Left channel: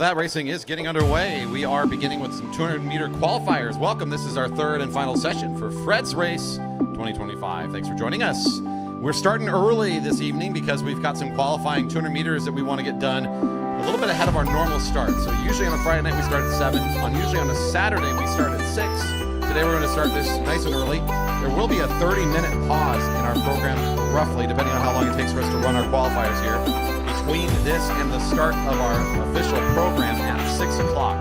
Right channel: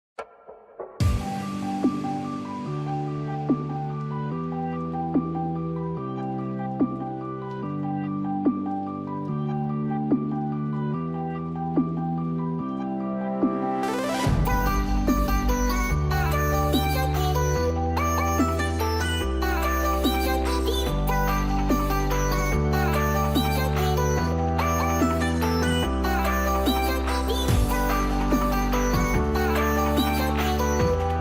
with that, racing is getting underway. We are beginning with some 200-meter qualifiers. Welcome. This is our third and final session for Fred's Race 2025. Thanks for joining us. We're starting early this evening because we've got some qualifying 200 meters that we want to get done a little bit ahead of our normal start. So usually on a Friday night we start at 7. Usually on a Saturday we start at 6. Today we're going to start this nice and early. There will be a 30-minute pause in our program, roughly, depending on how long it takes for us to run our qualifiers here, between this and the start of our official program at 6 o'clock.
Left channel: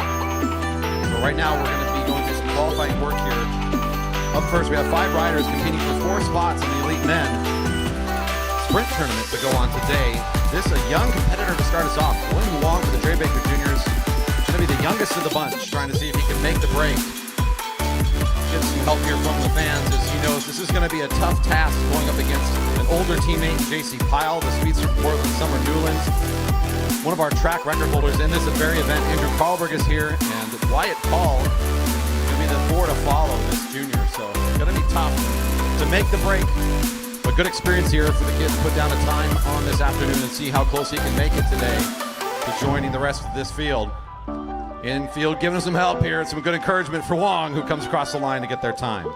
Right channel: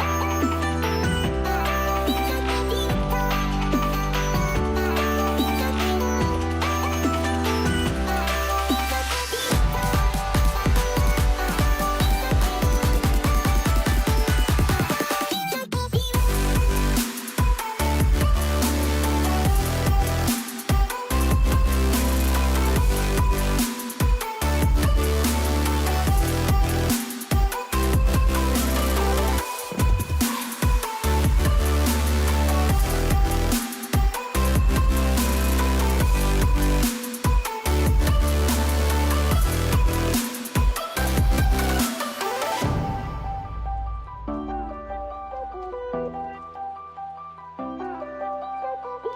Right now we're going to be doing some qualifying work here. Up first we have 5 riders competing for 4 spots in the elite men sprint tournament to go on today. This is a young competitor to start us off. William Long from the Gray Baker Juniors. He's going to be the youngest of the bunch, trying to see if he can make the break. Get some help here from the fans, as he knows this is going to be a tough task going up against an older teammate, J.C. Pyle, the speed support from Summer Newlands. One of our track record holders in this very event. Andrew Carlberg is here, and Pyatt Paul is more to follow this junior, so it's going to be tough to make the break. But good experience here if we can put down a time on this afternoon and see how close he can make it today to joining the rest of this field. Infield giving us some help here, and some good encouragement for Wong, who comes across the line to get their time.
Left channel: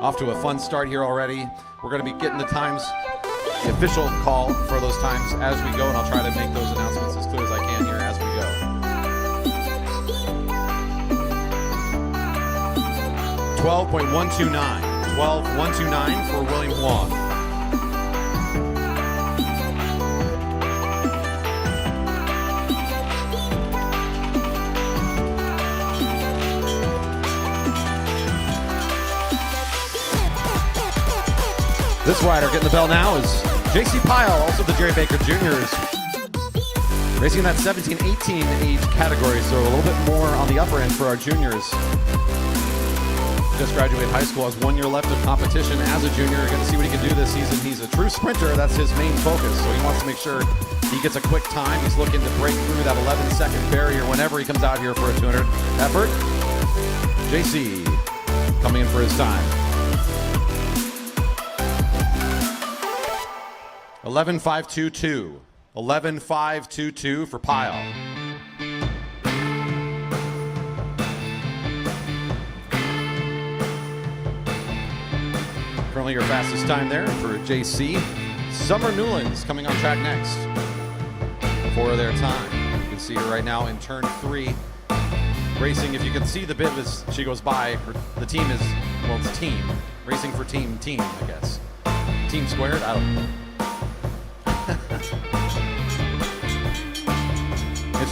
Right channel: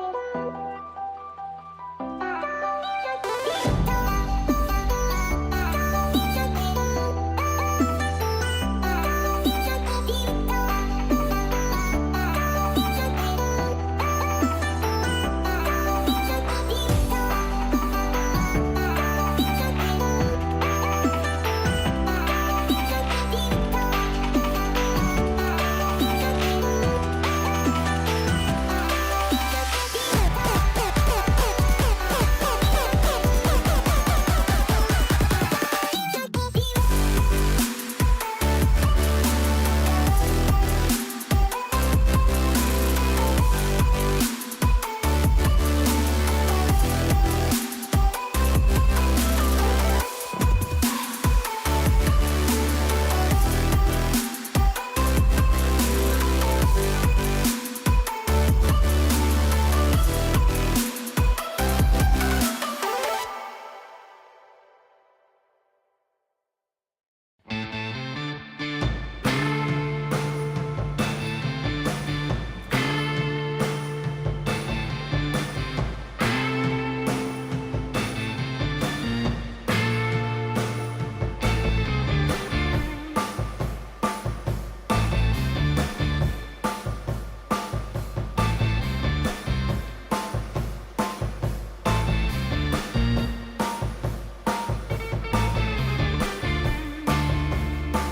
Off to a fun start here already. We're going to be getting the times, the official call for those times as we go, and I'll try to make those announcements as clear as I can here as we go. 12.129. 12.129 for William Long. This rider getting the bell now is J.C. Pyle, also the Gray Baker Juniors. Racing that 17-18 age category, so a little bit more on the upper end for our juniors. Just graduated high school, has 1 year left of competition as a junior, and see what he can do this season. He's a true sprinter, that's his main focus, so he wants to make sure he gets a quick time. He's looking to break through that 11-second barrier whenever he comes out here for a 200 effort. JC coming in for his time. 11.522. 11.522 for Pyle. Currently your fastest time there for JC. Summer Newlands coming on track next for their time. You can see her right now in turn 3. Racing, if you can see the bit as she goes by, the team is, well, it's team. Racing for team, I guess. Team squared, I don't know.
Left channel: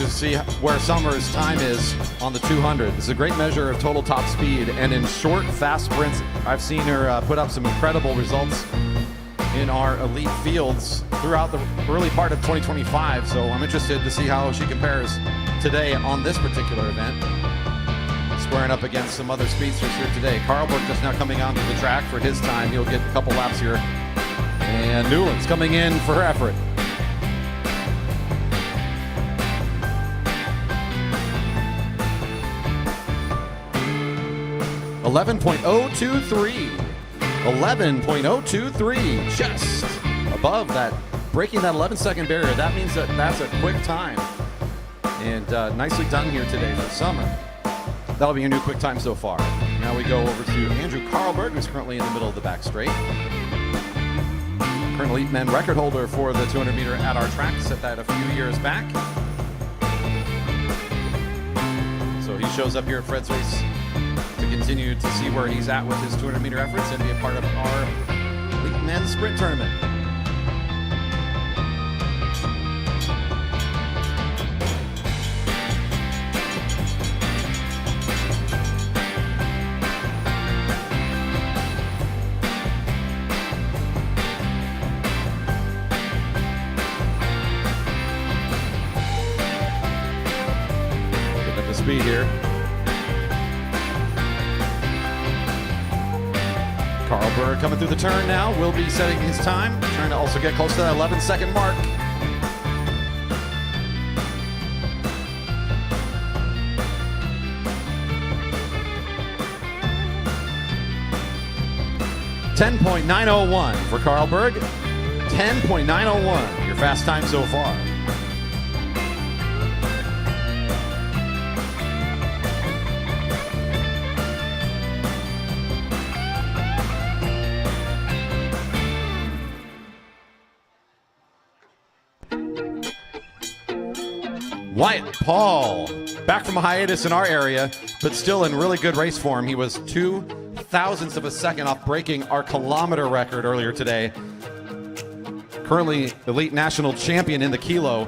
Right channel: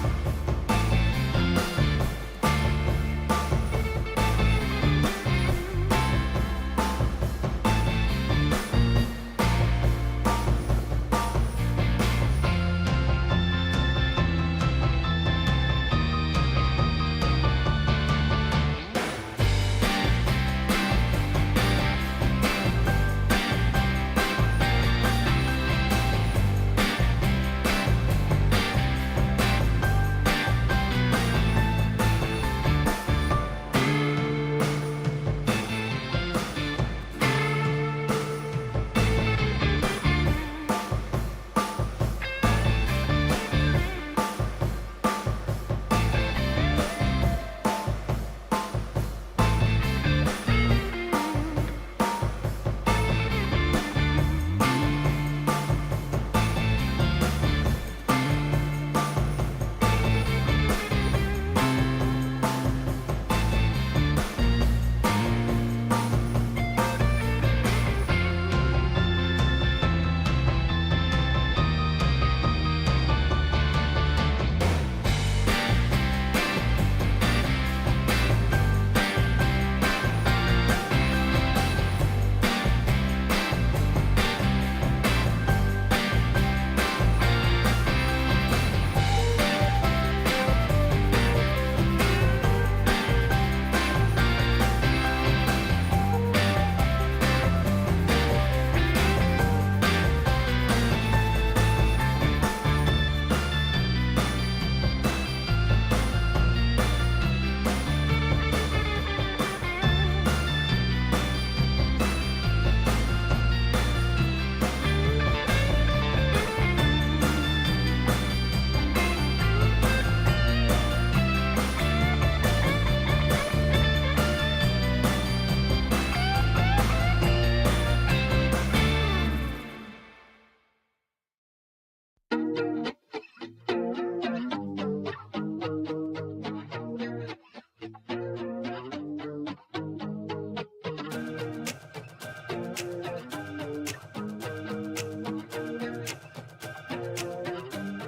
See where Summer's time is on the 200. It's a great measure of total top speed, and in short, fast sprints, I've seen her put up some incredible results in our elite fields throughout the early part of 2025, so I'm interested to see how she compares today on this particular event. Squaring up against some other speedsters here today. Carlberg is now coming onto the track for his time. He'll get a couple laps here. And Newlands coming in for her effort. 11.023. 11.023. Just above that, breaking that 11-second barrier. That means that that's a quick time. And nicely done here today for Summer. That'll be your new quick time so far. Now we go over to Andrew Carlberg, who's currently in the middle of the back straight. Current elite men record holder for the 200-meter at our track. Set that a few years back. So he shows up here at Fred's Race. Continue to see where he's at with his 200-meter efforts and be a part of our men's sprint tournament. Turn now, will be setting his time, trying to also get close to that 11-second mark. .901 for Carlberg. 10.901, your fast time so far. Wyatt Paul, back from a hiatus in our area, but still in really good race form. He was 0.02 of a second off breaking our kilometer record earlier today. Currently elite national champion in the kilo.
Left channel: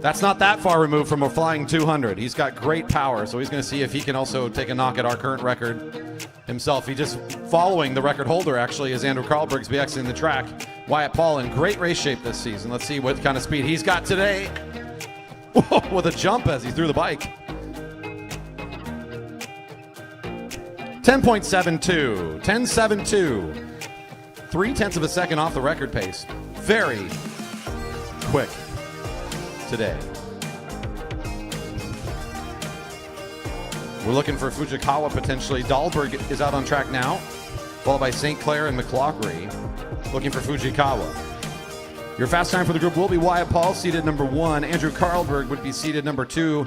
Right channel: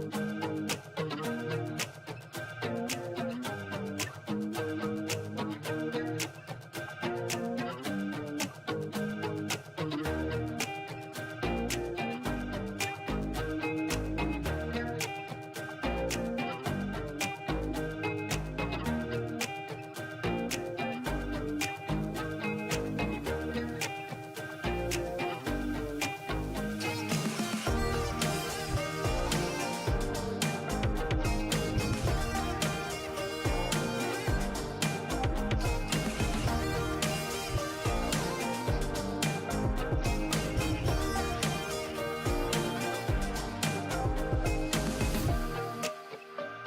That's not that far removed from a flying 200. He's got great power, so he's going to see if he can also take a knock at our current record himself. He just following the record holder, actually, is Andrew Carlberg's be exiting the track. Wyatt Paul in great race shape this season. Let's see what kind of speed he's got today. Whoa, with a jump as he threw the bike. 10.72, 10.72. 0.3 of a second off the record pace. Very quick today. We're looking for Fujikawa potentially. Dahlberg is out on track now, followed by St. Clair and McLaughlin. Looking for Fujikawa. Your fast time for the group will be Wyatt Paul, seated number 1. Andrew Carlberg would be seated number 2.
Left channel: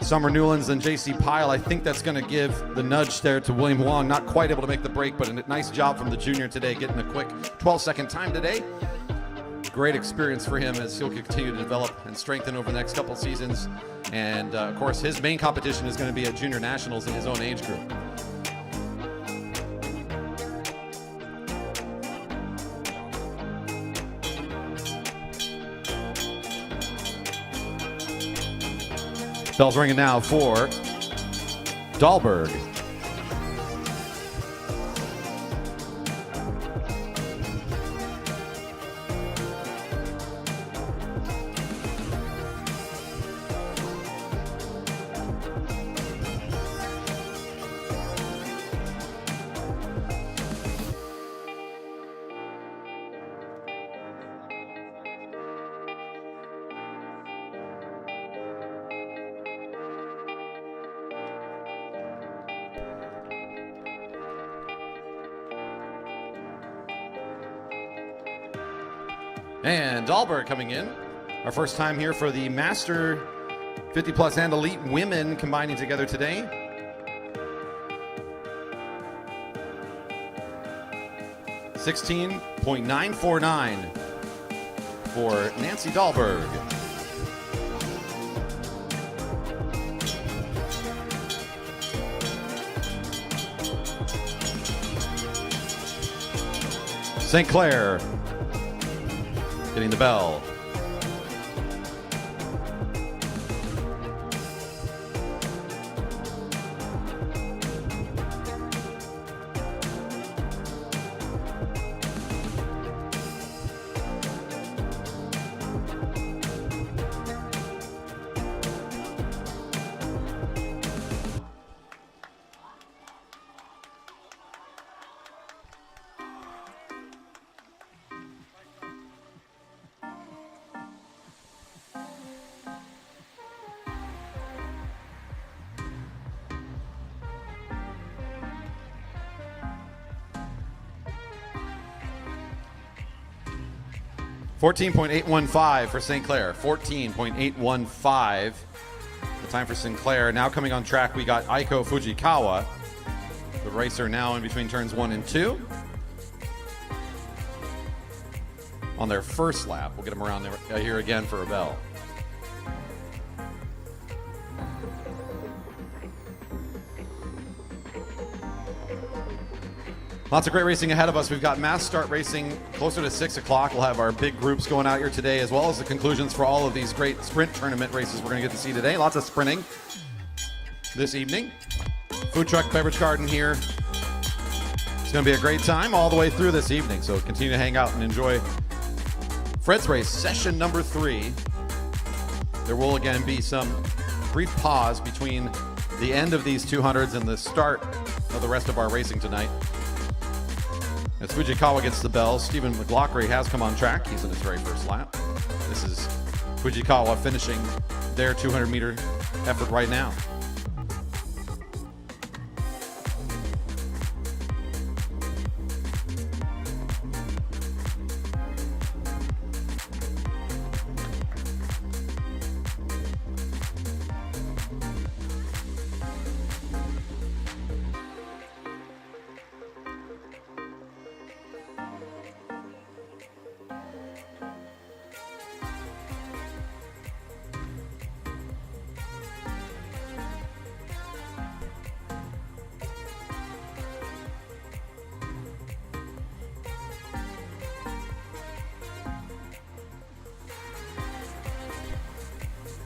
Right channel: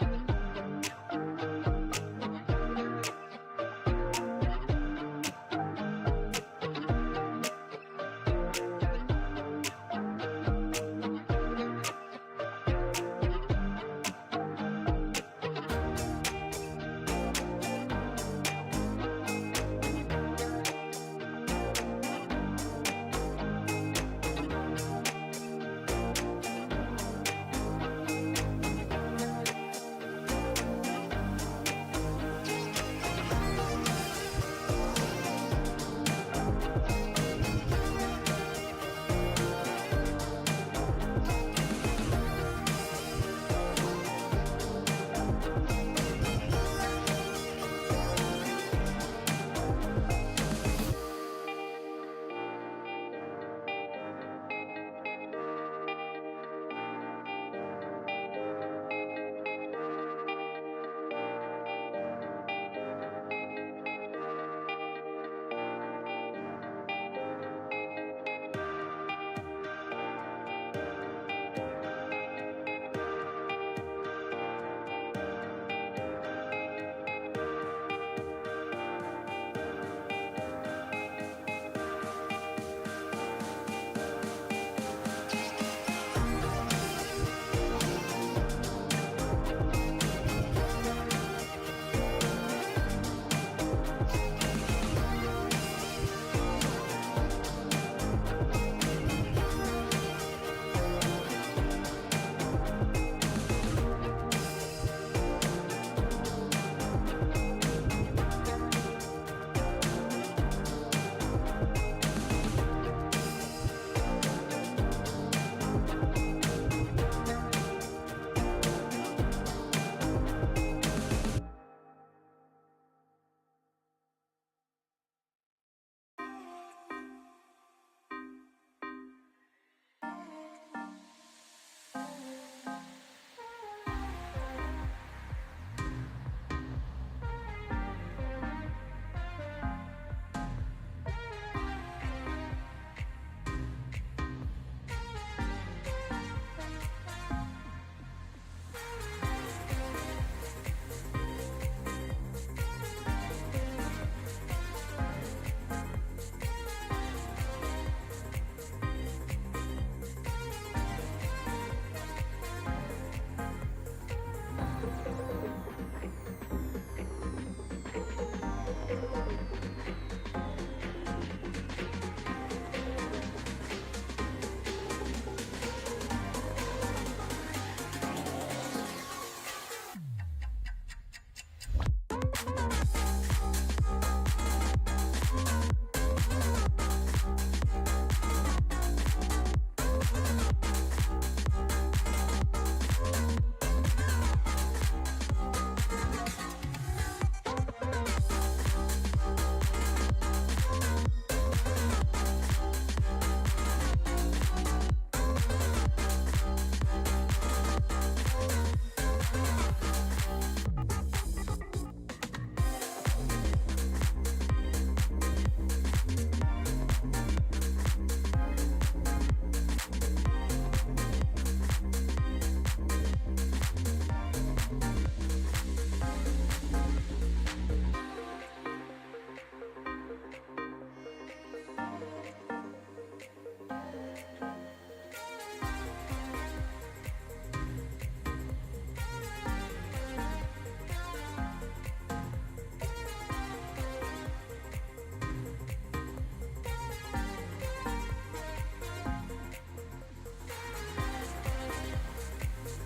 Summer Newlands and JC Pyle. I think that's going to give the nudge there to William Wong. Not quite able to make the break, but a nice job from the junior today, getting a quick 12-second time today. Great experience for him as he'll continue to develop and strengthen over the next couple seasons. And of course, his main competition is going to be at Junior Nationals in his own age group. Bell's ringing now for Dahlberg. And Dahlberg coming in. Our first time here for the Master 50 Plus and Elite Women combining together today. $16.949 for Nancy Dahlberg. St. Clair getting the bell. $14.815 for St. Clair. 14.815. The time for St. Clair. Now coming on track, we got Aiko Fujikawa, the racer now in between turns 1 and 2. On their first lap, we'll get them around there here again for a bell. Lots of great racing ahead of us. We've got mass start racing closer to 6 o'clock. We'll have our big groups going out here today, as well as the conclusions for all of these great sprint tournament races we're going to get to see today. Lots of sprinting this evening. Food truck, beverage garden here. It's going to be a great time all the way through this evening. So continue to hang out and enjoy Fred's Race, session number 3. There will again be some brief pause between the end of these 200s and the start of the rest of our racing tonight. As Fujikawa gets the bell, Stephen McLaughlin has come on track. He's in his very first lap. This is Fujikawa finishing their 200-meter effort right now.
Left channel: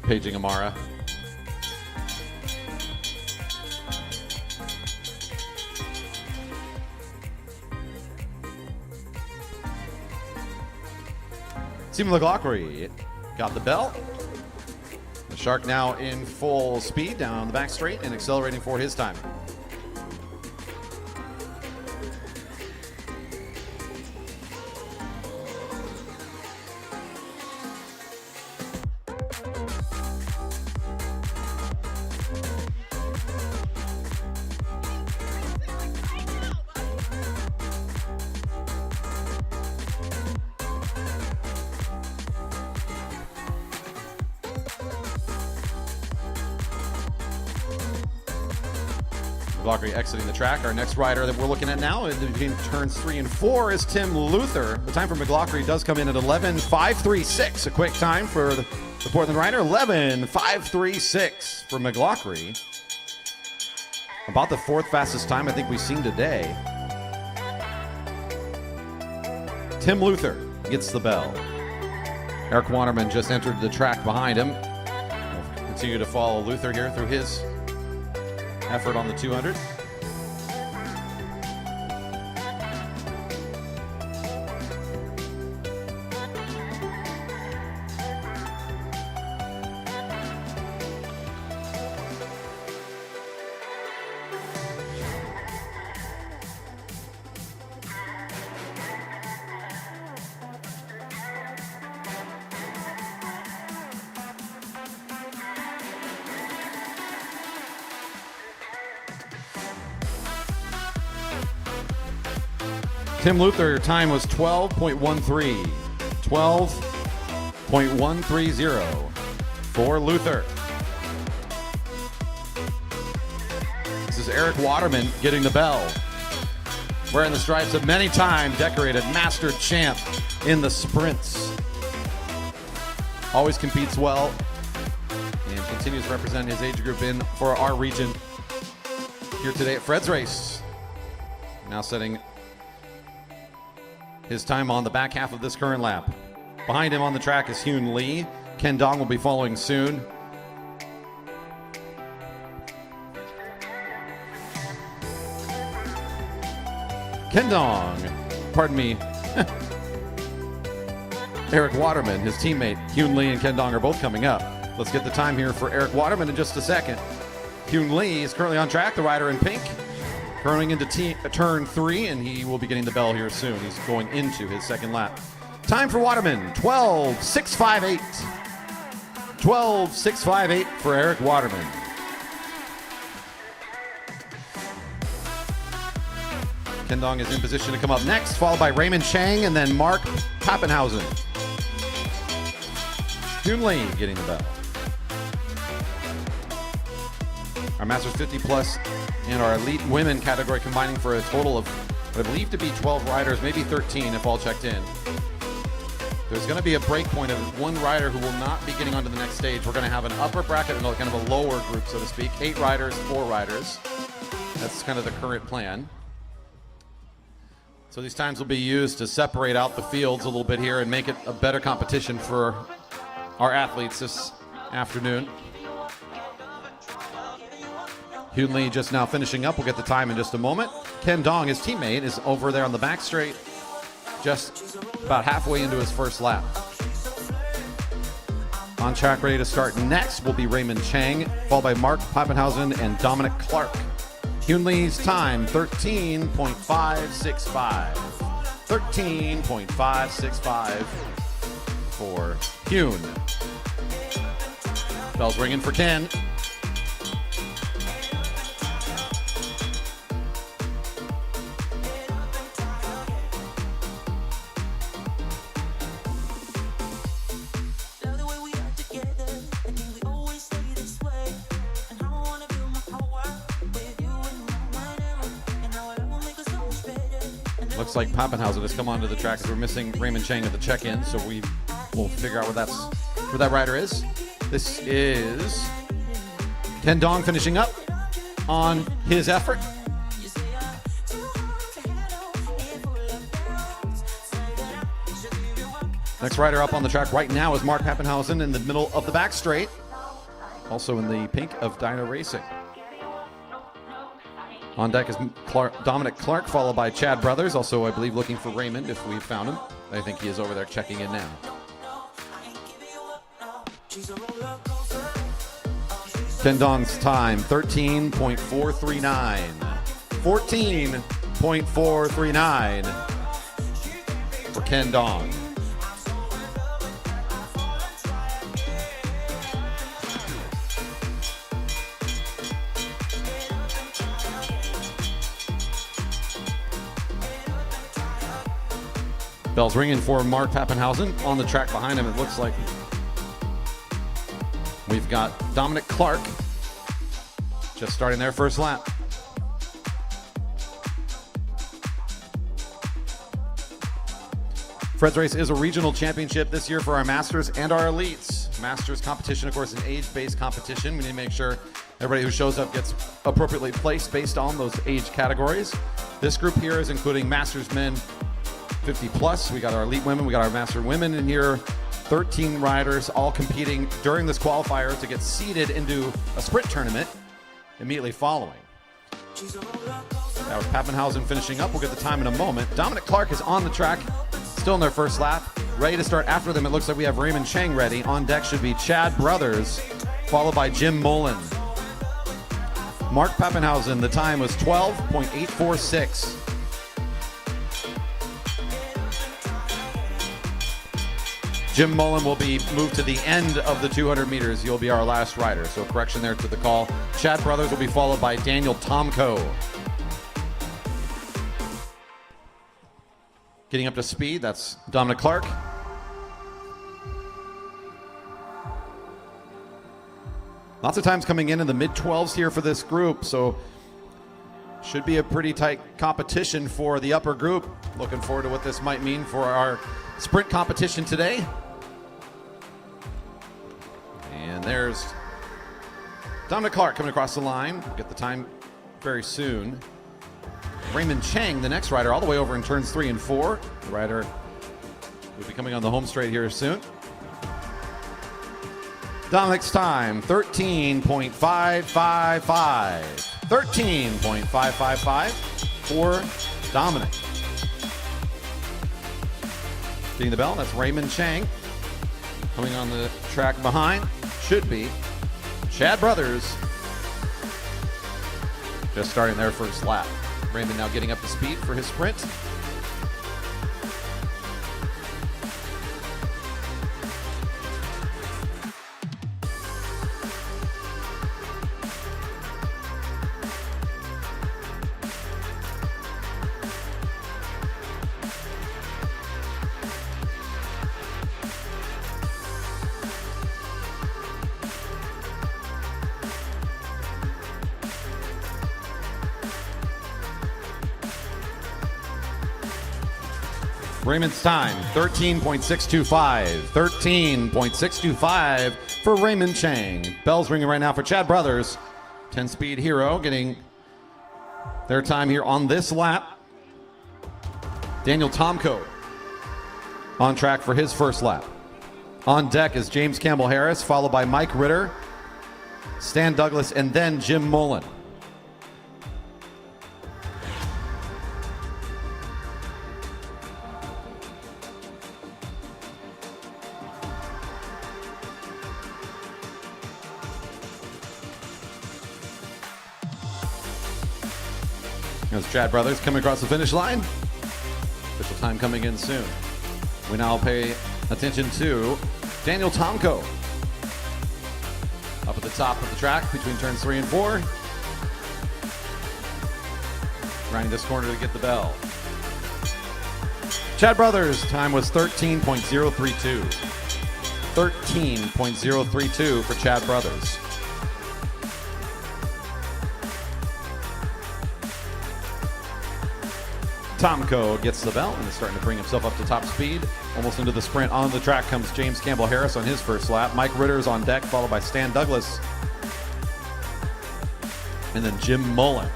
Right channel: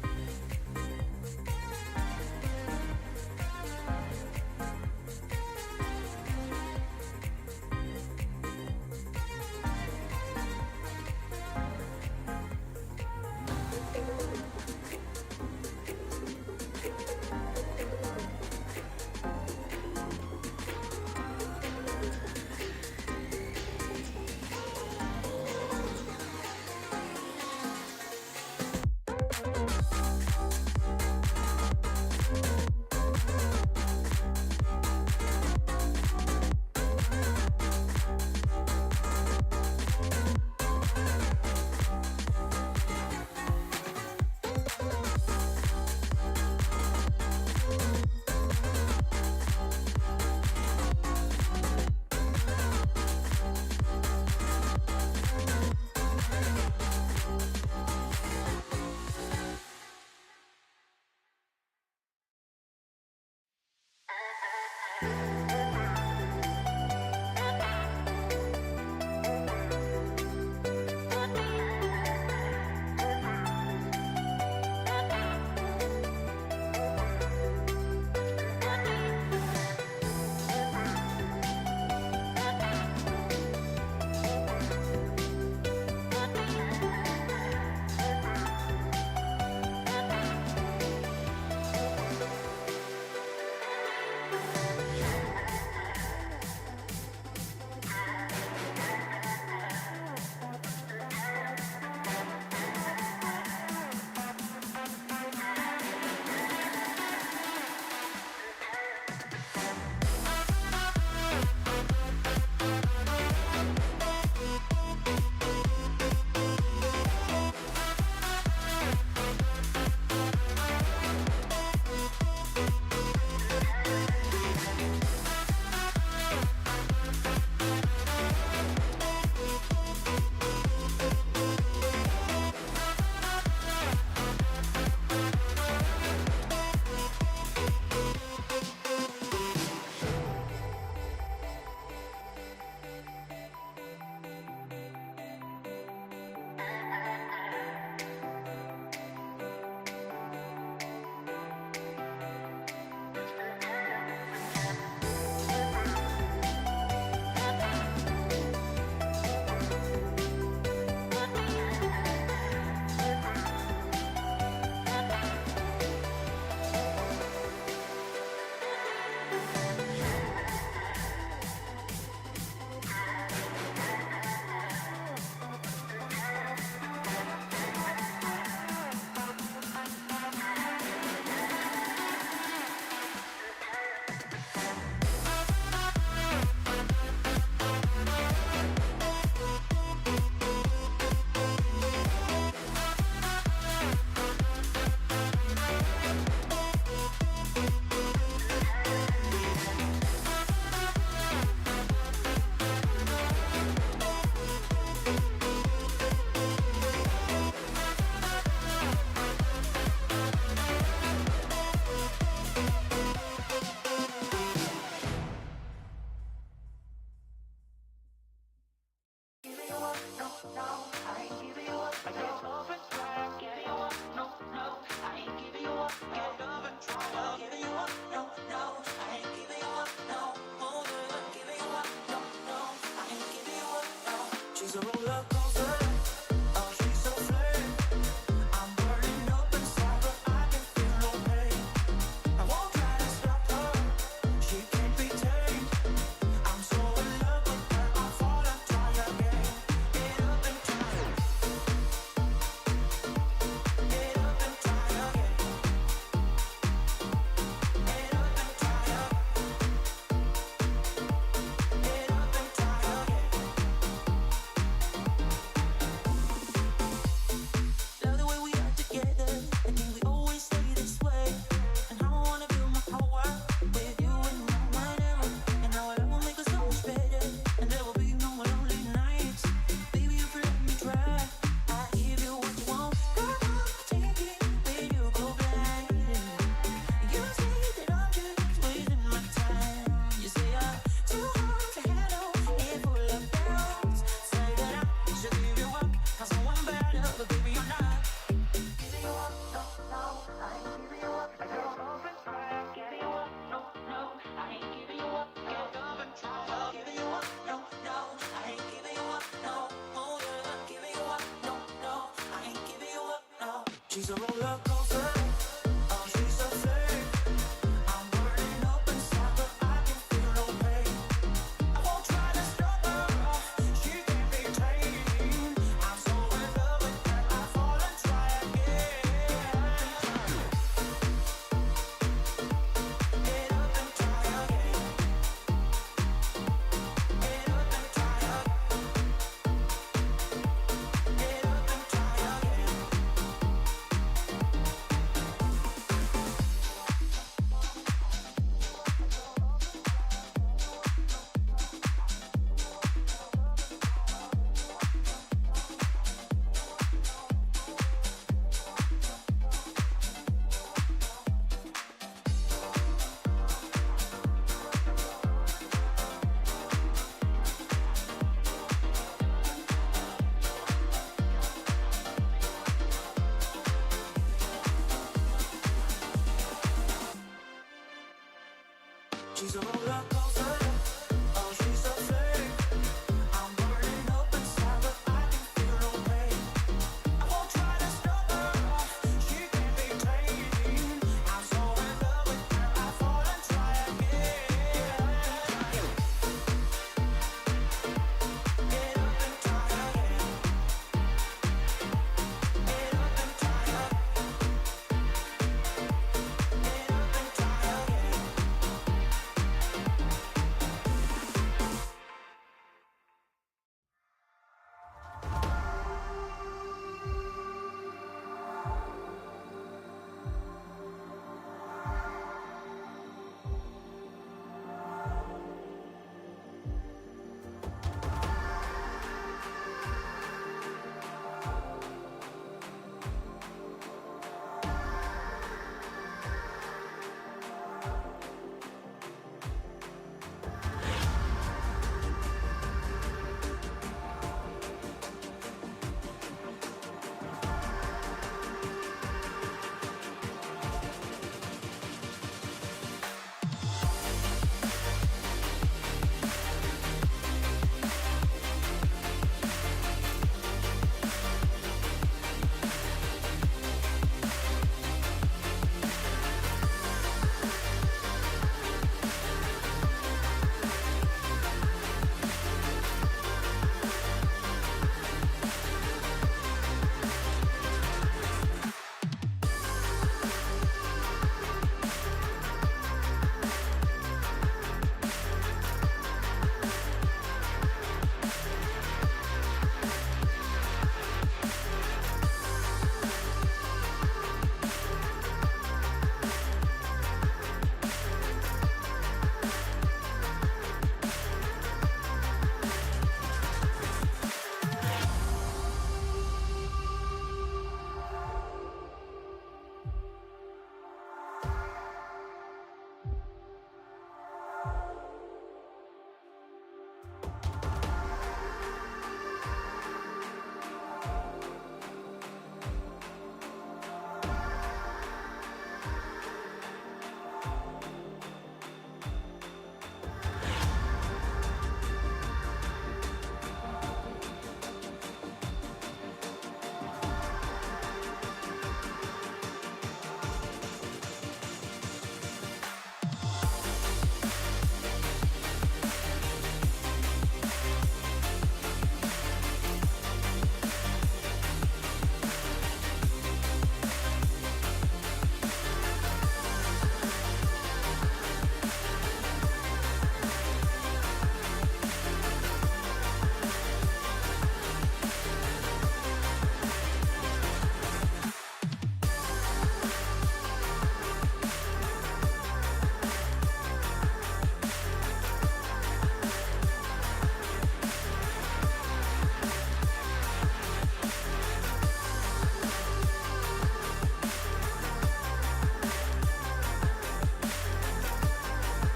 Paging Amara. Team McLaughlin got the bell. Shark now in full speed down the back straight and accelerating for his time. McLaughlin exiting the track. Our next rider that we're looking at now is between turns 3 and 4 is Tim Luther. The time for McLaughlin does come in at 11:536. A quick time for the Portland rider. 11:536 for McLaughlin. About the 4th fastest time I think we've seen today. Tim Luther gets the bell. Eric Waterman just entered the track behind him. Continue to follow Luther here through his effort on the 200. Tim Luther time was 12.13. 12.130 for Luther. This is Eric Waterman getting the bell. Wearing the stripes of many time decorated master champ in the sprints. Always competes well and continues to represent his age group in for our region here today at Fred's Race. Now setting his time on the back half of this current lap. Behind him on the track is Hyun Lee. Ken Dong will be following soon. Ken Dong, pardon me. Eric Waterman, his teammate, Hyun Lee and Ken Dong are both coming up. Let's get the time here for Eric Waterman in just a second. Hyun Lee is currently on track, the rider in pink. Turning into turn 3, and he will be getting the bell here soon. He's going into his second lap. Time for Waterman, 12.658. 12.658 for Eric Waterman. Ken Dong is in position to come up next, followed by Raymond Chang and then Mark Pappenhausen. Hyun Lee getting the bell. Our Masters 50 Plus in our Elite Women category combining for a total of, I believe, to be 12 riders, maybe 13 if all checked in. There's going to be a break point of one rider who will not be getting onto the next stage. We're going to have an upper bracket and kind of a lower group, so to speak. 8 riders, 4 riders. That's kind of the current plan. So these times will be used to separate out the fields a little bit here and make it a better competition for our athletes this afternoon. Hyun Lee just now finishing up. We'll get the time in just a moment. Ken Dong, his teammate, is over there on the back straight, just about halfway into his first lap. On track, ready to start next will be Raymond Chang, followed by Mark Pappenhausen and Dominic Clark. Hyun Lee's time, 13.565. 13.565 for Hyun. Bell's ringing for Ken. Looks like Pappenhausen has come onto the track. We're missing Raymond Chang at the check-in, so we will figure out where that rider is. This is Ken Dong finishing up on his effort. Next rider up on the track right now is Mark Pappenhausen in the middle of the back straight. also in the pink of Dyno Racing. On deck is Dominic Clark, followed by Chad Brothers, also I believe looking for Raymond if we've found him. I think he is over there checking in now. Ken Dong's time, 13.439. 14.439 for Ken Dong. Bell's ringing for Mark Pappenhausen on the track behind him. It looks like we've got Dominic Clark just starting their first lap. Fred's Race is a regional championship this year for our Masters and our Elites. Masters competition, of course, is an age-based competition. We need to make sure everybody who shows up gets appropriately placed based on those age categories. This group here is including Masters men 50 plus. We got our Elite women, we got our Master women in here. 13 riders all competing during this qualifier to get seeded into a sprint tournament immediately following. Now Pappenhausen finishing up. We'll get the time in a moment. Dominic Clark is on the track, still in their first lap. Ready to start after them. It looks like we have Raymond Chang ready. On deck should be Chad Brothers, followed by Jim Mullen. Mark Pappenhausen, the time was 12.846. Jim Mullen will be moved to the end of the 200 meters. You'll be our last rider. So correction there to the call. Chad Brothers will be followed by Daniel Tomko. Getting up to speed, that's Dominic Clark. Lots of times coming in the mid-12s here for this group. So should be a pretty tight competition for the upper group. Looking forward to what this might mean for our sprint competition today. And there's Dominic Clark coming across the line. We'll get the time very soon. Raymond Chang, the next rider, all the way over in turns 3 and 4. The rider will be coming on the home straight here soon. Dominic's time, 13.555. 13.555 for Dominic. Getting the bell, that's Raymond Chang. Coming on the track behind should be Chad Brothers. Just starting their first lap. Raymond now getting up to speed for his sprint. Raymond's time, 13.625. 13.625 for Raymond Chang. Bell's ringing right now for Chad Brothers. 10-speed hero getting their time here on this lap. Daniel Tomko on track for his first lap. On deck is James Campbell Harris, followed by Mike Ritter, Stan Douglas, and then Jim Mullen. There's Chad Brothers coming across the finish line. Official time coming in soon. We now pay attention to Daniel Tomko. Up at the top of the track between turns 3 and 4. Trying this corner to get the bell. Chad Brothers' time was 13.032. 13.032 for Chad Brothers. Tomko gets the bell and starting to bring himself up to top speed. Almost into the sprint. On the track comes James Campbell Harris on his first lap. Mike Ritter is on deck, followed by Stan Douglas. And then Jim Mullen.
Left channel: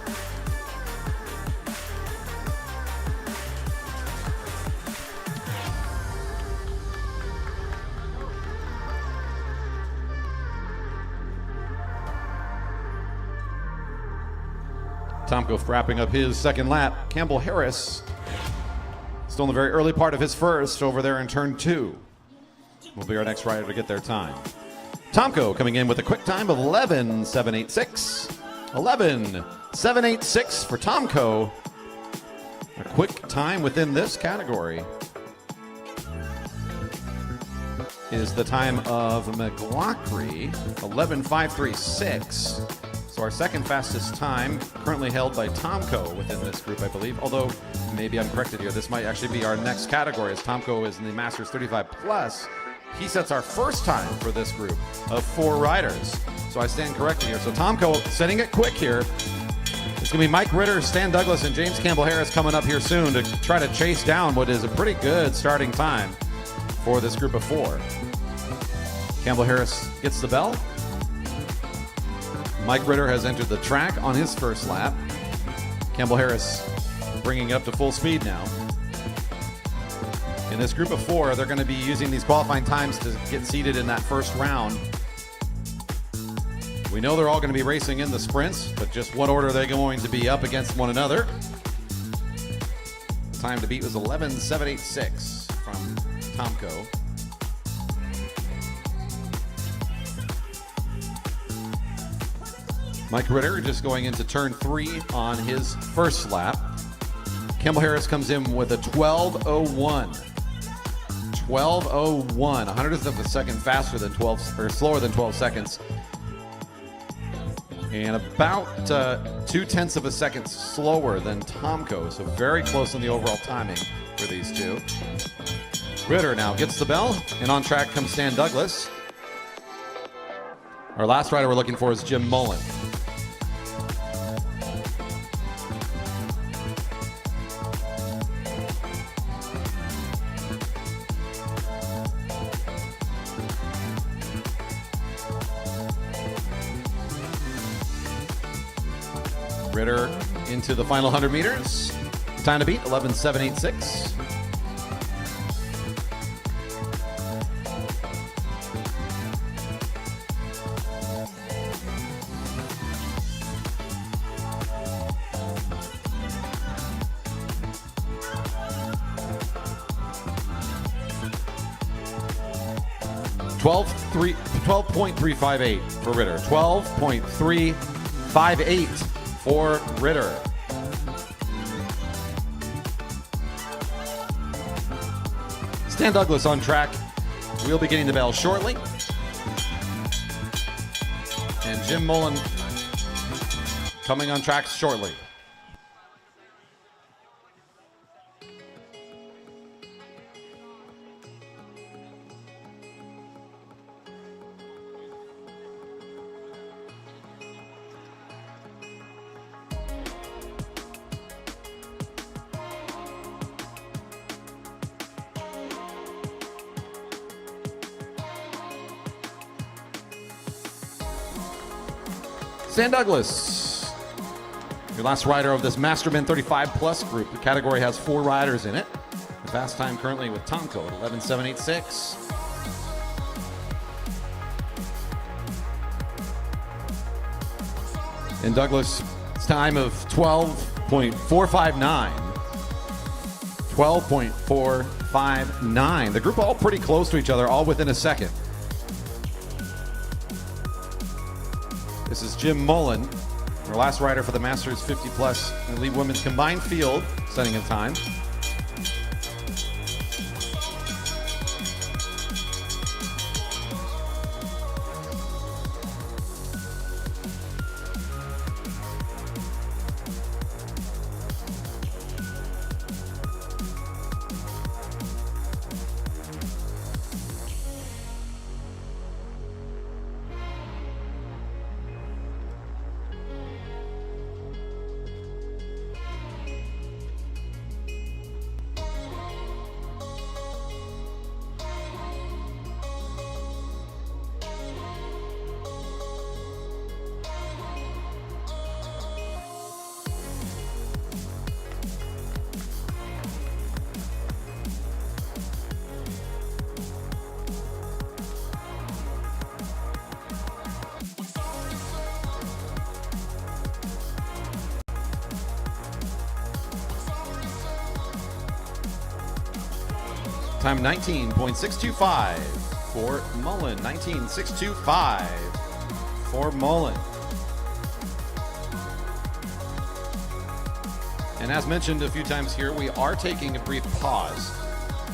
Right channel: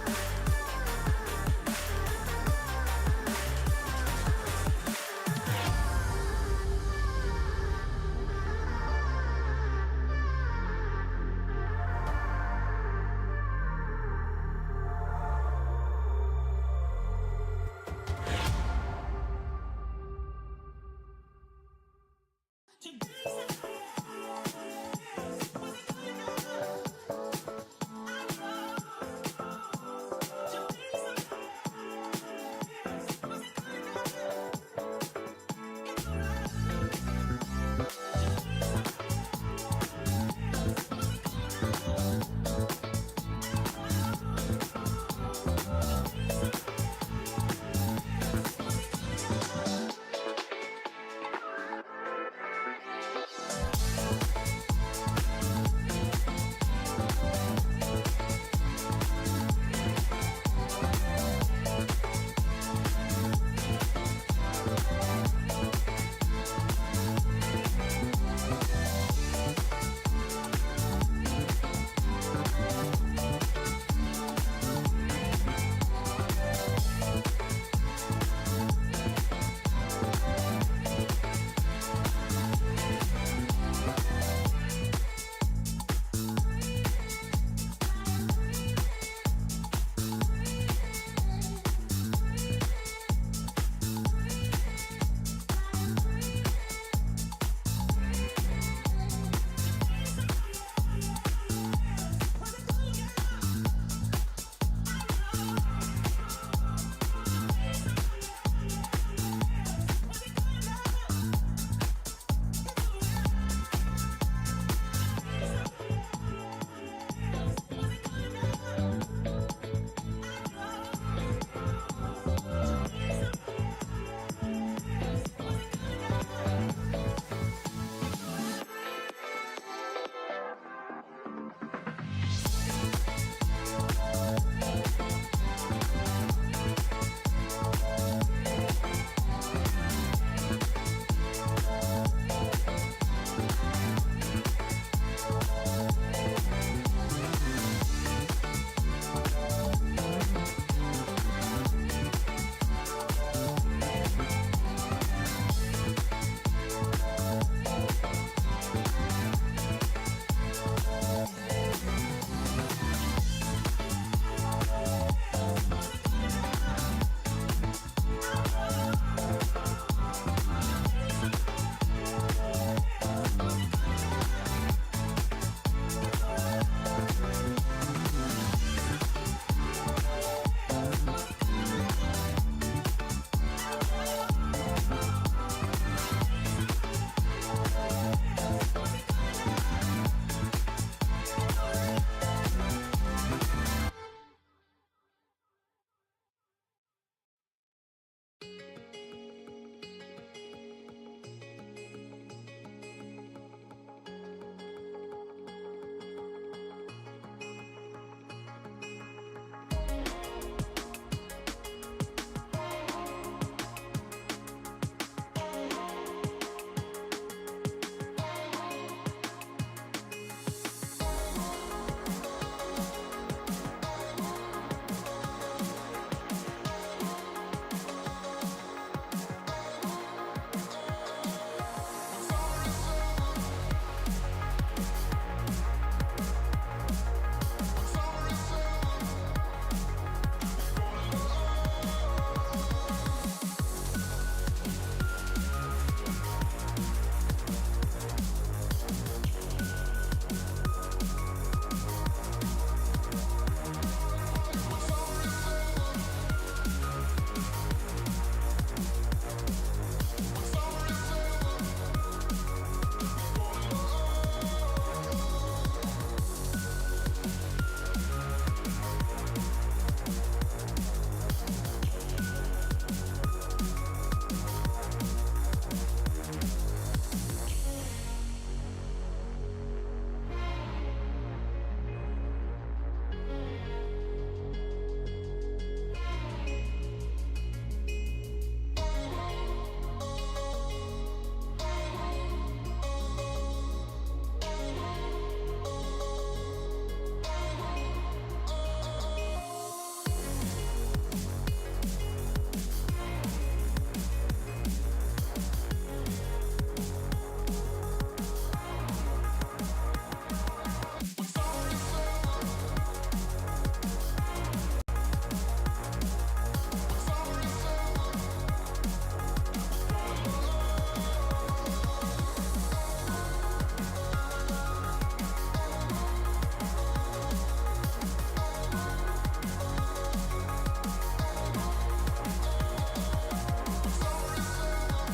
Tomko wrapping up his second lap. Campbell Harris still in the very early part of his first over there in turn 2. Will be our next rider to get their time. Tomko coming in with a quick time of 11.786. 11.786 for Tomko. A quick time within this category is the time of McLaughlin, 11.536. So our second fastest time currently held by Tomko within this group, I believe. Although, maybe I'm corrected here, this might actually be our next category as Tomko is in the Masters 35 Plus. He sets our first time for this group of 4 riders. So I stand corrected here. So Tomko setting it quick here. It's going to be Mike Ritter, Stan Douglas, and James Campbell Harris coming up here soon to try to chase down what is a pretty good starting time for this group of 4. Campbell Harris gets the bell. Mike Ritter has entered the track on his first lap. Campbell Harris bringing up to full speed now. In this group of 4, they're going to be using these qualifying times to get seated in that first round. We know they're all going to be racing in the sprints, but just what order are they going to be up against one another? Time to beat was 11.786 from Tomko. Mike Ritter just going into turn 3 on his first lap. Campbell Harris comes in with a 12.01. 12.01, 100th of a second faster than 12, or slower than 12 seconds. And about 0.2 of a second slower than Tomko, so very close in the overall timing for these two. Ritter now gets the bell, and on track comes Stan Douglas. Our last rider we're looking for is Jim Mullen. Ritter into the final 100 meters. Time to beat, 11.786. $12.358 for Ritter. 12.358 for Ritter. Stan Douglas on track. We'll be getting the bell shortly. And Jim Mullen coming on track shortly. Stan Douglas, your last rider of this Masterman 35 Plus group. The category has 4 riders in it. The fast time currently with Tomko, 11.786. And Douglas' time of 12.459. 12.459. The group all pretty close to each other, all within a second. This is Jim Mullen, our last rider for the Masters 50 Plus Elite Women's Combined Field, setting a time. Time 19.625 for Mullen. 19.625 for Mullen. And as mentioned a few times here, we are taking a brief pause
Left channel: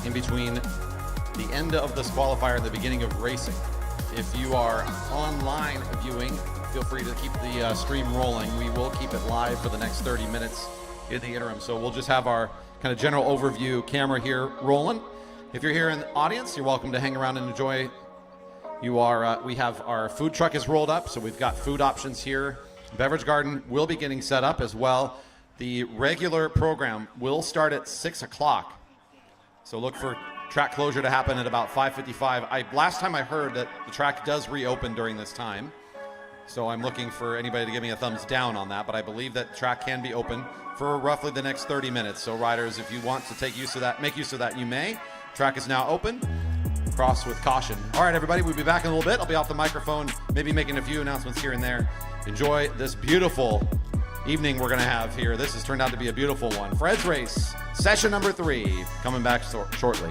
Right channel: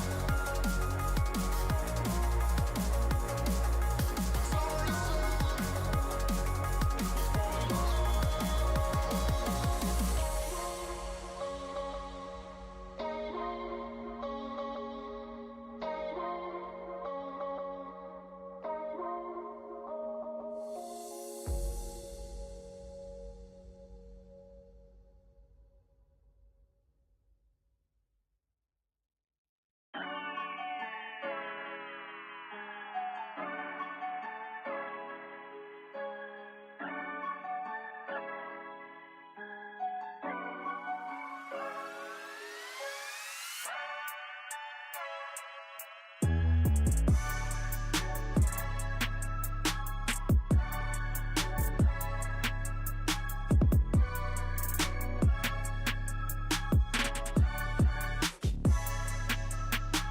in between the end of this qualifier and the beginning of racing. If you are online viewing, feel free to keep the stream rolling. We will keep it live for the next 30 minutes in the interim. So we'll just have our kind of general overview camera here rolling. If you're here in the audience, you're welcome to hang around and enjoy. We have our food truck is rolled up, so we've got food options here. Beverage garden will be getting set up as well. The regular program will start at 6 o'clock. So look for track closure to happen at about 5:55. Last time I heard that the track does reopen during this time. So I'm looking for anybody to give me a thumbs down on that, but I believe that track can be open for roughly the next 30 minutes. So riders, if you want to take use of that, make use of that, you may. Track is now open. Cross with caution. All right, everybody, we'll be back in a little bit. I'll be off the microphone, maybe making a few announcements here and there. Enjoy this beautiful evening we're gonna have here. This has turned out to be a beautiful one. Fred's Race, session number 3, coming back shortly.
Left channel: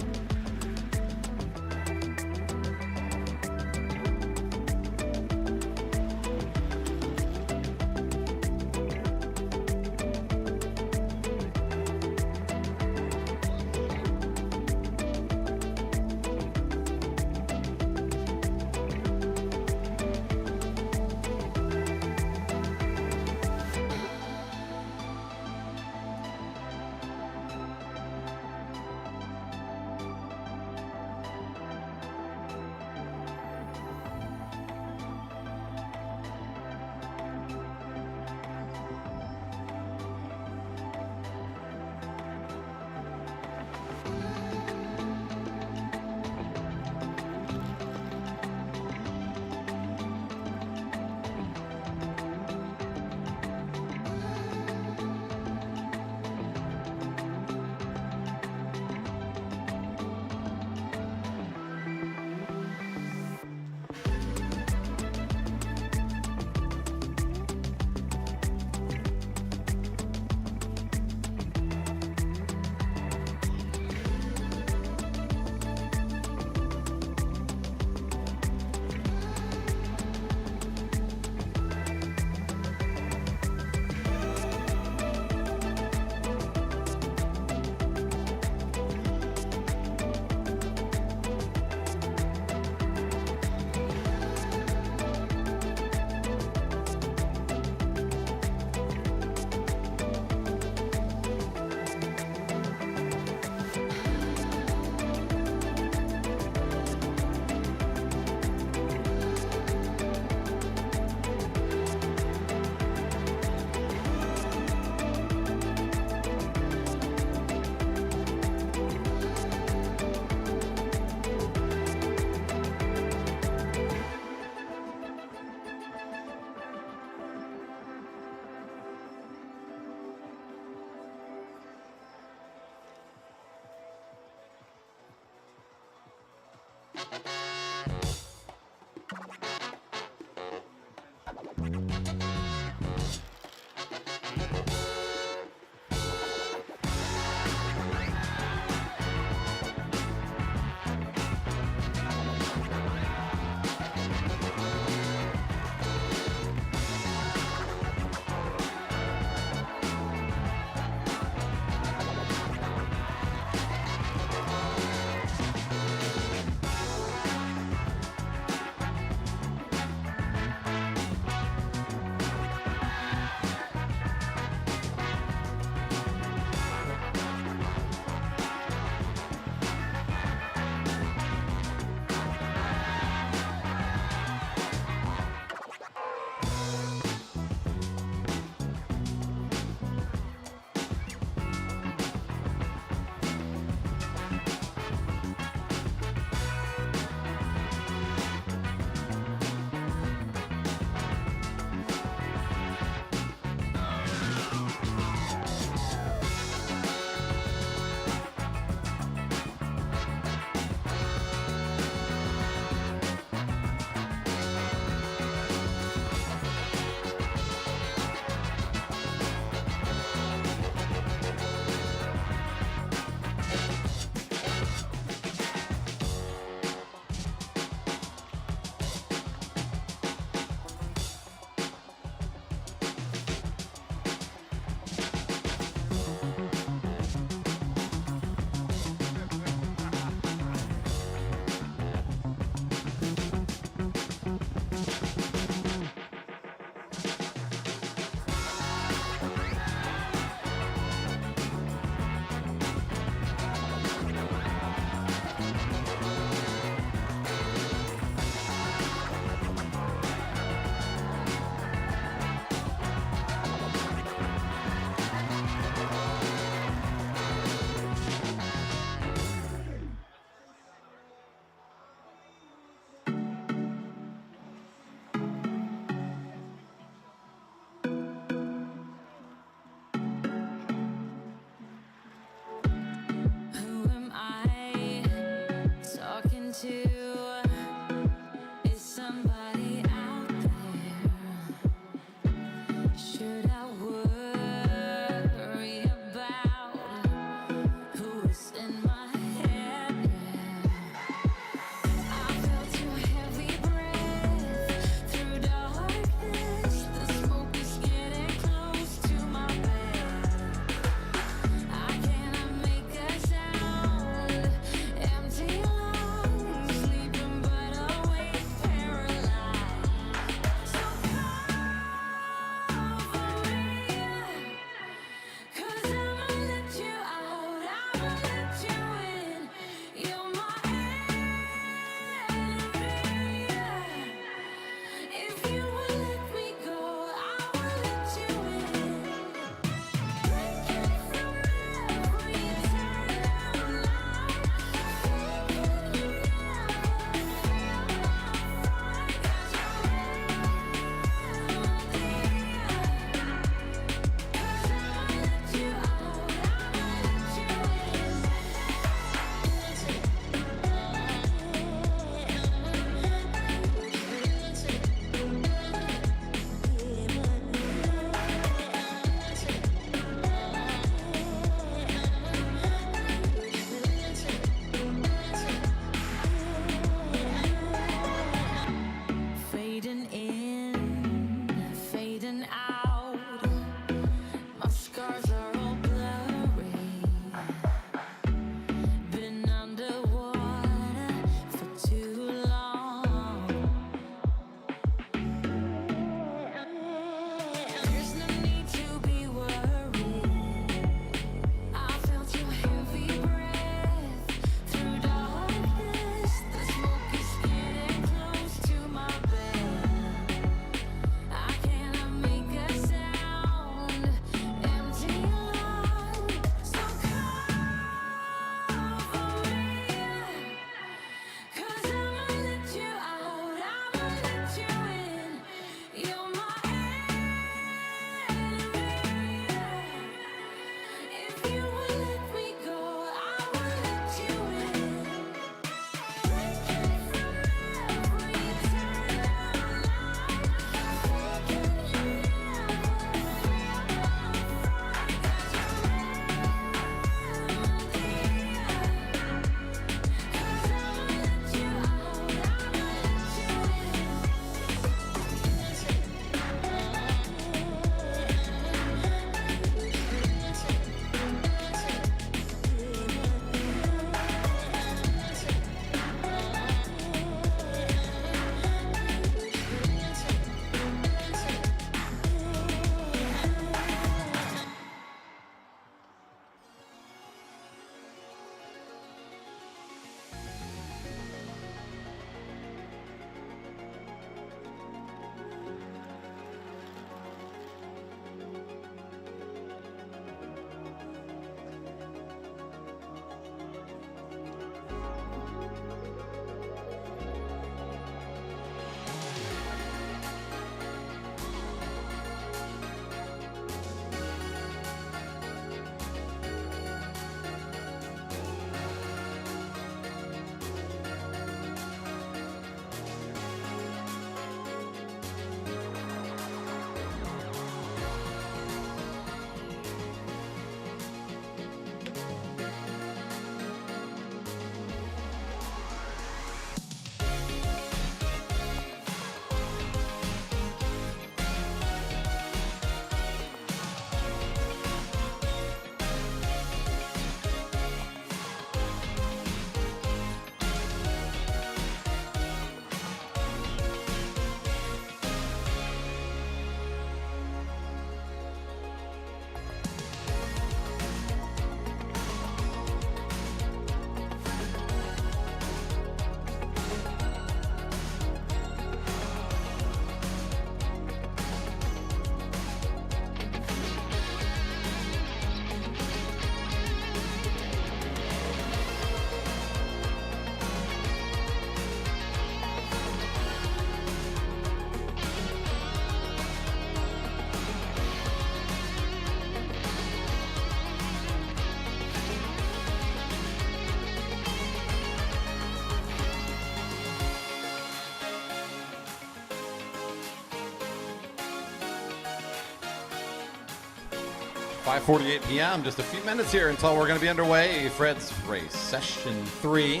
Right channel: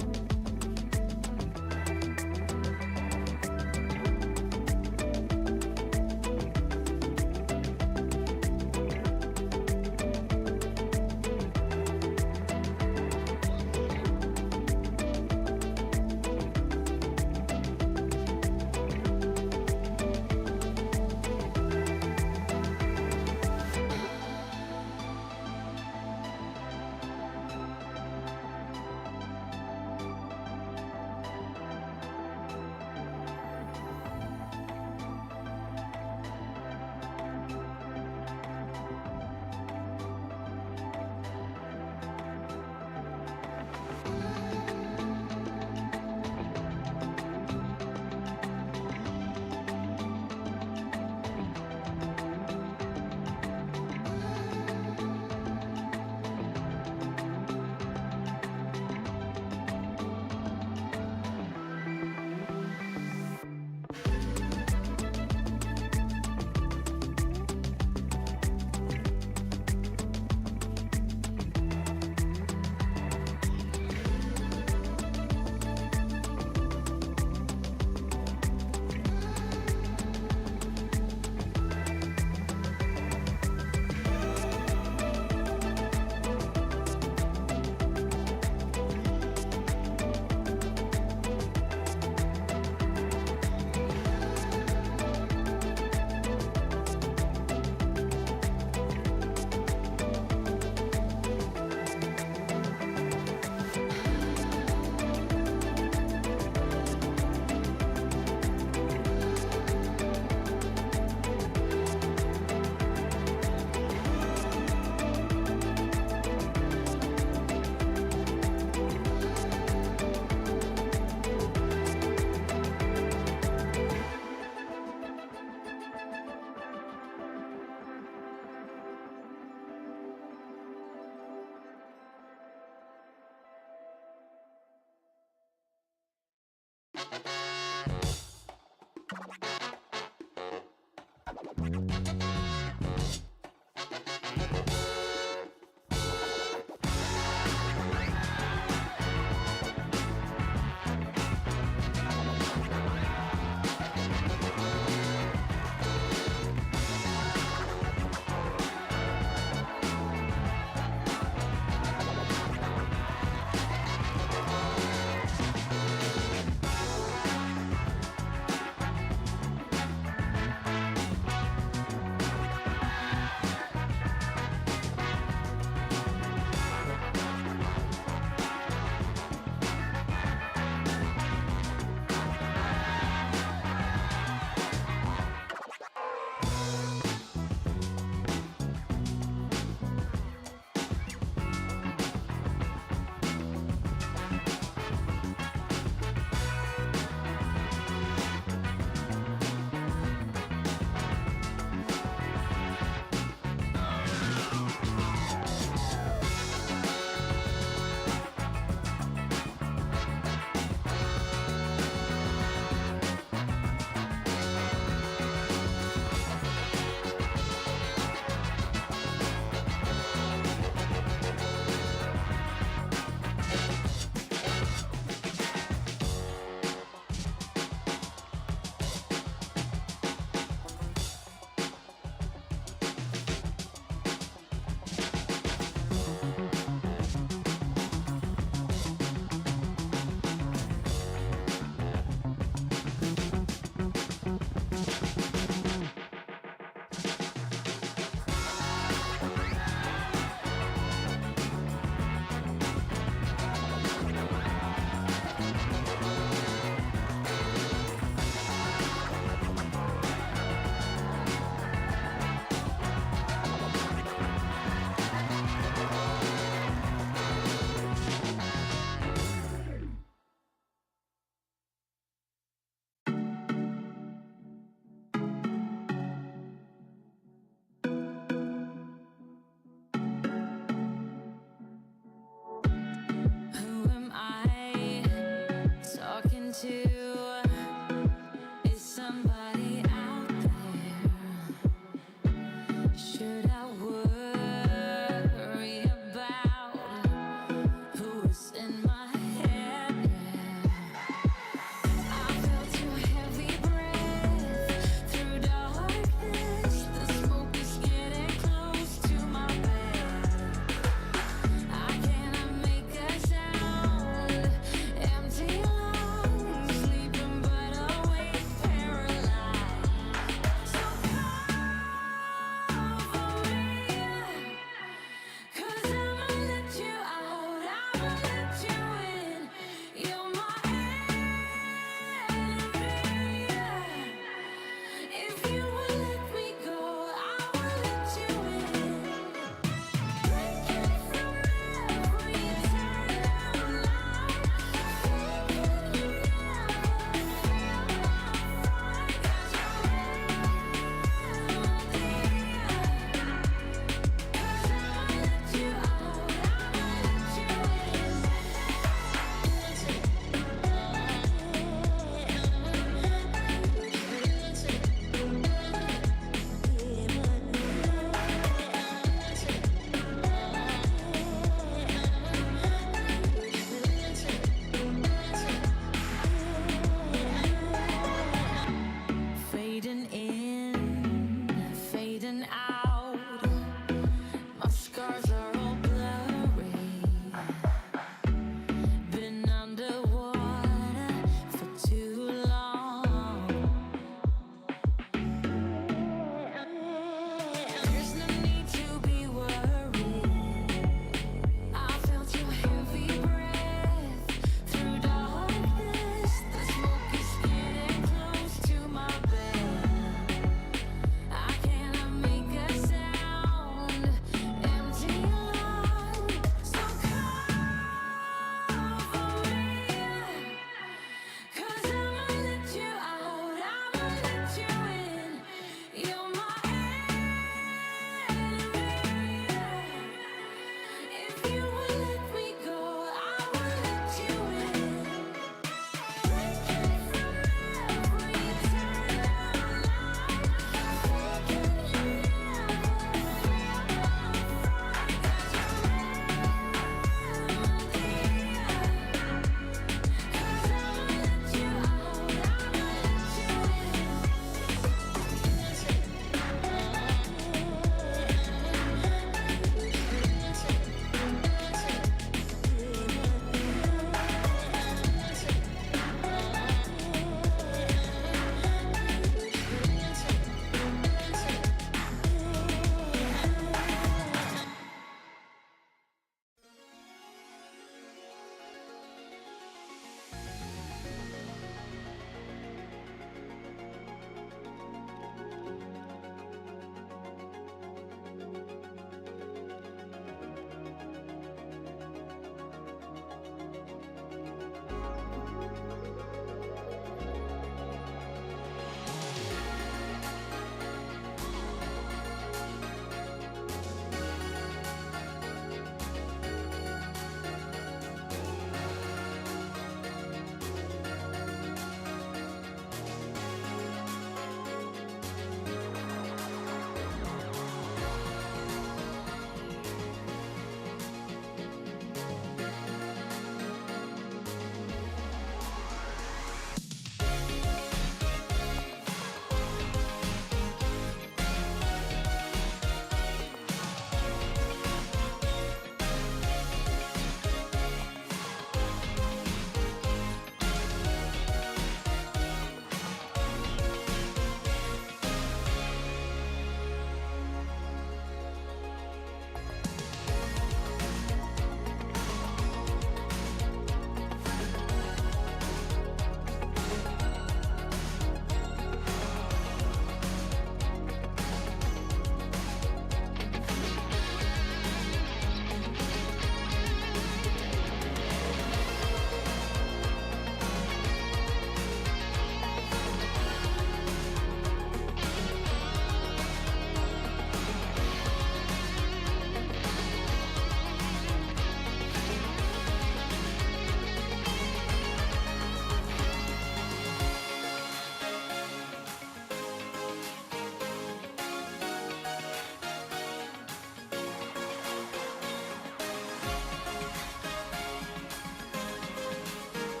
5:48 p.m. Just a few minutes here until we're going to be underway. Fred's Race Session 3.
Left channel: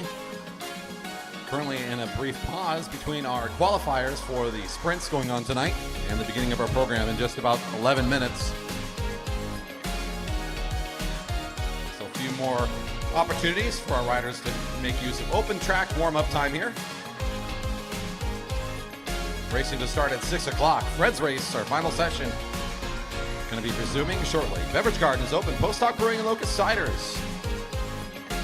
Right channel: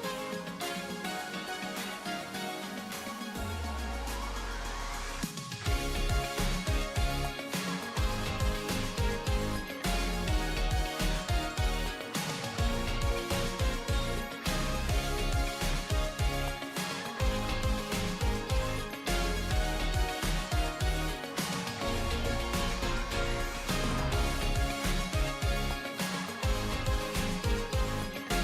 Currently in a brief pause between our qualifiers for the sprints going on tonight and the beginning of our program in just about 11 minutes. So a few more opportunities for our riders to make use of open track warm-up time here. Racing to start at 6 o'clock. Fred's Race, our final session. Going to be resuming shortly. Beverage garden is open. Post Hoc Brewing and Locust Ciders.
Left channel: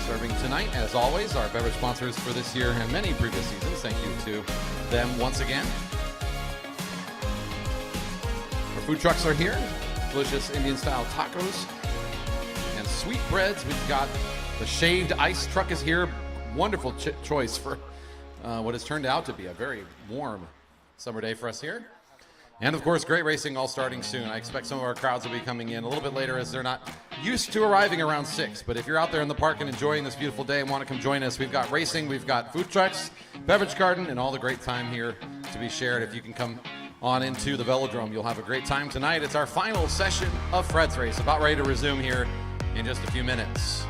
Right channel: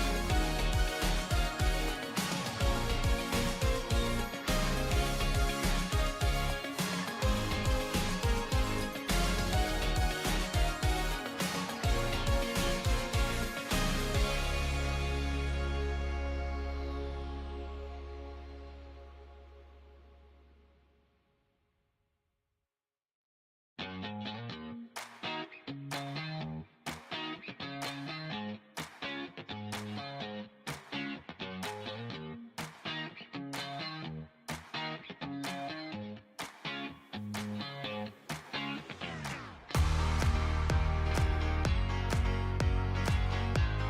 Serving tonight, as always, our beverage sponsors for this year and many previous seasons. Thank you to them once again. Our food trucks are here. Delicious Indian-style tacos and sweet breads. We've got the shaved ice truck is here. Wonderful choice for what has turned out to be a very warm summer day for us here. And of course, great racing all starting soon. I expect some of our crowds will be coming in a little bit later as they're not used to arriving around 6. But if you're out there in the park and enjoying this beautiful day and want to come join us, we've got racing, we've got food trucks, beverage garden, and all the great time here to be shared. If you can come on into the velodrome, you'll have a great time tonight. It's our final session of Fred's Race, about ready to resume here in just a few minutes.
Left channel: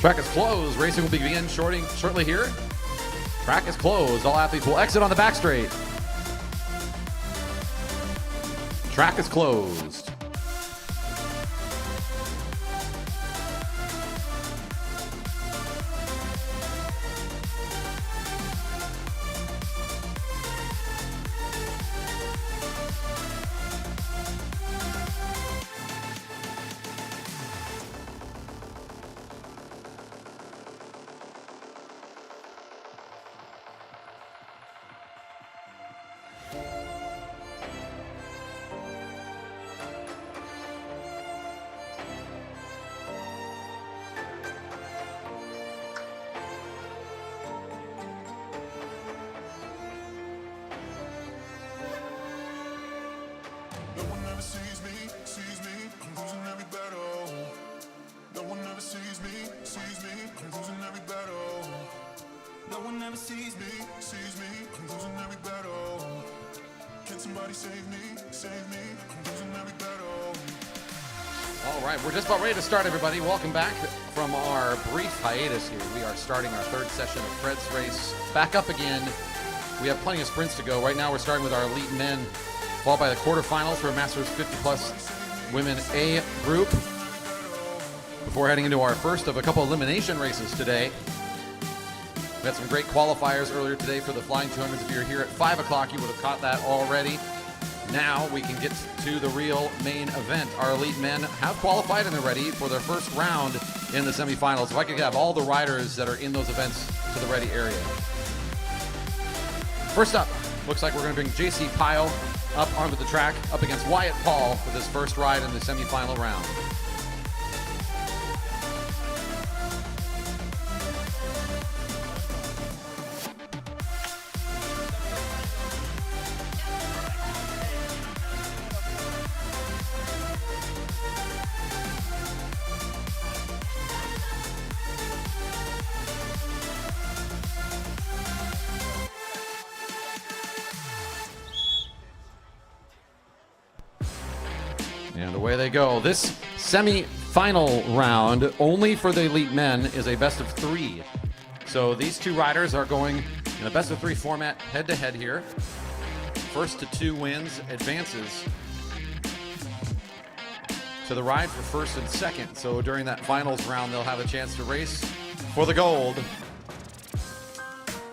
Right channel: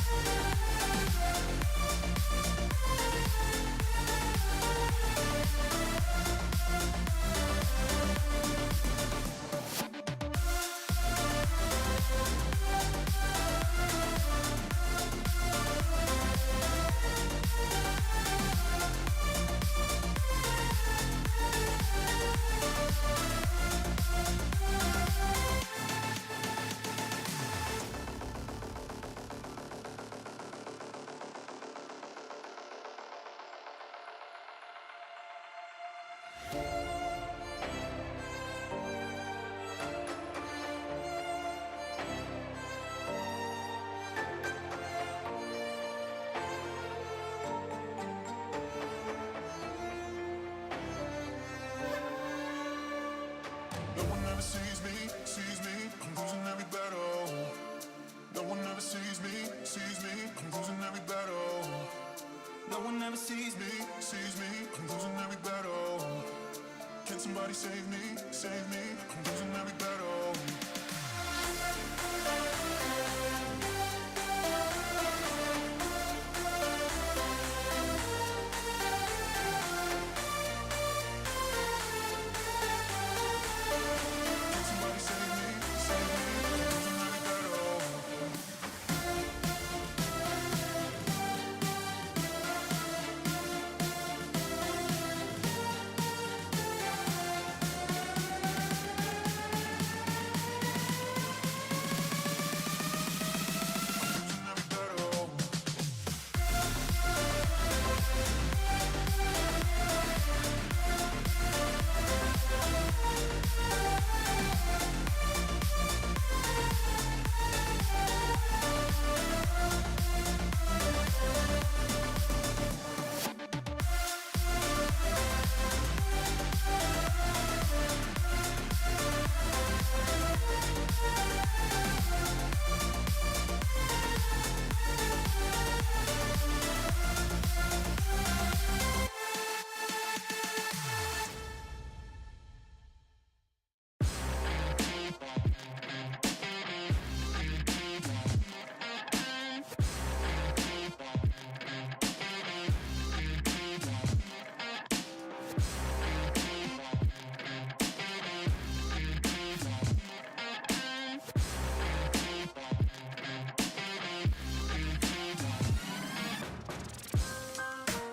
Track is closed. Racing will begin shortly here. Track is closed. All athletes will exit on the back straight. Track is closed. No one ever sees me, I'm losing every battle. No one ever sees me, I'm losing every battle. No one ever sees me, I'm losing every battle. Can somebody save me, I'm losing every battle. All right, we're just about ready to start, everybody. Welcome back from our brief hiatus here. We are starting our third session of Fred's Race. Back up again. We have plenty of sprints to go. Right now, we're starting with our elite men, followed by the quarterfinals for Masters 50-plus Women A group. Before heading into our first of a couple elimination races today. We had some great qualifiers earlier today for the flying tournament. If you're here at 5 o'clock, you would have caught that already. Now we can get to the real main event. Our elite men have qualified and are ready for their first round in the semifinals. If I could have all the riders that are in those events to the ready area. First up, looks like we're going to bring JC Pyle up onto the track, up against Wyatt Paul for this first ride in the semifinal round. Away they go. This semi-final round, only for the elite men, is a best of 3. So these two riders are going in a best of 3 format head-to-head here. First to 2 wins advances to the ride for first and second. So during that finals round, they'll have a chance to race for the gold.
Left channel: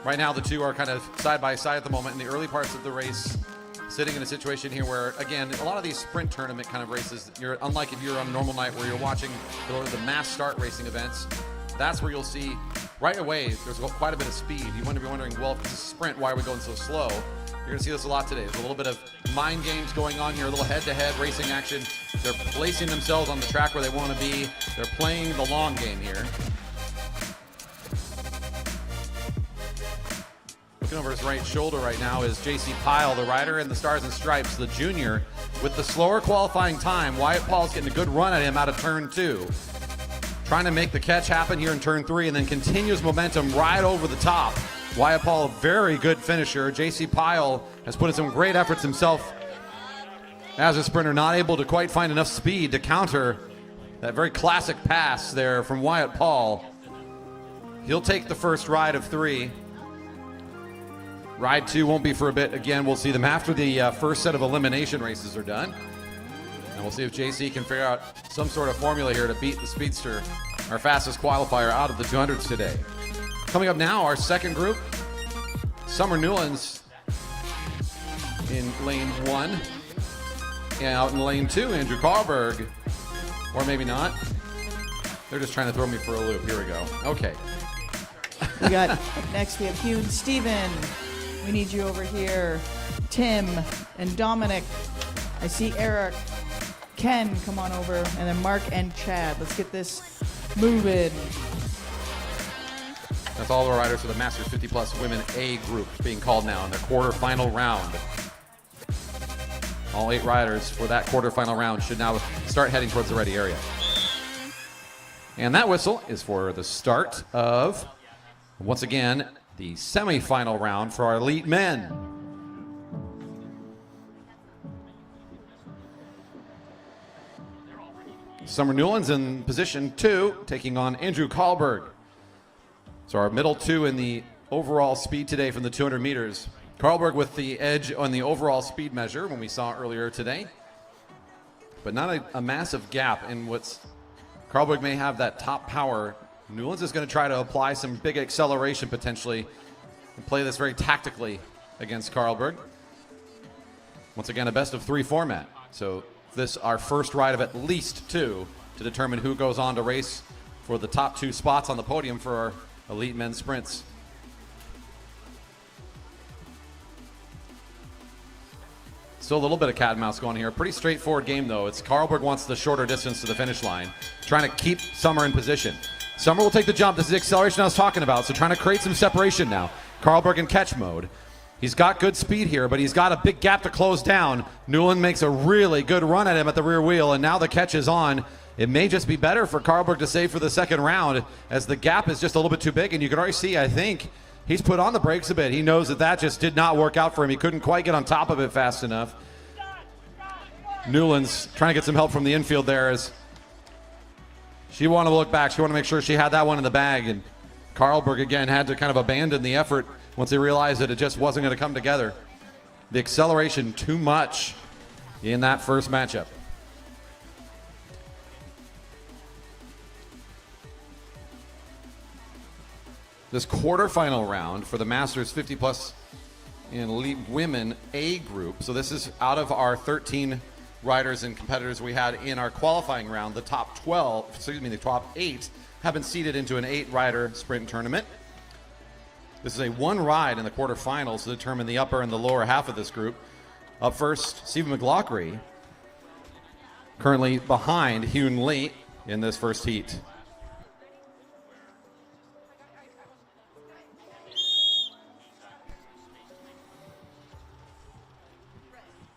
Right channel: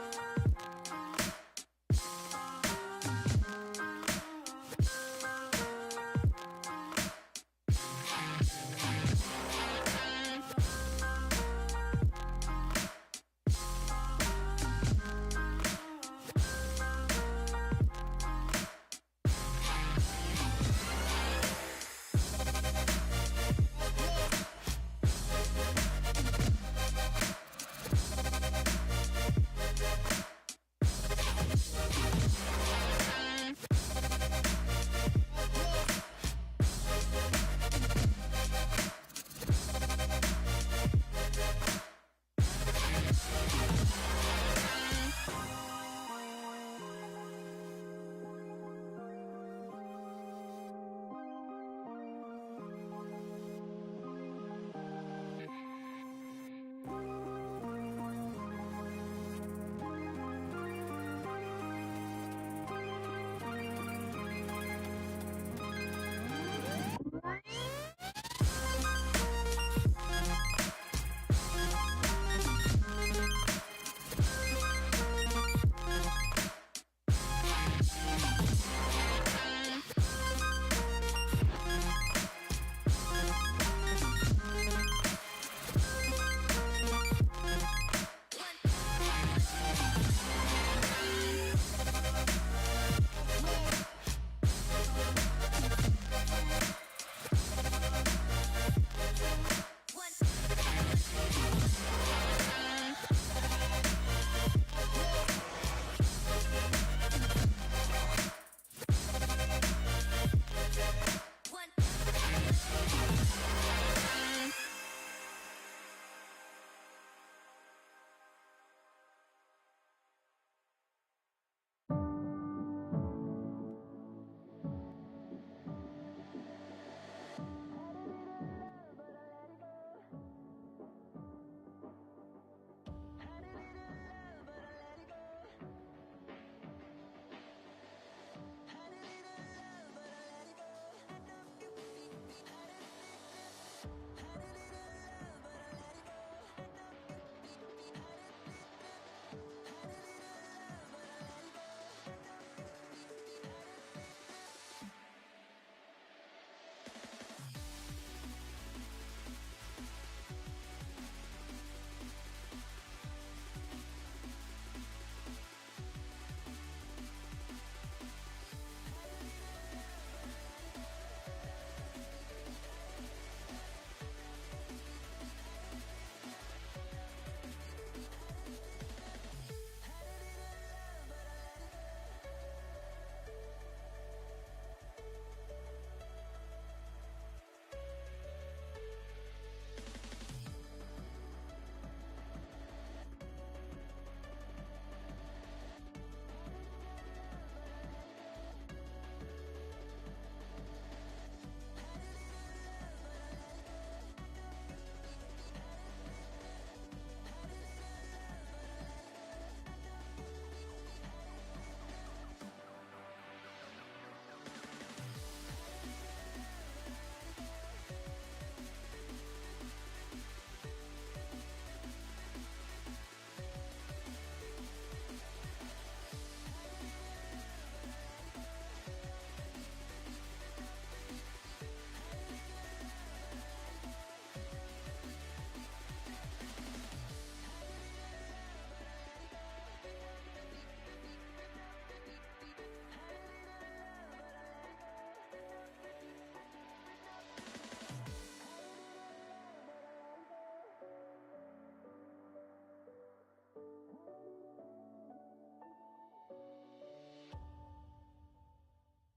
Right now, the two are kind of side by side at the moment in the early parts of the race. Sitting in a situation here where, again, a lot of these sprint tournament kind of races, unlike if you're on a normal night where you're watching the mass start racing events, that's where you'll see right away there's quite a bit of speed. You might be wondering, well, if it's a sprint, why are we going so slow? You're going to see this a lot today. There's a little bit of mind games going on here, a little head-to-head racing action. They're placing themselves on the track where they want to be. They're playing the long game here. Over his right shoulder right now is JC Pyle, the rider in the Stars and Stripes, the junior. With the slower qualifying time, Wyatt Paul's getting a good run at him out of turn 2. Trying to make the catch happen here in turn 3 and then continues momentum right over the top. Wyatt Paul, very good finisher. JC Pyle has put in some great efforts himself as a sprinter, not able to quite find enough speed to counter that very classic pass there from Wyatt Paul. He'll take the first ride of 3. Ride 2 won't be for a bit. Again, we'll see them after the first set of elimination races are done. And we'll see if JC can figure out some sort of formula here to beat the Speedster, our fastest qualifier out of the 200s today. Coming up now, our second group, Summer Newlands in lane 1. And out in lane 2, Andrew Carlberg. Or maybe not. They're just trying to throw me for a loop. Here we go. Okay. We got next, we have Hugh and Steven. We need you over here. Tim and Dominic. I see Eric. Ken, come on over. And then Mark and Chad. Let's get this moving. That's all the riders for the Masters 50-plus Women A group being called now in the quarterfinal round. All 8 riders for that quarterfinal round should now start heading towards the ready area. And that whistle is for the start of, once again, the semifinal round for our elite men. Summer Newlands in position 2, taking on Andrew Karlberg. So our middle 2 in the overall speed today from the 200 meters. Karlberg with the edge on the overall speed measure when we saw earlier today. But not a massive gap in what's... Karlberg may have that top power. Newlands is going to try to apply some big acceleration potentially and play this very tactically against Karlberg. Once again, a best of 3 format. So this our first ride of at least 2 to determine who goes on to race for the top 2 spots on the podium for our elite men's sprints. Still a little bit of cat and mouse going here. Pretty straightforward game though. It's Karlberg wants the shorter distance to the finish line, trying to keep Summer in position. Summer will take the jump. This is the acceleration I was talking about. So trying to create some separation now. Karlberg in catch mode. He's got good speed here, but he's got a big gap to close down. Newland makes a really good run at him at the rear wheel, and now the catch is on. It may just be better for Karlberg to save for the second round as the gap is just a little bit too big, and you can already see, I think, he's put on the brakes a bit. He knows that that just did not work out for him. He couldn't quite get on top of it fast enough. Newland's trying to get some help from the infield there as she wanted to look back. She wanted to make sure she had that one in the bag, and Karlberg again had to kind of abandon the effort once he realized that it just wasn't going to come together. The acceleration too much in that first matchup. This quarterfinal round for the Masters 50 plus in elite women A group. So this is out of our 13 riders and competitors we had in our qualifying round. The top 8 have been seeded into an 8-rider sprint tournament. This is a 1 ride in the quarterfinals to determine the upper and the lower half of this group. Up first, Stephen McLaughlin, currently behind Hyun Lee in this first heat.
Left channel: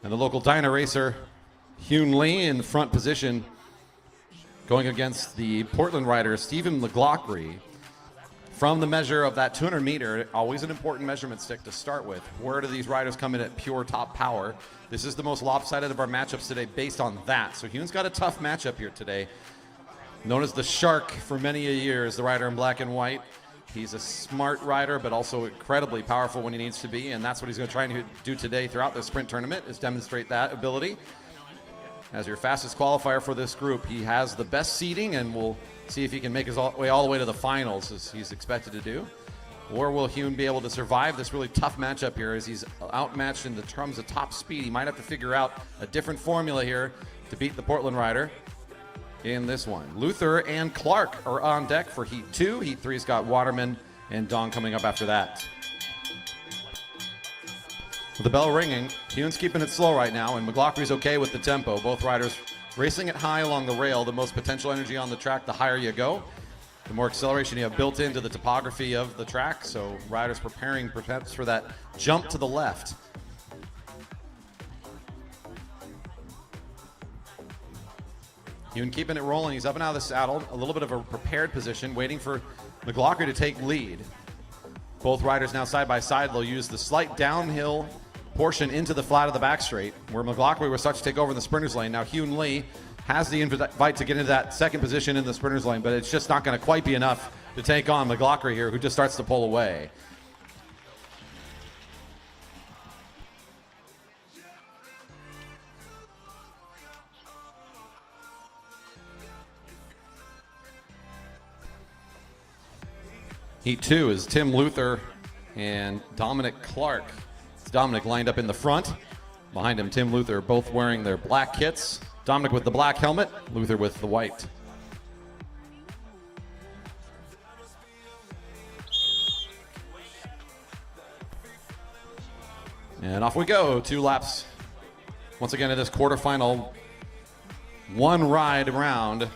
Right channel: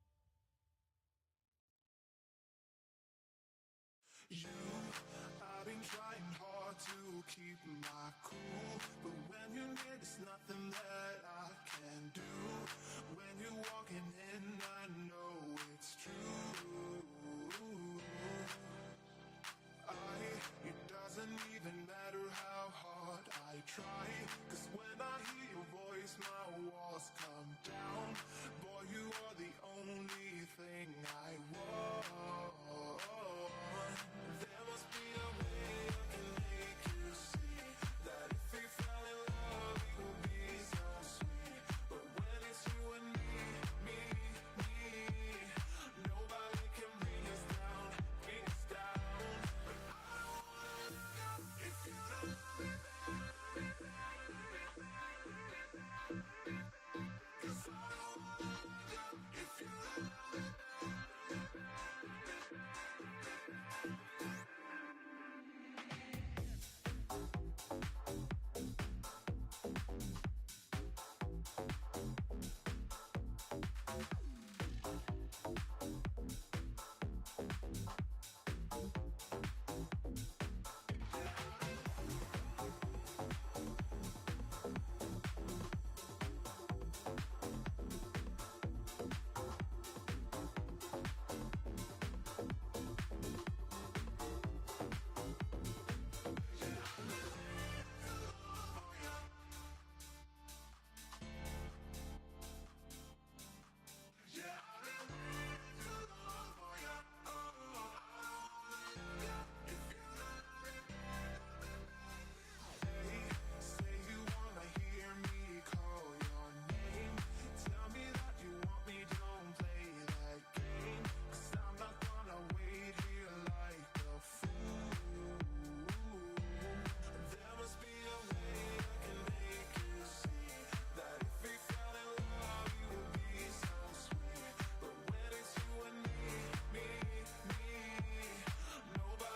And the local Dyna racer, Hyun Lee, in front position, going against the Portland rider, Stephen McLaughlin. From the measure of that 200 meter, always an important measurement stick to start with. Where do these riders come in at pure top power? This is the most lopsided of our matchups today based on that. So Hyun's got a tough matchup here today. Known as the Shark for many a years, the rider in black and white. He's a smart rider, but also incredibly powerful when he needs to be, and that's what he's going to try and do today throughout the sprint tournament, is demonstrate that ability. As your fastest qualifier for this group, he has the best seeding, and we'll see if he can make his way all the way to the finals, as he's expected to do. Or will Hyun be able to survive this really tough matchup here, as he's outmatched in the terms of top speed? He might have to figure out a different formula here to beat the Portland rider in this one. Luther and Clark are on deck for Heat 2. Heat 3's got Waterman and Dong coming up after that. With the bell ringing, Hyun's keeping it slow right now, and McLaughlin's okay with the tempo. Both riders racing it high along the rail. The most potential energy on the track, the higher you go, the more acceleration you have built into the topography of the track. So riders preparing perhaps for that jump to the left. Hyun keeping it rolling. He's up and out of the saddle. A little bit of a prepared position, waiting for McLaughlin to take lead. Both riders now side by side. They'll use the slight downhill portion into the flat of the back straight, where McLaughlin was such to take over in the sprinter's lane. Now Hyun Lee has the invite to get into that second position in the sprinter's lane, but it's just not going to quite be enough to take on McLaughlin here, who just starts to pull away. Heat 2 is Tim Luther and Dominic Clark. Dominic lined up in the front. Behind him, Tim Luther, both wearing their black kits. Dominic with the black helmet, Luther with the white. And off we go, 2 laps. Once again in this quarterfinal, 1 ride round.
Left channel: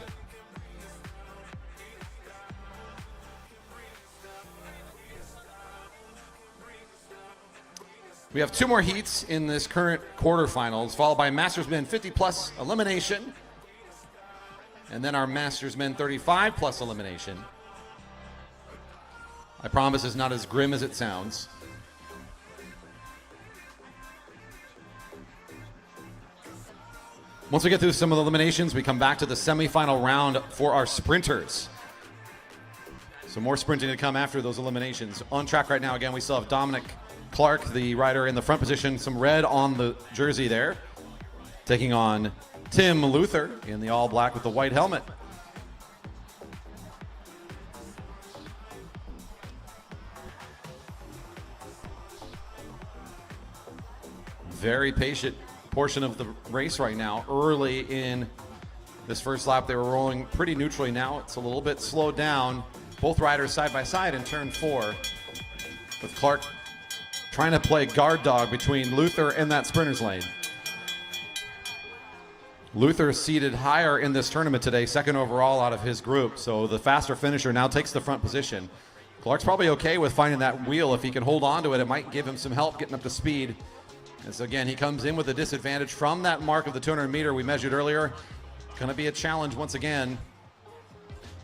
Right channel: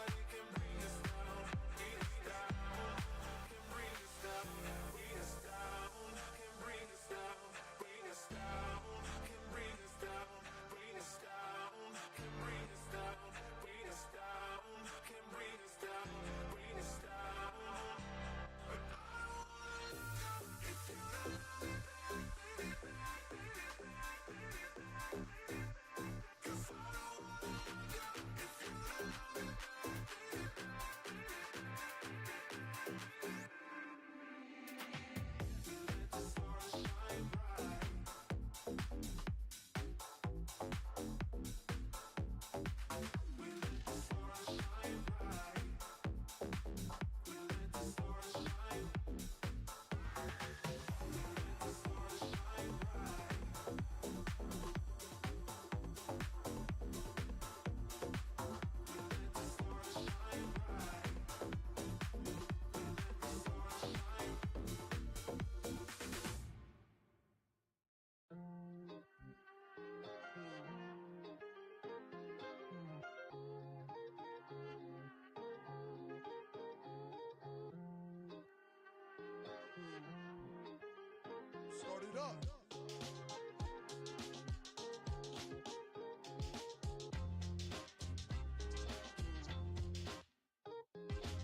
We have 2 more heats in this current quarterfinals, followed by Masters Men 50 plus elimination, and then our Masters Men 35 plus elimination. I promise it's not as grim as it sounds. Once we get through some of the eliminations, we come back to the semifinal round for our sprinters. So more sprinting to come after those eliminations. On track right now, again, we still have Dominic Clark, the rider in the front position, some red on the jersey there, taking on Tim Luther in the all black with the white helmet. Very patient portion of the race right now. Early in this first lap, they were rolling pretty neutrally. Now it's a little bit slowed down. Both riders side by side in turn 4, with Clark trying to play guard dog between Luther and that sprinter's lane. Luther seated higher in this tournament today, second overall out of his group, so the faster finisher now takes the front position. Clark's probably okay with finding that wheel. If he can hold on to it, it might give him some help getting up to speed. And so again, he comes in with a disadvantage from that mark of the 200 meter we measured earlier. Going to be a challenge once again.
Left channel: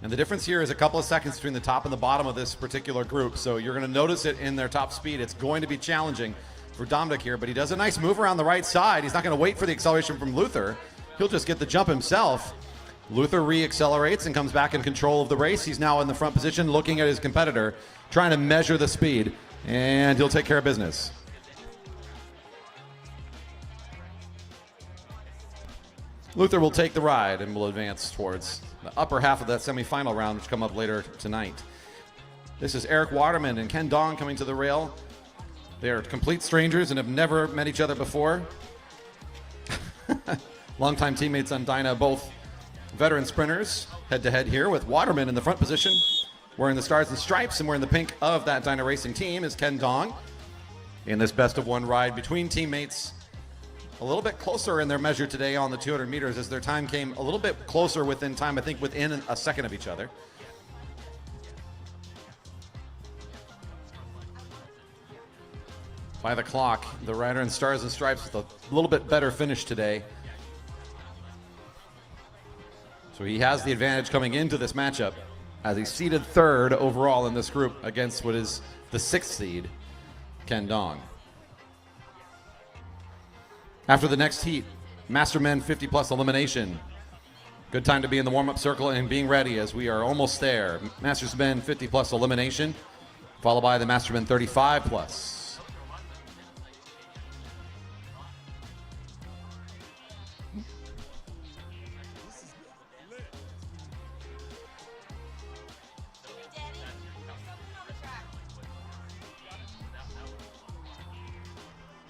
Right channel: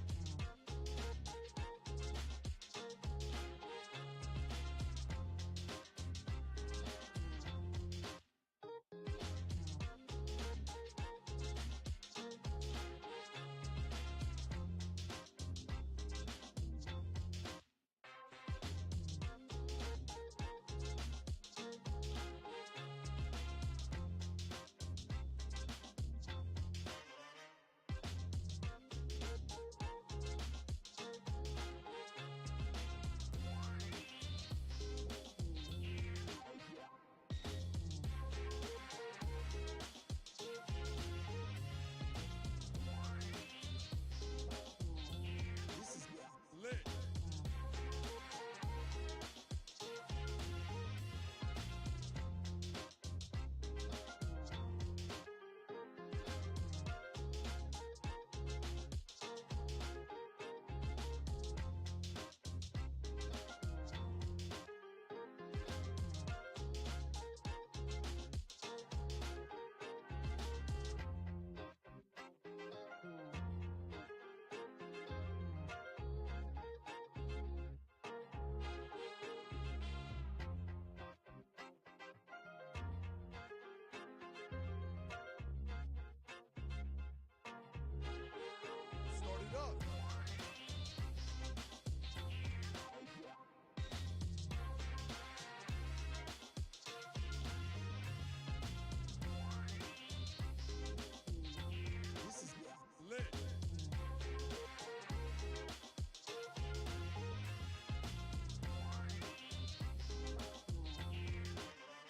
And the difference here is a couple of seconds between the top and the bottom of this particular group. So you're going to notice it in their top speed. It's going to be challenging for Dominic here, but he does a nice move around the right side. He's not going to wait for the acceleration from Luther. He'll just get the jump himself. Luther re-accelerates and comes back in control of the race. He's now in the front position looking at his competitor, trying to measure the speed, and he'll take care of business. Luther will take the ride and will advance towards the upper half of that semifinal round, which come up later tonight. This is Eric Waterman and Ken Dong coming to the rail. They are complete strangers and have never met each other before. Longtime teammates on Dyna, both veteran sprinters, head-to-head here with Waterman in the front position, wearing the stars and stripes, and wearing the pink of that Dyna Racing team is Ken Dong in this best-of-1 ride between teammates. A little bit closer in their measure today on the 200 meters as their time came a little bit closer within time, I think within a second of each other. By the clock, the rider in stars and stripes with a little bit better finish today. So he has the advantage coming into this matchup as he's seated third overall in this group against what is the 6th seed, Ken Dong. After the next heat, Master Men 50 plus elimination. Good time to be in the warm-up circle and being ready as we are almost there. Masters Men 50 plus elimination, followed by the Master Men 35 plus.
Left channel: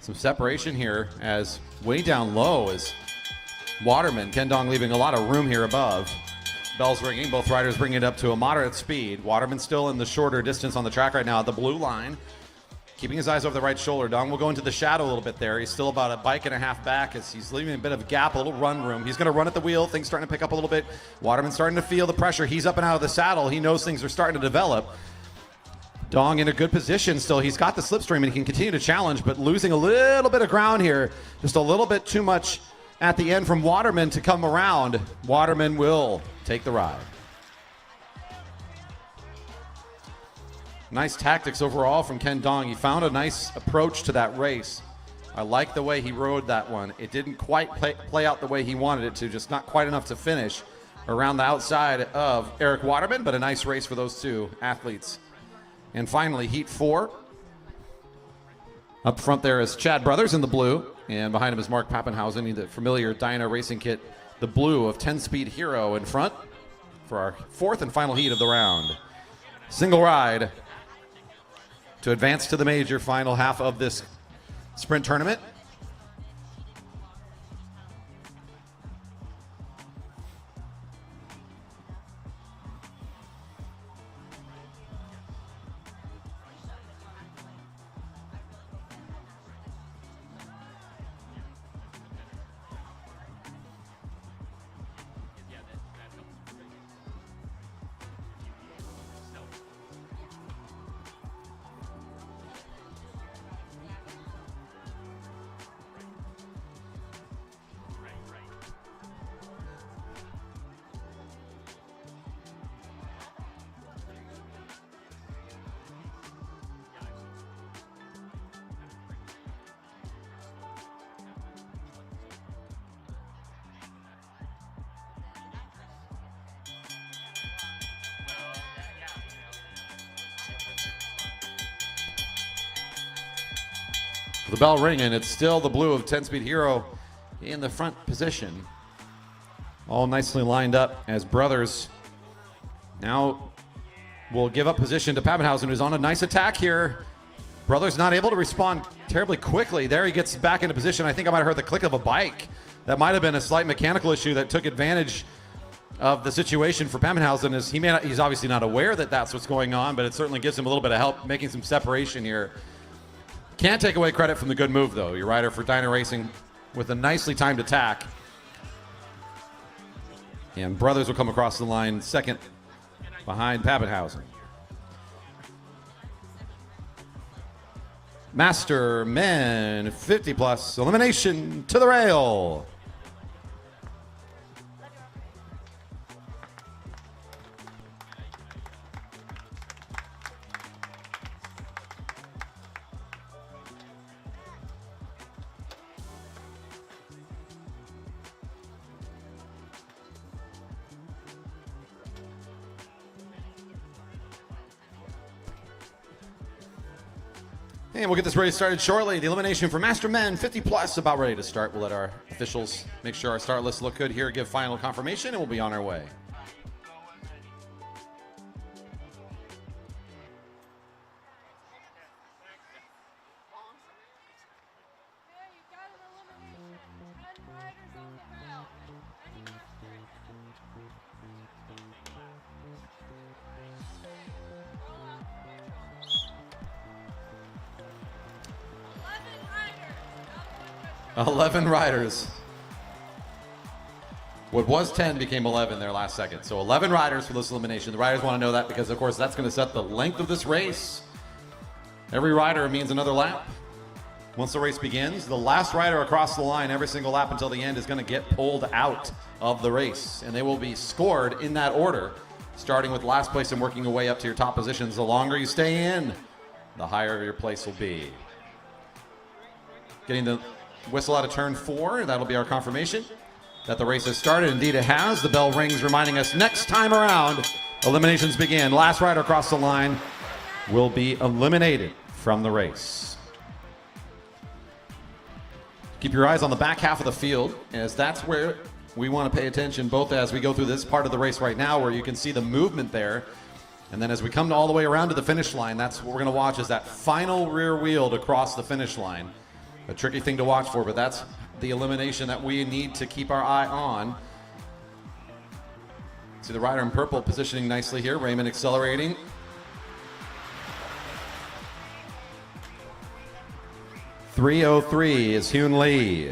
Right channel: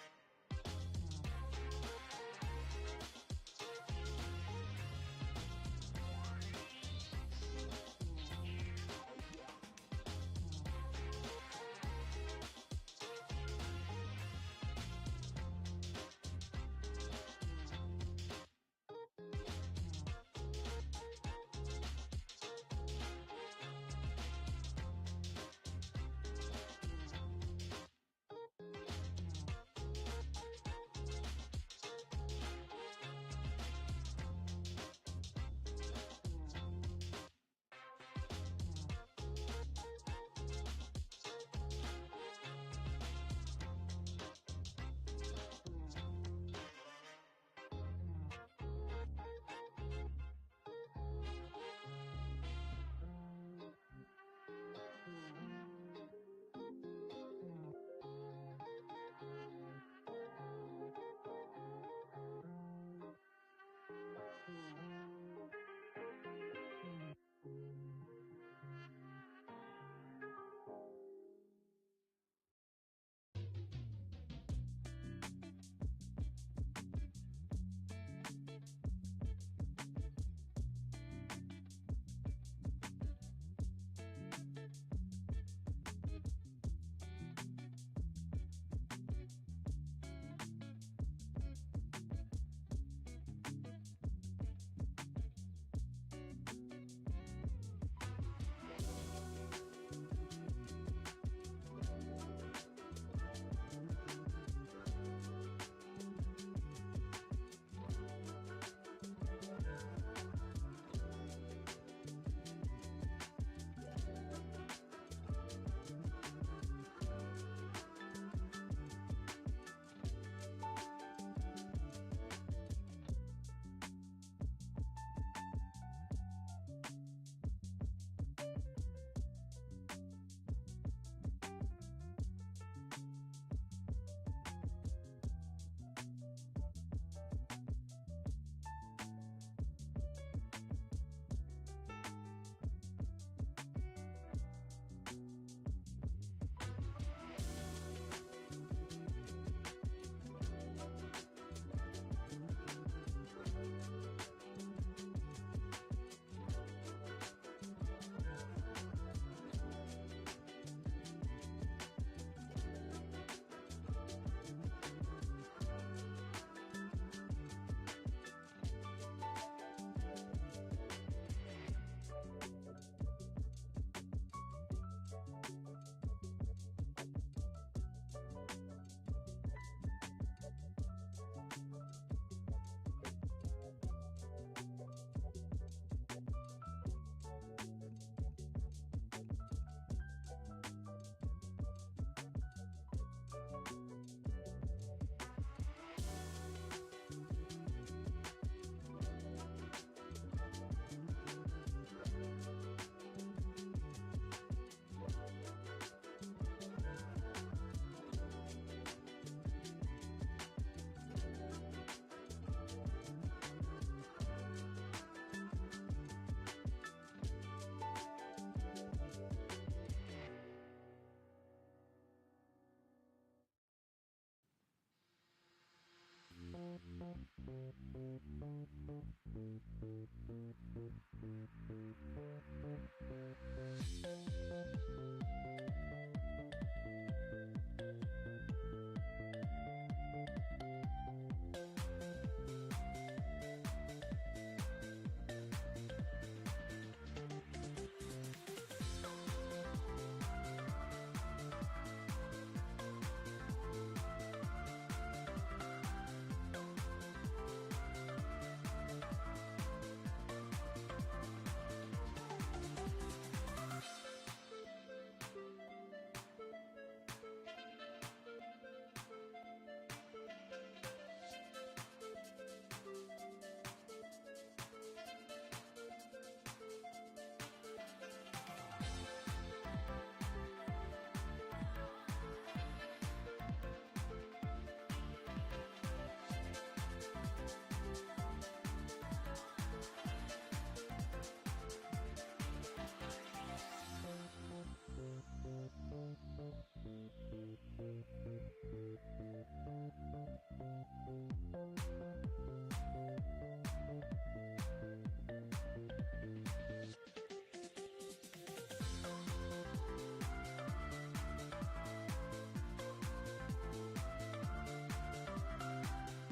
Some separation here as way down low is Waterman. Ken Dong leaving a lot of room here above. Bells ringing, both riders bringing it up to a moderate speed. Waterman still in the shorter distance on the track right now at the blue line, keeping his eyes over the right shoulder. Dong will go into the shadow a little bit there. He's still about a bike and a half back as he's leaving a bit of gap, a little run room. He's going to run at the wheel. Things starting to pick up a little bit. Waterman starting to feel the pressure. He's up and out of the saddle. He knows things are starting to develop. Dong in a good position still. He's got the slipstream and he can continue to challenge, but losing a little bit of ground here. Just a little bit too much at the end from Waterman to come around. Waterman will take the ride. Nice tactics overall from Ken Dong. He found a nice approach to that race. I like the way he rode that one. It didn't quite play out the way he wanted it to, just not quite enough to finish around the outside of Eric Waterman, but a nice race for those two athletes. And finally, Heat 4. Up front there is Chad Brothers in the blue, and behind him is Mark Pappenhausen in the familiar Dyna Racing kit, the blue of 10-Speed Hero in front for our 4th and final heat of the round. Single ride to advance to the major final half of this sprint tournament. The bell ringing. It's still the blue of 10-Speed Hero in the front position. All nicely lined up as Brothers now will give up position to Pappenhausen, who's on a nice attack here. Brothers not able to respond terribly quickly. There he gets back into position. I think I might have heard the click of a bike. That might have been a slight mechanical issue that took advantage of the situation for Pappenhausen. Is he's obviously not aware that that's what's going on, but it certainly gives him a little bit of help making some separation here. Can't take away credit from the good move, though. Your rider for Dyna Racing with a nicely timed attack. And Brothers will come across the line second behind Pappenhausen. Master Men 50 plus elimination to the rail. And we'll get this race started shortly. The elimination for Master Men 50 plus about ready to start. We'll let our officials make sure our start lists look good here, give final confirmation, and we'll be on our way. Eleven riders. What was 10 became 11 there last second. So 11 riders for this elimination. The riders want to know that because, of course, that's going to set the length of this race. Every rider means another lap. Once the race begins, the last rider across the line every single lap until the end is going to get pulled out of the race. And they will be scored in that order, starting with last place and working your way up to your top positions. The longer you stay in, the higher your place will be. Getting the whistle out of turn 4, that'll be our confirmation that the race has started. Indeed it has. The bell rings reminding us next time around, eliminations begin. Last rider across the line will be eliminated from the race. Keep your eyes on the back half of the field, as that's where we want to pay attention, both as we go through this part of the race right now where you can see the movement there, and then as we come all the way around to the finish line, that's what we're going to watch, is that final rear wheel to cross the finish line. A tricky thing to watch for, but that's the elimination that we need to keep our eye on. See the rider in purple positioning nicely here. Raymond accelerating. .303 is Hyun Lee.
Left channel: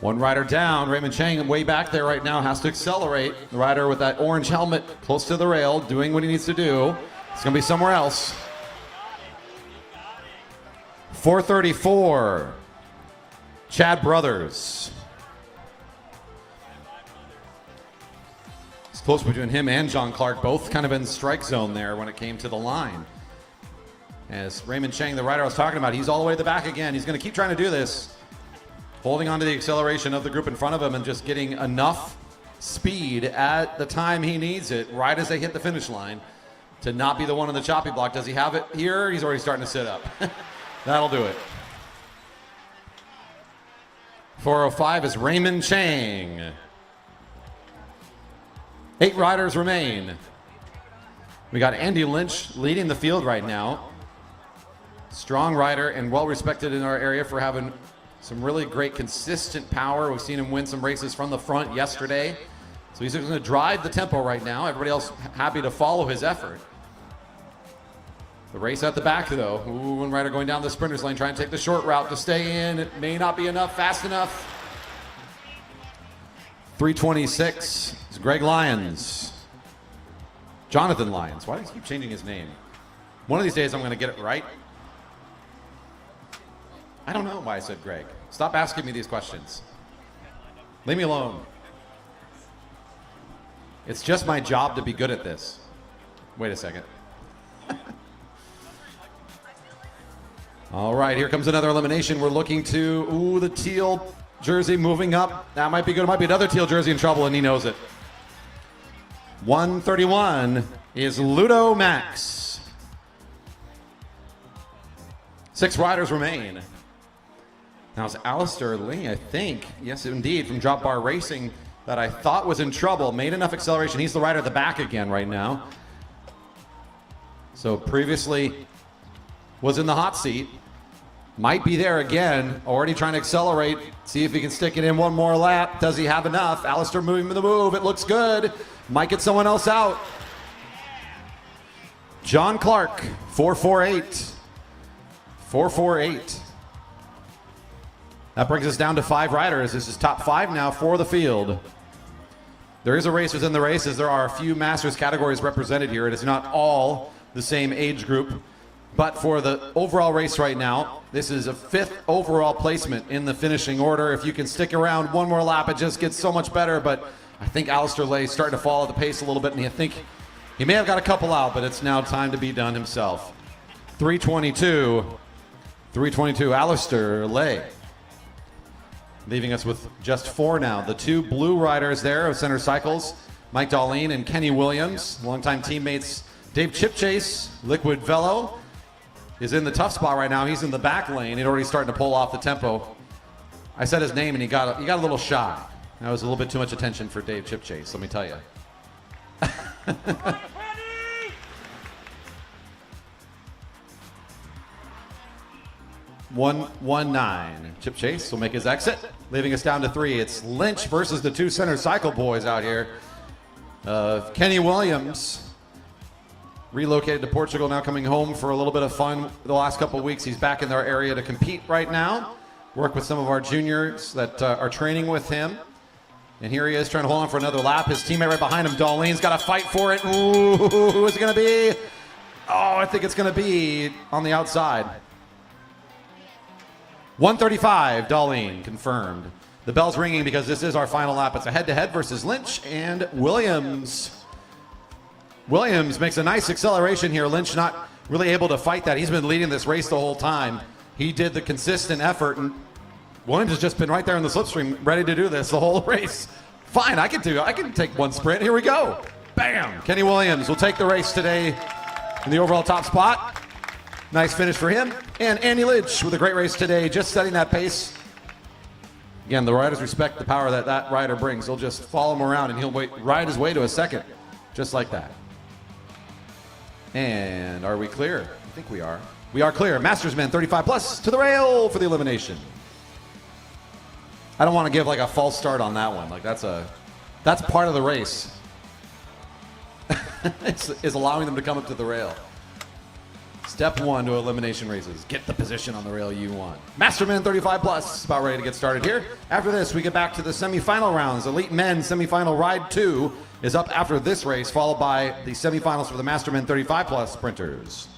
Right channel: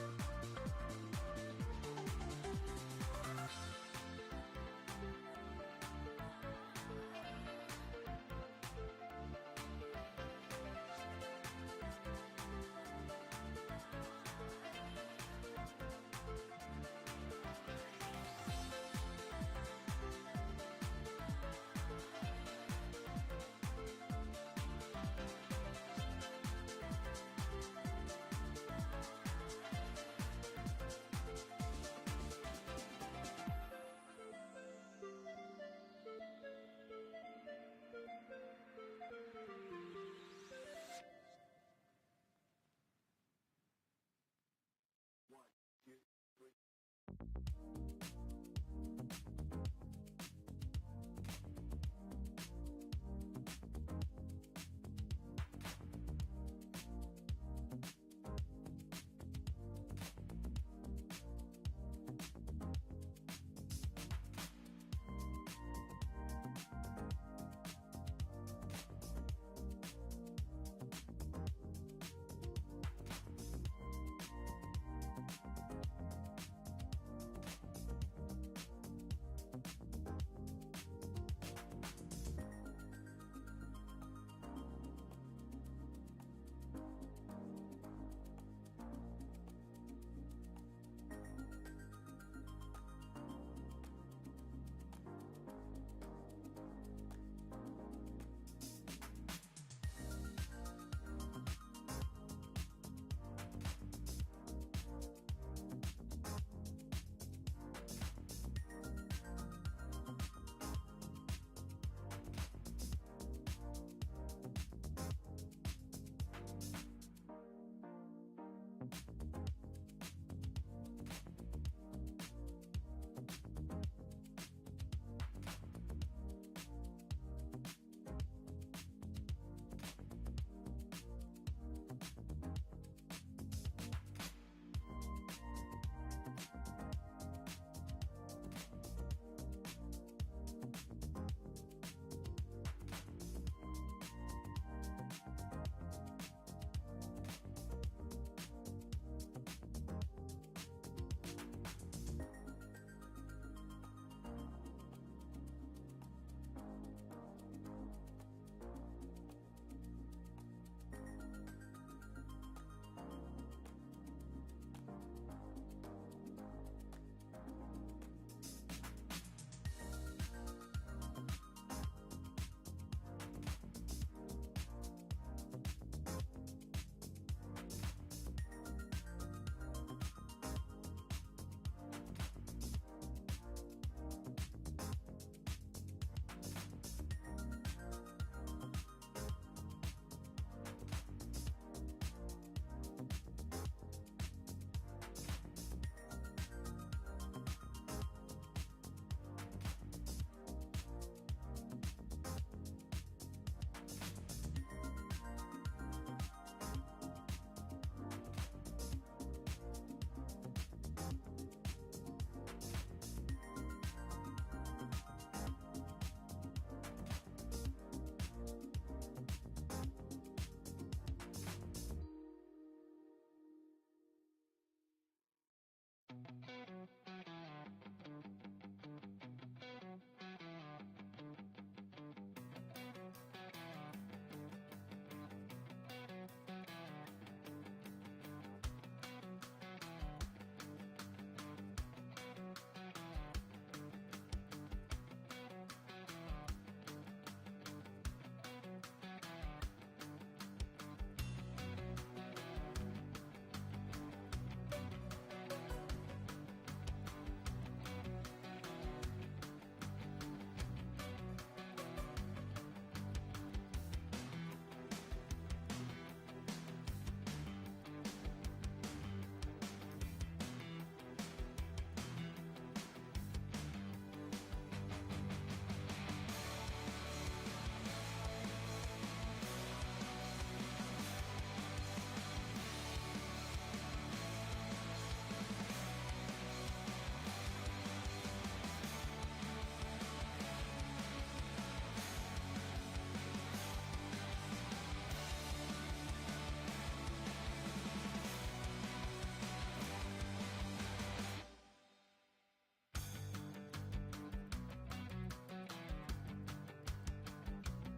One rider down. Raymond Chang way back there right now has to accelerate. The rider with that orange helmet close to the rail doing what he needs to do. It's going to be somewhere else. 434. Chad Brothers. It's close between him and John Clark, both kind of in strike zone there when it came to the line. As Raymond Chang, the rider I was talking about, he's all the way at the back again. He's going to keep trying to do this. Holding on to the acceleration of the group in front of him and just getting enough speed at the time he needs it, right as they hit the finish line, to not be the one on the choppy block. Does he have it here? He's already starting to sit up. That'll do it. 405 is Raymond Chang. 8 riders remain. We got Andy Lynch leading the field right now. Strong rider and well respected in our area for having some really great consistent power. We've seen him win some races from the front yesterday. So he's going to drive the tempo right now. Everybody else happy to follow his effort. The race at the back, though. Ooh, one rider going down the sprinter's lane, trying to take the short route to stay in. It may not be enough, fast enough. 326 is Greg Lyons. Jonathan Lyons. Why do you keep changing his name? One of these days I'm going to get it right. I don't know why I said Greg. Stop asking me these questions. Leave me alone. It's just my job to be good at this. Wait a second. All right, here comes another elimination. We're looking to, ooh, the teal jersey moving up. That might be good. It might be another teal jersey in trouble, and he knows it. 131 is Ludo Max. 6 riders remain. Now it's Alistair Lee, I think. Yes, indeed, from Drop Bar Racing that I thought was in trouble. Made enough acceleration. He's the rider at the back again right now. So previously was in the hot seat. Might be there again. Already trying to accelerate. See if he can stick it in one more lap. Does he have enough? Alistair moving the move. It looks good. Might get someone else out. John Clark, 448. 448. That brings us down to 5 riders. This is top 5 now for the field. There is a race within the races. There are a few Masters categories represented here. It is not all the same age group. But for the overall race right now, this is a 5th overall placement in the finishing order. If you can stick around one more lap, it just gets so much better. But I think Alistair Lay is starting to follow the pace a little bit, and I think he may have got a couple out, but it's now time to be done himself. 322, Alistair Lay. Leaving us with just 4 now. The 2 blue riders there of Center Cycles, Mike Darlene and Kenny Williams. Longtime teammates Dave Chipchase, Liquid Velo, is in the tough spot right now. He's in the back lane. He's already starting to pull off the tempo. I said his name and he got a little shy. That was a little bit too much attention for Dave Chipchase, let me tell you. 119. Chipchase will make his exit, leaving us down to 3. It's Lynch versus the 2 Center Cycle boys out here. Kenny Williams, relocated to Portugal, now coming home for a little bit of fun the last couple of weeks. He's back in their area to compete right now. Work with some of our juniors that are training with him. And here he is trying to hold on for another lap. His teammate right behind him, Darlene's got to fight for it. Ooh, who is it going to be? Oh, I think it's going to be on the outside. 135, Darlene, confirmed. The bell's ringing because this is our final lap. It's a head-to-head versus Lynch and Williams. Williams makes a nice acceleration here. Lynch not really able to fight that. He's been leading this race the whole time. He did the consistent effort, and Williams has just been right there in the slipstream, ready to do this the whole race. Fine, I can take one sprint. Here we go. Bam! Kenny Williams will take the race today in the overall top spot. Nice finish for him. And Andy Lynch with a great race today, just setting that pace. Again, the riders respect the power that that rider brings. They'll just follow him around and he'll ride his way to a second, just like that. And are we clear? I think we are. We are clear. Masters men 35 plus to the rail for the elimination. I don't want to give like a false start on that one. Like that's part of the race. is allowing them to come up to the rail. Step 1 to elimination races. Get the position on the rail you want. Masterman 35 plus, about ready to get started here. After this, we get back to the semifinal rounds. Elite Men semifinal ride 2 is up after this race, followed by the semifinals for the Masterman 35 plus sprinters.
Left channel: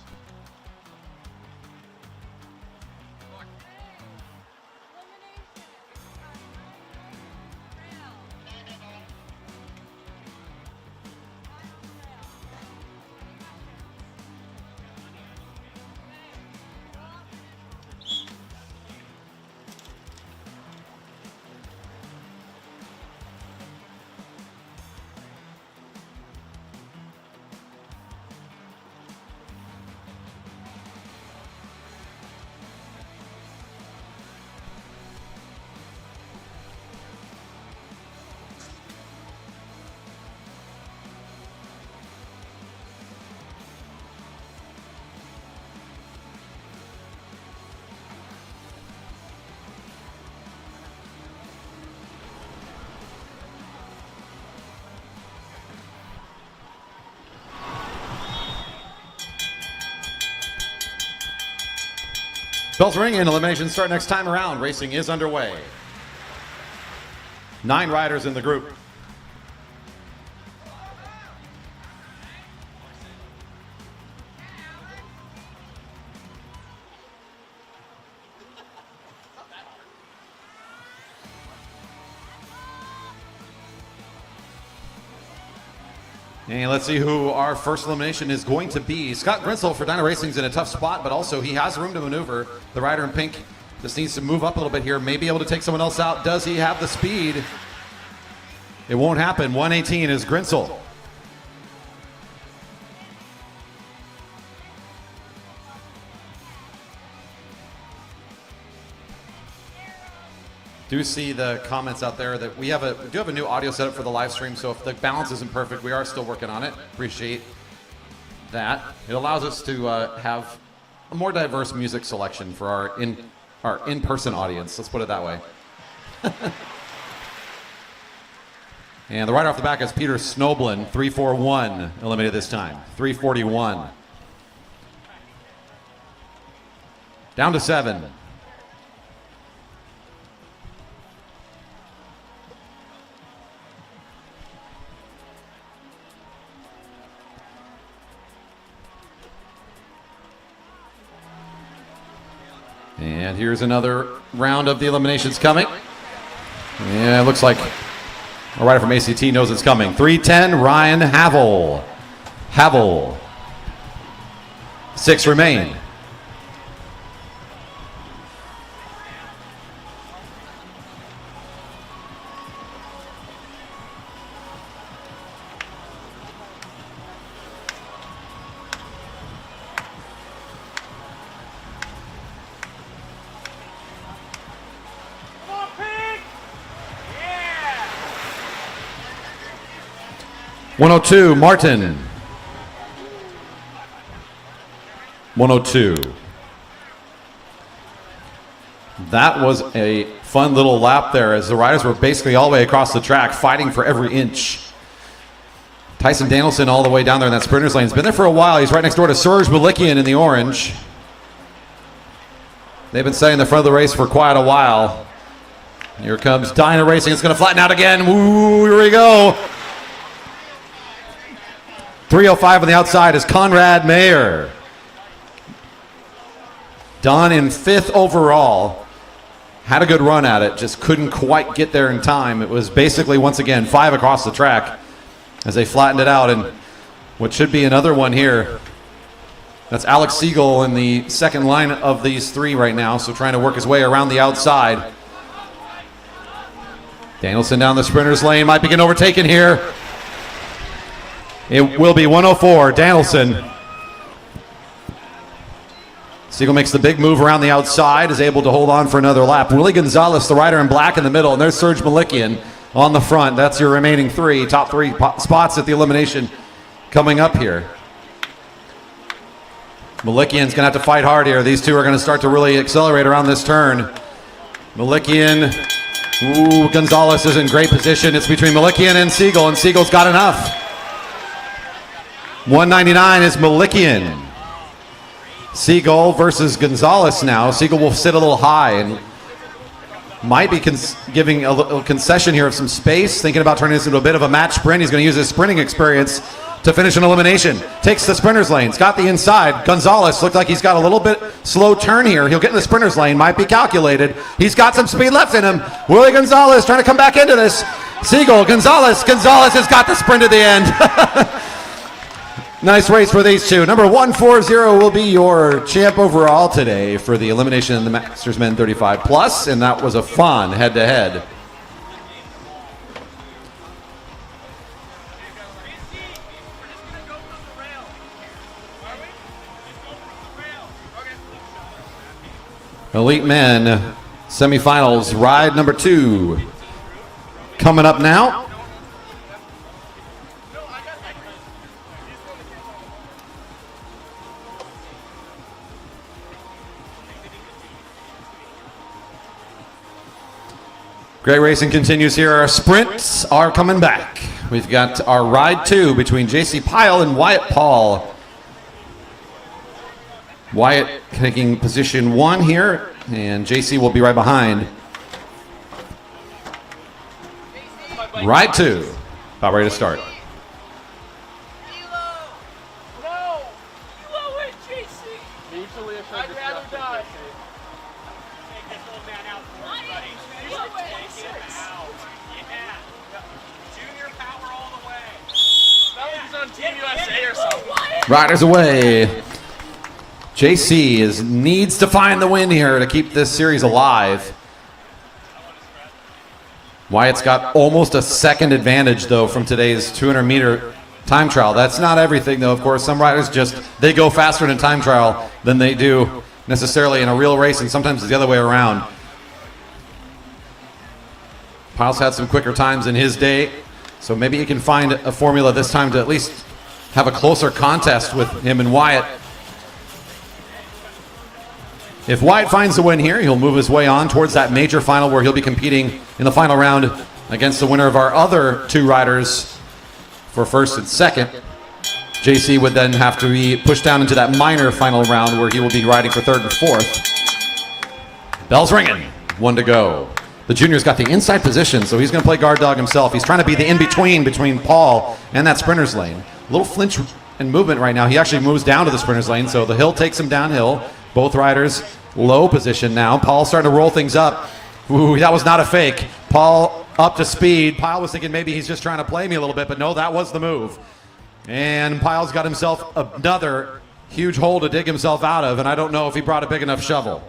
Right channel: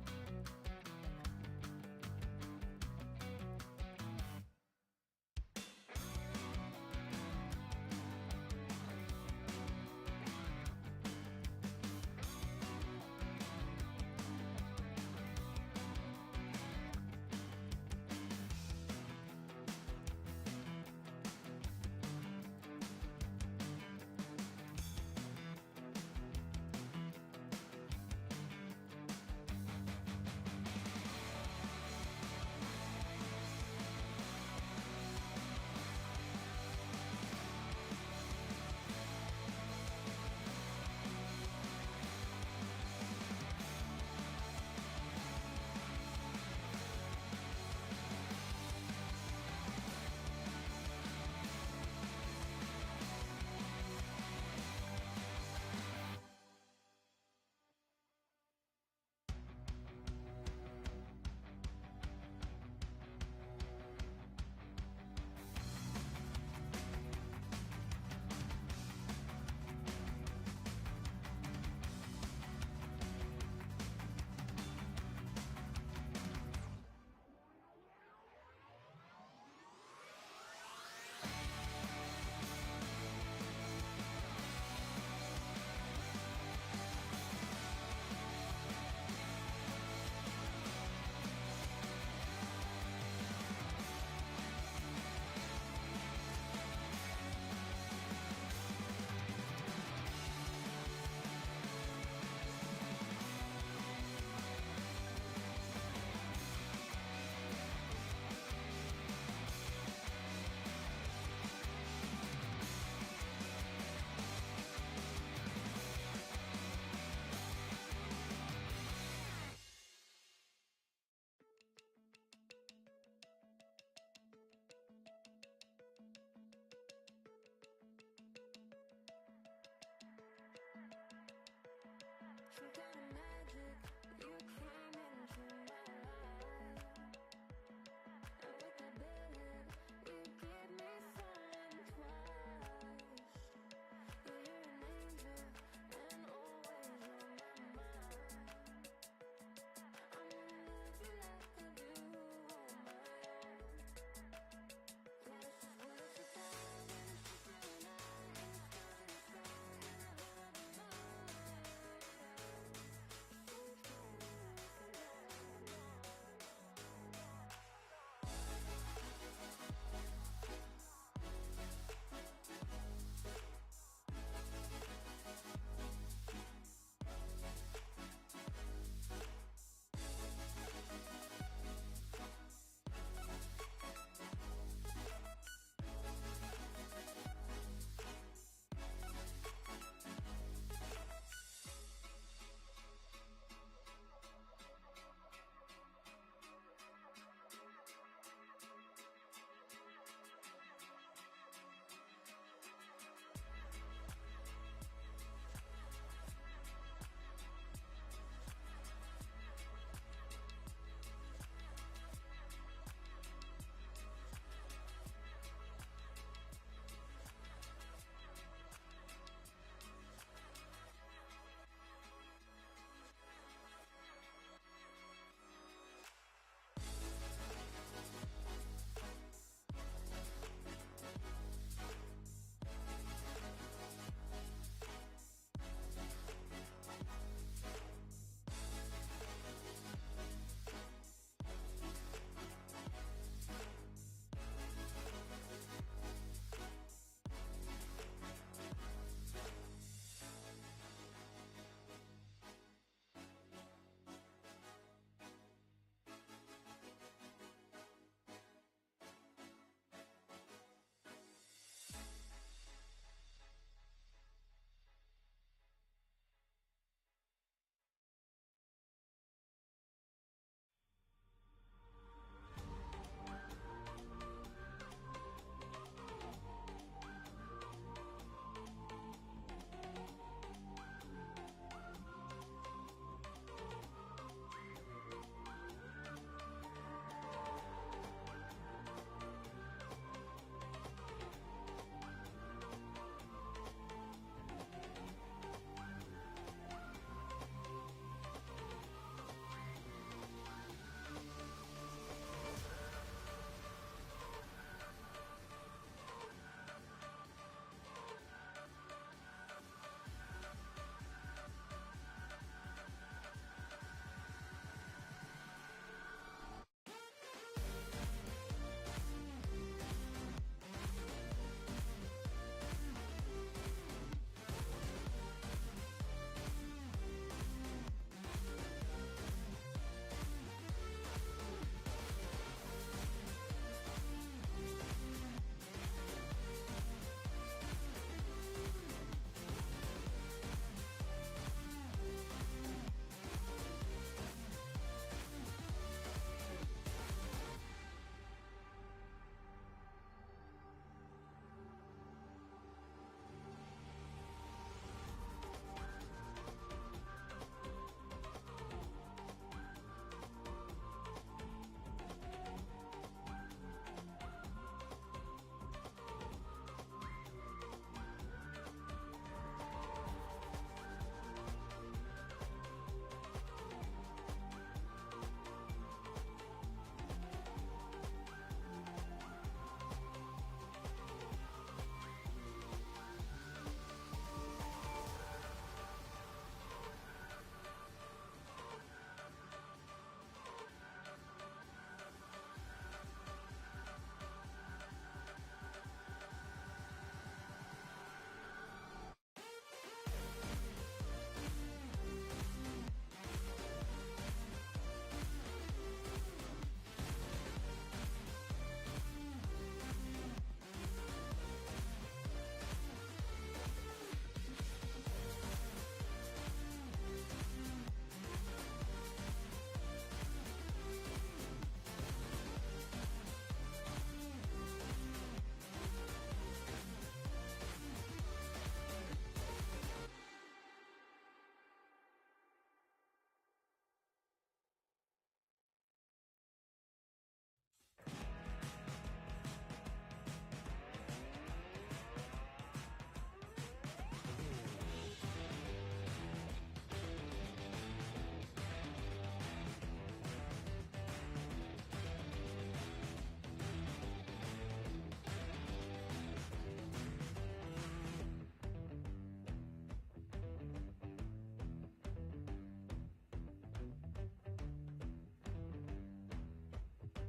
Bells ring and eliminations start next time around. Racing is underway. 9 riders in the group. And let's see who our first elimination is going to be. Scott Grinsel for Dyna Racing's in a tough spot, but also he has room to maneuver. The rider in pink just needs to move up a little bit here, maybe able to take someone else out. Does he have the speed? It won't happen. 118 is Grinsel. Do see the comments out there that we do have a new audio setup for the live stream, so if the balance isn't perfect, we are still working on it. Appreciate that. It allows us to have a more diverse music selection for our in-person audience. Let's put it that way. And the rider off the back is Peter Snoblin, 341, eliminated this time. 341. Down to 7. And here's another round of the eliminations coming. Yeah, it looks like a rider from ACT knows it's coming. 310, Ryan Havel. Havel. 6 remain. Yeah. 102, Martin. 102. That was a fun little lap there as the riders were basically all the way across the track fighting for every inch. Tyson Danielson all the way down there in that sprinter's lane. He's been there for a while. He's right next door to Serge Malikian in the orange. They've been staying in the front of the race for quite a while. Here comes Dyna Racing. It's going to flatten out again. Ooh, here we go. 305 on the outside is Conrad Mayer. Don in 5th overall. Had a good run at it, just couldn't quite get there in time. It was basically, once again, 5 across the track as they flattened it out. And what should be another one here. That's Alex Siegel in the second line of these 3 right now, so trying to work his way around the outside. Danielson down the sprinter's lane, might be getting overtaken here. It will be 104, Danielson. Siegel makes the big move around the outside, is able to hold on for another lap. Willie Gonzalez, the rider in black in the middle, and there's Serge Malikian on the front. That's your remaining 3, top 3 spots at the elimination coming up here. Malikian's gonna have to fight hard here. These 2 are gonna start to really accelerate around this turn. Malikian, ooh, Gonzalez is in great position. It's between Malikian and Siegel's got enough. 199 is Malikian. Siegel versus Gonzalez now. Siegel will sit a little high and might be giving a little concession here of some space, thinking about turning this into a bit of a match sprint. He's going to use his sprinting experience to finish an elimination. Takes the sprinter's lane. He's got the inside. Gonzalez looked like he's got a little bit slow turn here. He'll get in the sprinter's lane. Might be calculated. He's got some speed left in him. Willie Gonzalez trying to come back into this. Siegel, Gonzalez has got the sprint at the end. Nice race for these 2. Number 140 will be your champ overall today for the elimination in the Masters Men 35 Plus, and that was a fun head-to-head. Elite Men semifinals, ride number 2. Coming up now. Great racing continues here. Our sprints are coming back. We've got our ride 2 between JC Pyle and Wyatt Paul. Wyatt taking position 1 here, and JC will be right behind. Ride 2, about ready to start. Riders away. JC needs to find the win here to keep this series alive. Wyatt's got almost a second advantage, though, from today's 200-meter time trial. That's not everything, though, of course. Some riders they go faster in a time trial than they do necessarily in a real race, and sometimes it's the other way around. Pyle's had some quicker times in his day, so maybe he can find a formula this time to at least have a closer contest with him and Wyatt. If Wyatt finds the win here, he'll move his way on towards that major final where he'll be competing in the final round against the winner of our other two riders for first and second. JC would then have to be pushed down into that minor final round where he will be riding for third and fourth. Bell's ringing. 1 to go. The junior's got the inside position, so he's going to play guard dog himself. He's trying to be the in-between between Paul and that sprinter's lane. A little flinch and movement right now. He actually moves down to the sprinter's lane, so the hill takes him downhill. Both riders low position now. Paul starting to roll things up. Ooh, that was not a fake. Paul up to speed. Pyle was thinking maybe he's just trying to play me a little bit, but no, that was the move. And Pyle's got himself another huge hole to dig himself out of, and I don't know if he brought a big enough shovel.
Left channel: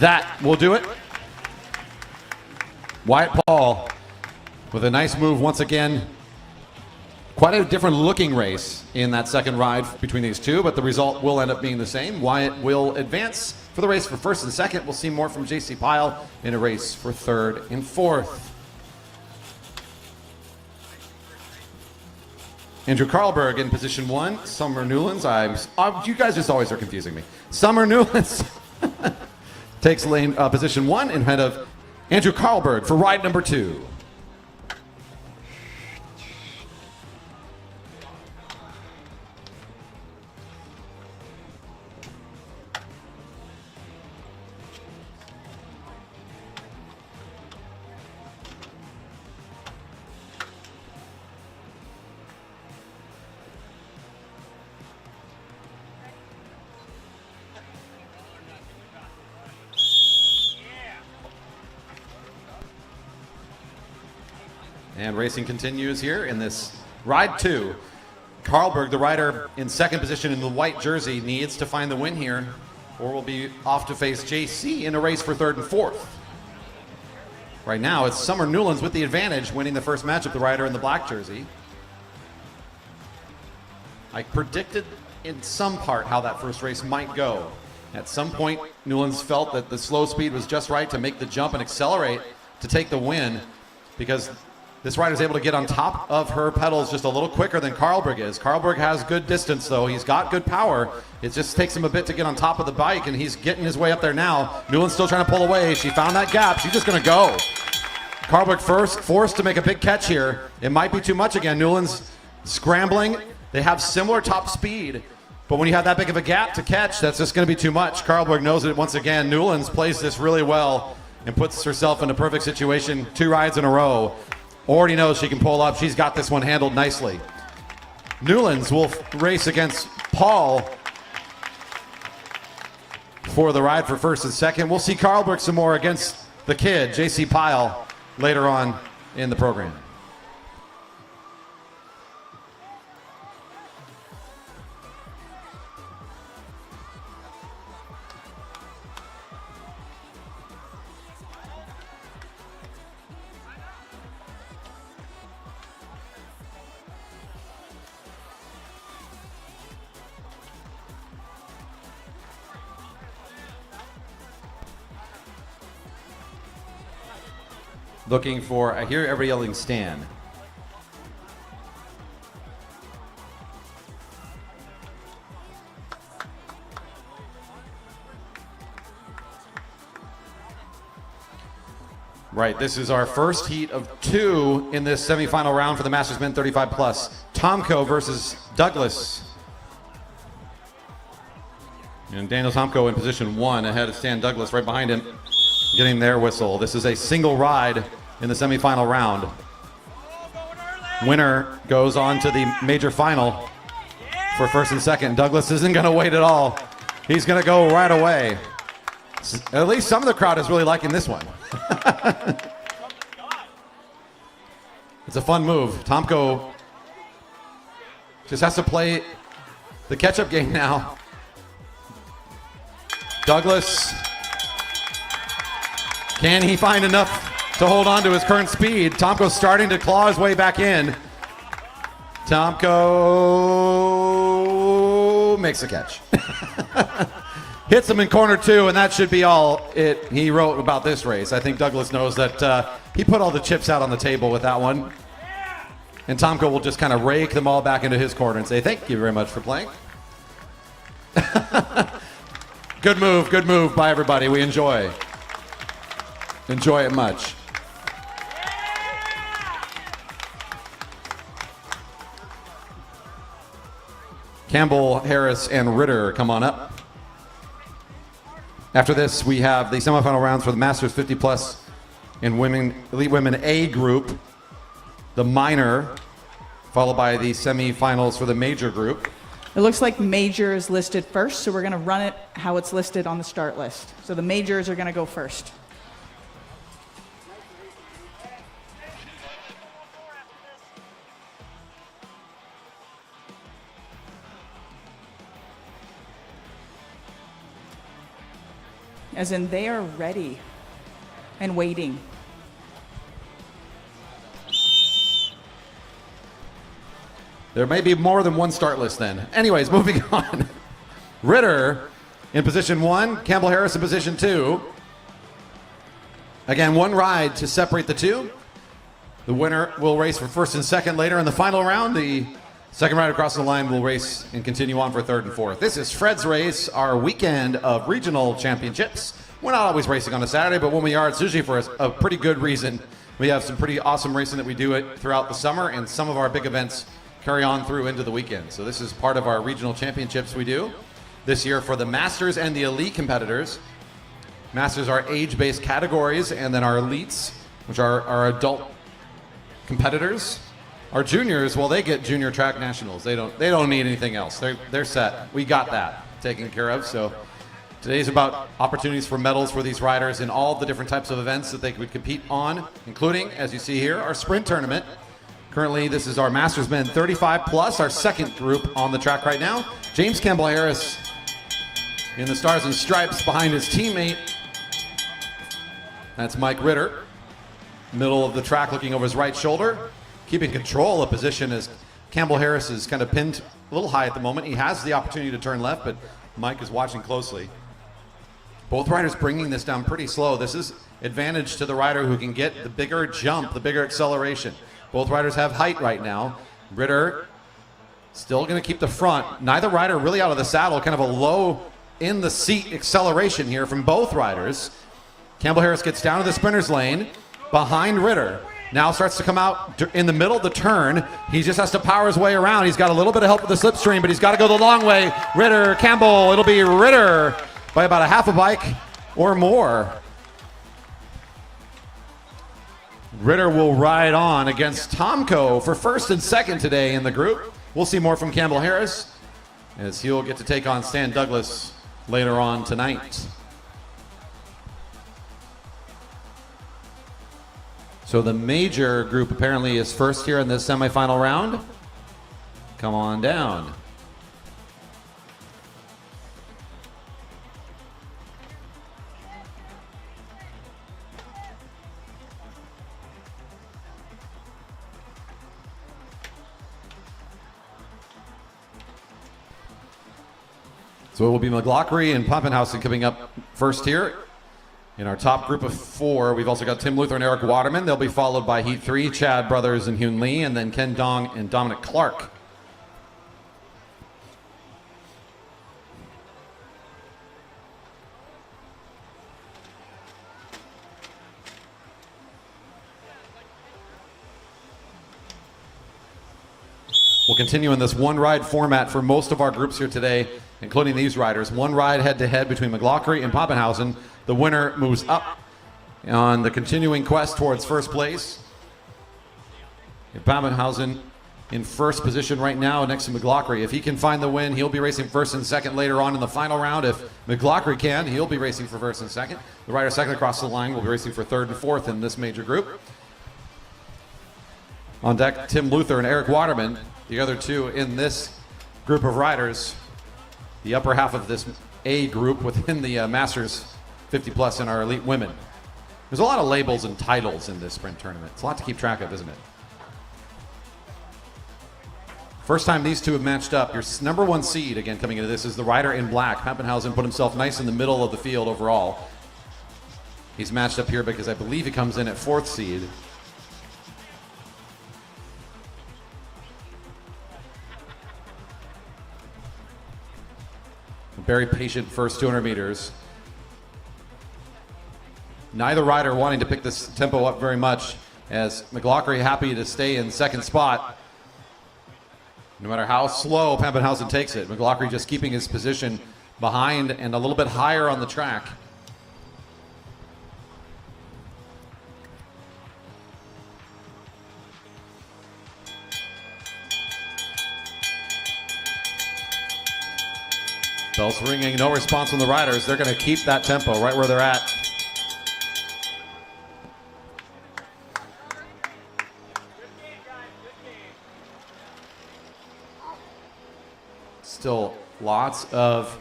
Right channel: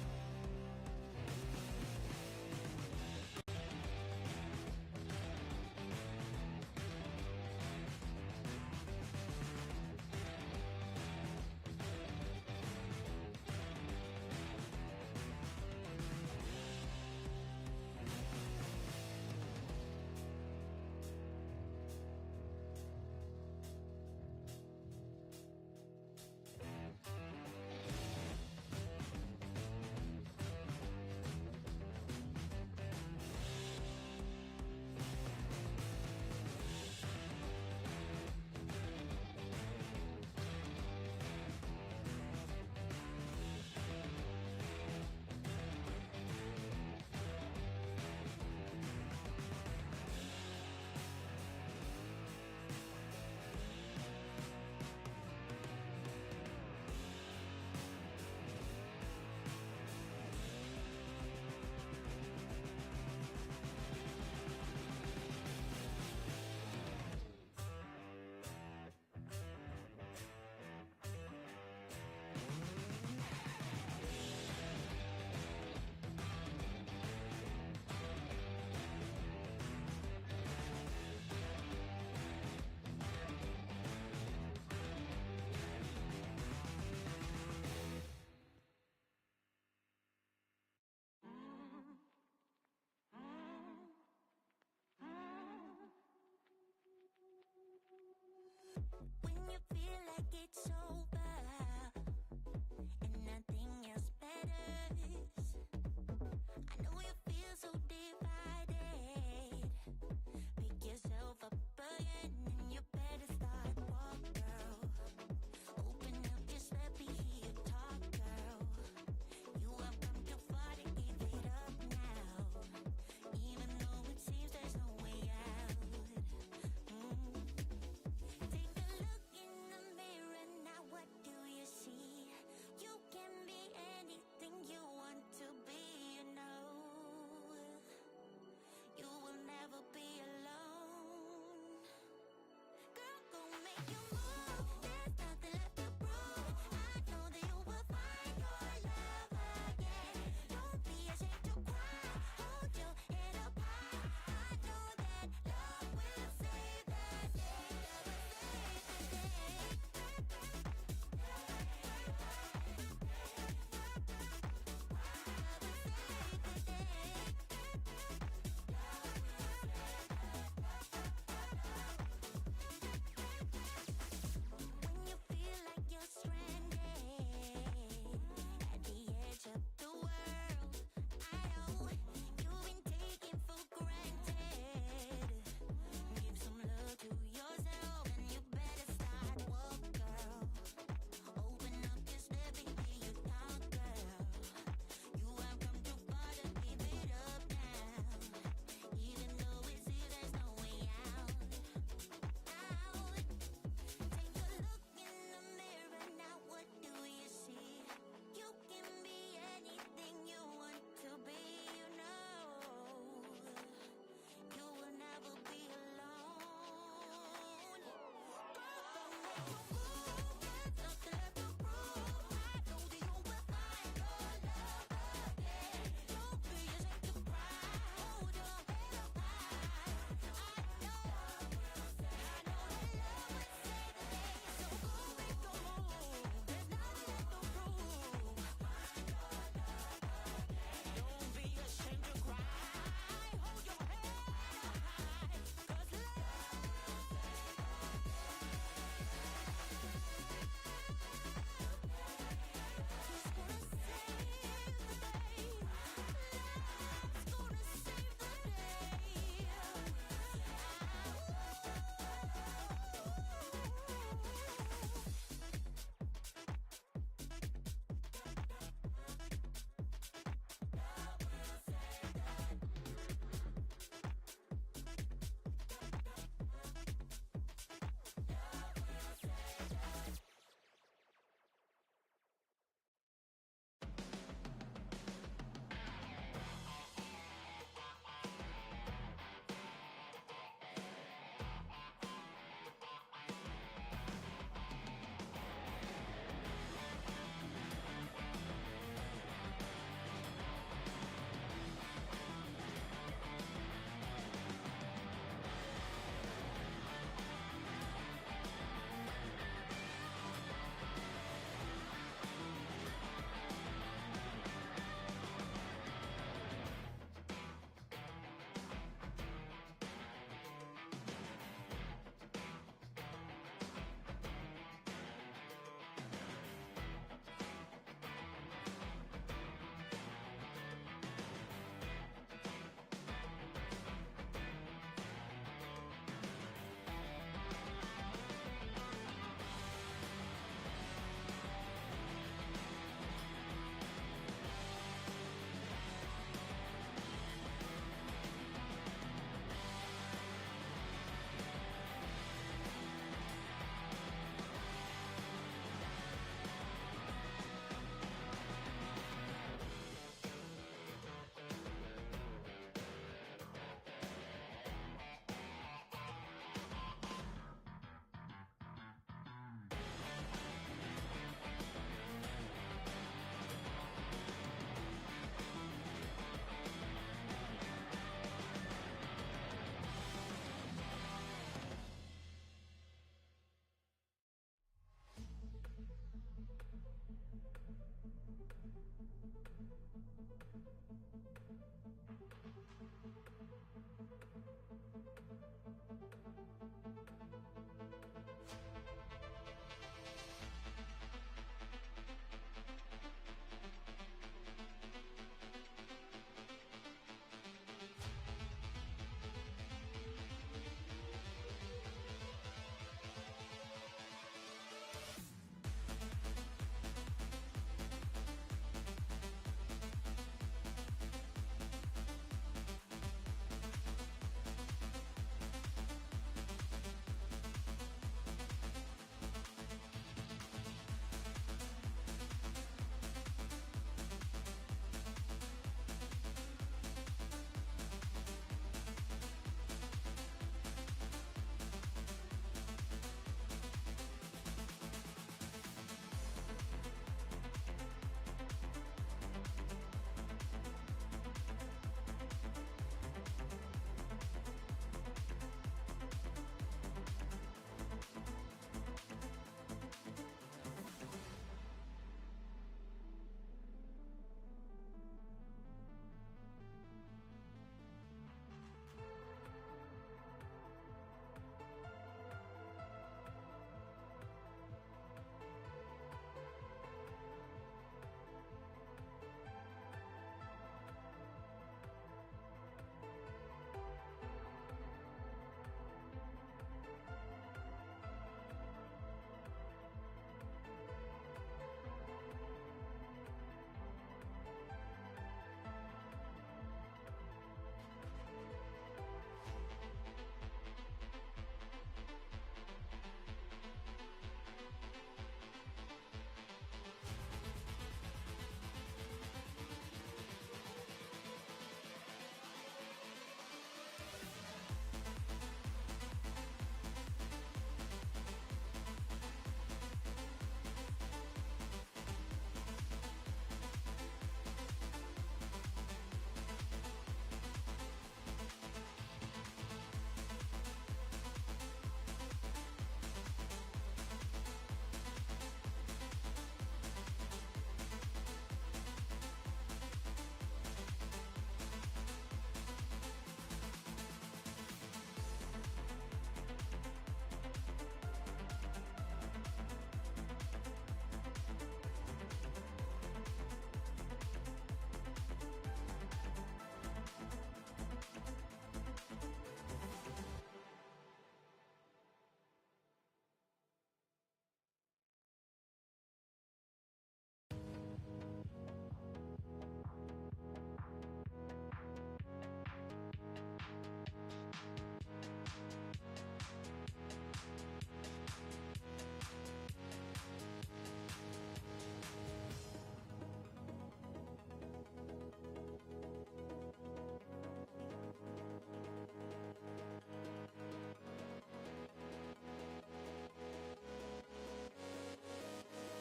That will do it. Wyatt Paul with a nice move once again. Quite a different looking race in that second ride between these two, but the result will end up being the same. Wyatt will advance for the race for first and second. We'll see more from JC Pyle in a race for third and fourth. Andrew Karlberg in position 1. Summer Newlands. You guys just always are confusing me. Summer Newlands takes lane position 1 ahead of Andrew Karlberg for ride number 2. And racing continues here in this ride 2. Karlberg, the rider in second position in the white jersey, needs to find the win here, or will be off to face JC in a race for third and fourth. Right now, it's Summer Newlands with the advantage, winning the first matchup, the rider in the black jersey. I predicted in some part how that first race might go. At some point, Newlands felt that the slow speed was just right to make the jump and accelerate to take the win, because this rider's able to get on top of her pedals just a little quicker than Karlberg is. Karlberg has good distance, though. He's got good power. It just takes him a bit to get on top of the bike, and he's getting his way up there now. Newland's still trying to pull away. She found that gap. She's just going to go. Karlberg forced to make a big catch here. It might be too much again. Newland's scrambling. They have similar top speed, but when you have that big of a gap to catch, that's just going to be too much. Karlberg knows it once again. Newlands plays this really well and puts herself in a perfect situation 2 rides in a row. Already knows she can pull up. She's got this one handled nicely. Newlands will race against Paul for the ride for first and second. We'll see Karlberg some more against the kid, JC Pyle, later on in the program. Looking for, I hear everybody yelling Stan. Right, this is our first heat of 2 in this semifinal round for the Masters Men 35 Plus. Tomko versus Douglas. And Daniel Tomko in position 1 ahead of Stan Douglas right behind him, getting their whistle. This is a single ride in the semifinal round. Winner goes on to the major final for first and second. Douglas isn't going to wait at all. He's going to go right away. At least some of the crowd is really liking this one. It's a fun move. Tomko just has to play the catch-up game now. Douglas, can he find enough to hold on to his current speed? Tomko's starting to claw his way back in. Tomko makes a catch. Hits him in corner 2, and that should be all he wrote about this race. I think Douglas knows that he put all the chips out on the table with that one. And Tomko will just kind of rake them all back into his corner and say, thank you very much for playing. Good move by everybody. We enjoy it much. Campbell, Harris, and Ritter come on up. After this, we have the semifinal rounds for the Masters 50 Plus in Elite Women A group, the minor, followed by the semifinals for the major group. It looks like major is listed first, so we're going to run it how it's listed on the start list. So the majors are going to go first. As in, they are ready and waiting. There may be more than one start list then. Anyways, moving on. Ritter in position 1, Campbell Harris in position 2. Again, one ride to separate the two. The winner will race for first and second later in the final round. The second rider across the line will race and continue on for third and fourth. This is Fred's Race, our weekend of regional championships. We're not always racing on a Saturday, but when we are, it's usually for a pretty good reason. We have some pretty awesome racing that we do it throughout the summer, and some of our big events carry on through into the weekend. So this is part of our regional championships we do this year for the Masters and the Elite competitors. Masters are age-based categories, and then our Elites, which are our adult competitors. Our juniors, well, they get junior track nationals. They don't need anything else. They're set. We got that taken care of. So today's about opportunities for medals for these riders in all the different types of events that they could compete on, including, as you see here, our sprint tournament. Currently, this is our Masters Men 35 plus, our second group on the track right now. James Campbell Harris in the Stars and Stripes behind his teammate. That's Mike Ritter, middle of the track, looking over his right shoulder, keeping control of position as Campbell Harris is kind of pinned a little high at the moment. He has the opportunity to turn left, but Mike is watching closely. Both riders bringing this down pretty slow. This is advantage to the rider who can get the bigger jump, the bigger acceleration. Both riders have height right now. Ritter still going to keep the front. Neither rider really out of the saddle. Kind of a low in the seat acceleration here from both riders. Campbell Harris gets down to the sprinter's lane behind Ritter. Now starts to come out in the middle of the turn. He just has to power his way around. He's got a little bit of help with the slipstream, but he's got to go the long way. Ritter, Campbell, it'll be Ritter by about a half a bike or more. Ritter will ride on against Tomko for first and second today in the group. We'll see more from Campbell Harris as he'll get to take on Stan Douglas later on tonight. So the major group apparently is first here in this semifinal round. Come on down. So it will be McLaughlin and Pappenhausen coming up first here. In our top group of 4, we've also got Tim Luther and Eric Waterman. They'll be followed by Heat 3, Chad Brothers and Hyun Lee, and then Ken Dong and Dominic Clark. We'll continue in this one-ride format for most of our groups here today, including these riders. One ride head-to-head between McLaughlin and Pappenhausen. The winner moves up on the continuing quest towards first place. Pappenhausen in first position right now next to McLaughlin. If he can find the win, he'll be racing first and second later on in the final round. If McLaughlin can, he'll be racing for first and second. The rider second across the line will be racing for third and fourth in this major group. On deck, Tim Luther and Eric Waterman, the other two in this group of riders. The upper half of this A group within the Masters 50 plus in our elite women. There's a lot of labels and titles in this sprint tournament. It's a lot to keep track of, isn't it? First time these two have matched up. Your number one seed, again, coming into this is the rider in black. Pappenhausen put himself nice in the middle of the field overall. He's matched up here because I believe he comes in at 4th seed. Very patient first 200 meters. Neither rider wanting to pick this tempo up very much, as McLaughlin happy to stay in second spot. No matter how slow Pappenhausen takes it, McLaughlin just keeping his position behind and a little bit higher on the track. Bells ringing, no response from the riders. They're going to keep that tempo right where they're at. Still lots of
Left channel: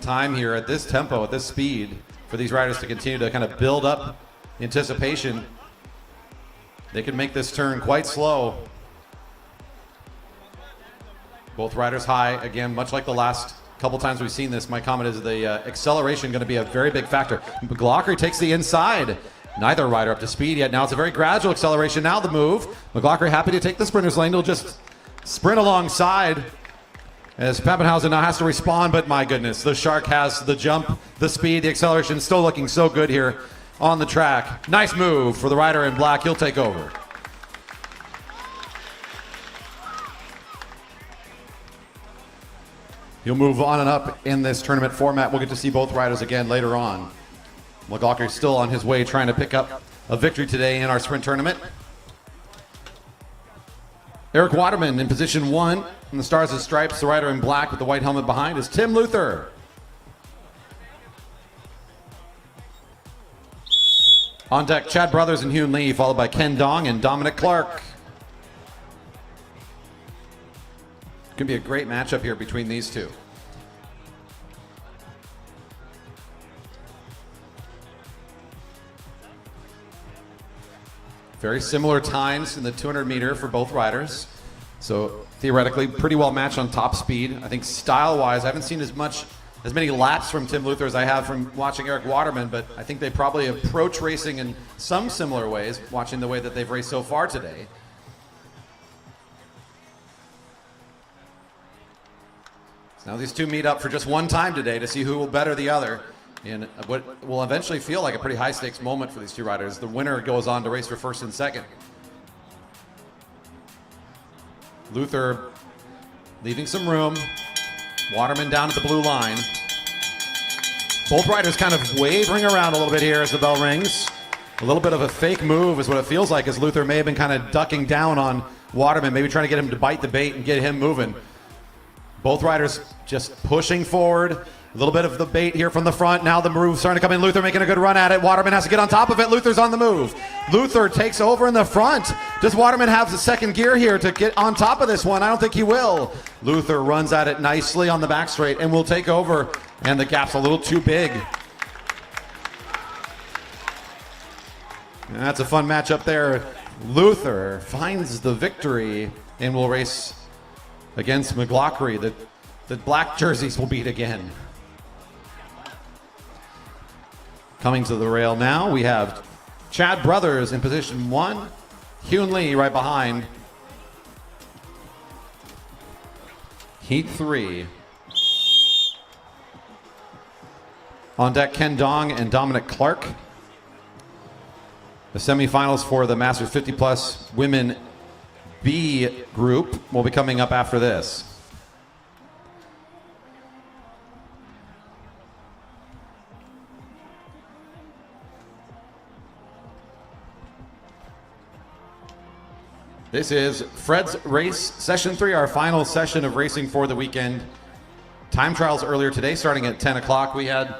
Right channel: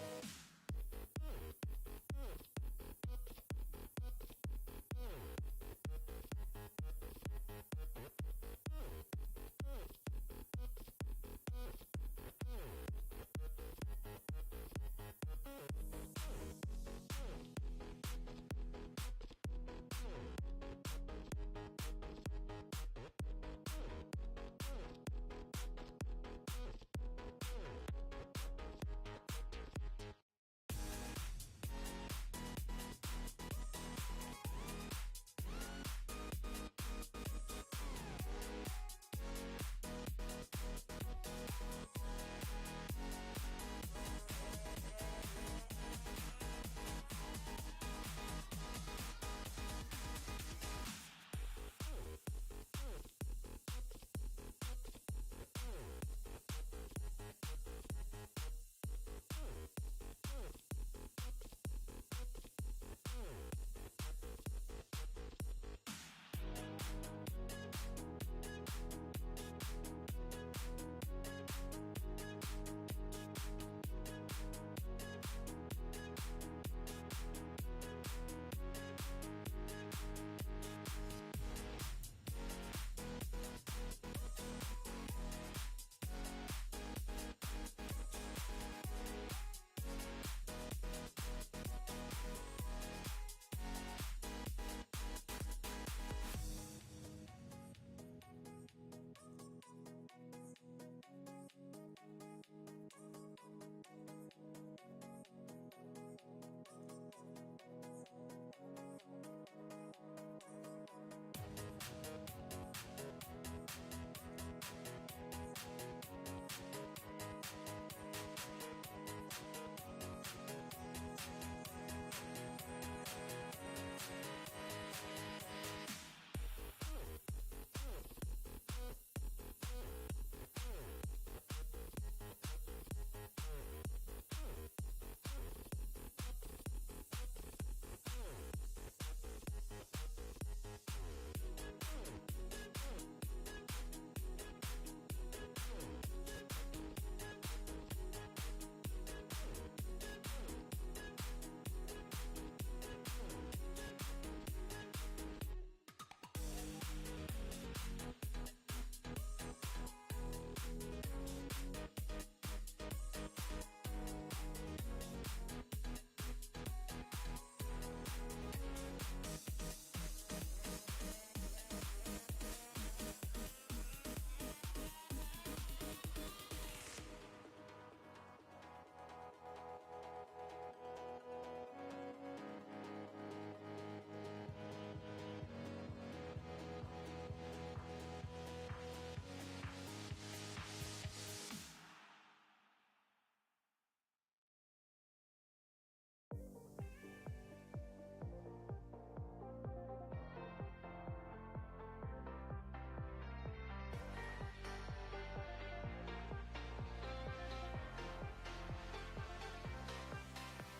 time here at this tempo, at this speed, for these riders to continue to kind of build up anticipation. They can make this turn quite slow. Both riders high, again, much like the last couple times we've seen this. My comment is the acceleration going to be a very big factor. McLaughlin takes the inside. Neither rider up to speed yet. Now it's a very gradual acceleration. Now the move. McLaughlin happy to take the sprinter's lane. He'll just sprint alongside as Pappenhausen now has to respond, but my goodness, the Shark has the jump, the speed, the acceleration, still looking so good here on the track. Nice move for the rider in black. He'll take over. He'll move on and up in this tournament format. We'll get to see both riders again later on. McLaughlin still on his way trying to pick up a victory today in our sprint tournament. Eric Waterman in position 1 in the Stars and Stripes. The rider in black with the white helmet behind is Tim Luther. On deck, Chad Brothers and Hyun Lee, followed by Ken Dong and Dominic Clark. Could be a great matchup here between these two. Very similar times in the 200 meter for both riders. So theoretically, pretty well matched on top speed. I think style-wise, I haven't seen as many laps from Tim Luther as I have from watching Eric Waterman, but I think they probably approach racing in some similar ways, watching the way that they've raced so far today. So now these two meet up for just one time today to see who will better the other in what will eventually feel like a pretty high-stakes moment for these two riders. The winner goes on to race for first and second. Luther leaving some room. Waterman down at the blue line. Both riders kind of wavering around a little bit here as the bell rings. A little bit of a fake move is what it feels like, as Luther may have been kind of ducking down on Waterman, maybe trying to get him to bite the bait and get him moving. Both riders just pushing forward. A little bit of the bait here from the front. Now the move starting to come in. Luther making a good run at it. Waterman has to get on top of it. Luther's on the move. Luther takes over in the front. Does Waterman have the second gear here to get on top of this one? I don't think he will. Luther runs at it nicely on the back straight and will take over. And the gap's a little too big. And that's a fun matchup there. Luther finds the victory and will race against McLaughlin. The black jerseys will beat again. Coming to the rail now, we have Chad Brothers in position 1, Hyun Lee right behind. Heat 3. On deck, Ken Dong and Dominic Clark. The semifinals for the Masters 50 Plus Women B group will be coming up after this. This is Fred's Race Session 3, our final session of racing for the weekend. Time trials earlier today, starting at 10 o'clock. We had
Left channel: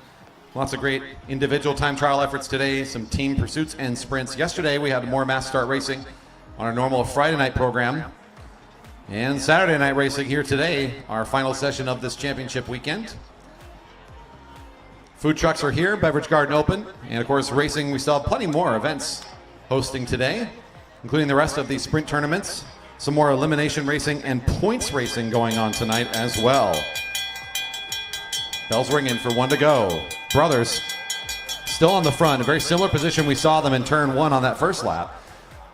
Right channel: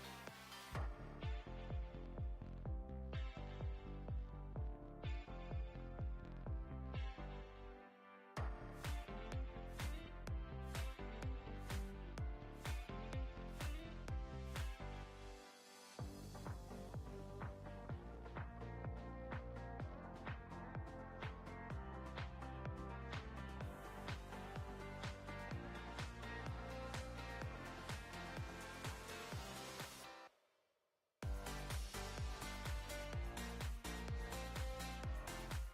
lots of great individual time trial efforts today, some team pursuits and sprints. Yesterday, we had more mass start racing. on our normal Friday night program and Saturday night racing here today, our final session of this championship weekend. Food trucks are here, Beverage Garden open, and of course racing, we still have plenty more events hosting today, including the rest of the sprint tournaments, some more elimination racing and points racing going on tonight as well. Bells ringing for one to go. Brothers still on the front, a very similar position we saw them in turn one on that first lap,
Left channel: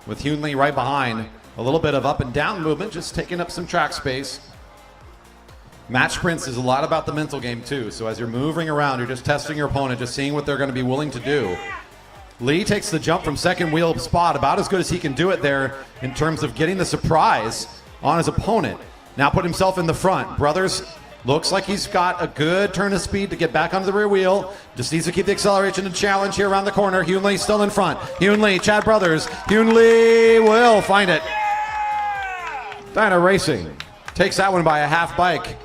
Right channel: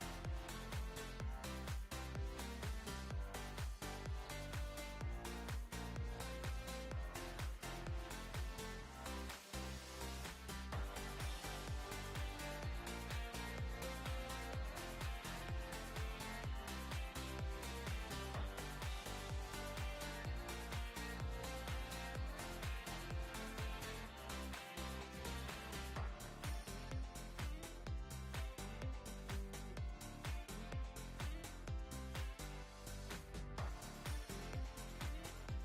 with Hunley right behind. A little bit of up and down movement, just taking up some track space. Match sprints is a lot about the mental game too, so as you're moving around, you're just testing your opponent, just seeing what they're going to be willing to do. Lee takes the jump from second wheel spot, about as good as he can do it there in terms of getting the surprise on his opponent. Now put himself in the front. Brothers looks like he's got a good turn of speed to get back onto the rear wheel. Just needs to keep the acceleration and challenge here around the corner. Hunley still in front. Hunley, Chad Brothers. Hunley will find it. Dyna Racing takes that one by a half bike.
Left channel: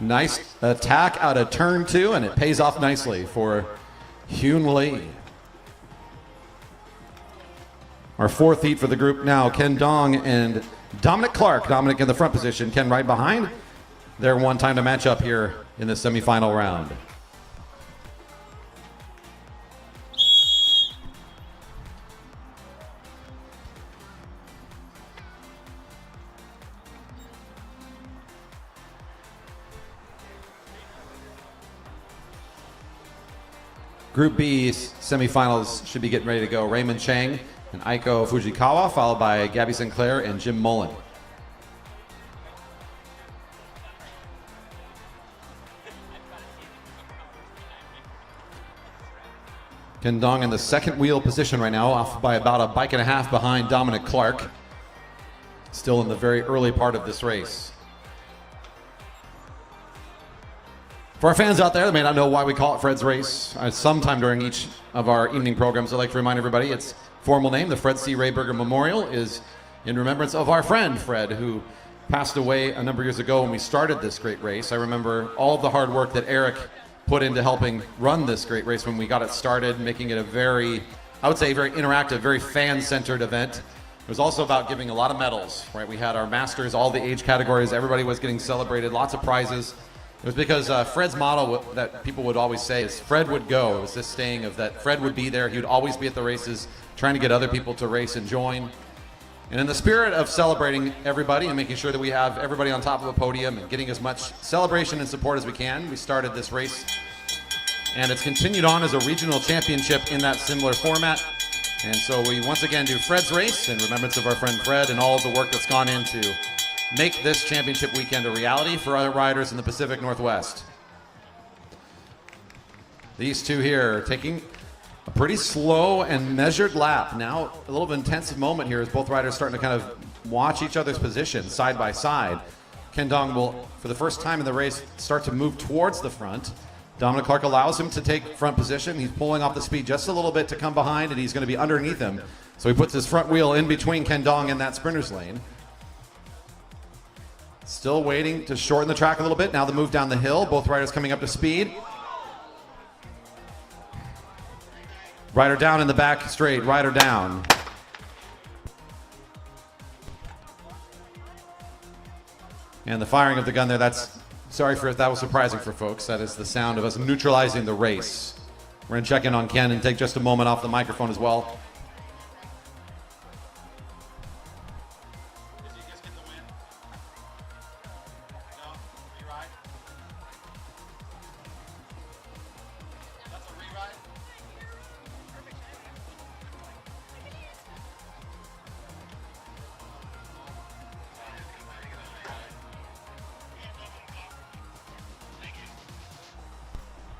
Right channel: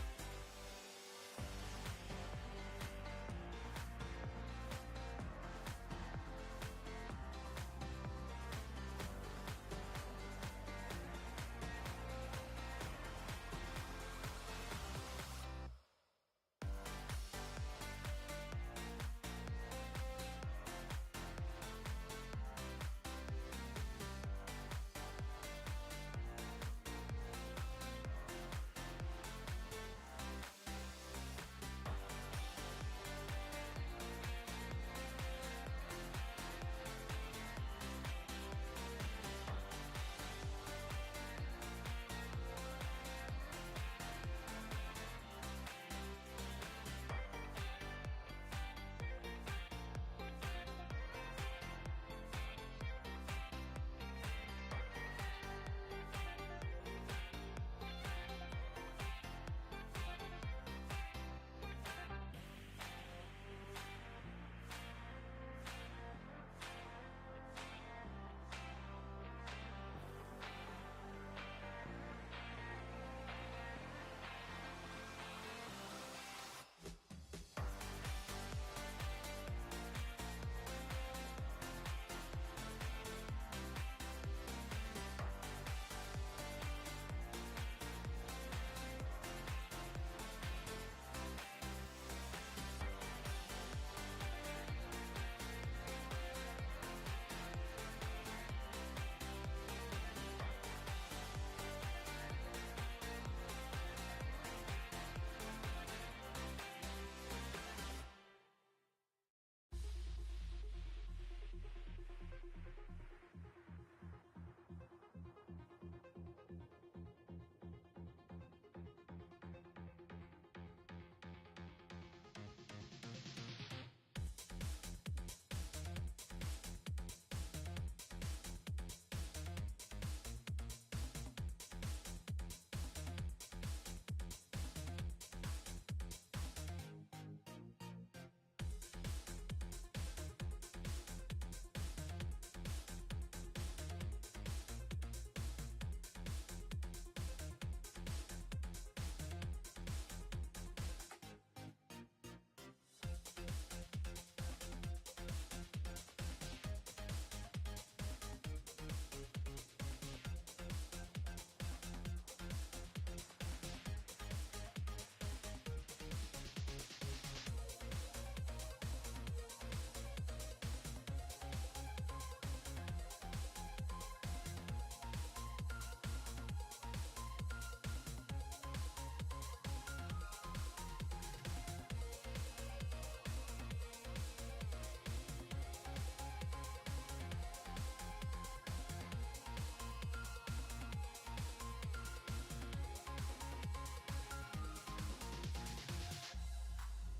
Nice attack out of turn two, and it pays off nicely for Hunley. Our fourth heat for the group now, Ken Dong and Dominic Clark. Dominic in the front position, Ken right behind. They're one time to match up here in the semifinal round. Group B semifinals should be getting ready to go. Raymond Chang and Aiko Fujikawa, followed by Gabby Sinclair and Jim Mullen. Ken Dong in the second wheel position right now, off by about a bike and a half behind Dominic Clark. Still in the very early part of this race. For our fans out there that may not know why we call it Fred's Race, sometime during each of our evening programs, I'd like to remind everybody its formal name, the Fred C. Rayberger Memorial, is in remembrance of our friend Fred, who passed away a number of years ago when we started this great race. I remember all of the hard work that Eric put into helping run this great race when we got it started, making it a very, I would say, very interactive, very fan-centered event. It was also about giving a lot of medals, right? We had our masters, all the age categories, everybody was getting celebrated, lots of prizes. It was because Fred's motto that people would always say is Fred would go. It was this saying of that Fred would be there. He would always be at the races, trying to get other people to race and join. And in the spirit of celebrating everybody and making sure that we have everybody on top of the podium and getting as much celebration and support as we can, we started this race. And it's continued on as a regional championship in that similar format. And so we once again do Fred's Race in remembrance of our friend Fred and all of the work that's gone into make this championship weekend a reality for other riders in the Pacific Northwest. These two here taking a pretty slow and measured lap. Now a little bit intensive moment here as both riders starting to kind of watch each other's position side by side. Ken Dong will, for the first time in the race, start to move towards the front. Dominic Clark allows him to take front position. He's pulling off the speed just a little bit to come behind, and he's going to be underneath him. So he puts his front wheel in between Ken Dong and that sprinter's lane. Still waiting to shorten the track a little bit. Now the move down the hill. Both riders coming up to speed. Rider down in the back straight. Rider down. And the firing of the gun there, that's, sorry for if that was surprising for folks. That is the sound of us neutralizing the race. We're going to check in on Ken and take just a moment off the microphone as well.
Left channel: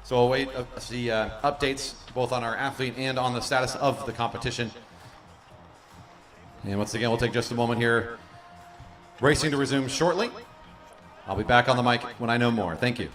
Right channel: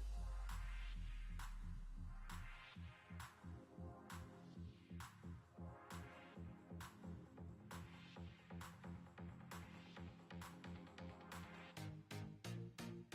So we'll wait to see updates both on our athlete and on the status of the competition. And once again, we'll take just a moment here. Racing to resume shortly. I'll be back on the mic when I know more. Thank you.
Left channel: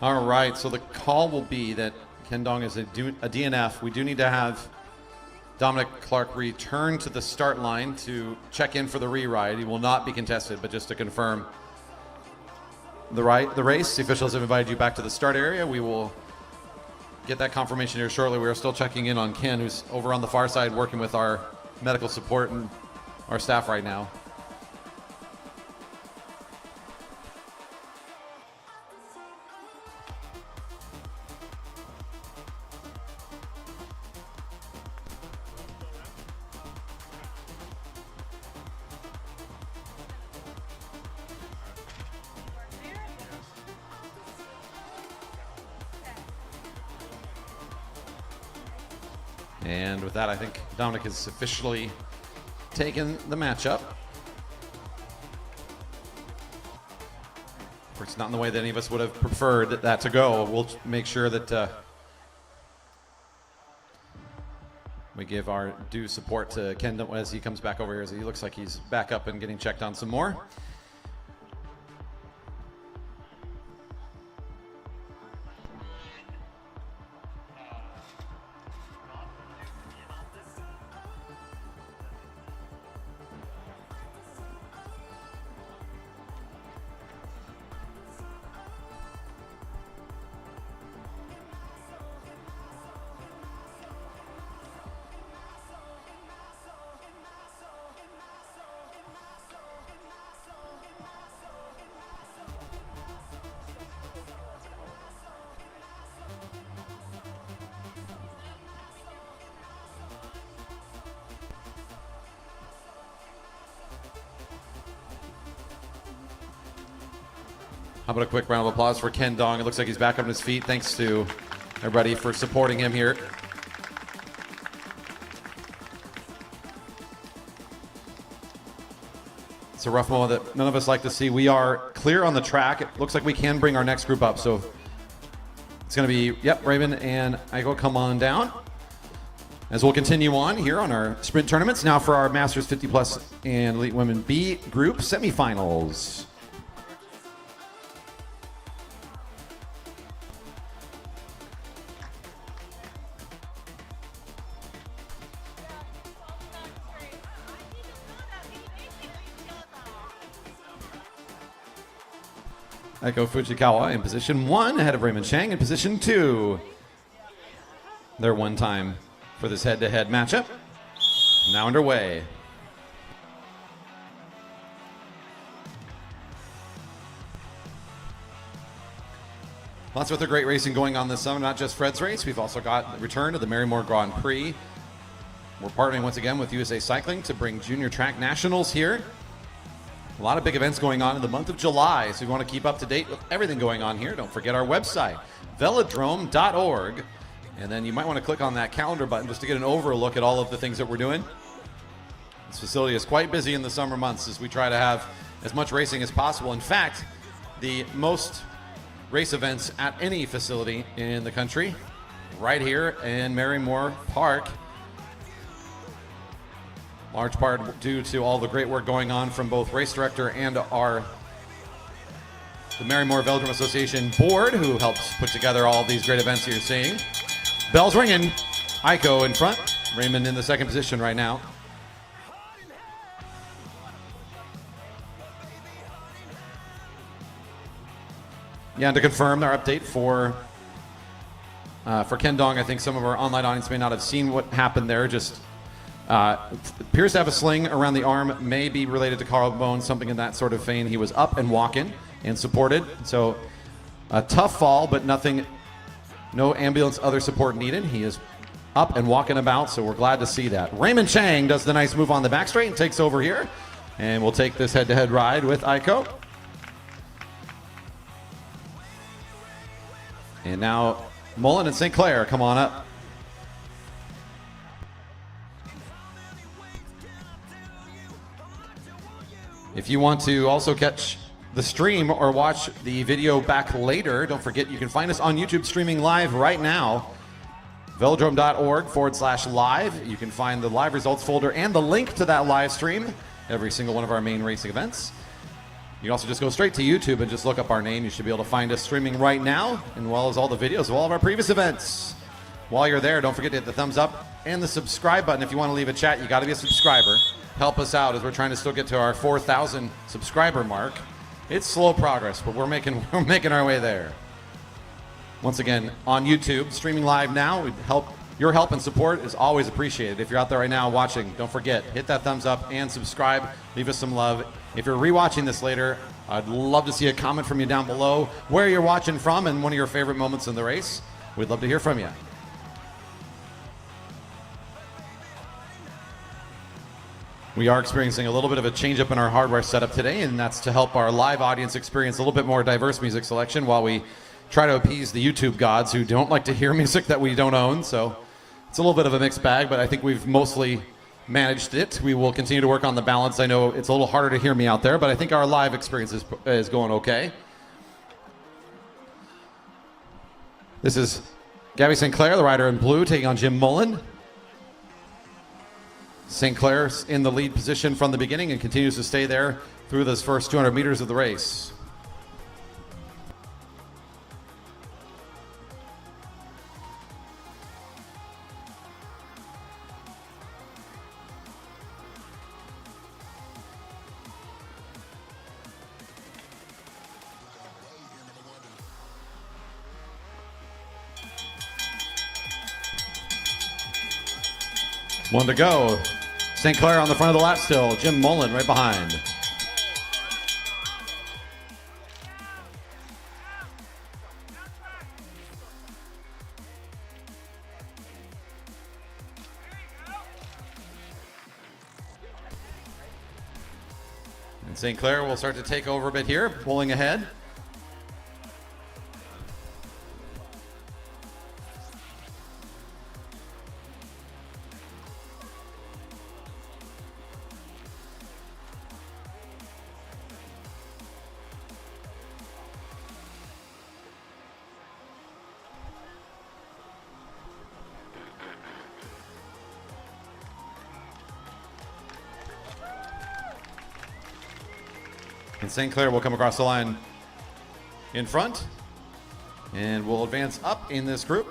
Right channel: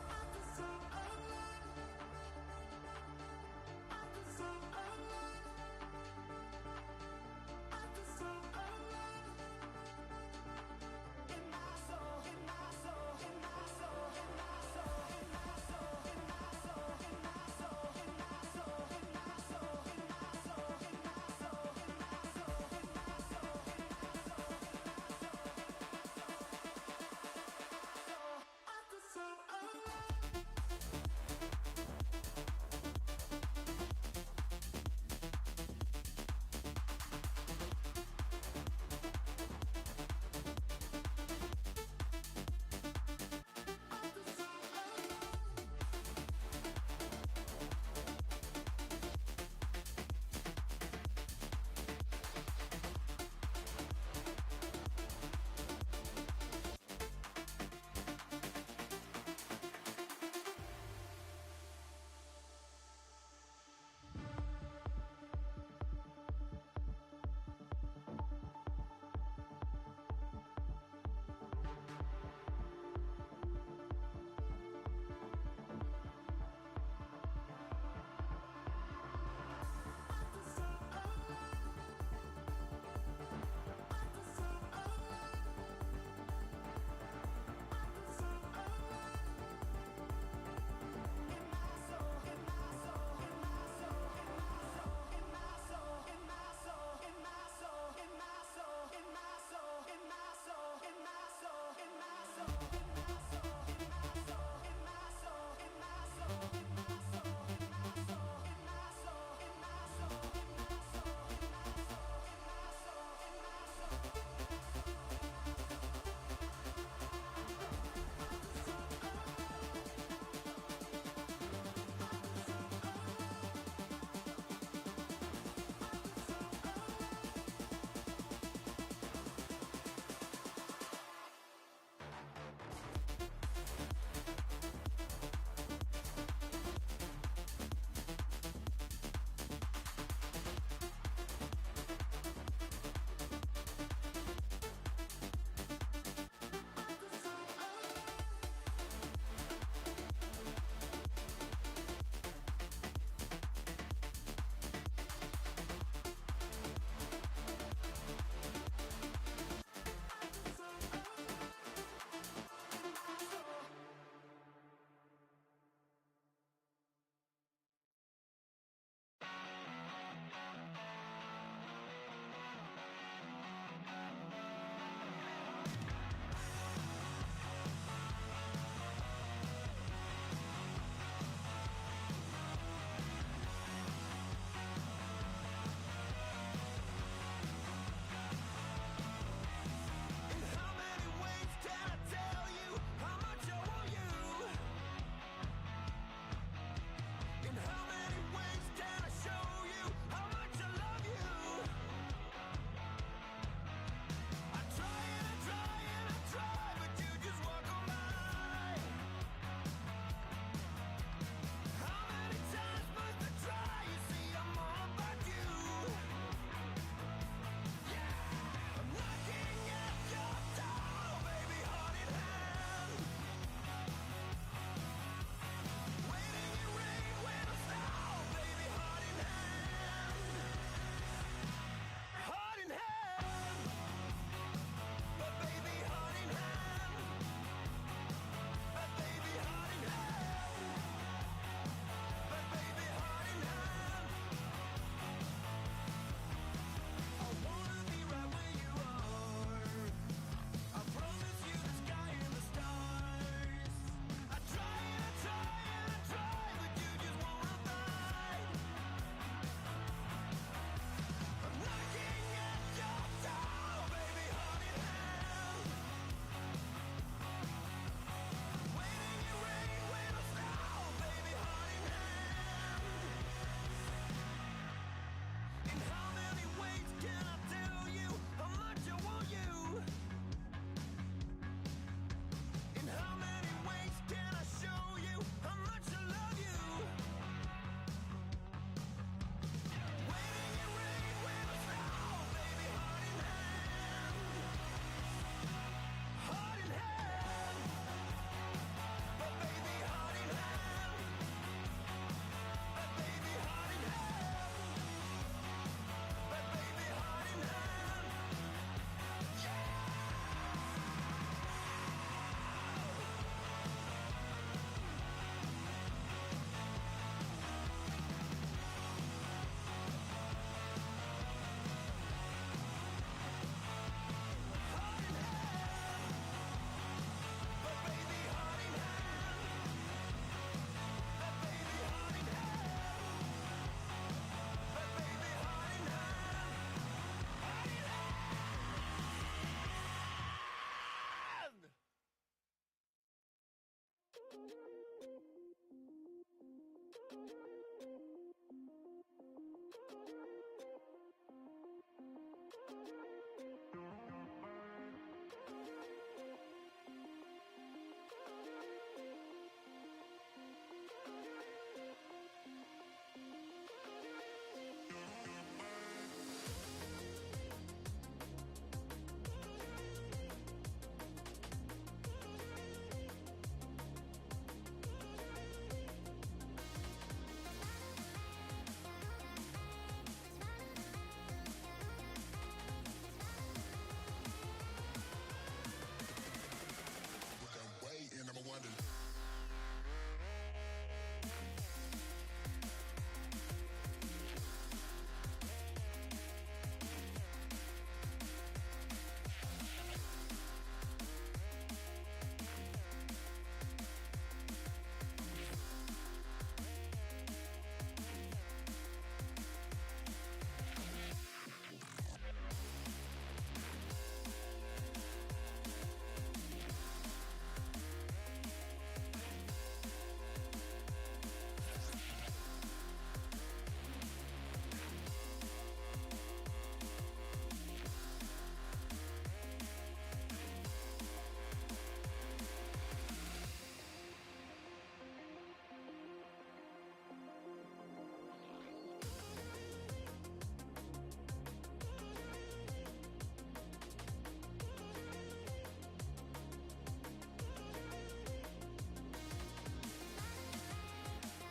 All right, so the call will be that Ken Dong is a DNF. We do need to have Dominic Clark return to the start line to check in for the re-ride. He will not be contested, but just to confirm the race, the officials have invited you back to the start area. We will get that confirmation here shortly. We are still checking in on Ken, who's over on the far side working with our medical support and our staff right now. And with that, I think Dominic has officially taken the matchup. It's not in the way that any of us would have preferred that to go. We'll make sure that we give our due support to Ken as he comes back over here, as he looks like he's back up and getting checked on some more. How about a quick round of applause for Ken Dong? It looks like he's back on his feet. Thanks to everybody for supporting him here. It's a rough moment that none of us like to see. We are clear on the track. It looks like we can bring our next group up. So it's going to be, yep, Raven and Iko, come on down. As we'll continue on here on our sprint tournaments. Now for our Masters 50 Plus and Elite Women B group semifinals. Iko Fujikawa in position 1, ahead of Raymond Chang in position 2. Their one time for this head-to-head matchup. Now underway. Lots of other great racing going on this summer, not just Fred's race. We've also got the return to the Marymore Grand Prix. We're partnering once again with USA Cycling to bring Junior Track Nationals here. A lot of big events going on in the month of July, so if you want to keep up to date with everything going on here, don't forget our website, velodrome.org, and then you might want to click on that calendar button just to get an overlook at all of the things that we're doing. This facility is quite busy in the summer months as we try to have as much racing as possible. In fact, the most race events at any facility in the country, right here in Marymore Park. Large part due to all the great work going on from both race director and the Marymore Velodrome Association board, who helps put together all these great events you're seeing. Bells ringing. Iko in front. Raymond in the second position right now. Yeah, and to confirm our update for Ken Dong, I think some of our online audience may not have seen what happened there. Just appears to have a sling around the arm, may be related to collarbone, something in that sort of vein. He was up and walking and supported. So a tough fall, but nothing, no ambulance, other support needed. He is up and walking about, so we're glad to see that. Raymond Chang does the nice move on the back straight and takes over here. And we'll take this head-to-head ride with Iko. And now Mullen and St. Clair, come on up. If you want to also catch the stream or watch the video back later, don't forget you can find us on YouTube streaming live right now. velodrome.org/live. You can find the live results folder and the link to that live stream, every single one of our main racing events. You can also just go straight to YouTube and just look up our name. You should be able to find us streaming right now, as well as all the videos of all of our previous events. While you're there, don't forget to hit the thumbs up and the subscribe button. If you want to leave a chat, you got to be a subscriber. Help us out as we're trying to still get to our 4,000 subscriber mark. It's slow progress, but we're making our way there. Once again, on YouTube, streaming live now. Your help and support is always appreciated. If you're out there right now watching, don't forget, hit that thumbs up and subscribe. Leave us some love. If you're rewatching this later, I'd love to see a comment from you down below, where you're watching from and one of your favorite moments in the race. We'd love to hear from you. We are experiencing a little bit of a change up in our hardware setup today, and that's to help our live audience experience a little bit more diverse music selection while we try to appease the YouTube gods who don't like to hear music that we don't own. So it's a little bit of a mixed bag, but I think we've mostly managed it. We will continue to work on the balance. I know it's a little harder to hear me out there, but I think our live experience is going okay. This is Gabby St. Clair, the rider in blue, taking on Jim Mullen. St. Clair's in the lead position from the beginning and continues to stay there through this first 200 meters of the race. One to go. St. Clair on the front of the lap still. Jim Mullen right behind. And St. Clair will start to take over a bit here, pulling ahead. And St. Clair will come across the line in front and will advance up in this group.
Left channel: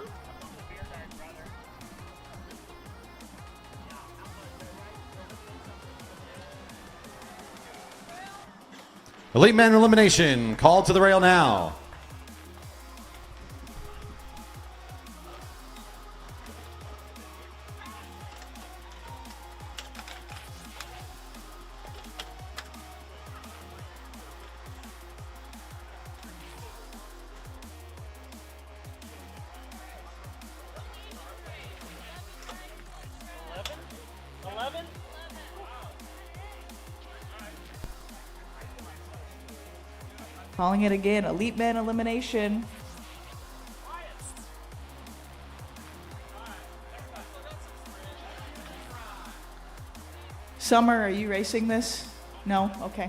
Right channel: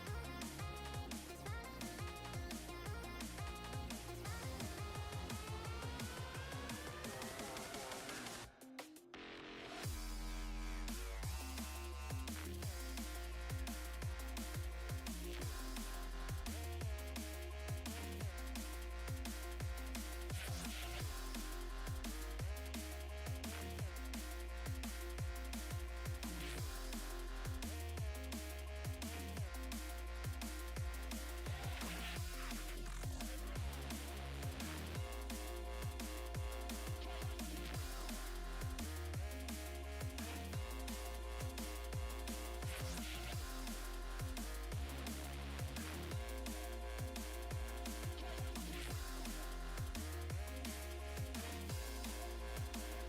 Elite men elimination called to the rail now. Calling it again, elite men elimination. Summer, are you racing this? No? Okay.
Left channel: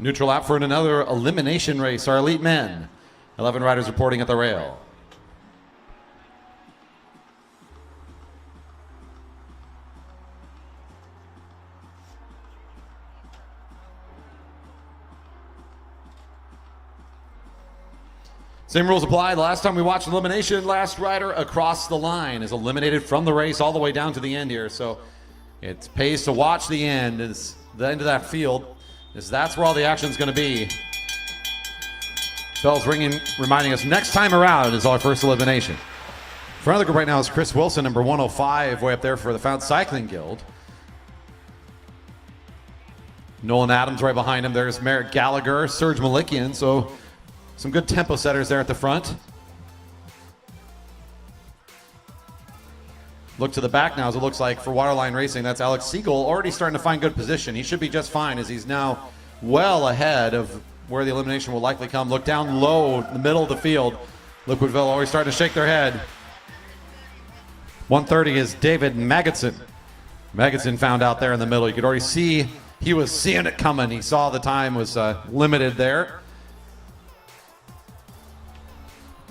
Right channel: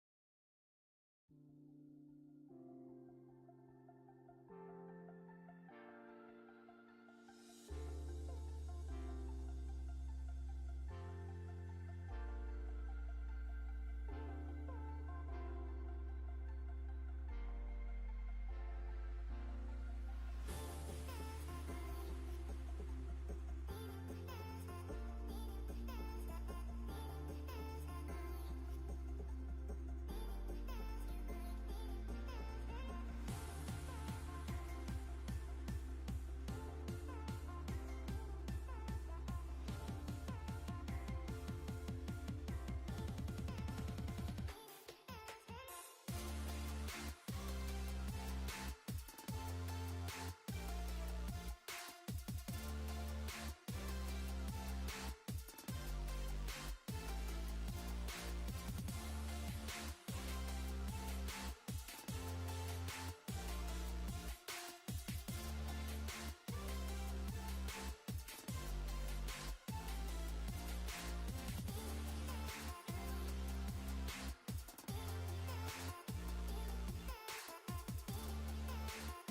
Neutral lap for another elimination race, our elite men. 11 riders reporting at the rail. Same rules apply. The last time we watched elimination, last rider across the line is eliminated from the race all the way down to the end here. So it pays to watch the end, is the end of that field, as that's where all the action is going to be. Bell's ringing, reminding us next time around is our first elimination. Front of the group right now is Chris Wilson, number 105, way up there for the Fountain Cycling Guild. Nolan Adams right behind him. There's Merritt Gallagher, Serge Malikian, so some good tempo setters there at the front. Look to the back now as it looks like for Waterline Racing. That's Alex Siegel already starting to find good position. He should be just fine as he's now well ahead of where the elimination will likely come. Look down low in the middle of the field. Liquidville always starting to shake their head. 130 is David Magidson. Magidson found out there in the middle. You could already see he was seeing it coming. He saw the time was limited there.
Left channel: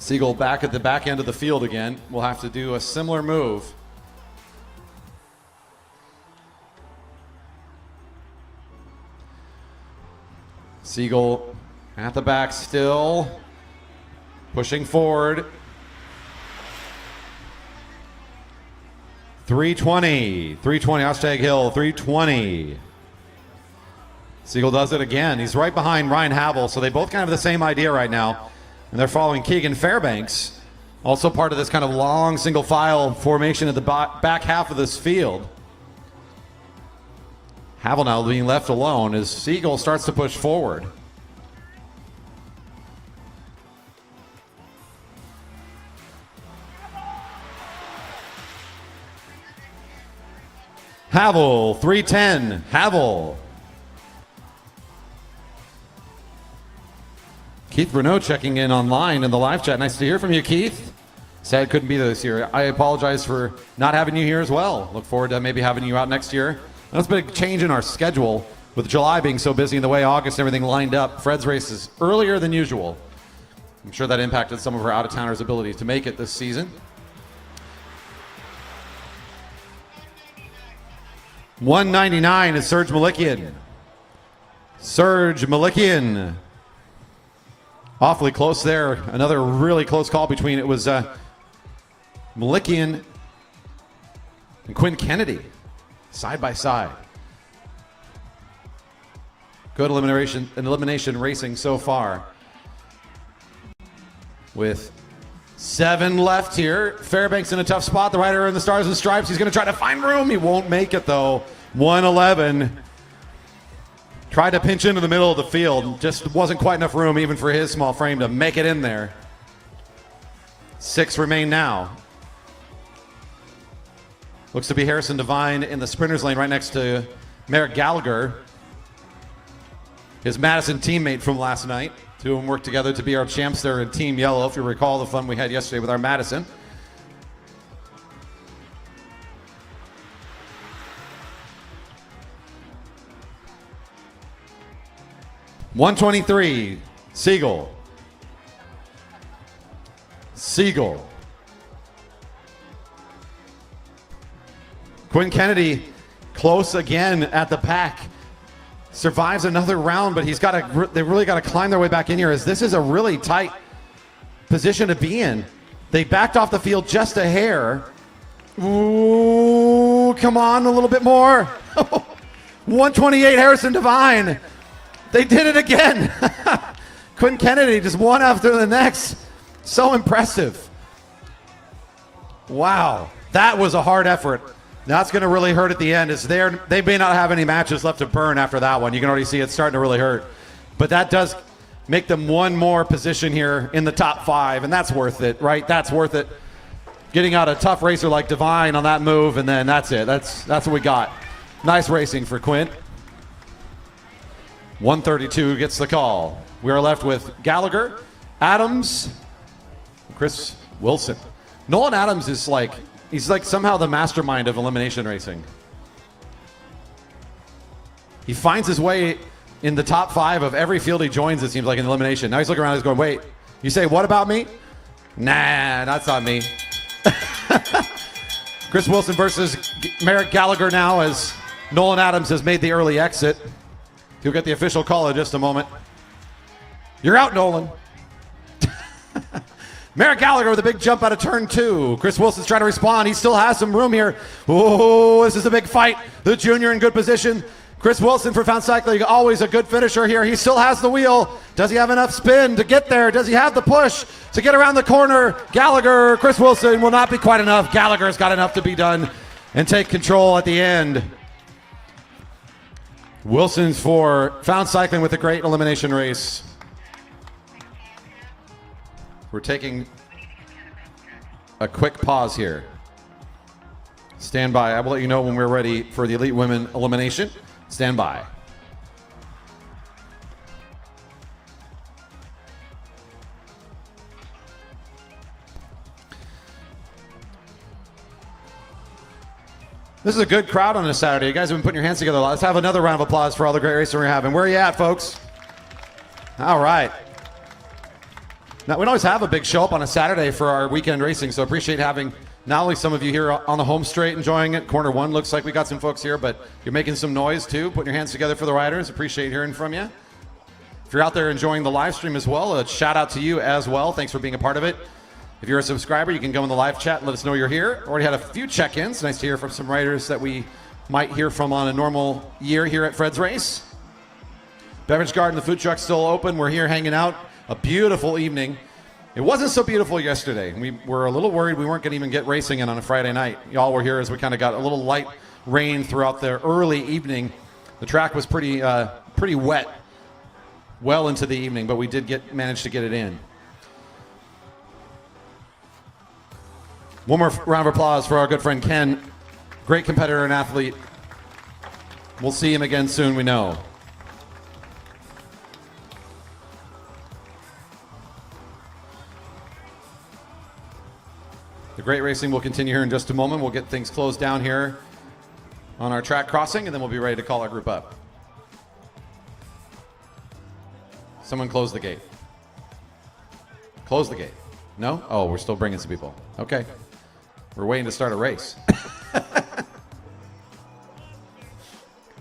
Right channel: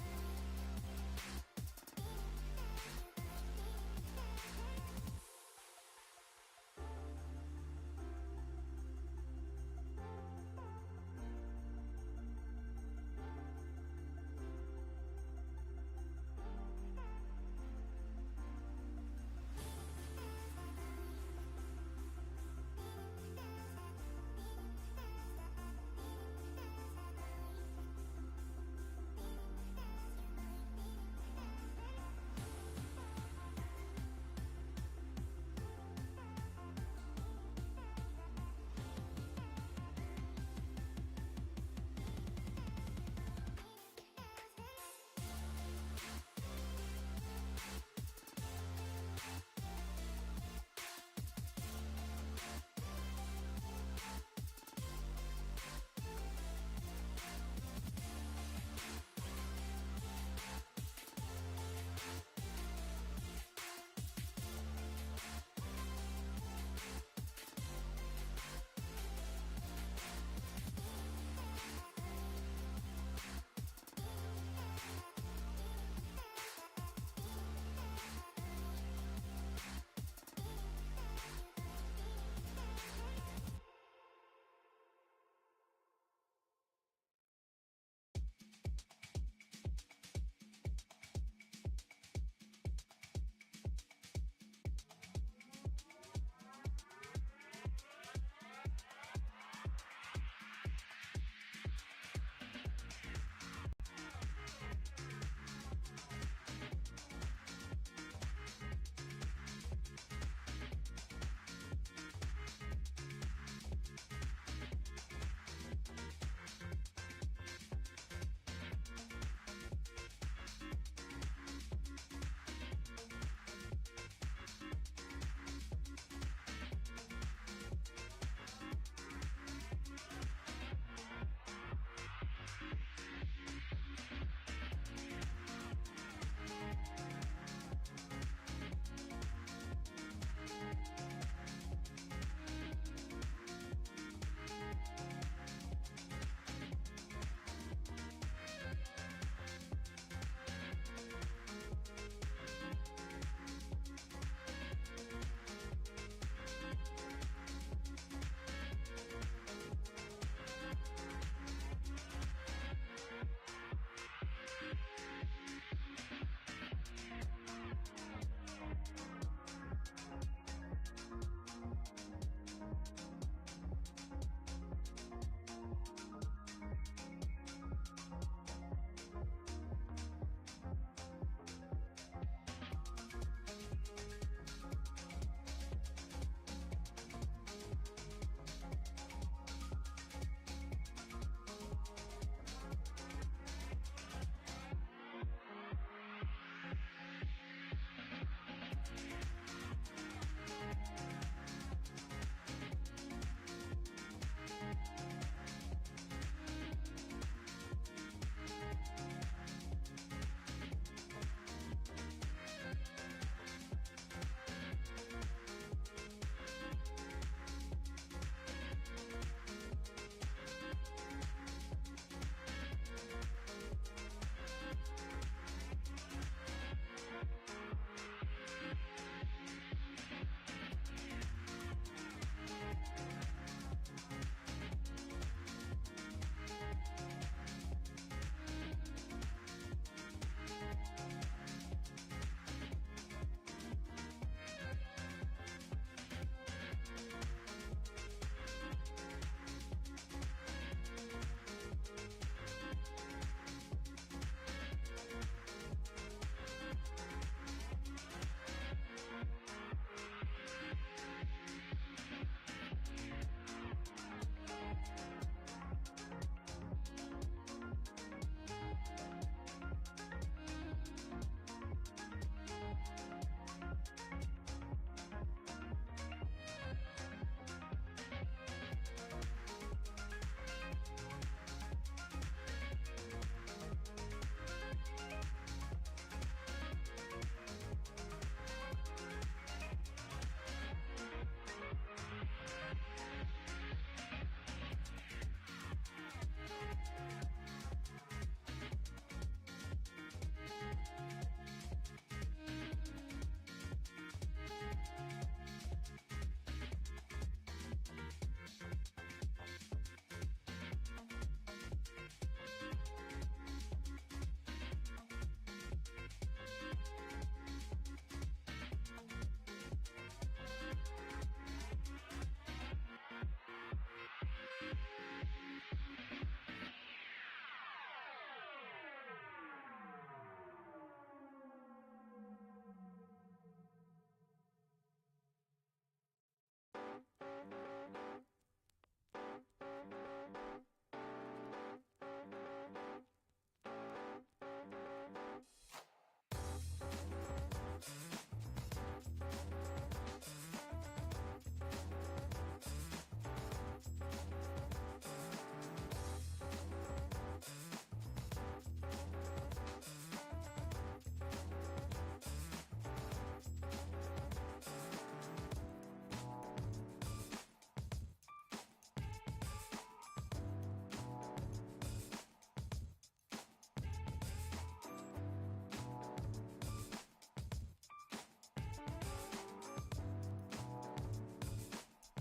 Siegel back at the back end of the field again. We'll have to do a similar move. Siegel at the back still, pushing forward. 320, Ostag Hill, 320. Siegel does it again. He's right behind Ryan Havel, so they both kind of have the same idea right now. And they're following Keegan Fairbanks, also part of this kind of long single file formation at the back half of this field. Havel now being left alone as Siegel starts to push forward. Havel, 310, Havel. Keith Bruneau checking in online in the live chat. Nice to hear from you, Keith. Sad couldn't be there this year. I apologize for not having you here as well. Look forward to maybe having you out next year. That's been a change in our schedule with July being so busy and the way August and everything lined up. Fred's race is earlier than usual. I'm sure that impacted some of our out-of-towners' ability to make it this season. $199 is Serge Malikian. Serge Malikian. Awfully close there. Another really close call between it was Malikian and Quinn Kennedy, side by side. Good elimination racing so far. With 7 left here. Fairbanks in a tough spot. The rider in the Stars and Stripes. He's going to try to find room. He won't make it though. 111. Tried to pinch into the middle of the field. Just wasn't quite enough room even for his small frame to make it in there. 6 remain now. Looks to be Harrison Devine in the sprinters lane right next to Merrick Gallagher, his Madison teammate from last night. Two of them worked together to be our champs there in Team Yellow, if you recall the fun we had yesterday with our Madison. $123, Siegel. Siegel. Quinn Kennedy close again at the pack. Survives another round, but they really got to climb their way back in here as this is a really tight position to be in. They backed off the field just a hair. Ooh, come on, a little bit more. 128, Harrison Devine. They did it again. Quinn Kennedy just one after the next. So impressive. Wow, that was a hard effort. That's going to really hurt at the end. They may not have any matches left to burn after that one. You can already see it starting to really hurt. But that does make them one more position here in the top 5, and that's worth it, right? That's worth it. Getting out a tough racer like Devine on that move, and then that's it. That's what we got. Nice racing for Quint. 132 gets the call. We are left with Gallagher, Adams, Chris Wilson. Nolan Adams is he's like somehow the mastermind of elimination racing. He finds his way in the top 5 of every field he joins, it seems like, in elimination. Now he's looking around, he's going, wait, you say what about me? Nah, that's not me. Chris Wilson versus Merrick Gallagher now as Nolan Adams has made the early exit. He'll get the official call in just a moment. You're out, Nolan. Merrick Gallagher with a big jump out of turn 2. Chris Wilson's trying to respond. He still has some room here. Oh, this is a big fight. The junior in good position. Chris Wilson for Found Cycling, always a good finisher here. He still has the wheel. Does he have enough spin to get there? Does he have the push to get around the corner? Gallagher, Chris Wilson will not be quite enough. Gallagher's got enough to be done and take control at the end. Wilson's for Found Cycling with a great elimination race. We're taking a quick pause here. Stand by. I will let you know when we're ready for the Elite Women elimination. Stand by. This is a good crowd on a Saturday. You guys have been putting your hands together a lot. Let's have another round of applause for all the great racing we're having. Where are you at, folks? All right. Now, we don't always have a big show up on a Saturday for our weekend racing, so appreciate having not only some of you here on the home straight enjoying it. Corner one looks like we got some folks here, but you're making some noise too, putting your hands together for the riders. Appreciate hearing from you. If you're out there enjoying the live stream as well, a shout out to you as well. Thanks for being a part of it. If you're a subscriber, you can go in the live chat and let us know you're here. Already had a few check-ins. Nice to hear from some riders that we might hear from on a normal year here at Fred's Race. Beverage garden, the food truck's still open. We're here hanging out. A beautiful evening. It wasn't so beautiful yesterday. We were a little worried we weren't going to even get racing in on a Friday night. Y'all were here as we kind of got a little light rain throughout the early evening. The track was pretty wet well into the evening, but we did manage to get it in. One more round of applause for our good friend Ken. Great competitor and athlete. We'll see him again soon, we know. The great racing will continue here in just a moment. We'll get things closed down here on our track crossing, and then we'll be ready to call our group up. Someone close the gate. Close the gate. No? Oh, we're still bringing some people. Okay. We're waiting to start a race.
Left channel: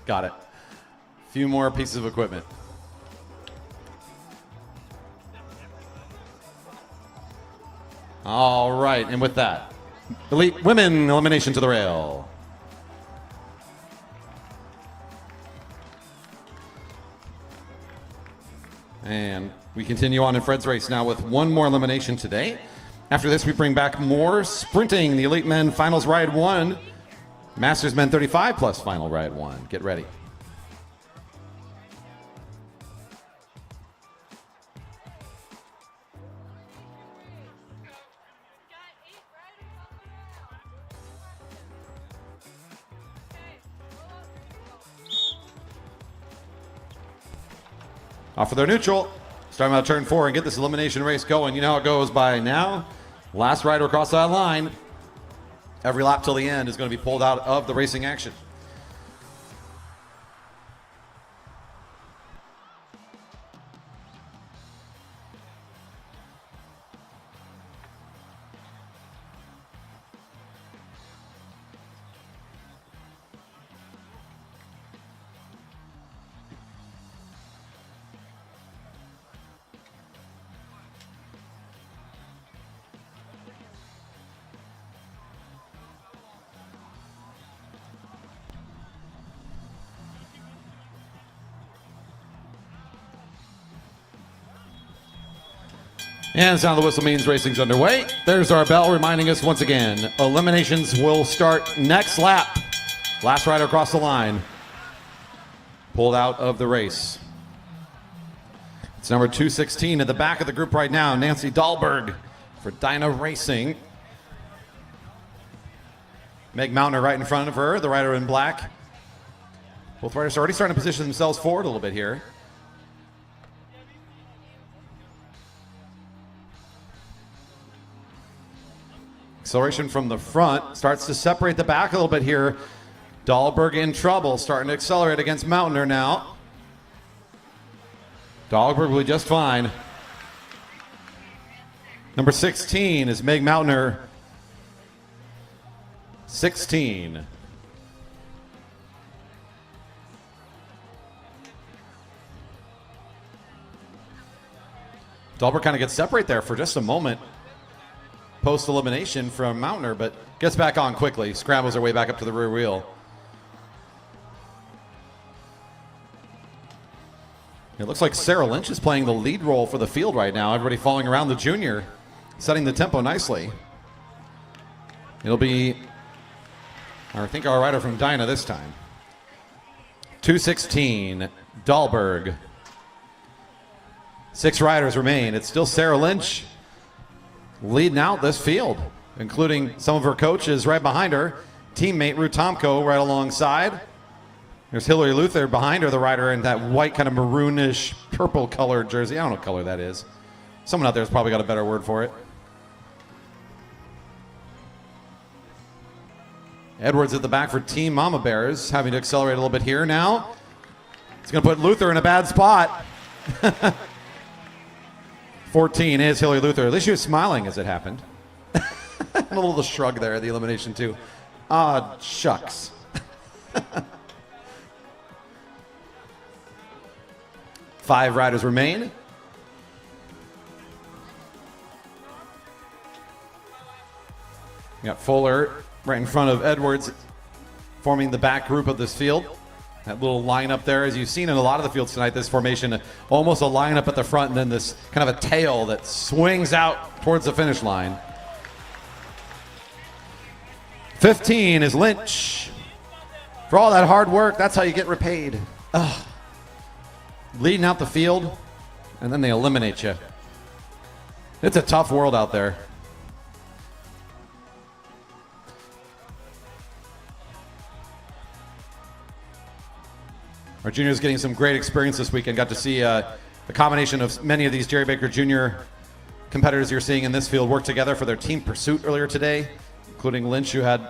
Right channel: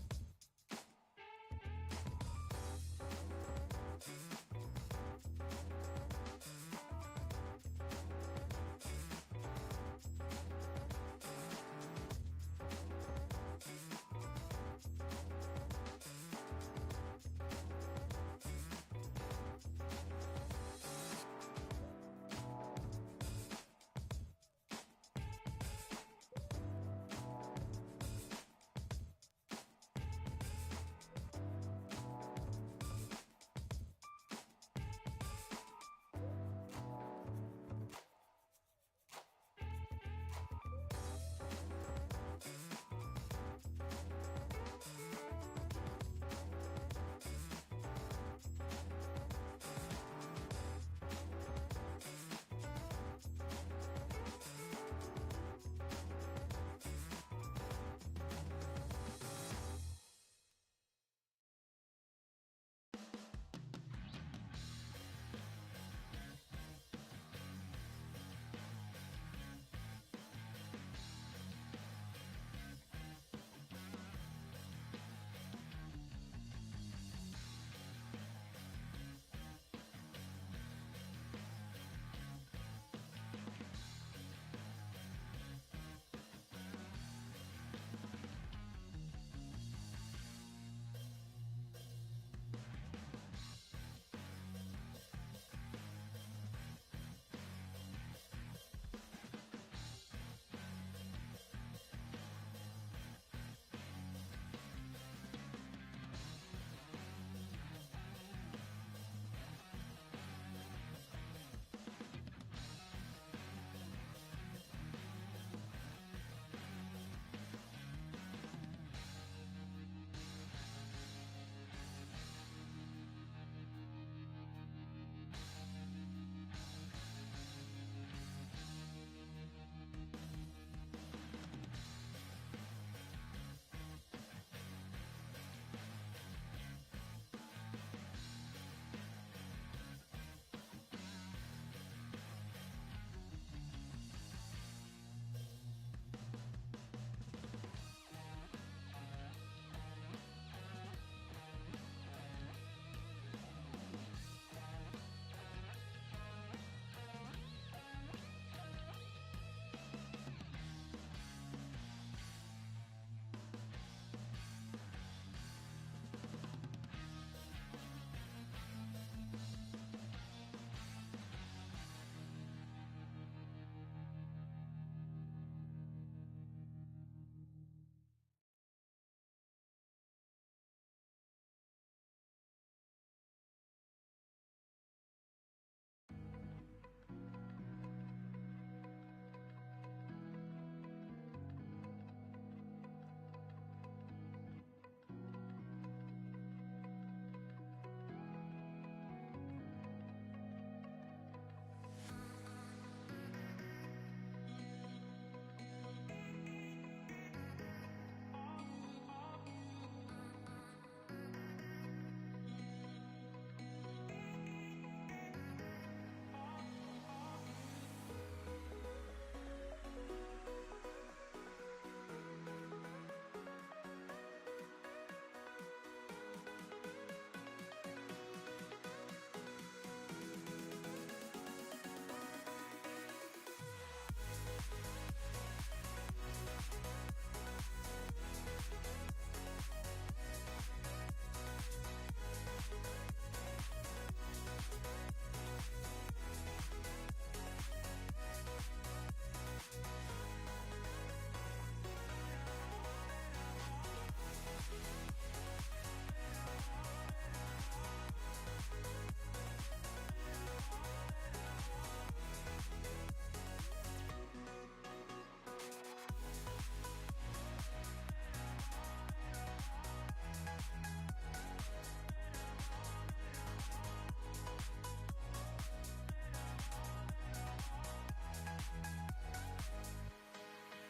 Got it. A few more pieces of equipment. All right, and with that, elite women elimination to the rail. And we continue on in Fred's Race now with one more elimination today. After this, we bring back more sprinting. The Elite Men Finals Ride 1, Masters Men 35 plus Final Ride 1. Get ready. Off for their neutral. Starting out turn 4 and get this elimination race going. You know how it goes by now. Last rider across that line. Every lap till the end is going to be pulled out of the racing action. And the sound of the whistle means racing's underway. There's our bell reminding us once again, eliminations will start next lap. Last rider across the line. Pulled out of the race. It's number 216 at the back of the group right now, Nancy Dahlberg for Dyna Racing. Meg Mountner right in front of her, the rider in black. Both riders are already starting to position themselves forward a little bit here. Acceleration from the front starts to separate the back a little bit here. Dahlberg in trouble, starting to accelerate against Mountner now. Dahlberg will be just fine. Number 16 is Meg Mountner. 16. Dahlberg kind of gets separate there for just a moment. Post-elimination from Mountner, but gets back on quickly. Scrambles her way back up to the rear wheel. It looks like Sarah Lynch is playing the lead role for the field right now. Everybody following around the junior, setting the tempo nicely. It'll be, I think, our rider from Dyna this time. 216, Dahlberg. 6 riders remain. It's still Sarah Lynch leading out this field, including some of her coaches right behind her. Teammate Ruth Tomko right alongside. There's Hillary Luther behind her, the rider in that white kind of maroonish purple colored jersey. I don't know what color that is. Someone out there has probably got a better word for it. Edwards at the back for Team Mama Bears, having to accelerate a little bit here now. It's going to put Luther in a bad spot. 14 is Hillary Luther. At least she was smiling as it happened. A little shrug there at the elimination too. Ah, shucks. 5 riders remain. We got Fuller right in front of Edwards, forming the back group of this field. That little lineup there, as you've seen in a lot of the fields tonight, this formation, almost a lineup at the front and then this kind of a tail that swings out towards the finish line. 15 is Lynch. For all that hard work, that's how you get repaid. Ugh. Leading out the field, and then they eliminate you. It's a tough world out there. Our juniors getting some great experience this weekend. Got to see a combination of many of these Jerry Baker Jr. competitors you're seeing in this field work together for their team pursuit earlier today, including Lynch, who had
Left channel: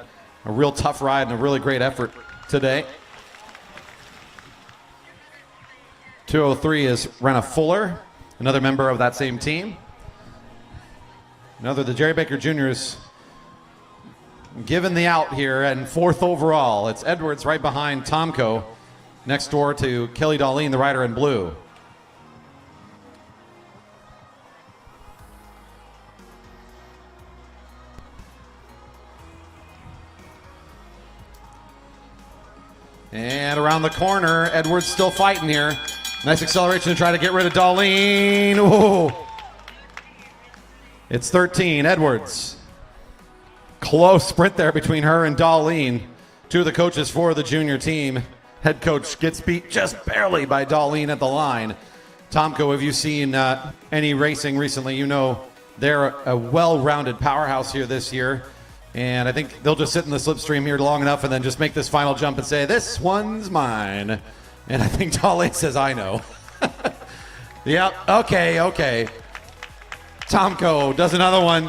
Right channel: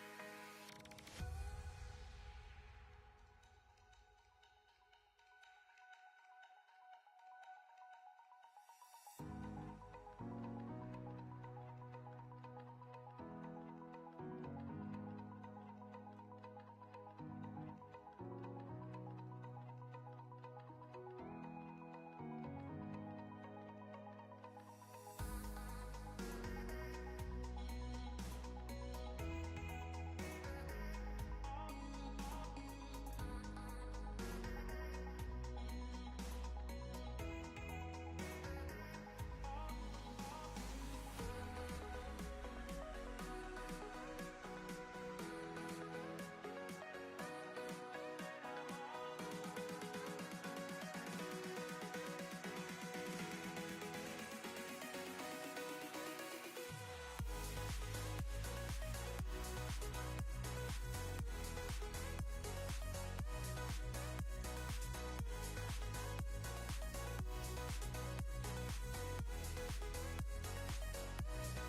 a real tough ride and a really great effort today. 203 is Renna Fuller, another member of that same team. Another of the Jerry Baker Juniors given the out here and 4th overall. It's Edwards right behind Tomko, next door to Kelly Darlene, the rider in blue. And around the corner, Edwards still fighting here. Nice acceleration to try to get rid of Darlene. Ooh. It's 13, Edwards. Close sprint there between her and Darlene. 2 of the coaches for the junior team. Head coach gets beat just barely by Darlene at the line. Tomko, have you seen any racing recently? You know they're a well-rounded powerhouse here this year. And I think they'll just sit in the slipstream here long enough and then just make this final jump and say, this one's mine. And I think Darlene says, I know. Yep, okay. Tomko does another one.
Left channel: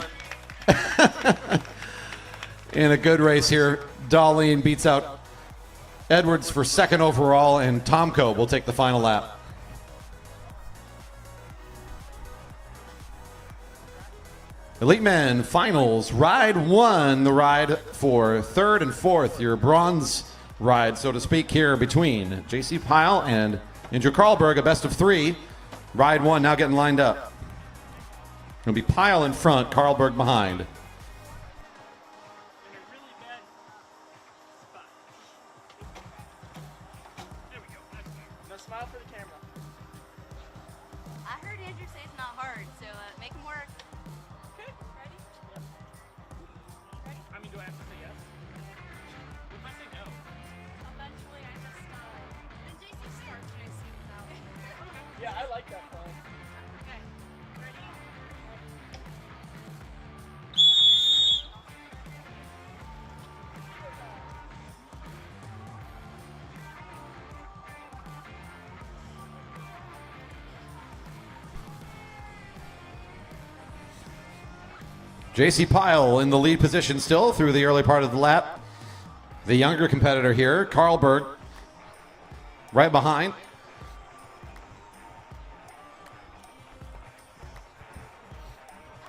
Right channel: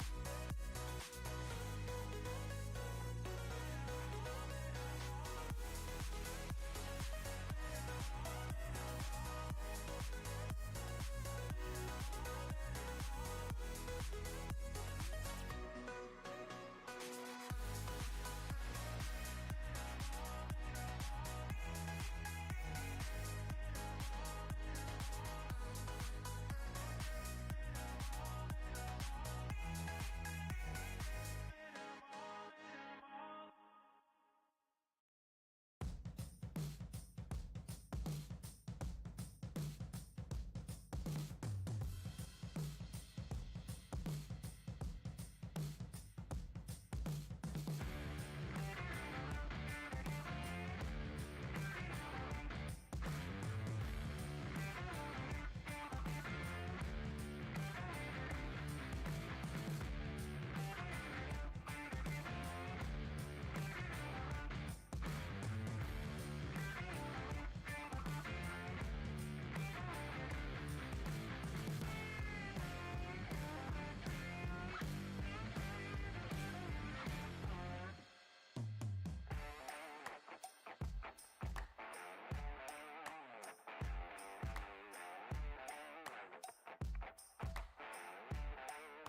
In a good race here, Darlene beats out Edwards for 2nd overall, and Tomko will take the final lap. Elite Men Finals, Ride 1, the ride for 3rd and 4th, your bronze ride, so to speak, here between J.C. Pyle and Andrew Karlberg, a best of 3. Ride 1 now getting lined up. It'll be Pyle in front, Karlberg behind. J.C. Pyle in the lead position still through the early part of the lap. The younger competitor here, Karlberg, right behind.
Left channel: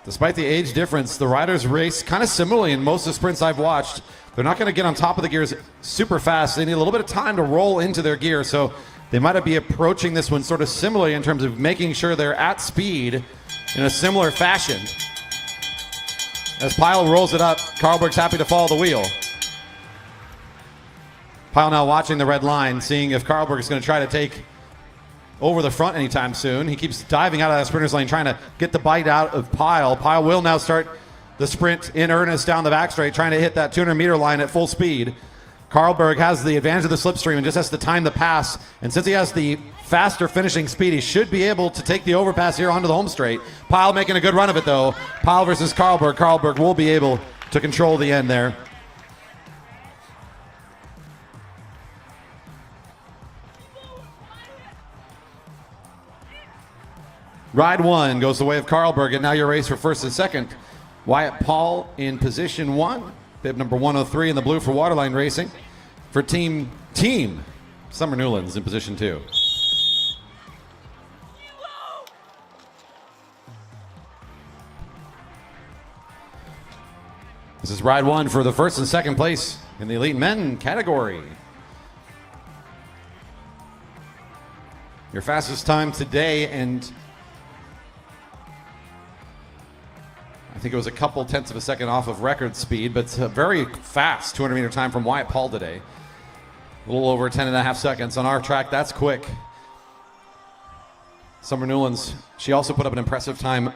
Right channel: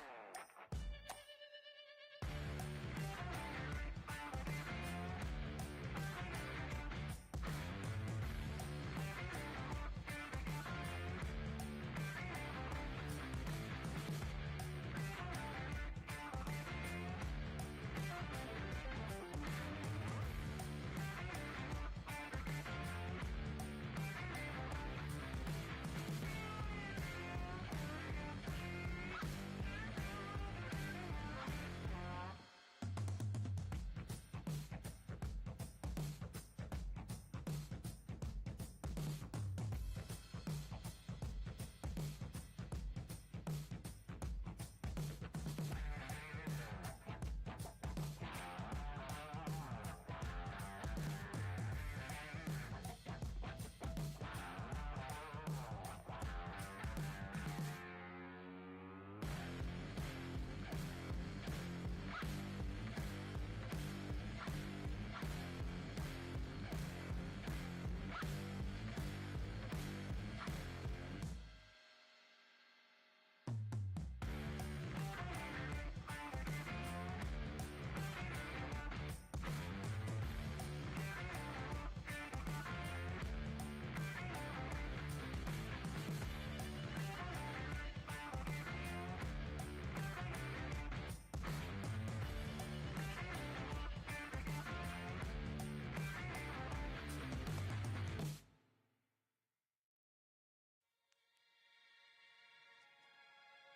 Despite the age difference, the riders race kind of similarly in most of the sprints I've watched. They're not going to get on top of the gears super fast. They need a little bit of time to roll into their gear, so they might be approaching this one sort of similarly in terms of making sure they're at speed in a similar fashion. As Pyle rolls it up, Karlberg's happy to follow the wheel. Pyle now watching the red line, seeing if Karlberg is going to try to take over the front anytime soon. He keeps diving out of that sprinter's lane, trying to get the bite out of Pyle. Pyle will now start the sprint in earnest down the back straight, trying to hit that 200-meter line at full speed. Karlberg has the advantage of the slipstream and just has to time the pass. And since he has the faster finishing speed, he should be able to take the overpass here onto the home straight. Pyle making a good run of it, though. Pyle versus Karlberg. Karlberg will be able to control the end there. Ride 1 goes the way of Karlberg, and now your race for 1st and 2nd. Wyatt Paul in position 1. Bib number 103 in the blue for Waterline Racing. For Team Summer Newlands in position 2. This is ride one for the first and second place in the elite men category. Your fastest time today, and I think it was a couple tenths of a second off of record speed, but it's a very fast 200-meter time from Wyatt Paul today. A little over 10 and a half seconds. On our track, that's quick. Summer Newlands, she also put up an impressive time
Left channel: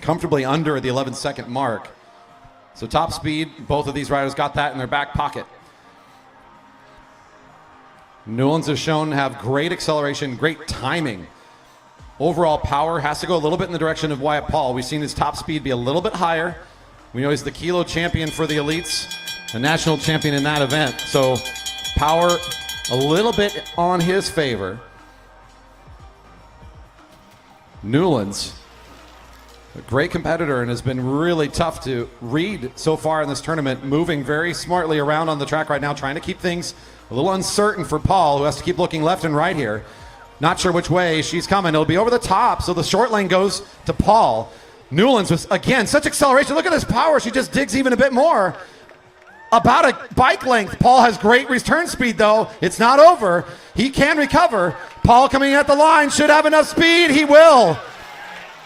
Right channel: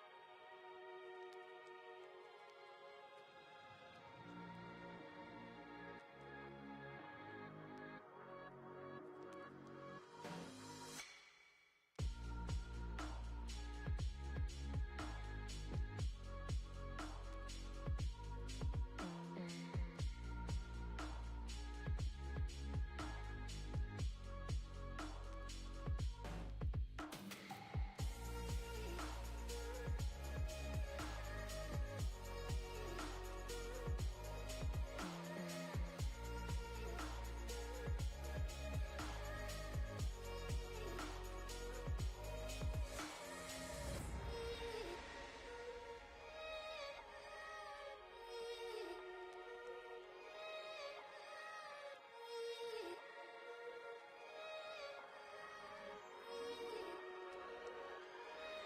comfortably under the 11-second mark. So top speed, both of these riders got that in their back pocket. Newlands has shown to have great acceleration, great timing. Overall power has to go a little bit in the direction of Wyatt Paul. We've seen his top speed be a little bit higher. We know he's the kilo champion for the elites, a national champion in that event. So power a little bit on his favor. Newlands, a great competitor and has been really tough to read so far in this tournament, moving very smartly around on the track right now, trying to keep things a little uncertain for Paul, who has to keep looking left and right here. Not sure which way she's coming. It'll be over the top, so the short lane goes to Paul. Newlands was, again, such acceleration. Look at this power. She just digs even a bit more. About a bike length. Paul has great return speed, though. It's not over. He can recover. Paul coming at the line, should have enough speed. He will.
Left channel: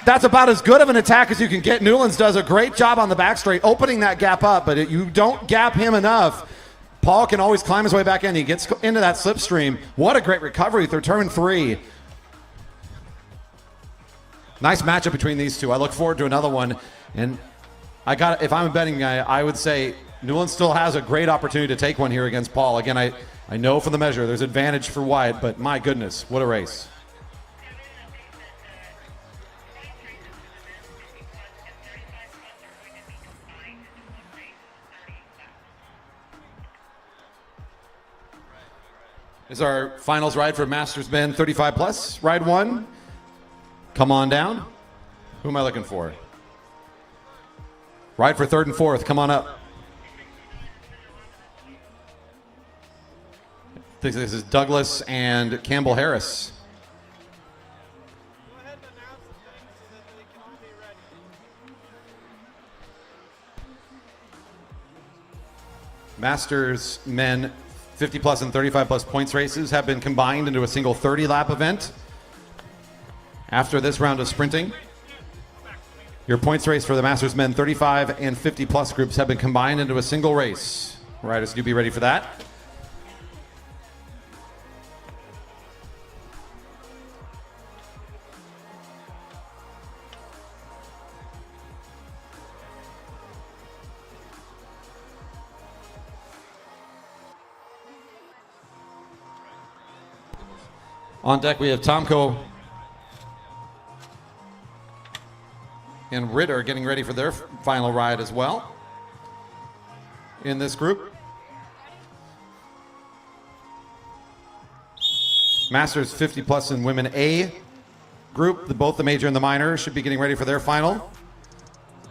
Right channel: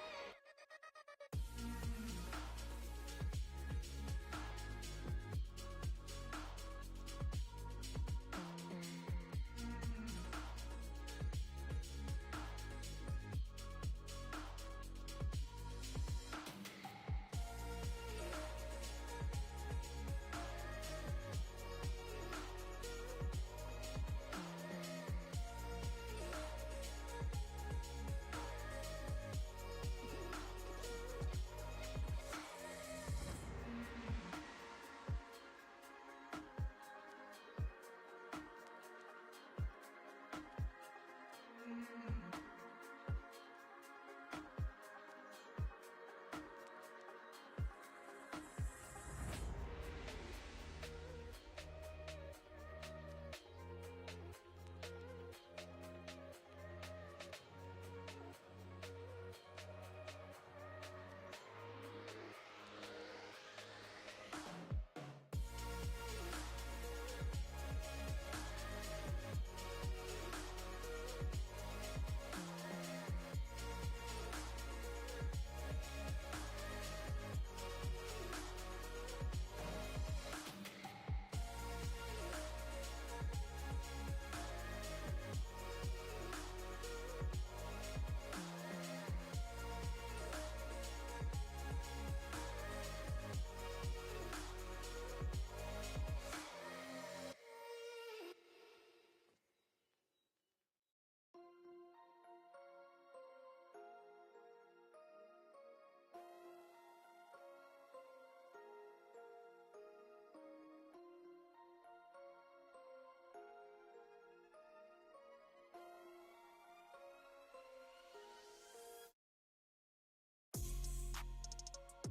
That's about as good of an attack as you can get. Newlands does a great job on the back straight, opening that gap up, but you don't gap him enough. Paul can always climb his way back in. He gets into that slipstream. What a great recovery through turn 3. Nice matchup between these two. I look forward to another one. And if I'm a betting guy, I would say Newlands still has a great opportunity to take one here against Paul. Again, I know for the measure there's advantage for Wyatt, but my goodness, what a race. Is our finals ride for Masters Men 35 plus. Ride 1. Come on down. Who am I looking for? Ride for 3rd and 4th. Come on up. I think this is Douglas and Campbell Harris. Masters Men 50 plus and 35 plus points races have been combined into a single 30-lap event. After this round of sprinting, your points race for the Masters Men 35 and 50 plus groups have been combined into a single race. Riders, do be ready for that. On deck, we have Tomko and Ritter getting ready for their final ride as well in this group. Masters 50 plus and women A group, both the major and the minor, should be getting ready for their final,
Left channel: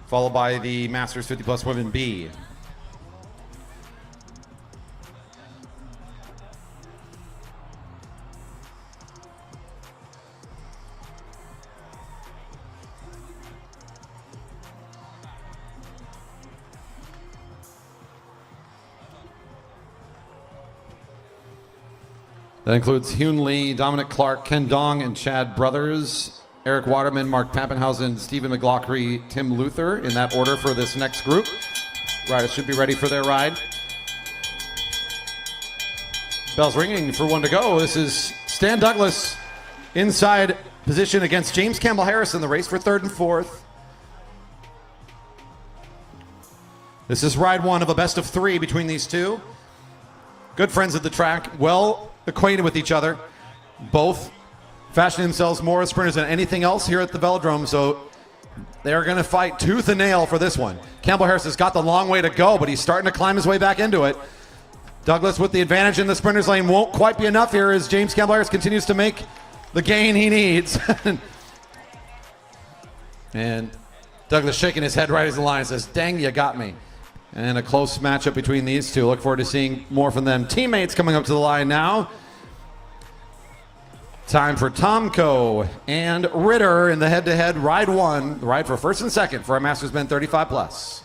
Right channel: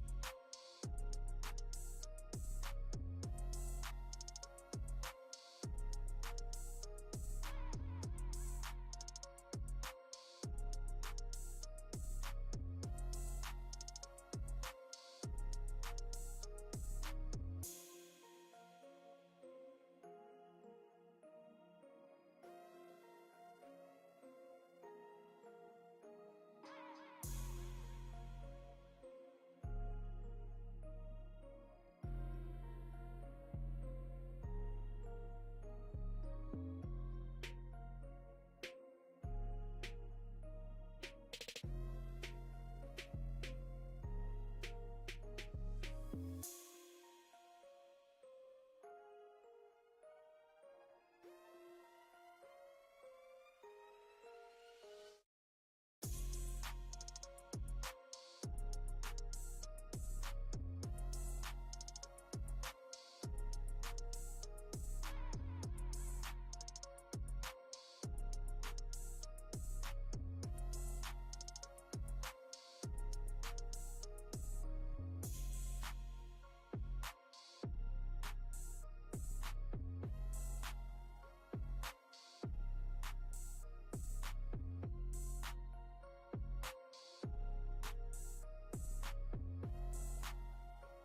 followed by the Masters 50 plus women B. That includes Hyun Lee, Dominic Clark, Ken Dong, and Chad Brothers, Eric Waterman, Mark Pappenhausen, Stephen McLaughlin, Tim Luther in that order for this next group. Riders should be ready for their ride. Bells ringing for one to go. This is Stan Douglas inside position against James Campbell Harris in the race for 3rd and 4th. This is ride 1 of a best of 3 between these two. Good friends at the track, well acquainted with each other. Both fashioning themselves more as sprinters than anything else here at the Velodrome, so they're going to fight tooth and nail for this one. Campbell Harris has got the long way to go, but he's starting to climb his way back into it. Douglas with the advantage in the sprinters lane won't quite be enough here as James Campbell Harris continues to make the gain he needs. And Douglas shaking his head right as the line, says, dang, you got me. And a close matchup between these two. Look forward to seeing more from them. Teammates coming up to the line now. Time for Tomko and Ritter in the head-to-head ride 1. The ride for 1st and 2nd for our Masters Men 35 plus.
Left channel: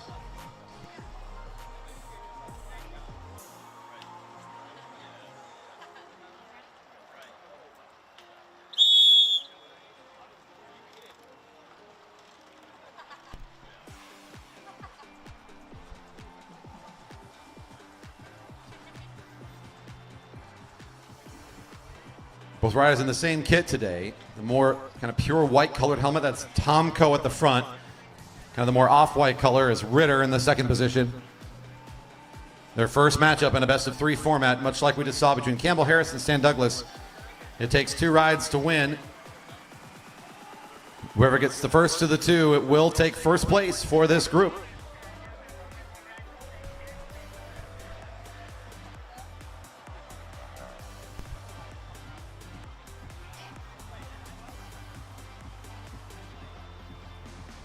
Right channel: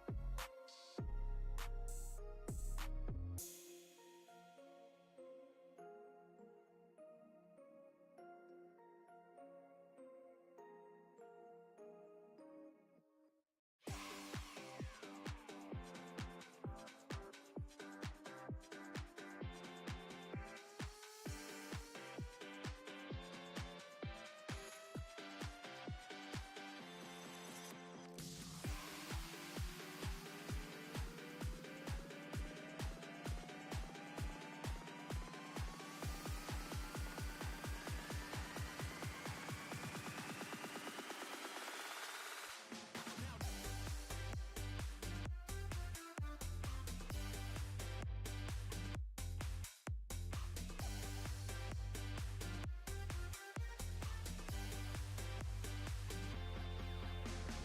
Both riders in the same kit today. The more kind of pure white colored helmet, that's Tomko at the front. Kind of the more off-white color is Ritter in the second position. Their first matchup in a best-of-3 format, much like we just saw between Campbell Harris and Stan Douglas. It takes 2 rides to win. Whoever gets the first of the 2, it will take first place for this group.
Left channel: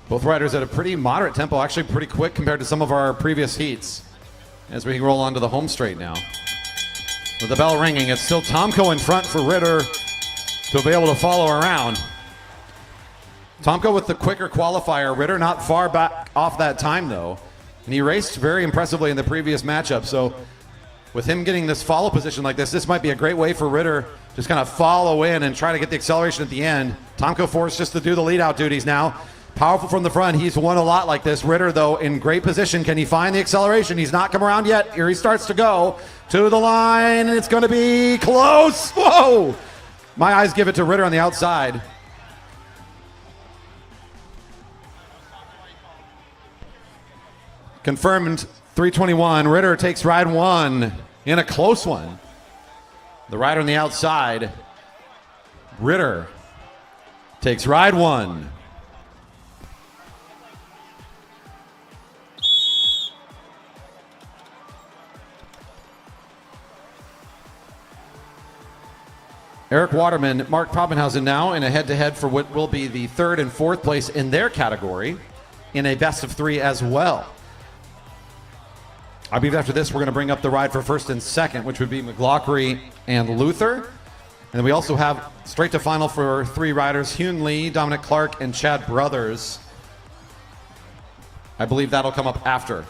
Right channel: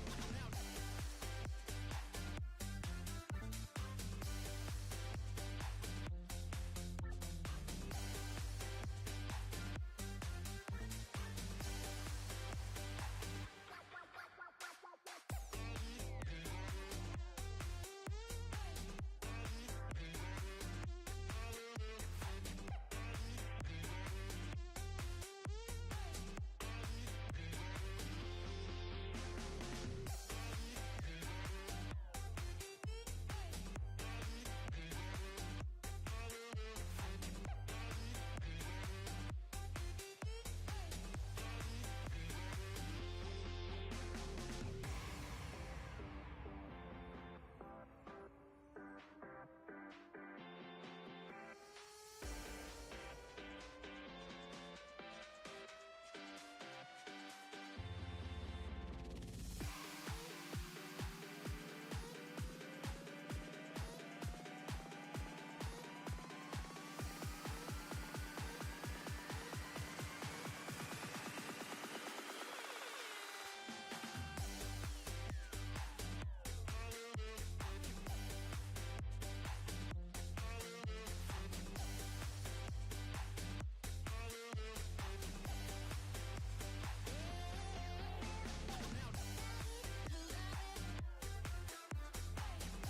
Both riders at a pretty moderate tempo, actually pretty quick compared to some of our previous heats. As we roll onto the home straight now. With the bell ringing, it's still Tomko in front for Ritter to be able to follow around. Tomko with the quicker qualifier. Ritter not far back off that time though. And he raced very impressively in the previous matchup. So with him getting this follow position like this might be a great way for Ritter just kind of follow in and try to get the acceleration at the end. Tomko forced just to do the lead out duties now. Powerful from the front. He's won a lot like this. Ritter, though, in great position. Can he find the acceleration? He's not come around yet. Here he starts to go to the line, and it's going to be close. Whoa! My eyes give it to Ritter on the outside. Confirmed 321. Ritter takes ride 1 in a close one. The rider on the outside, Ritter, takes ride 1. Eric Waterman, Mark Probenhausen now in a head-to-head for what will be the 3rd and 4th place in their category in a best-of-3 as well. I believe after this we're going to bring up the ride for 1st and 2nd, which would be McLaughlin and Luther. And then we also have straight to final for 3 riders, Hyun Lee, Dominic Clark, and Chad Brothers. I believe that'll come up after.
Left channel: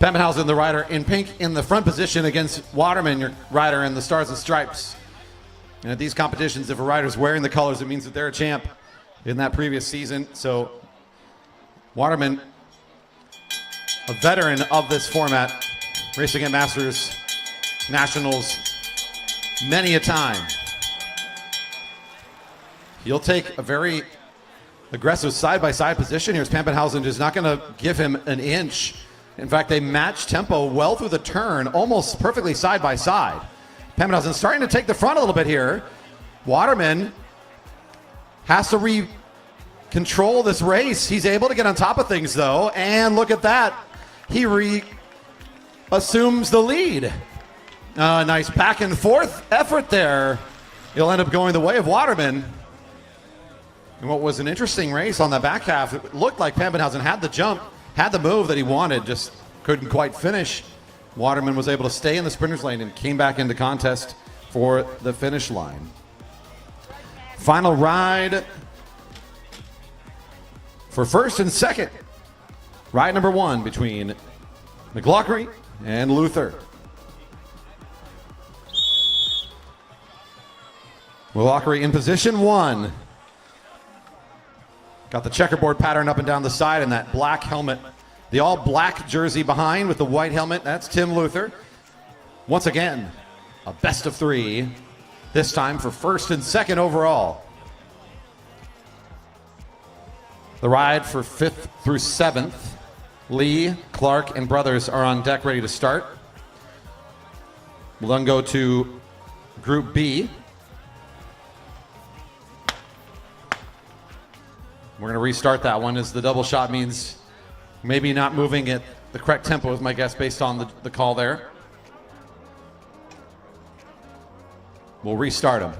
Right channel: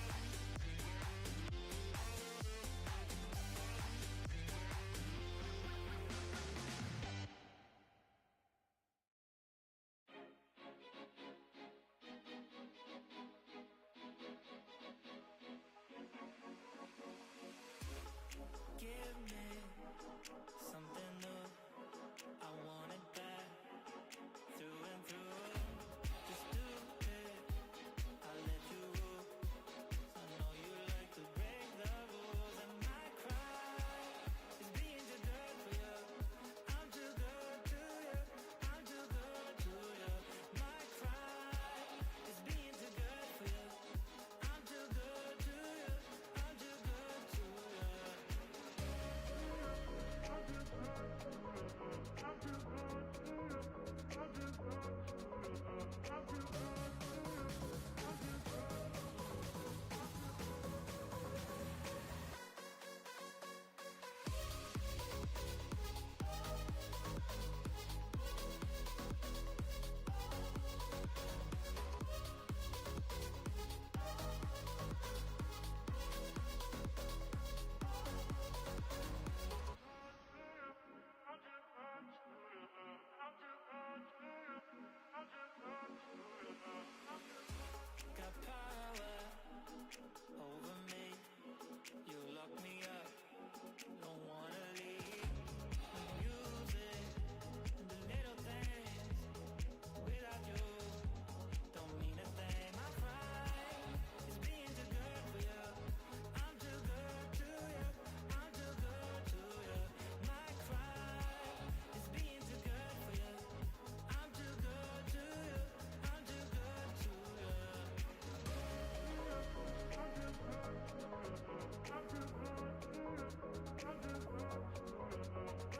Pemmenhausen, the rider in pink, in the front position against Waterman, your rider in the Stars and Stripes. And at these competitions, if a rider's wearing the colors, it means that they're a champ in that previous season. So Waterman, a veteran of this format, racing at Masters, Nationals, many a time. He'll take a very aggressive side-by-side position here. Pemmenhausen is not going to give him an inch. In fact, they match tempo well through the turn, almost perfectly side by side. Pemmenhausen starting to take the front a little bit here. Waterman has to control this race. He's able to get on top of things though, and look at that. He assumes the lead. Nice back and forth effort there. It'll end up going the way of Waterman. And what was an interesting race on the back half, it looked like Pemmenhausen had the jump, had the move that he wanted, just couldn't quite finish. Waterman was able to stay in the sprinter's lane and came back into contest for the finish line. Final ride for 1st and 2nd. Ride number 1 between McLaughlin and Luther. McLaughlin in position 1. Got the checkerboard pattern up and down the side and that black helmet. The all black jersey behind with the white helmet. That's Tim Luther. Once again, a best of 3. This time for 1st and 2nd overall. The ride for 5th through 7th. Lee, Clark, and Brothers are on deck ready to start. We'll then go to Group B. We're going to restart that one as the double shot means maybe not moving at the correct tempo is my guess based on the call there. We'll restart them.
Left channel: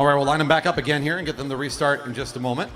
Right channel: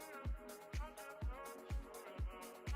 All right, we'll line them back up again here and get them to restart in just a moment.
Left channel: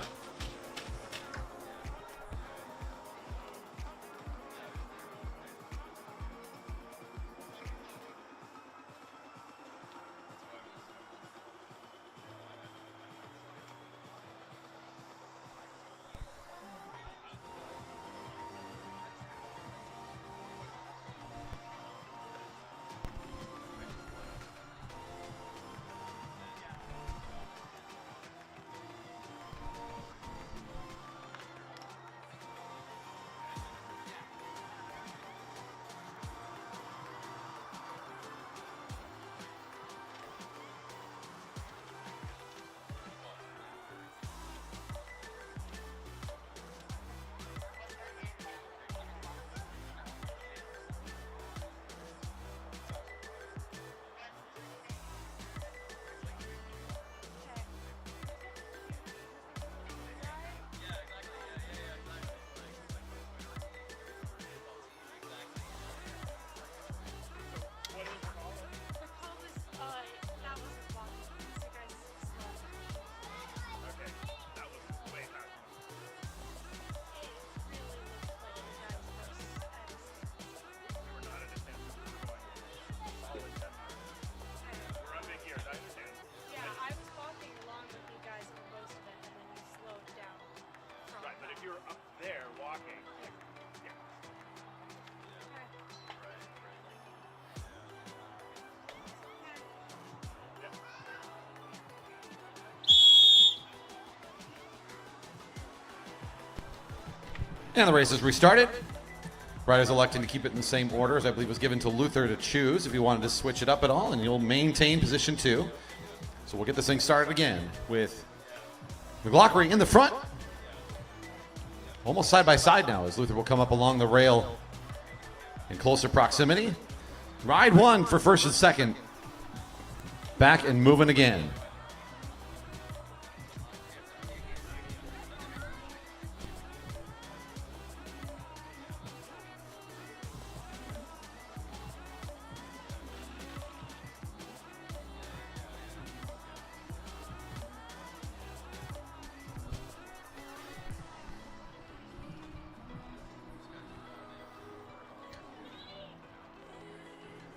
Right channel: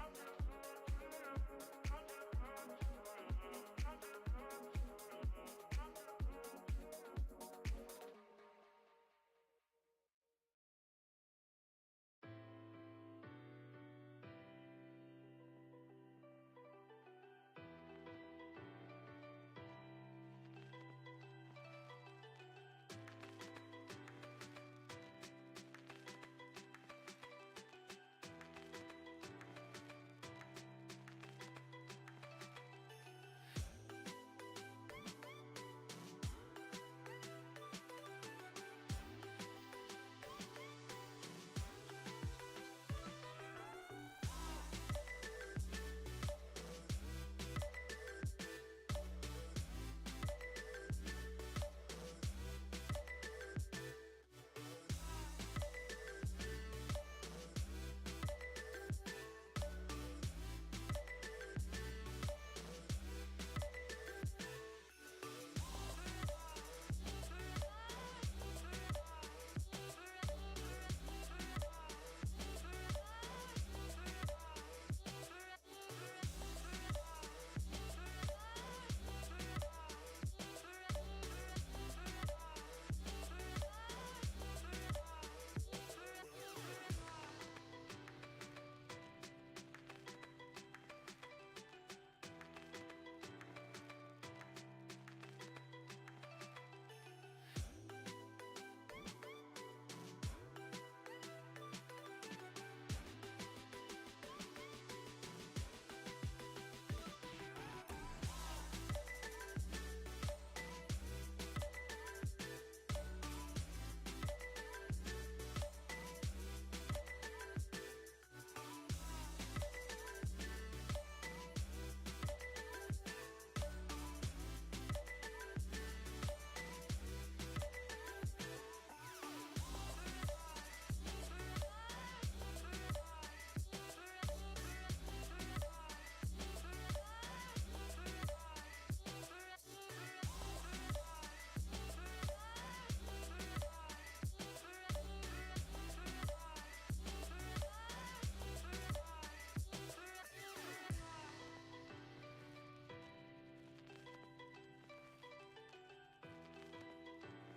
And the race is restarted. Riders electing to keep it in the same order as I believe was given to Luther to choose if he wanted to switch it up at all, and you'll maintain position 2. So we'll get this thing started again with McLaughlin in the front. Almost side by side now as Luther will come up along the rail in closer proximity. Ride 1 for first and second. Back and moving again.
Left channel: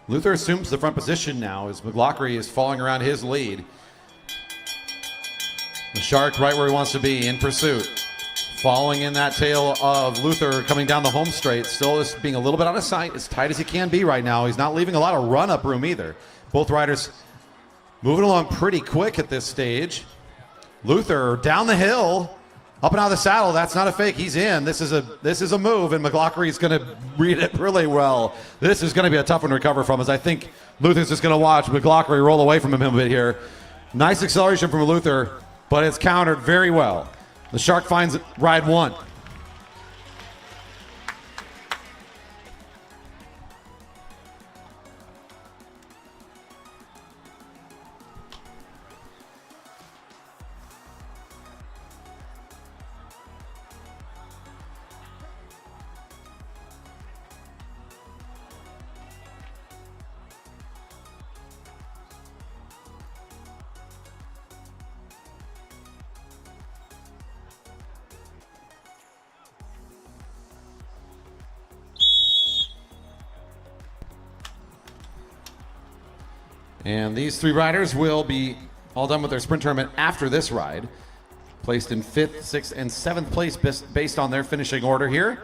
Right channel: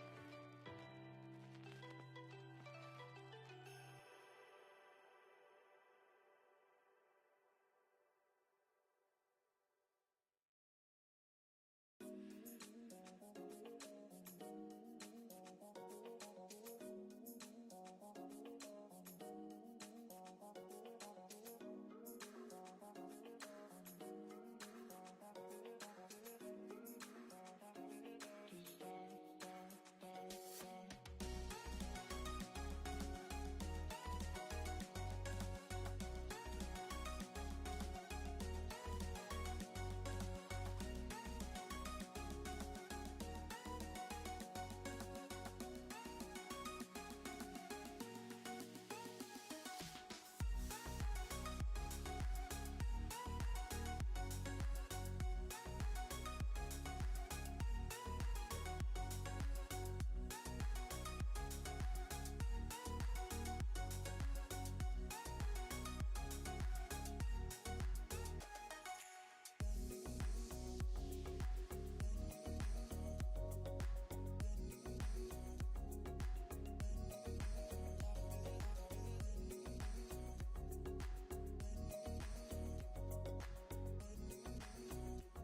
Luther assumes the front position now as McLaughlin is falling around his lead. The Shark right where he wants to be in pursuit. Following in that tail of Luther coming down the home straight. Still is being a little bit out of sight, as tight as he can be right now. He's not leaving a lot of run-up room either. Both riders moving along pretty quick at this stage. Luther down the hill. Up and out of the saddle, that's not a fake. He's in. This is a move, and McLaughlin's going to read it really well. This is going to be a tough one to recover from, as I think Luther's just going to watch McLaughlin roll away from him a bit here. Nice acceleration from Luther, but it's countered very well. The Shark finds ride 1. And these 3 riders will be all done with their sprint tournament after this ride. Placed in 5th, 6th, and 7th place based on their finishing order here.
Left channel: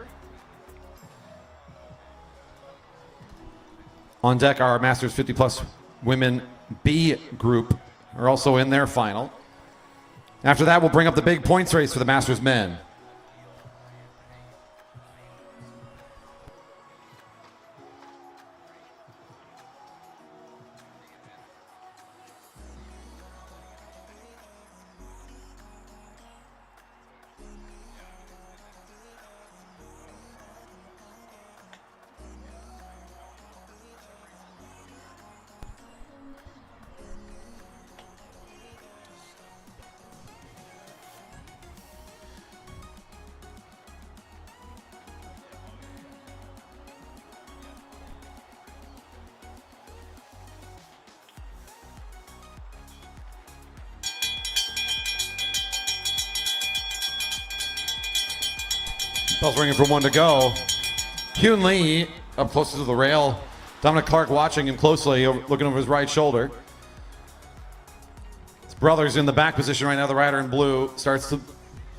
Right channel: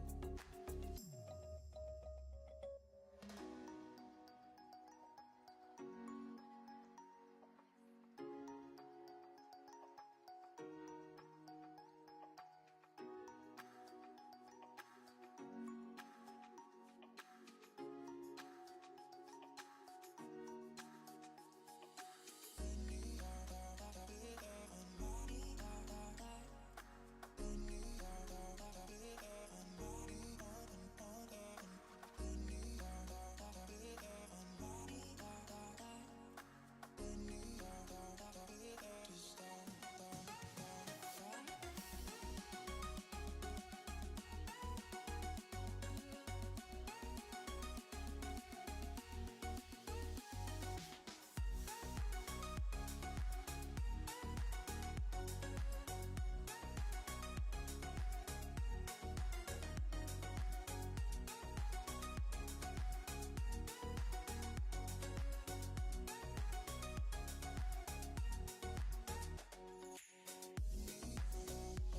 On deck, our Masters 50 Plus Women B group are also in their final. After that, we'll bring up the big points race for the Masters men. Bell's ringing for 1 to go. Hyun Lee up closest to the rail. Dominic Clark watching him closely, looking over his right shoulder. His brother's in the back position right now. The rider in blue starts to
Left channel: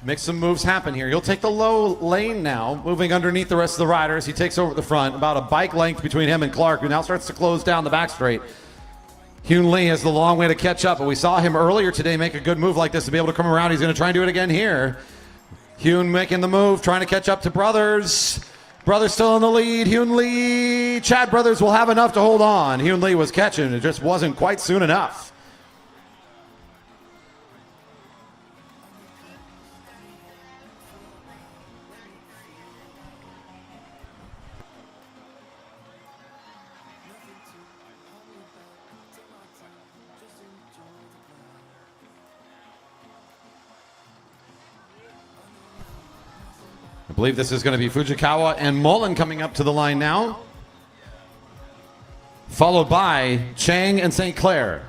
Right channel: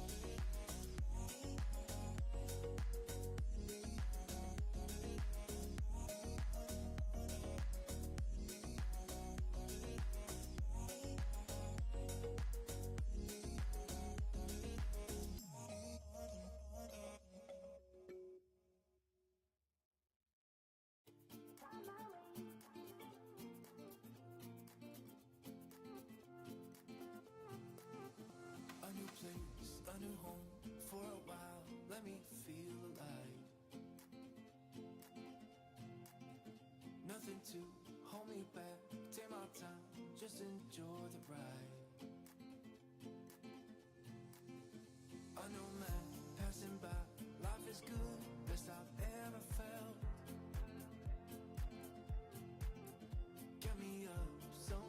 make some moves happen here. He'll take the low lane now, moving underneath the rest of the riders. He takes over the front, about a bike length between him and Clark, who now starts to close down the back straight. Hyun Lee has the long way to catch up, but we saw him earlier today make a good move like this to be able to come around. He's going to try and do it again here. Hyun making the move, trying to catch up to Brothers. Brothers still in the lead. Hyun Lee. Chad Brothers will have enough to hold on. Hyun Lee was catching. It just wasn't quite soon enough. I believe this is going to be Fujikawa and Mullen coming up to the line now, followed by Chang and St. Clair.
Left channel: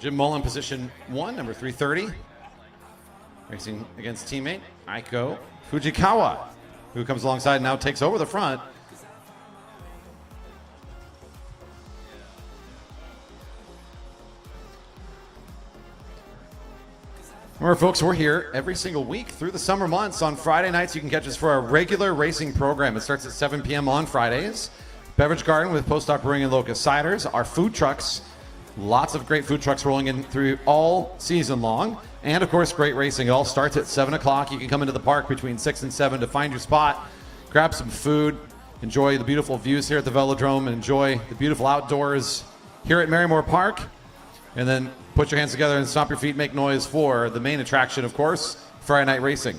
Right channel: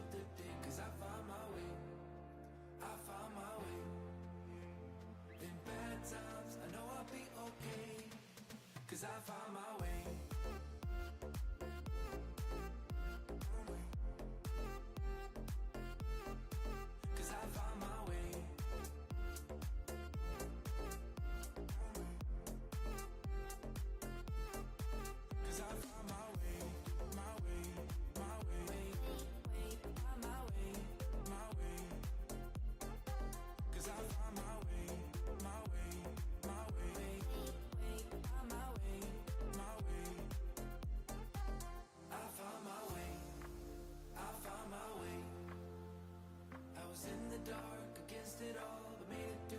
Jim Mullen, position 1, number 330. Racing against teammate Aiko Fujikawa, who comes alongside and now takes over the front. Remember, folks, we're here every single week through the summer months. On Friday nights, you can catch us for our regular racing program. It starts at 7 p.m. on Fridays. Beverage Garden with Postdoc Brewing and Locust Ciders. Our food trucks. Lots of great food trucks rolling in through all season long. And, of course, great racing. It all starts at 7 o'clock. You can come into the park between 6 and 7 to find your spot, grab some food, enjoy the beautiful views here at the Velodrome, and enjoy the beautiful outdoors here at Marymore Park. And then put your hands together and stomp your feet, make noise for the main attraction, of course, Friday night racing.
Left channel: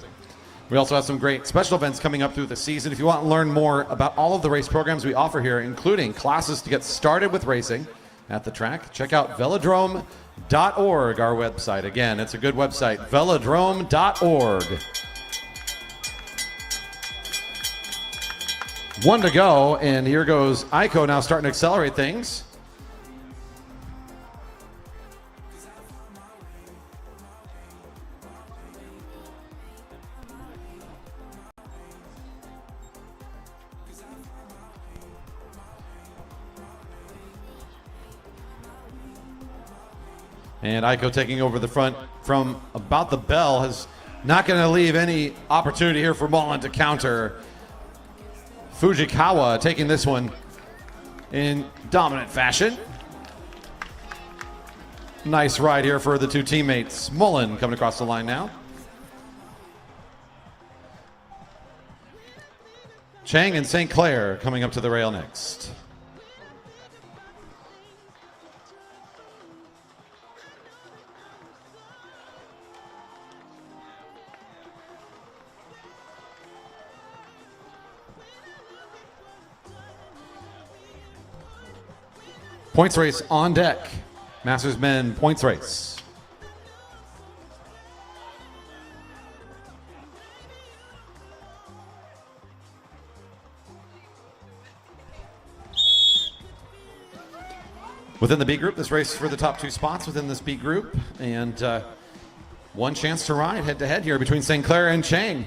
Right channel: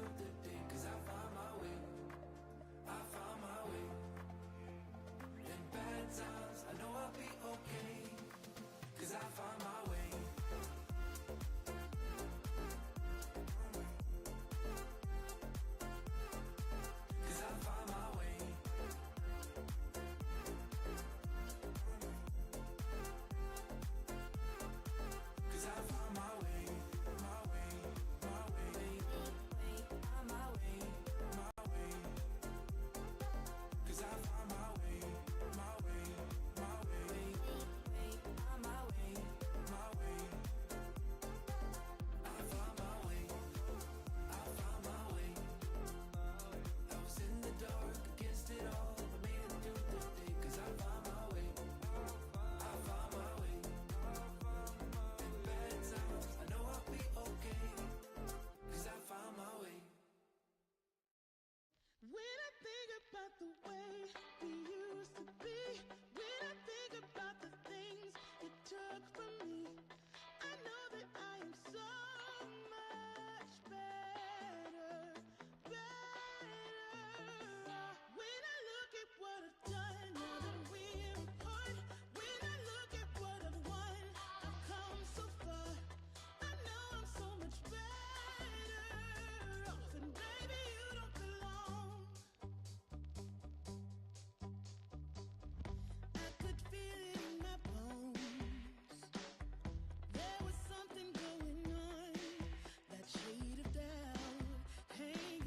We also have some great special events coming up through the season. If you want to learn more about all of the race programs we offer here, including classes to get started with racing at the track, check out velodrome.org, our website. Again, it's a good website, velodrome.org. 1 to go, and here goes Aiko now starting to accelerate things. And Aiko taking over the front from about the bell is not going to leave any opportunity here for Mullen to counter. Fujikawa taking this one in dominant fashion. Nice ride here for the two teammates. Mullen coming across the line now. Chang and St. Clair coming up to the rail next. Points race on deck. Masters men points race. Within the B group, this race is for the top 2 spots within this B group. And one chance to ride head to head here between St. Clair and Chang.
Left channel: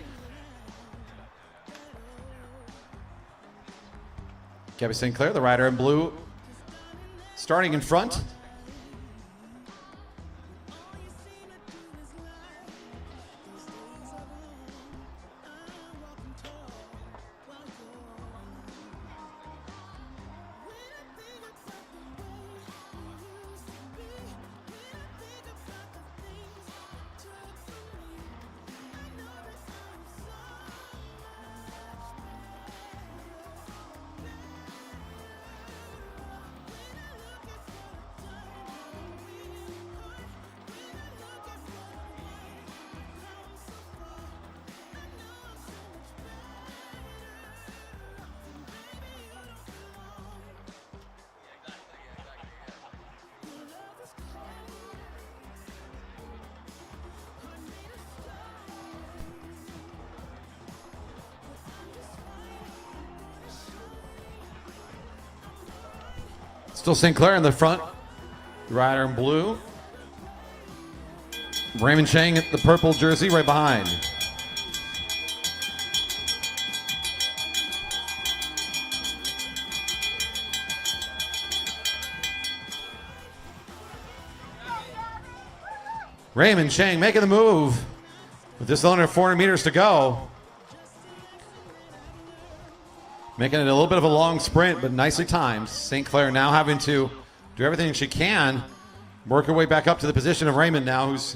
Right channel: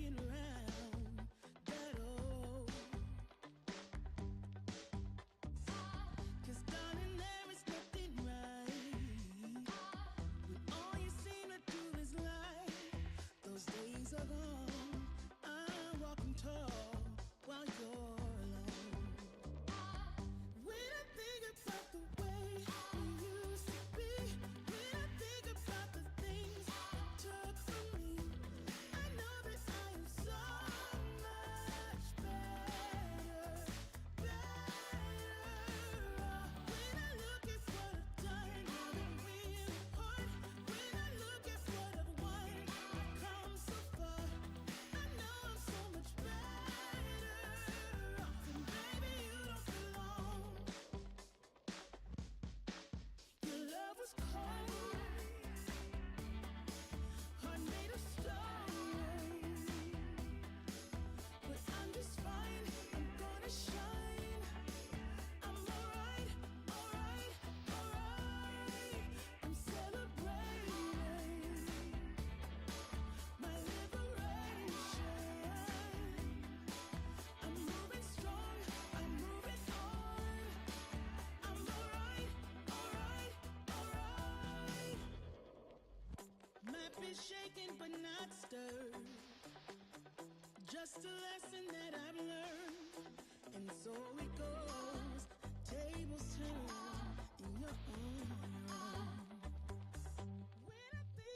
Gabby St. Clair, the rider in blue, starting in front. Still St. Clair in the front. Rider in blue. Raymond Chang at the purple jersey right behind. Raymond Chang making the move with just under 400 meters to go. Making it a little bit of a long sprint, but nicely timed. St. Clair now having to do everything she can. Work her way back up to the position of Raymond now, who's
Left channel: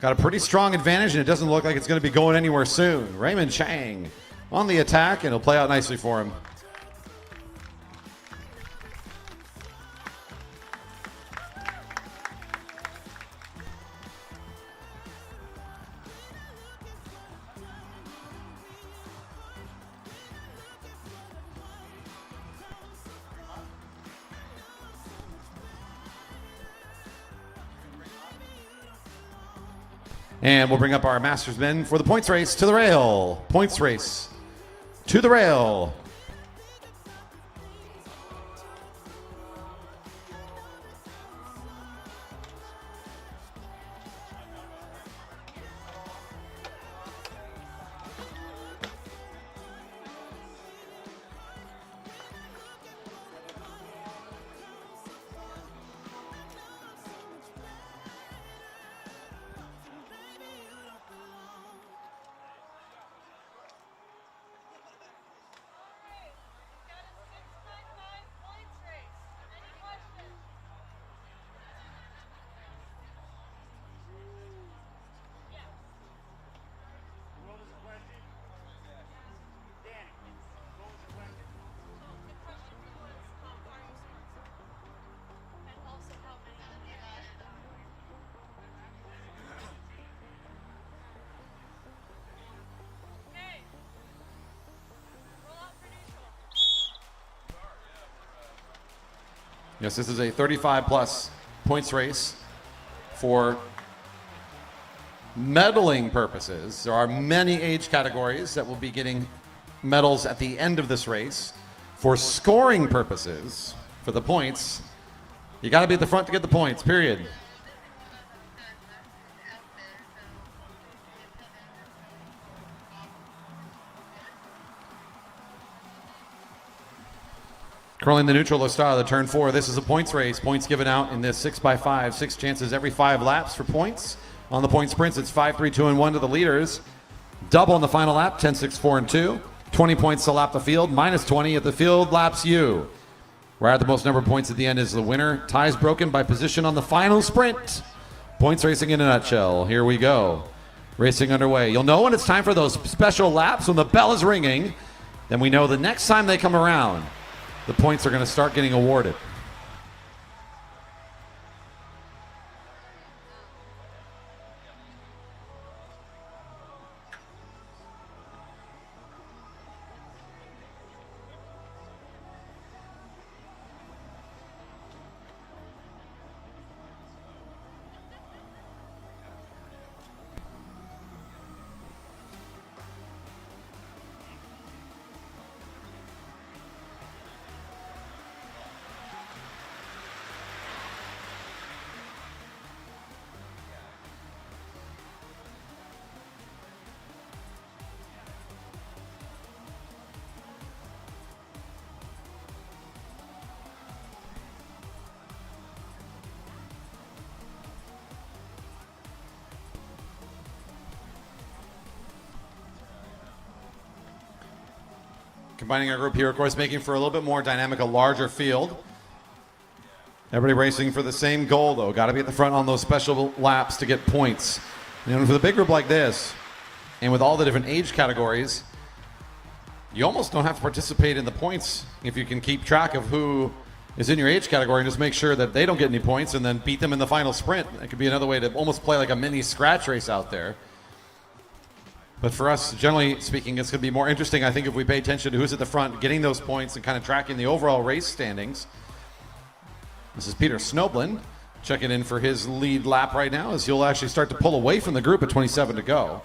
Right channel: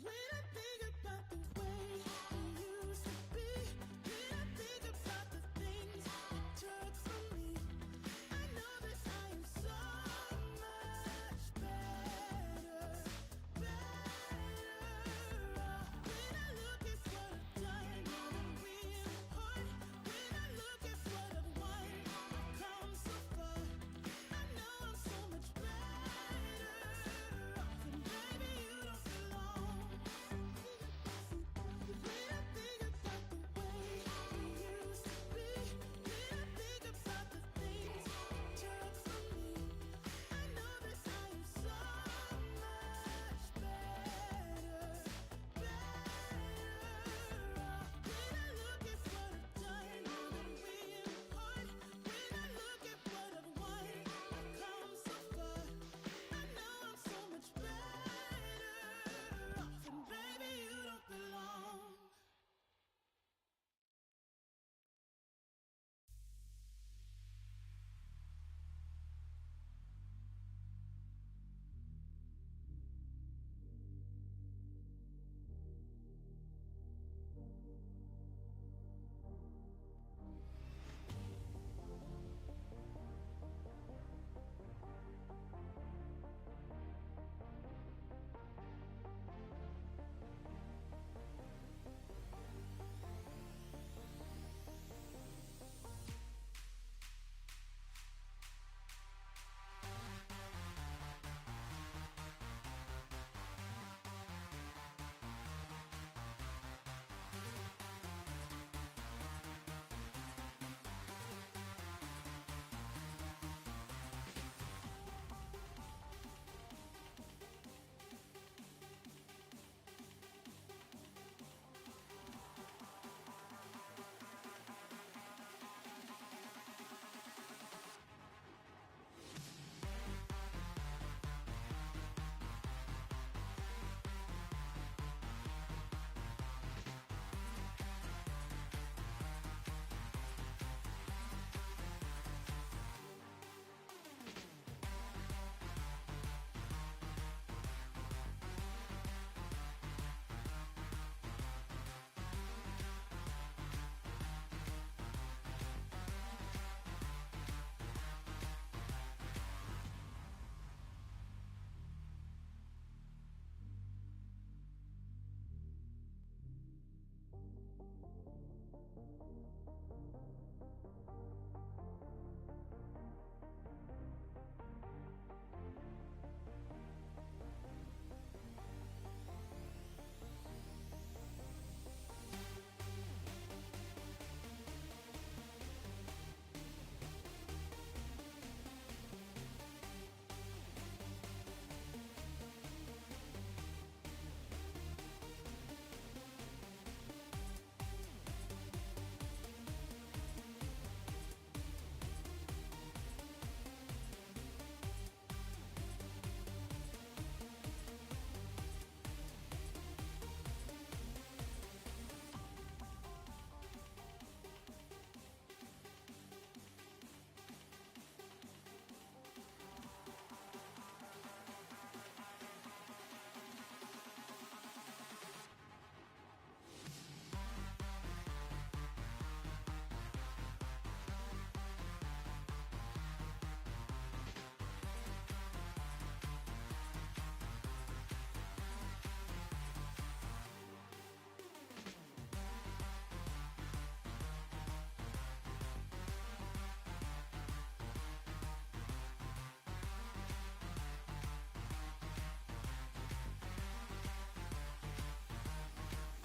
got a pretty strong advantage, and it doesn't look like it's going to be going anywhere soon. Raymond Chang on the attack, and it'll play out nicely for him. And we'll bring up our Masters men for the points race to the rail. Points race to the rail. Yes, this is a 35-plus points race for medaling purposes. There are many age categories that will be getting medals at the end of this race. For scoring purposes, for the points, you got to be at the front to get the points, period. Curling the neutral style of the turn 4. This is a points race. Points given out in this 6x5. 6 chances every 5 laps for points. On the point sprints, it's 5, 3, 2, and 1 to the leaders. Double on the final lap, 10, 6, 4, and 2. 20 points to lap the field, minus 20 if the field laps you. Where the most number of points at the end is the winner. Ties broken by position on the final sprint. Points racing in a nutshell. Here we go. Racing underway. You'll know when it's time for those special laps when the bell is ringing. Then we know the next time they come around, the points are going to start getting awarded. Combining our group here, of course, making for a little bit more dynamic, a larger field. Everybody racing for the same goal, though. Got to be at the front on those special laps to get points. And for the big group like this, and with all the different age categories, you almost don't have to participate in the points if you can keep track of who is in your age category and just make sure that they don't get any points and then beat them in the final sprint. That could be another way to almost play like a mini scratch race out there. But for us, generally speaking, it's going to be more interesting, I think, if we pay attention to who's at the front, getting those points and kind of tracking the overall race standings. This is Peter Snoblin checking in for his lead lap right now as he'll actually start to pull away from the group at 27 to go.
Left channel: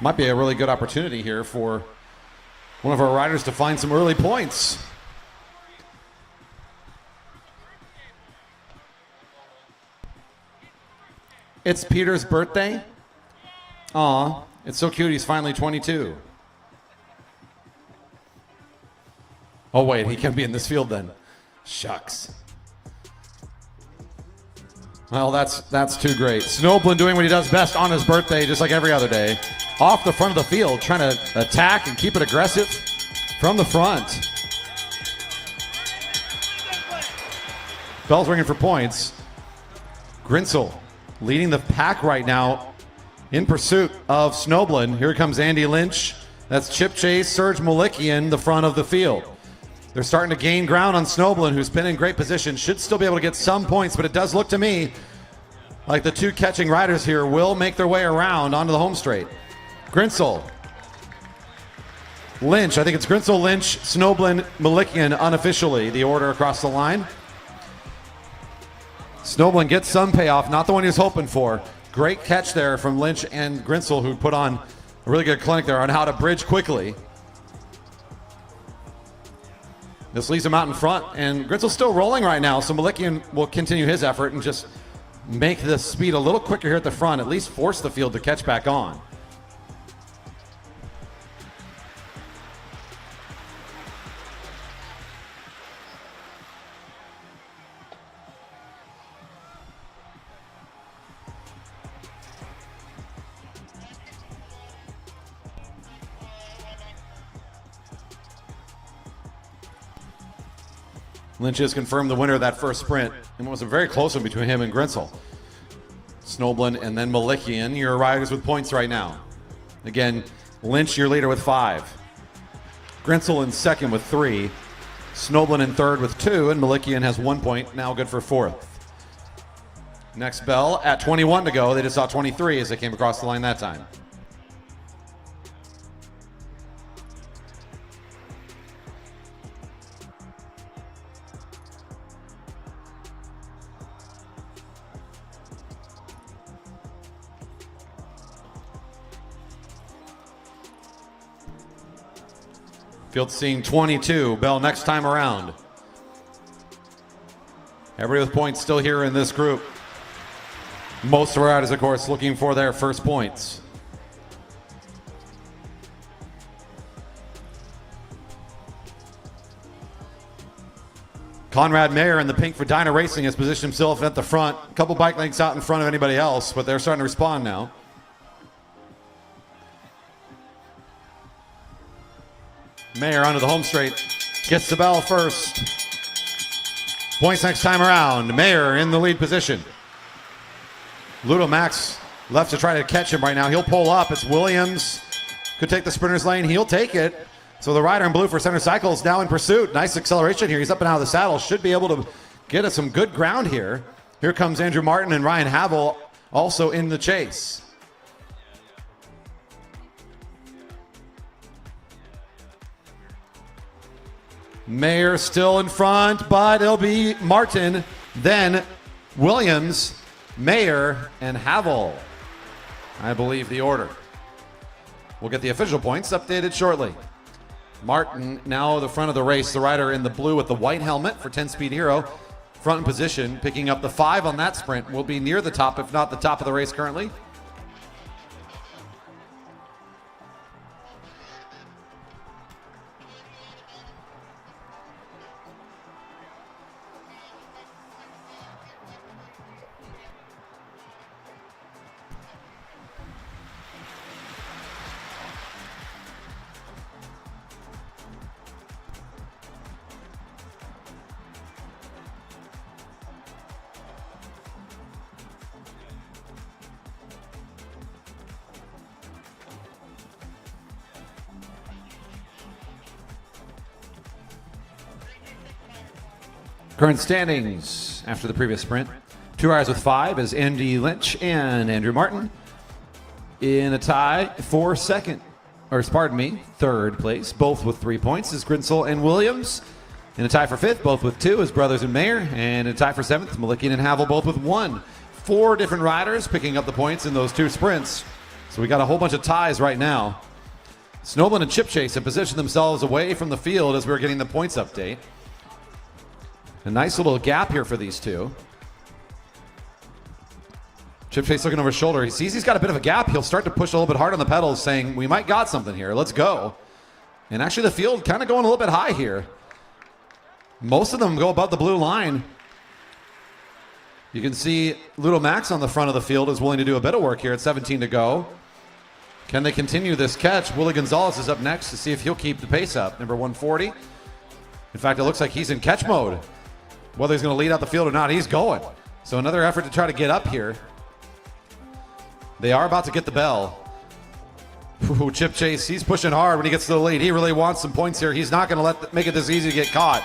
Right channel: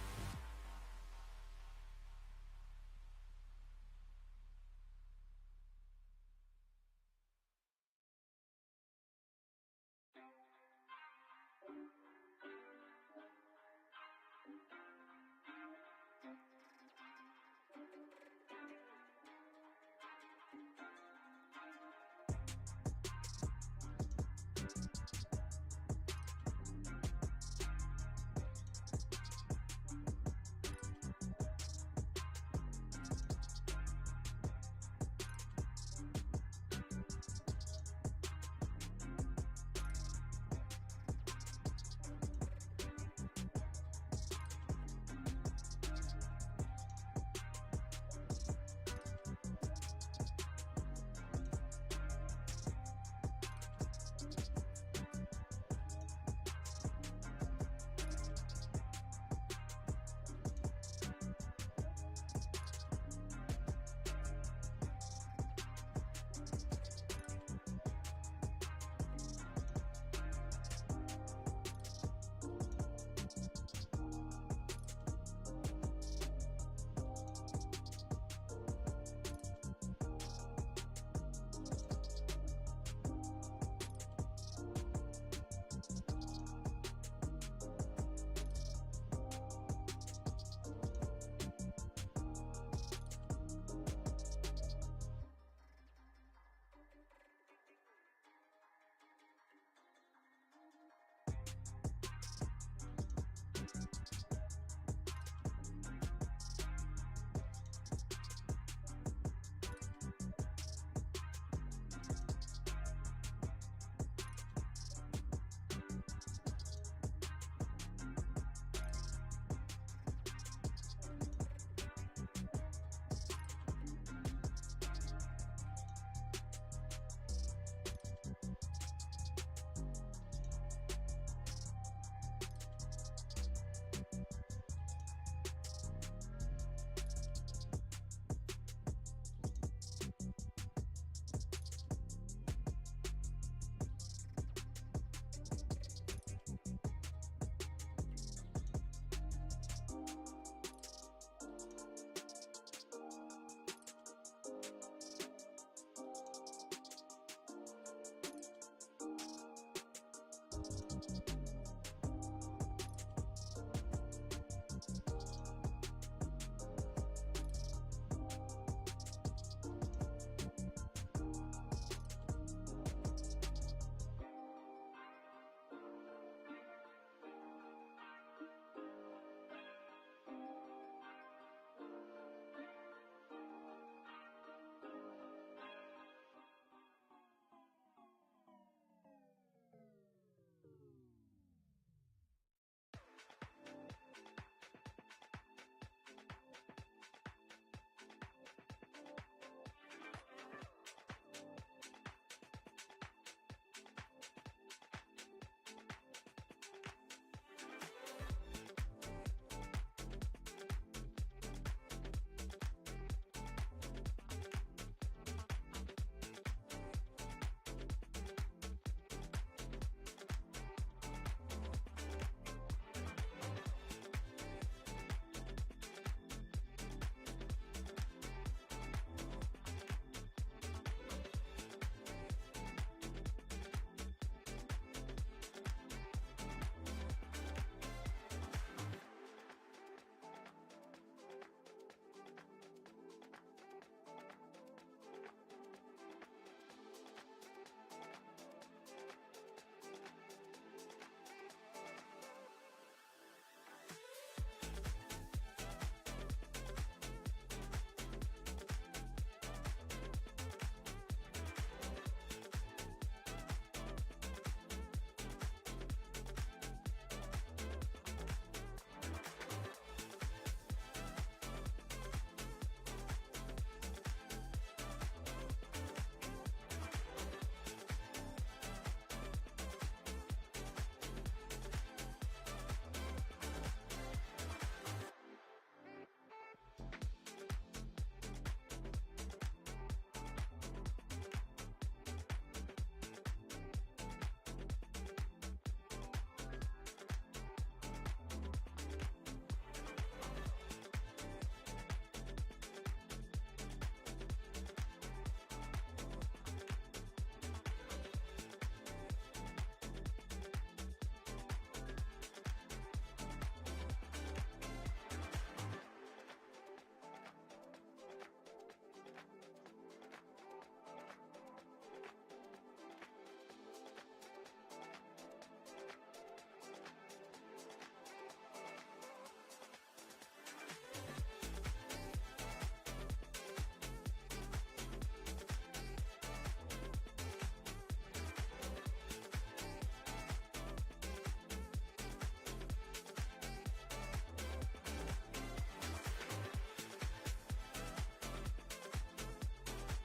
Might be a really good opportunity here for one of our riders to find some early points. It's Peter's birthday. Aw, it's so cute. He's finally 22. Oh, wait, he can't be in this field then. Shucks. Well, that's too great. Snoblin doing what he does best on his birthday, just like every other day. Off the front of the field, trying to attack and keep it aggressive from the front. Bell's ringing for points. Grinsel leading the pack right now in pursuit of Snoblin. Here comes Andy Lynch. That's Chip Chase, Serge Malikian, the front of the field. They're starting to gain ground on Snoblin, who's been in great position. Should still be able to get some points, but it does look to me like the two catching riders here will make their way around onto the home straight. Grinsel, Lynch, I think it's Grinsel, Lynch, Snoblin, Malikian unofficially, the order across the line. Snoblin gets some payoff, not the one he was hoping for. Great catch there from Lynch and Grinsel, who put on a really good clinic there on how to bridge quickly. This leaves him out in front, and Grinsel's still rolling right now, so Malikian will continue his effort and just make the speed a little quicker here at the front, at least force the field to catch back on. Lynch has confirmed the winner of that first sprint, and it was a very close one between him and Grinsel. Snoblin and then Malikian, your riders with points right now. Again, Lynch, your leader with 5. Grinsel in second with 3. Snoblin in third with 2, and Malikian has 1 point, now good for 4th. Next bell at 21 to go. They just saw 23 as they came across the line that time. Field seeing 22. Bell next time around. Everybody with points still here in this group. Most of our riders, of course, looking for their first points. Conrad Mayer in the pink for Dyna Racing has positioned himself at the front. A couple bike lengths out in front of anybody else, but they're starting to respond now. Mayer onto the home straight, gets the bell first. Points next time around. Mayer in the lead position. Ludo Max left to try to catch him right now. He'll pull up. It's Williams. Could take the sprinter's lane. He'll take it. So the rider in blue for Center Cycle is now in pursuit. Nice acceleration here. He's up and out of the saddle. Should be able to get us some good ground here. Here comes Andrew Martin and Ryan Havel also in the chase. Mayer still in front, but it'll be Martin, then Williams, Mayer, and Havel. I believe the order. We'll get the official points updated shortly. Martin now the front of the race, the rider in the blue with the white helmet for 10 Speed Hero. Front in position, picking up the 5 on that sprint. Will be near the top, if not the top of the race currently. Current standings after the previous sprint. 2 riders with 5 is Andy Lynch and Andrew Martin. In a tie for third place, both with 3 points, is Grinsel and Williams. In a tie for 5th, both with 2, is Brothers and Mayer. And in a tie for 7th, Malikian and Havel, both with 1. 4 different riders picking up the points in those 2 sprints. So we got a whole bunch of ties right now. Snoblin and Chip Chase have positioned themselves away from the field as we're getting the points update. A nice little gap here for these two. Chip Chase looking over his shoulder. He sees he's got a bit of a gap. He'll start to push a little bit hard on the pedals, saying, we might got something here. Let's go. And actually the field kind of going a little bit high here. Most of them go above the blue line. You can see Ludo Max on the front of the field is willing to do a bit of work here at 17 to go. Can they continue this catch? Willie Gonzalez is up next to see if he'll keep the pace up. Number 140. In fact, it looks like he's in catch mode. Whether he's going to lead out the field or not, he's going. So another effort to try to get up here. They are about to get the bell. Ooh, Chip Chase, he's pushing hard when he gets to the lead. He really wants some points here. He's not going to make it this easy to get caught.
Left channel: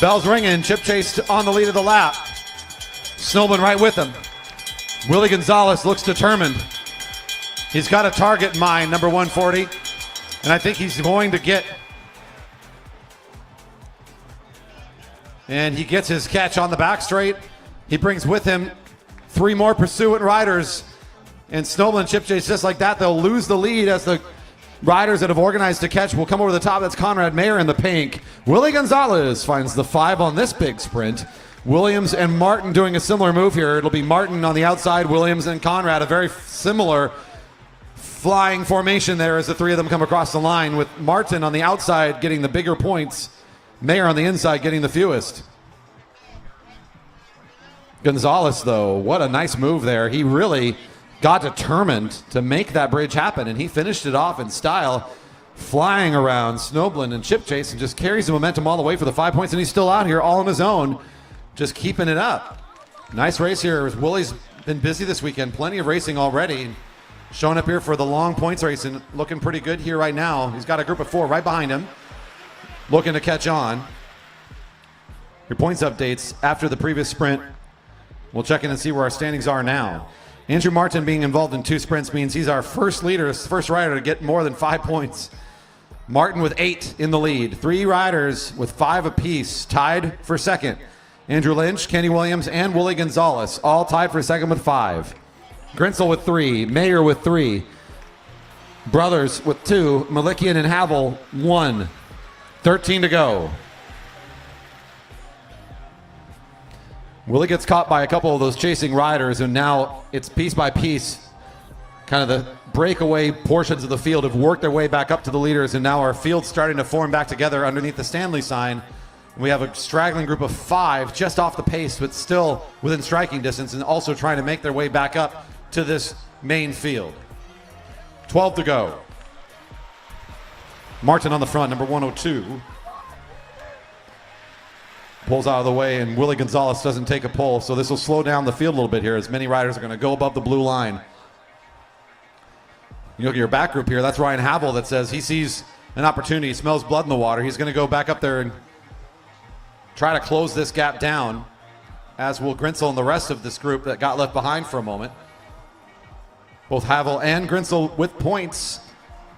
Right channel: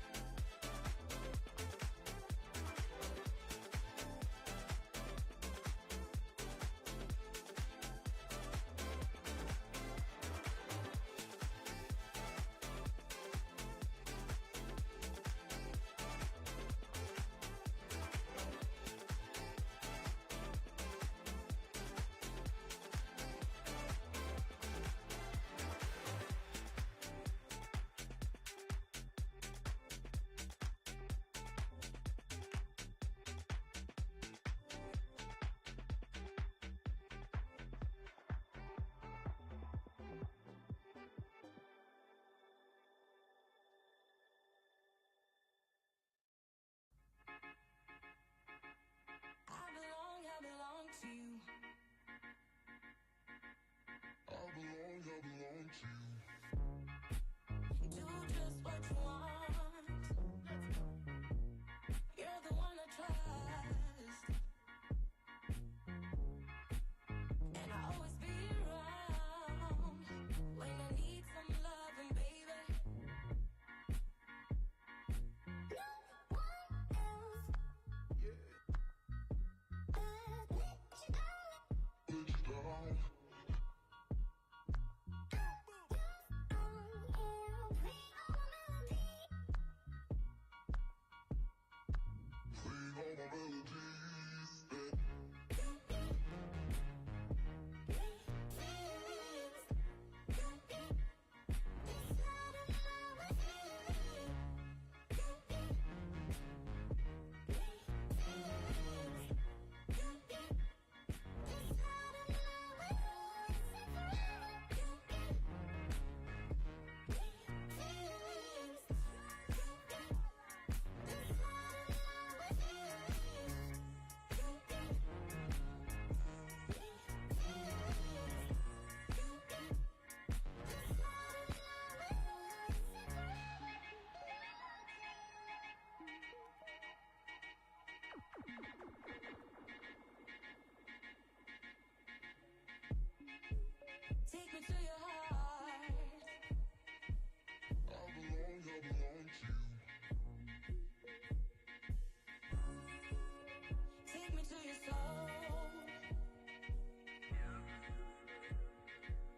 Bell's ringing. Chip Chase on the lead of the lap. Snowman right with him. Willie Gonzalez looks determined. He's got a target in mind, number 140. And I think he's going to get. And he gets his catch on the back straight. He brings with him 3 more pursuant riders. And Snowman and Chip Chase, just like that, they'll lose the lead as the riders that have organized to catch will come over the top. That's Conrad Mayer in the pink. Willie Gonzalez finds the 5 on this big sprint. Williams and Martin doing a similar move here. It'll be Martin on the outside, Williams and Conrad, a very similar flying formation there as the 3 of them come across the line, with Martin on the outside getting the bigger points, Mayer on the inside getting the fewest. Gonzalez, though, what a nice move there. He really got determined to make that bridge happen, and he finished it off in style, flying around Snowblin and Chip Chase, and just carries the momentum all the way for the 5 points, and he's still out here all on his own, just keeping it up. Nice race here. Willie's been busy this weekend, plenty of racing already, showing up here for the long points race and looking pretty good here right now. He's got a group of 4 right behind him, looking to catch on. Your points updates after the previous sprint. We'll check in and see where our standings are now. Andrew Martin being involved in 2 sprints means he's our first leader, first rider to get more than 5 points. Martin with 8 in the lead. 3 riders with 5 apiece, tied for second. Andrew Lynch, Kenny Williams, and Willie Gonzalez, all tied for second with 5. Grinsel with 3, Mayer with 3. Brothers with 2, Malikian and Havel 1. 13 to go. Willie gets caught by a couple of those chasing riders, and now it's piece by piece. Kind of the breakaway portions of the field have worked their way back up to the leaders, and now our field's starting to form back together underneath the Stanley sign. We have a straggling group of 5 just off the pace, but still within striking distance, and also trying to make their way back up to this main field. 12 to go. Martin on the front, number 102. Pulls out of the way, and Willie Gonzalez doesn't take a pull, so this will slow down the field a little bit here as many riders are going to go above the blue line. You look at your back group here, that's Ryan Havel that says he sees an opportunity, he smells blood in the water. He's going to go back up there and try to close this gap down, as will Grinsel and the rest of this group that got left behind for a moment. Both Havel and Grinsel with points.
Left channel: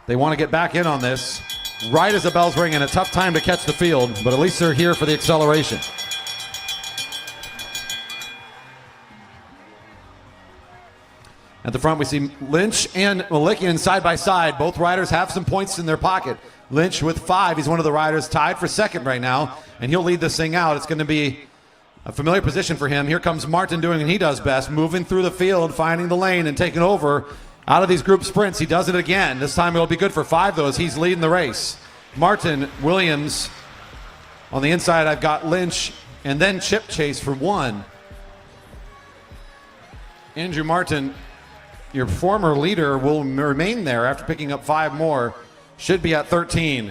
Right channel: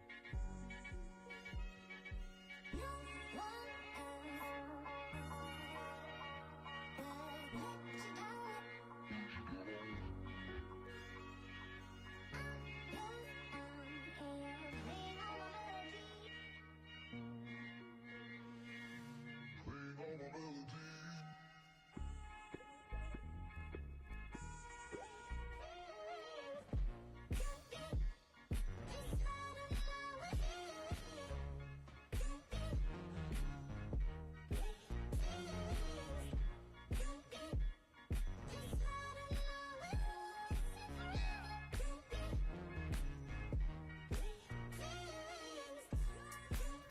They want to get back in on this. Right as the bell's ringing, a tough time to catch the field, but at least they're here for the acceleration. At the front, we see Lynch and Malikian side by side. Both riders have some points in their pocket. Lynch with 5. He's one of the riders tied for second right now, and he'll lead this thing out. It's going to be a familiar position for him. Here comes Martin doing what he does best, moving through the field, finding the lane, and taking over. Out of these group sprints, he does it again. This time it'll be good for 5, though, as he's leading the race. Martin, Williams. On the inside, I've got Lynch, and then Chip Chase for 1. Andrew Martin, your former leader, will remain there after picking up 5 more. Should be at 13.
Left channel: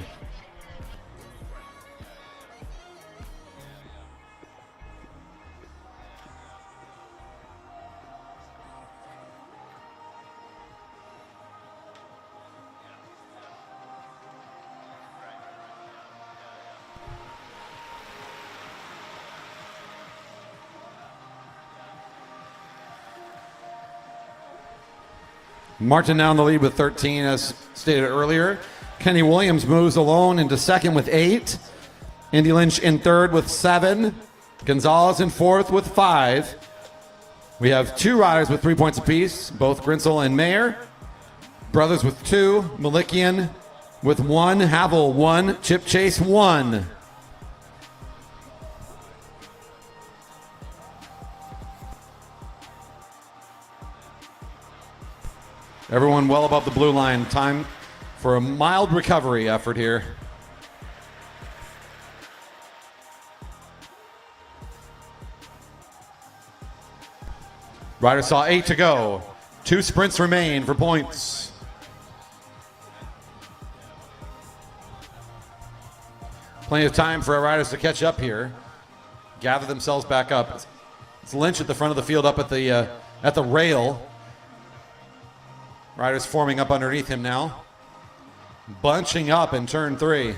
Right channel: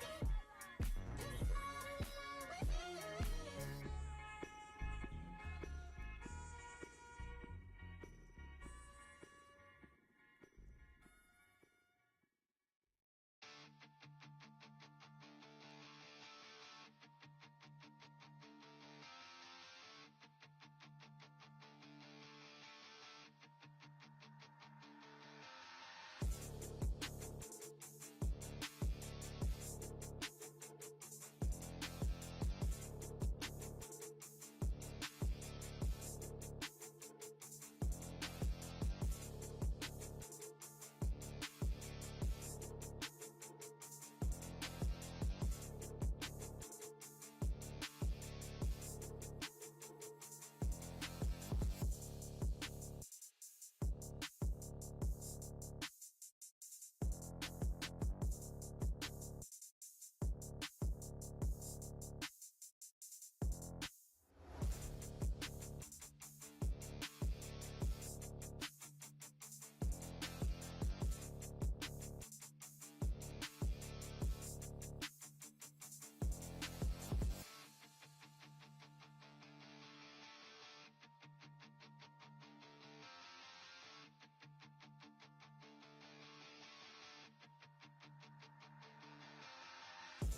Martin now in the lead with 13, as stated earlier. Kenny Williams moves alone into second with 8. Andy Lynch in third with 7. Gonzalez in fourth with 5. We have 2 riders with 3 points apiece, both Grinsel and Mayer. Brothers with 2. Malikian with 1. Havel 1. Chip Chase 1. Everyone well above the blue line. Time for a mild recovery effort here. Riders saw 8 to go. 2 sprints remain for points. Plenty of time for our riders to catch up here. Gather themselves back up. It's Lynch at the front of the field up at the rail. Riders forming up underneath him now. Bunching up in turn 3.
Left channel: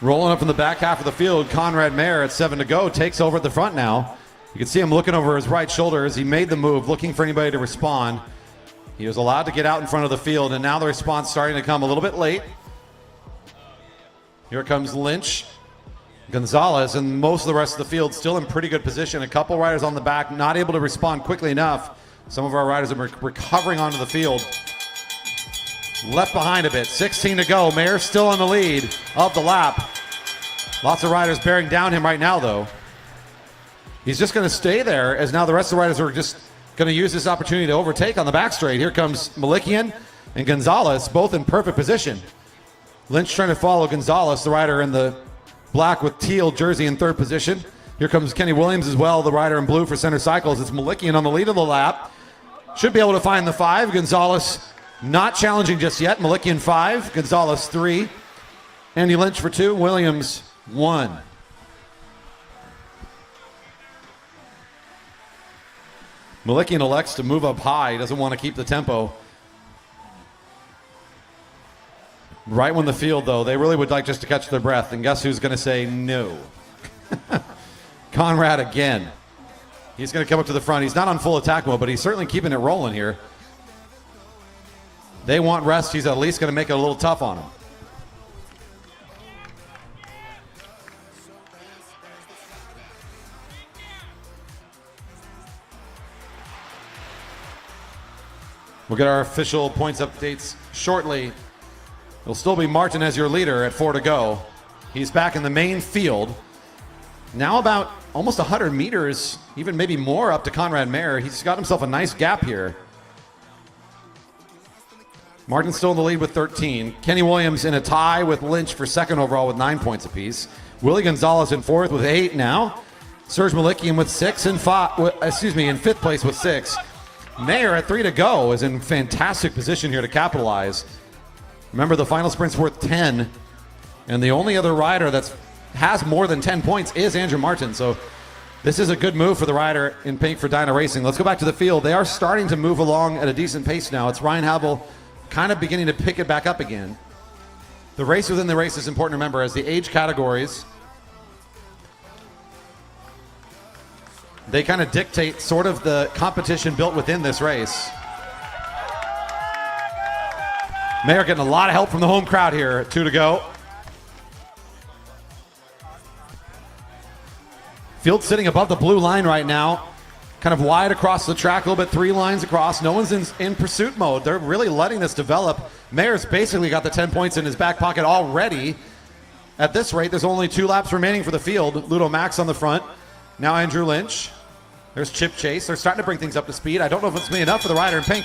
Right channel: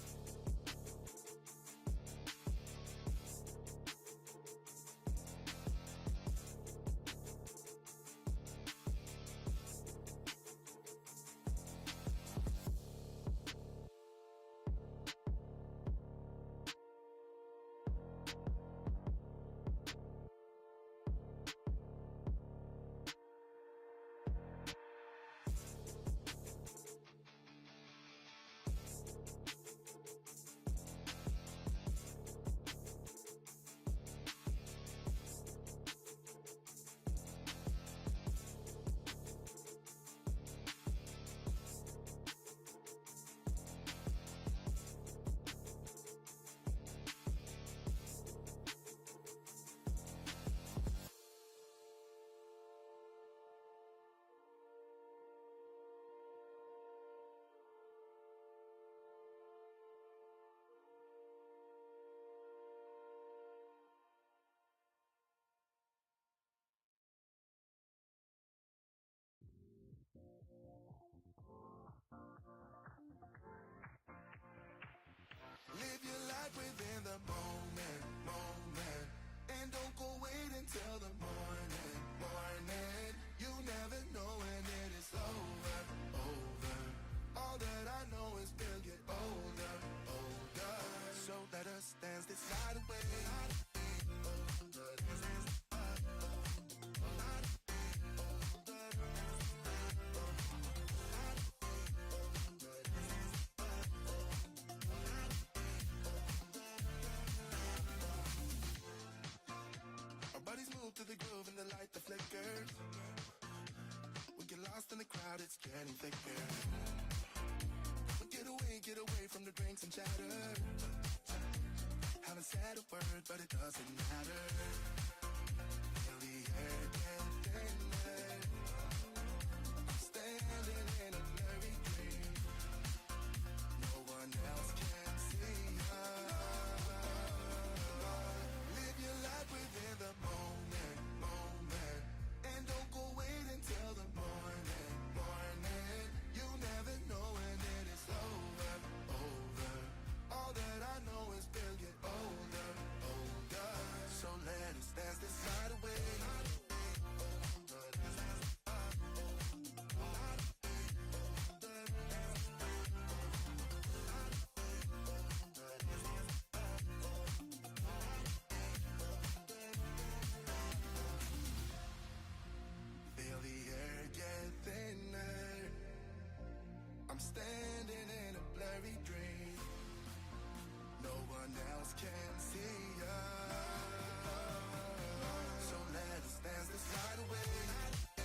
Rolling up in the back half of the field, Conrad Mayer at 7 to go takes over at the front now. You can see him looking over his right shoulder as he made the move, looking for anybody to respond. He was allowed to get out in front of the field, and now the response starting to come a little bit late. Here comes Lynch, Gonzalez, and most of the rest of the field still in pretty good position. A couple riders on the back not able to respond quickly enough. Some of our riders are recovering onto the field. Left behind a bit, 16 to go. Mayer still on the lead of the lap. Lots of riders bearing down him right now, though. He's just going to stay there as now the rest of the riders are just going to use this opportunity to overtake on the back straight. Here comes Malikian and Gonzalez, both in perfect position. Lynch trying to follow Gonzalez, the rider in the black with teal jersey in 3rd position. Here comes Kenny Williams as well, the rider in blue for Center Cycles. It's Malikian on the lead of the lap. Should be able to find the 5. Gonzalez not challenging just yet. Malikian 5, Gonzalez 3. Andy Lynch for 2, Williams 1. Malikian elects to move up high. He doesn't want to keep the tempo. Right when the field, though, they really would like just to catch their breath. And guess who's going to say no? Conrad again. He's going to come up to the front. He's not on full attack mode, but he's certainly keeping it rolling here. They want rest. He's at least going to make it a little tough on them. We'll get our official points updates shortly. It'll still be Martin as your leader at 4 to go. He's back in the main field. Now about almost 100 meters, even maybe more up to Conrad Mayer. He's got himself a nice gap here. Martin's still in the lead with 13. Kenny Williams in a tie with Lynch for 2nd overall with 9 points apiece. Willie Gonzalez in 4th with 8 now. Serge Malikian with 6 and 5, in 5th place with 6. Mayer at 3 to go is in fantastic position here to capitalize. Remember, the final sprint's worth 10, and the only other rider that has more than 10 points is Andrew Martin. So this is a good move for the rider in pink for Dyna Racing. Let's go back to the field. They are starting to move along at a decent pace now. It's Ryan Havel kind of beginning to pick it back up again. The race within the race is important to remember as the age categories, they kind of dictate sort of the competition built within this race. Mayer getting a lot of help from the home crowd here at 2 to go. Field sitting above the blue line right now. Kind of wide across the track, a little bit 3 lines across. No one's in pursuit mode. They're really letting this develop. Mayer's basically got the 10 points in his back pocket already. At this rate, there's only 2 laps remaining for the field. Ludo Max on the front. Now Andrew Lynch. There's Chip Chase. They're starting to bring things up to speed. I don't know if it's going to be enough for the rider in pink.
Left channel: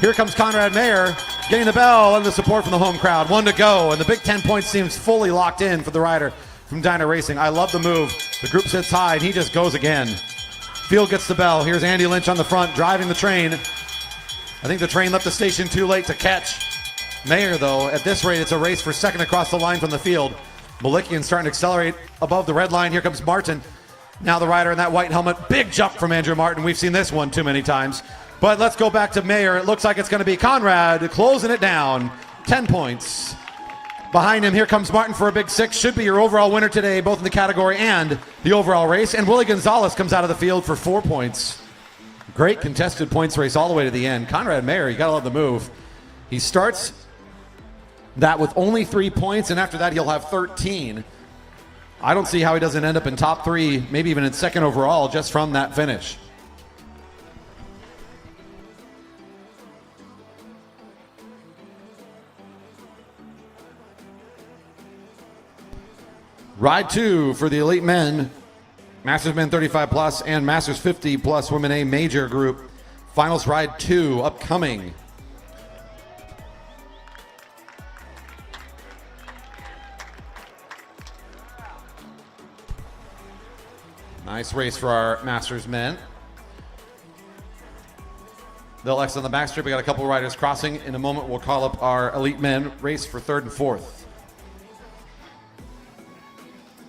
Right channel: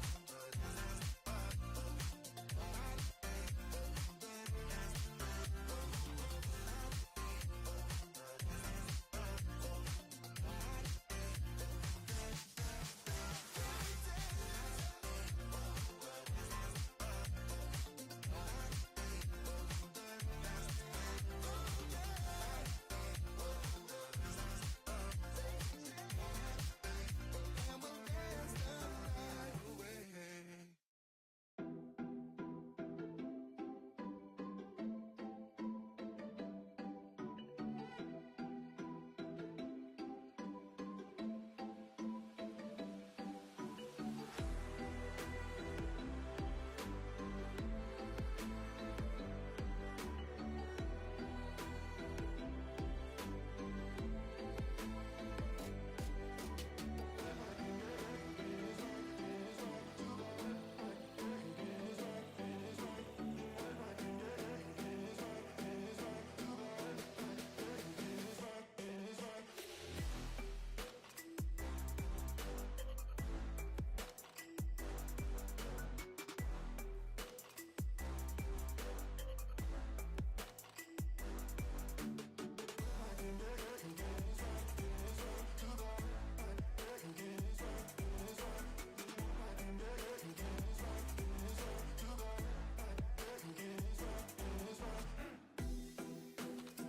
Here comes Conrad Mayer, getting the bell and the support from the home crowd. 1 to go, and the big 10 points seems fully locked in for the rider from Dyna Racing. I love the move. The group sits high, and he just goes again. Field gets the bell. Here's Andy Lynch on the front, driving the train. I think the train left the station too late to catch Mayer, though. At this rate, it's a race for 2nd across the line from the field. Malikian starting to accelerate above the red line. Here comes Martin. Now the rider in that white helmet. Big jump from Andrew Martin. We've seen this one too many times. But let's go back to Mayer. It looks like it's going to be Conrad closing it down. 10 points. Behind him, here comes Martin for a big 6. Should be your overall winner today, both in the category and the overall race. And Willie Gonzalez comes out of the field for 4 points. Great contested points race all the way to the end. Conrad Mayer, you got to love the move. He starts that with only 3 points, and after that he'll have 13. I don't see how he doesn't end up in top 3, maybe even in 2nd overall, just from that finish. Ride 2 for the Elite Men, Masters Men 35 plus and Masters 50 plus Women A major group. Finals Ride 2 upcoming. Nice race for our Masters men. They'll exit on the backstrip. We got a couple of riders crossing. In a moment, we'll call up our Elite Men race for 3rd and 4th.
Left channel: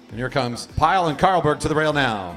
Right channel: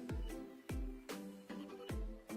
And here comes Pyle and Karlberg to the rail now.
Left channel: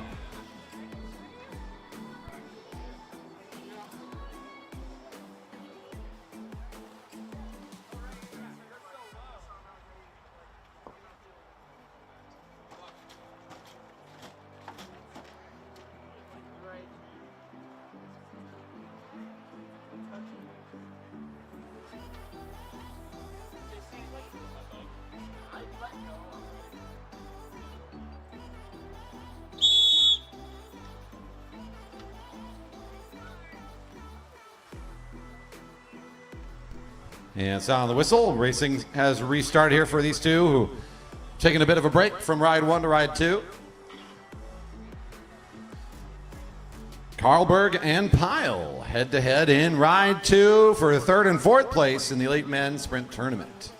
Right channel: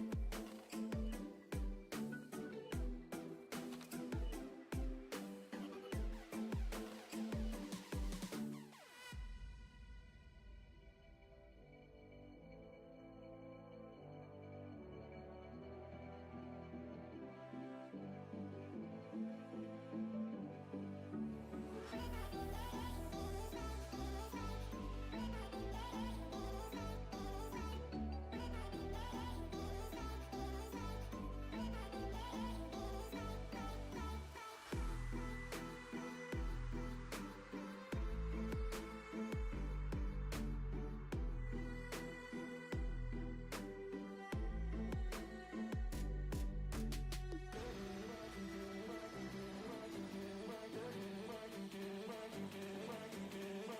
And sound of the whistle. Racing has restarted here for these two who taking a bit of a break from Ride 1 to Ride 2. Karlberg and Pyle head-to-head in Ride 2 for 3rd and 4th place in the Elite Men's Sprint Tournament.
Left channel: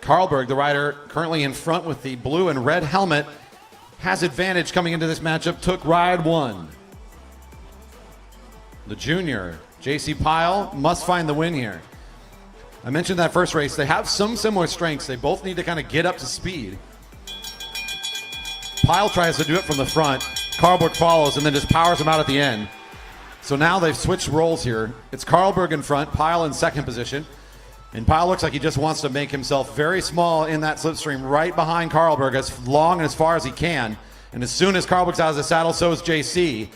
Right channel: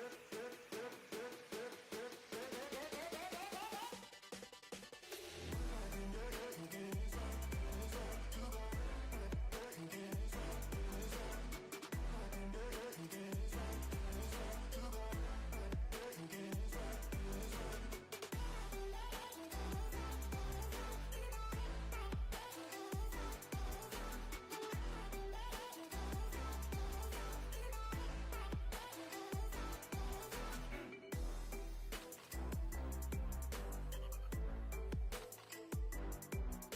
Karlberg, the rider currently in front with the blue and red helmet, has advantage coming into this matchup, took Ride 1. The junior, J.C. Pyle, must find the win here. I mentioned that first race. They have some similar strengths. They both need to kind of get up to speed. Pyle tries to do it from the front. Karlberg follows and then just powers him out at the end. So now they've switched roles here. It's Karlberg in front, Pyle in second position. And Pyle looks like he just wants to make himself very small in that slipstream right behind Karlberg as long and as far as he can. And as soon as Karlberg's out of the saddle, so is JC.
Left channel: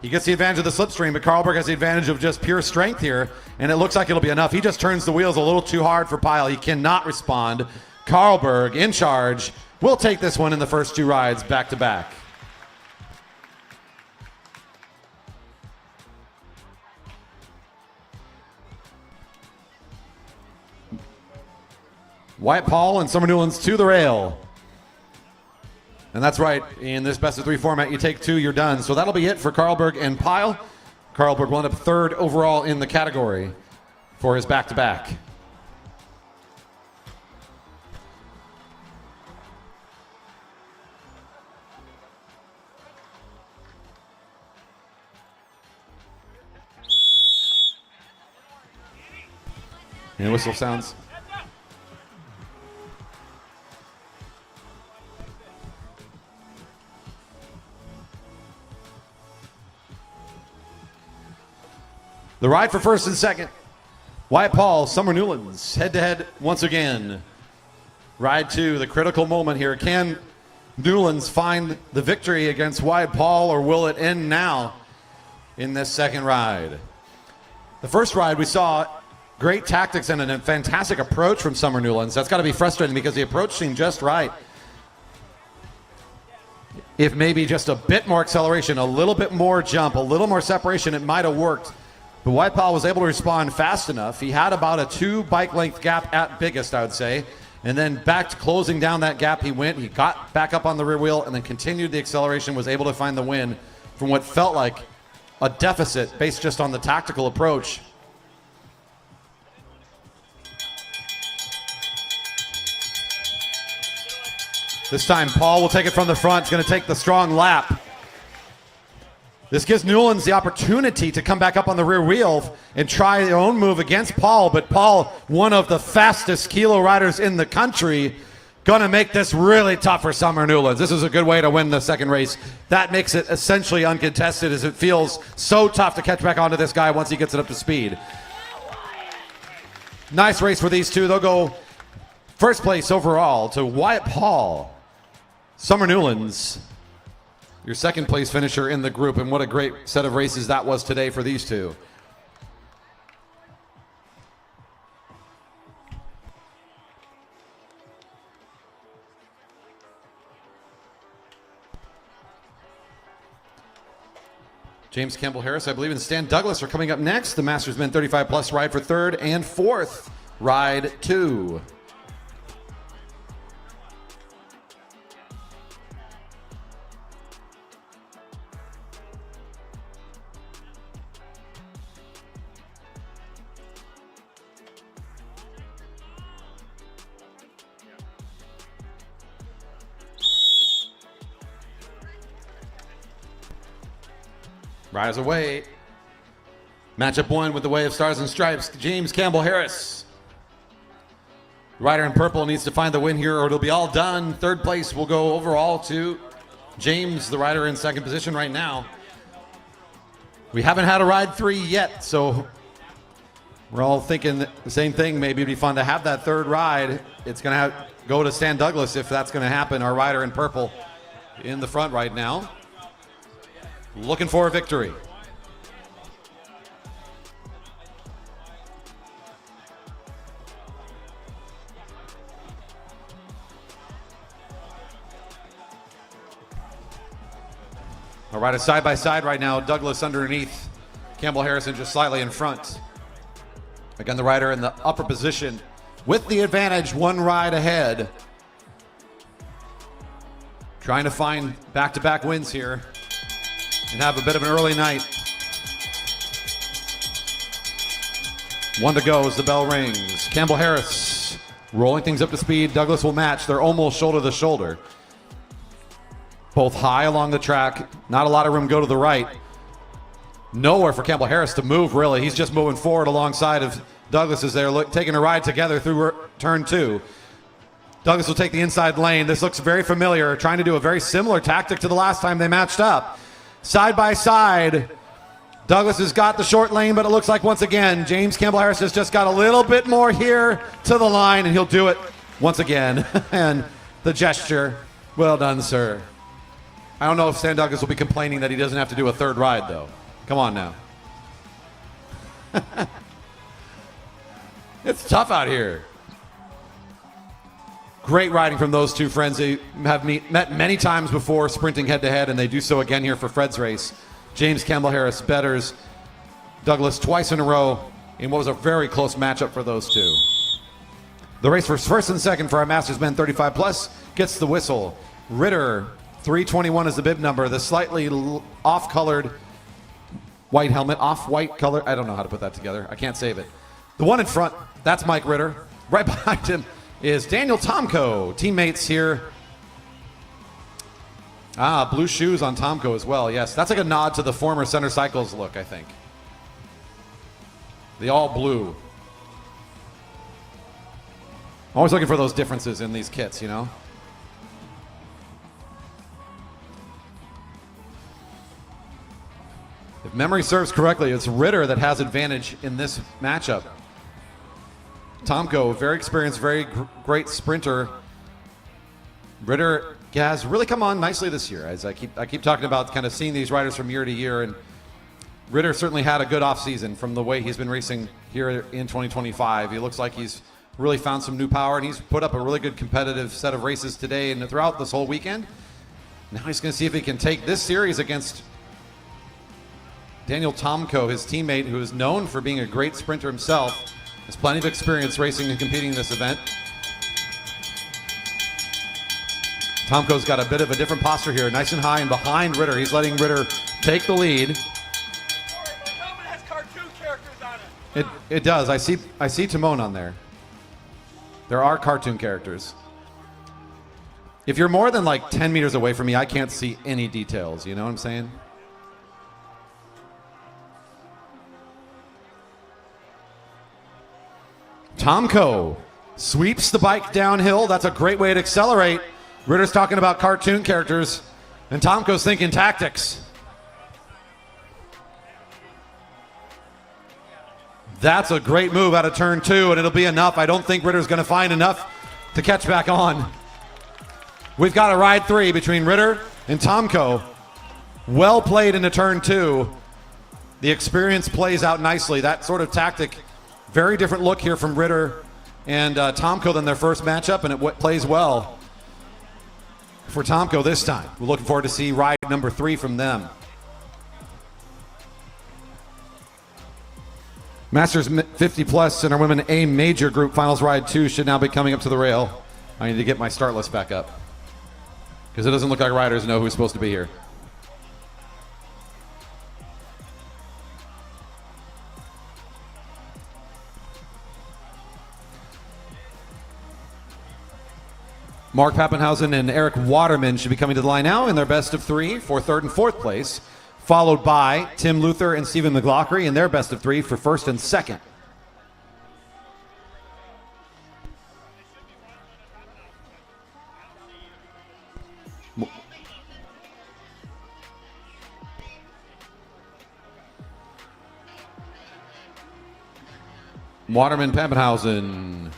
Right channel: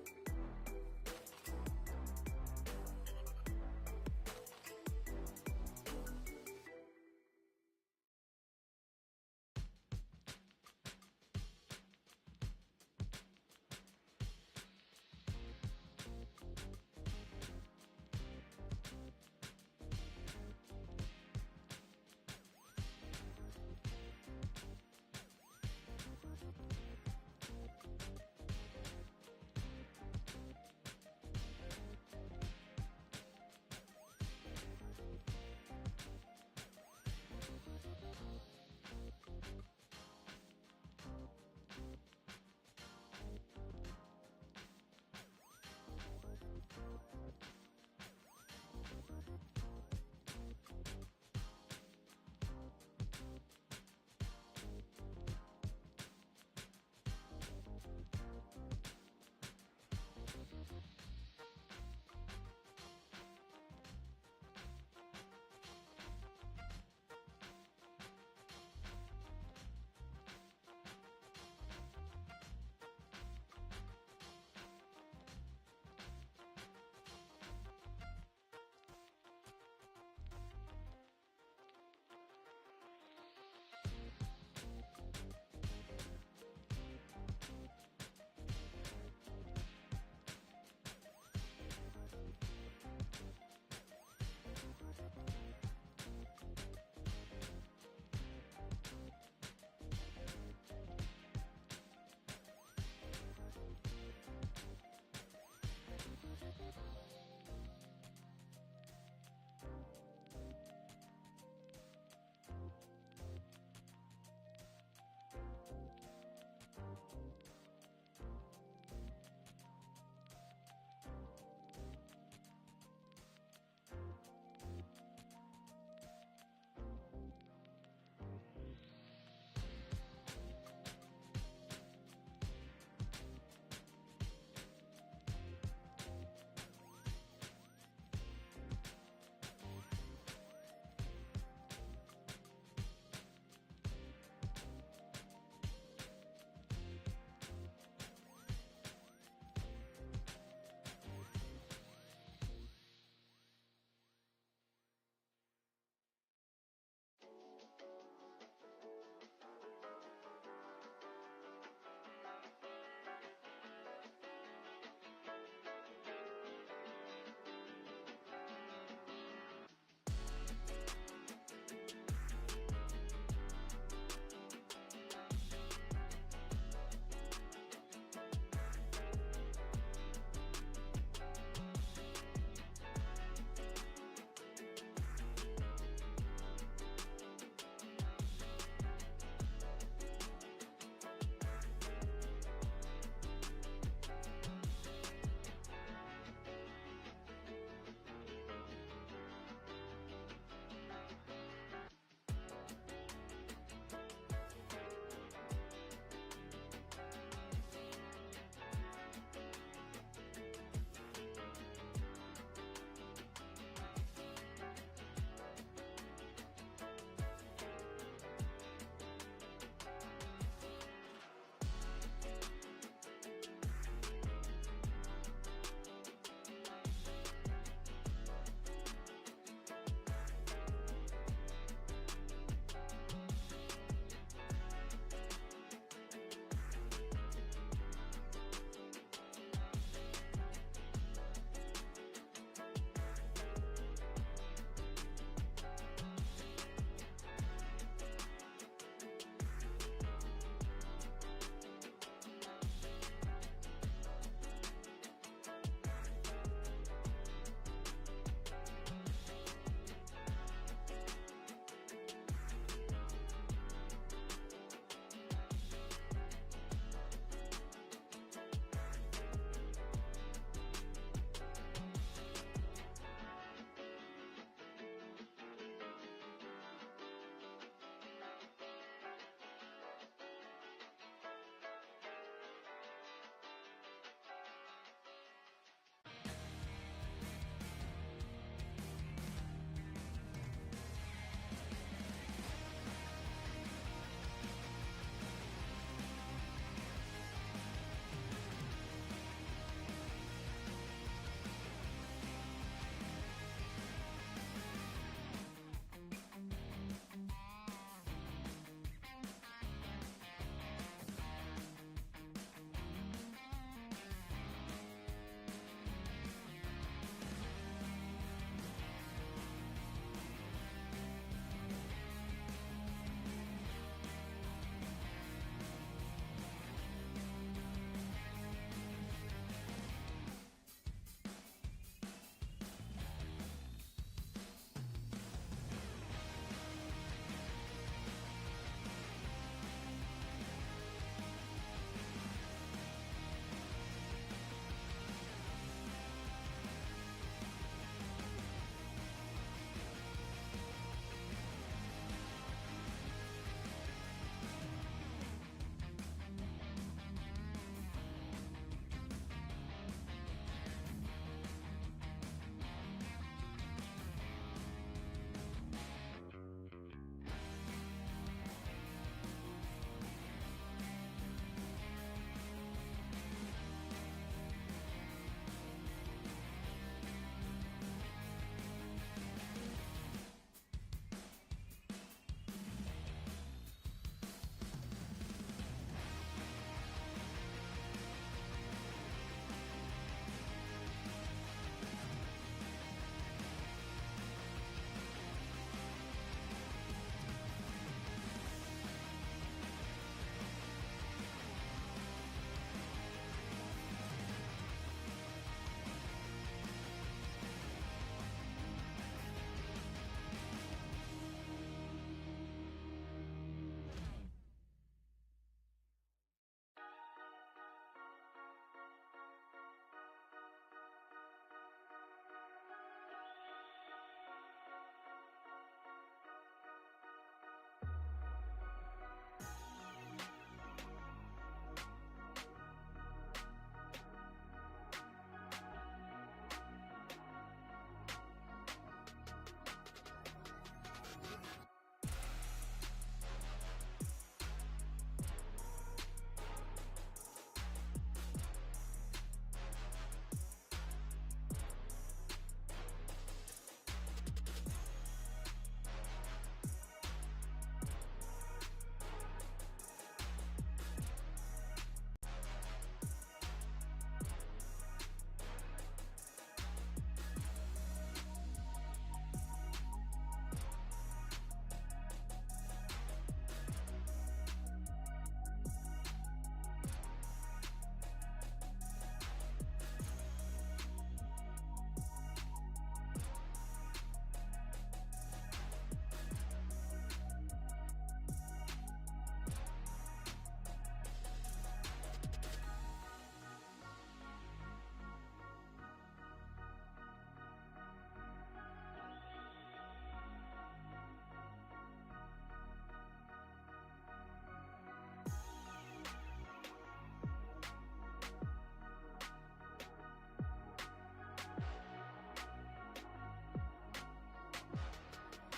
He gets the advantage of the slipstream, but Karlberg has the advantage of just pure strength here, and it looks like it'll be enough. He just turns the wheels a little too hard for Pyle. He cannot respond. Karlberg in charge. We'll take this one in the first two rides back to back. Wyatt Paul and Summer Newlands to the rail. And that's right, in this best of 3 format, you take 2, you're done. So that'll be it for Karlberg and Pyle. Karlberg will end up 3rd overall in the category for his back-to-back. And the whistle sounds. The ride for 1st and 2nd. Wyatt Paul, Summer Newlands, head-to-head once again. Ride 2, the critical moment here. Can Newlands find the victory against Wyatt Paul, or will it end now in this second ride? The first ride, we saw great tactics and a fantastic approach from Summer Newlands. That's got to be frustrating because the approach seemed just right. If maybe just a bit more acceleration, a little bit more jump, a little more separation, it might have worked. But Wyatt Paul was able to respond fast enough. He had about a 2 bike length gap at biggest, I would say. And then back to closing down that gap he went. He got back up on the rear wheel and then continued the acceleration, was able to find the win from what felt like a deficit based just on the tactical approach. This time Paul will take it from the front. He's going to take the strong lap. This gives Newlands the opportunity to come back up on the rear wheel and try their own move against Paul, but Paul, one of the fastest kilo riders in the country, gonna make this really tough for Summer Newlands. This is a good way to win the second race. That makes it essentially uncontested, as it feels so tough to catch back onto this guy once he gets it up to speed. Nice race for these two. They'll go 1st place overall to Wyatt Paul. Summer Newlands, your 2nd place finisher in the group, and what a great set of races that was today for these two. James Campbell Harris, I believe, and Stan Douglas are coming up next. The Masters Men 35 plus ride for 3rd and 4th, ride 2. Riders away. Matchup 1 with the Way of Stars and Stripes, James Campbell Harris. Rider in purple needs to find the win here or it'll be all done. Third place will go overall to James, the rider in second position right now. We haven't had a ride 3 yet, so we're all thinking the same thing. Maybe it'd be fun to have that third ride. It's going to go to Stan Douglas if that's going to happen. Our rider in purple in the front right now. Looking for a victory. Our riders side by side right now. Douglas underneath. Campbell Harrison just slightly in front. Again, the rider in the upper position with the advantage, 1 ride ahead. Trying to find back-to-back wins here and have a bit of an early night. 1 to go as the bell rings. Campbell Harris rolling things up to speed. Douglas will match. They're almost shoulder to shoulder. Both high along the track. Not a lot of room go to the right. Nowhere for Campbell Harris to move, really. He's just moving forward alongside of Douglas as they're taking a ride together through turn 2. Douglas will take the inside lane. This looks very familiar, trying to do a very similar tactic to the last time they matched up. Side by side, Douglas has got the short lane, but it looks like once again, James Campbell Harris has just got a little bit more here to the line, and he'll do it once again. And the gesture, well done, sir. I don't know if Stan Douglas will be complaining that he doesn't have to do a third ride, though. Come on now. It's tough out here. Great riding from those two friends. They have met many times before sprinting head-to-head, and they do so again here for Fred's race. James Campbell Harris betters Douglas twice in a row in what was a very close matchup for those two. The race for first and second for our Masters Men 35 Plus gets the whistle. Ritter, 321 is the bib number. The slightly off-colored white helmet, off-white color. I don't know how to put that together. I can't save it. The one in front, that's Mike Ritter. Right behind him is Daniel Tomko. Teammates here. Blue shoes on Tomko as well. Yes, that's like a nod to the former Center Cycles look, I think. The all blue. Always looking for those differences in these kits, you know? If memory serves correctly, it's Ritter that has advantage in this matchup. Tomko, very experienced, very great sprinter. Ritter has really come on nicely this year, as I keep talking about kind of seeing these riders from year to year, and Ritter certainly had a good offseason from the way he's been racing here in 2025. He looks like he's really found some new power, and he's put up a really good competitive set of races today and throughout this whole weekend. Now he's going to see if he can take this series against Daniel Tomko, his teammate, who is known for being a great sprinter himself. Has plenty of experience racing and competing in this event. Tomko's got a bit of a different posture here, nice and high and behind Ritter. He's letting Ritter take the lead. It does. I see Timon on there. There are cartoon characters. If you're more than like 10 meters away from me, I can't see any details. You know what I'm saying? Tomko sweeps the bike downhill. That's a great way to accelerate. Ritter's talking about cartoon characters, and Tomko's thinking tactics. That's a great move out of turn 2, and it'll be enough. I don't think Ritter's going to find enough to catch back on. We've got a ride 3 between Ritter and Tomko. Well played into turn 2. The experience plays out nicely. That sort of tactic, very different look here from Ritter and Tomko than their first matchup, and it plays well for Tomko this time. We're looking forward to see ride number 3 from them. Masters 50 Plus and our Women A Major Group Finals Ride 2 should now be coming up to the rail. I need to get my start list back up because it doesn't look like riders know who's supposed to be here. Mark Pappenhausen and Eric Waterman should be coming to the line now in their best of 3 for third and fourth place. followed by Tim Luther and Stephen McLaughlin in their best of 3 for first and second. Waterman Pappenhausen.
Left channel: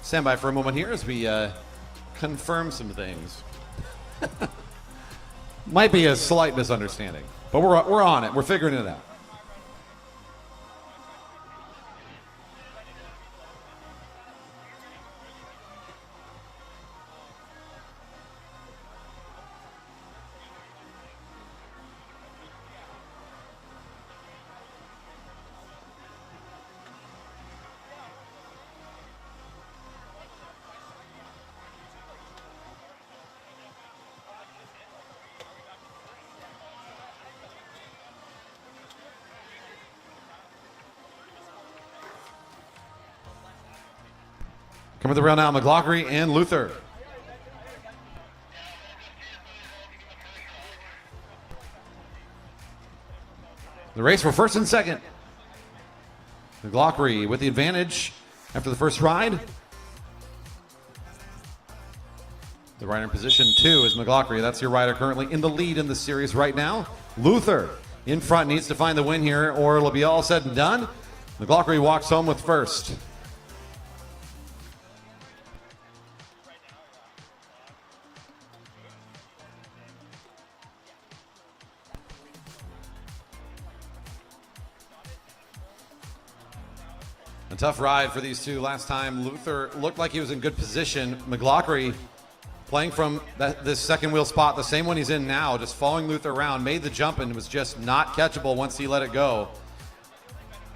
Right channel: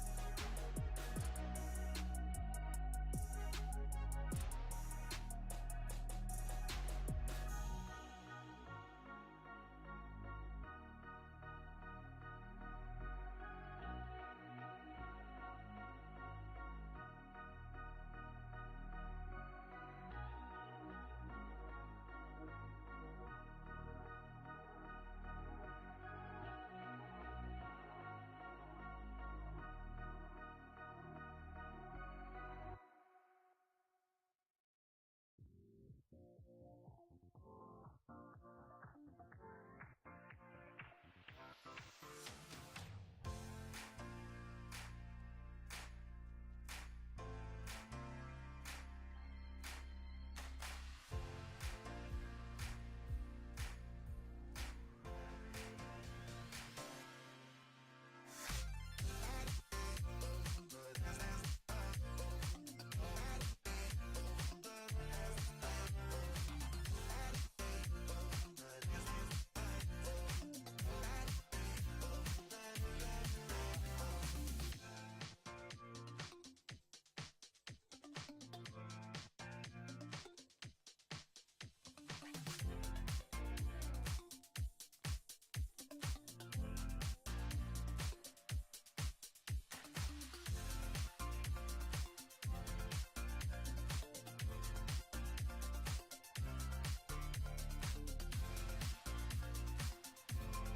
Stand by for a moment here as we confirm some things. Might be a slight misunderstanding, but we're on it. We're figuring it out. Coming to the rail now, McLaughlin and Luther. The race for first and second. McLaughlin with the advantage after the first ride. The rider in position 2 is McLaughlin. That's your rider currently in the lead in the series right now. Luther in front needs to find the win here or it'll be all said and done. McLaughlin walks home with first. Tough ride for these two last time. Luther looked like he was in good position. McLaughlin playing from this second wheel spot, the same one he's in now, just following Luther around, made the jump and was just not catchable once he let it go.